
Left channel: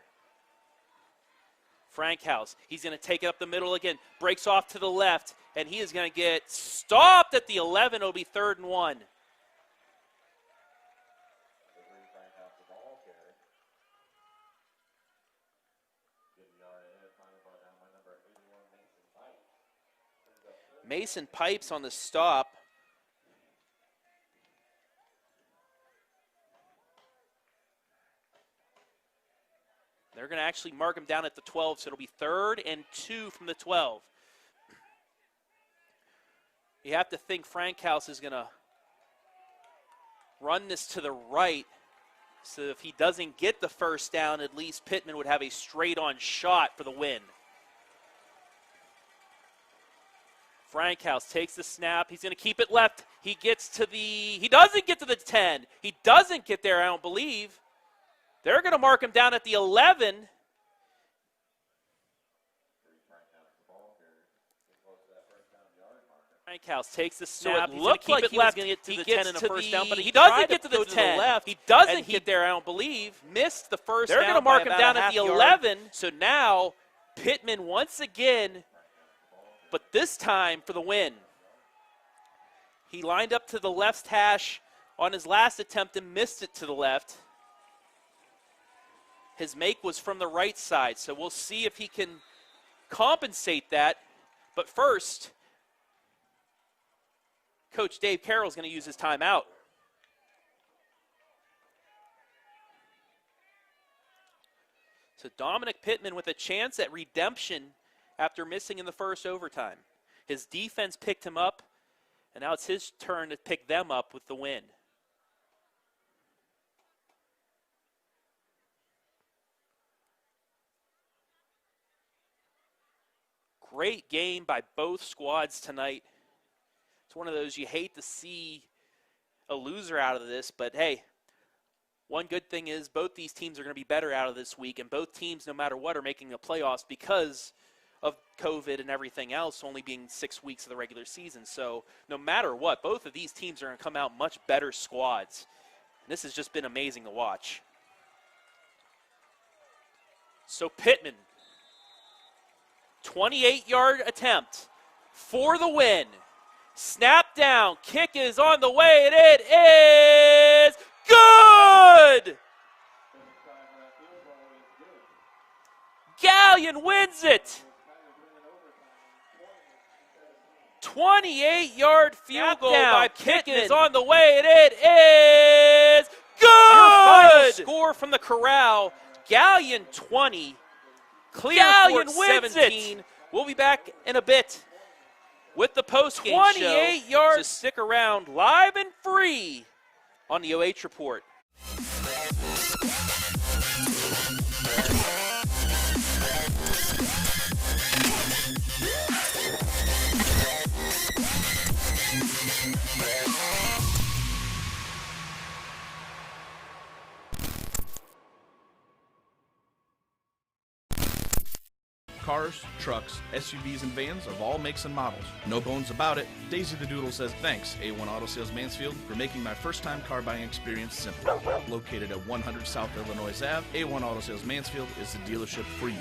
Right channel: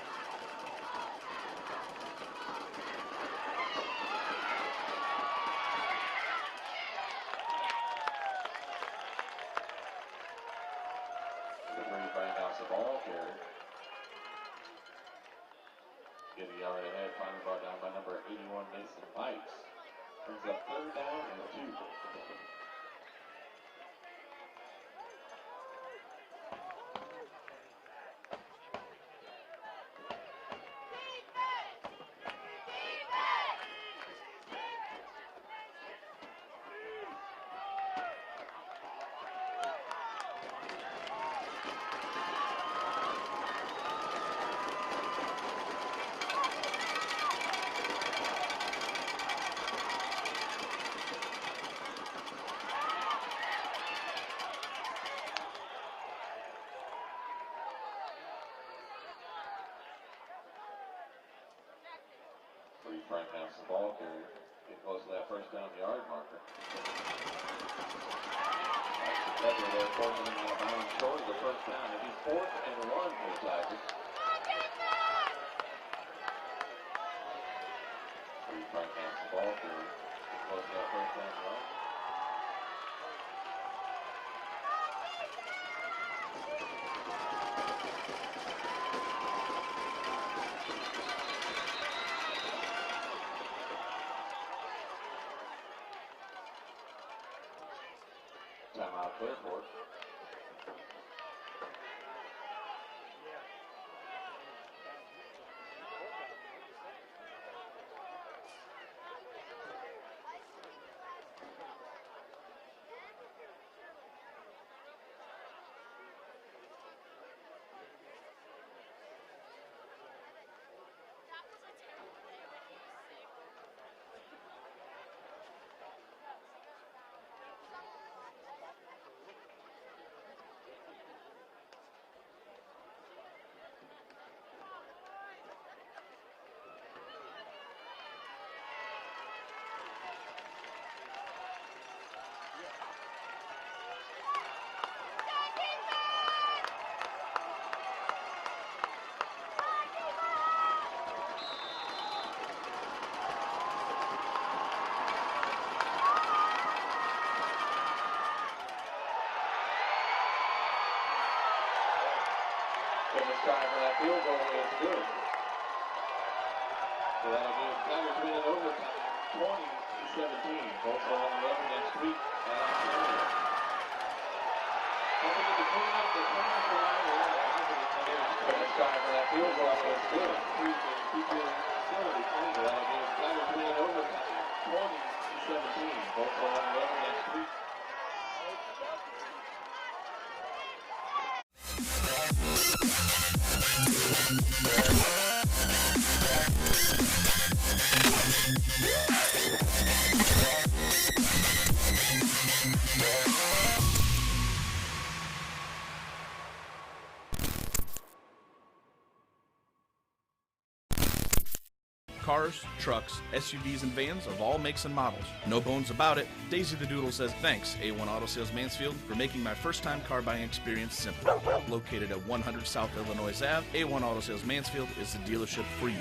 Frankhouse, he's going to take it up the middle again. Breaks off to the left, and he is going to get stopped at the 11. It'll be 3rd and 1. Frankhouse the ball carrier. Getting a yard ahead, finally brought down by number 81, Mason Pipes. Brings up 3rd. Mason Pipes on the stop. They're going to actually mark him down at the 12, so it'll be 3rd and 2 from the 12. You have to think Frankhouse is going to run this to the right, so if he doesn't get the 1st down, at least Pittman would have a straight-on shot for the win. Frankhouse takes the snap. He's going to keep it left. He doesn't get to the 10. He doesn't get there, I don't believe. They're going to mark him down at the 11. Frankhouse the ball carrier. Get close to that 1st down yard marker. Frankhouse takes the snap. So it looked like he was going to get to the 10 in the 1st down, but he doesn't get to the 10. Left. He doesn't get there, I don't believe. Missed the 1st down. They're going to mark him down at the 11. So now Pittman once again, but this time for the win. He lined up to the left hash on his last attempt and missed it to the left. His make was from the right side, so we'll see if he can compensate that. But first, Coach Dave Carroll is going to use his timeout. So Dominic Pittman with a chance at redemption after missing in the 1st overtime. His defense picked him up, And now it's his turn to pick them up with the win. Great game by both squads tonight. It's one of those you hate to see a loser out of this, but hey, one good thing is both these teams are going to be better out of this week, and both teams, no matter what, are making the playoffs because of COVID and everything else only being 6 weeks of the regular season. So no matter what, both of these teams are going to come out much better squads. This has just been amazing to watch. So Pittman, 28-yard attempt for the win. Snap down, kick is on the way, and it is good! And the try for that field goal is good. Galion wins it! Tigers win in overtime, 20-17. 28-yard field goal by Pittman is on the way, and it is good! Score from the corral. Galion 20, Galion wins 17. It! We'll be back in a bit with the postgame 28 show. Yards. Just stick around, live and free on the OH Report. Cars, trucks, SUVs, and vans of all makes and models. No bones about it, Daisy the Doodle says thanks, A1 Auto Sales Mansfield, for making my first-time car buying experience simple. Located at 100 South Illinois Ave, A1 Auto Sales Mansfield is the dealership for you.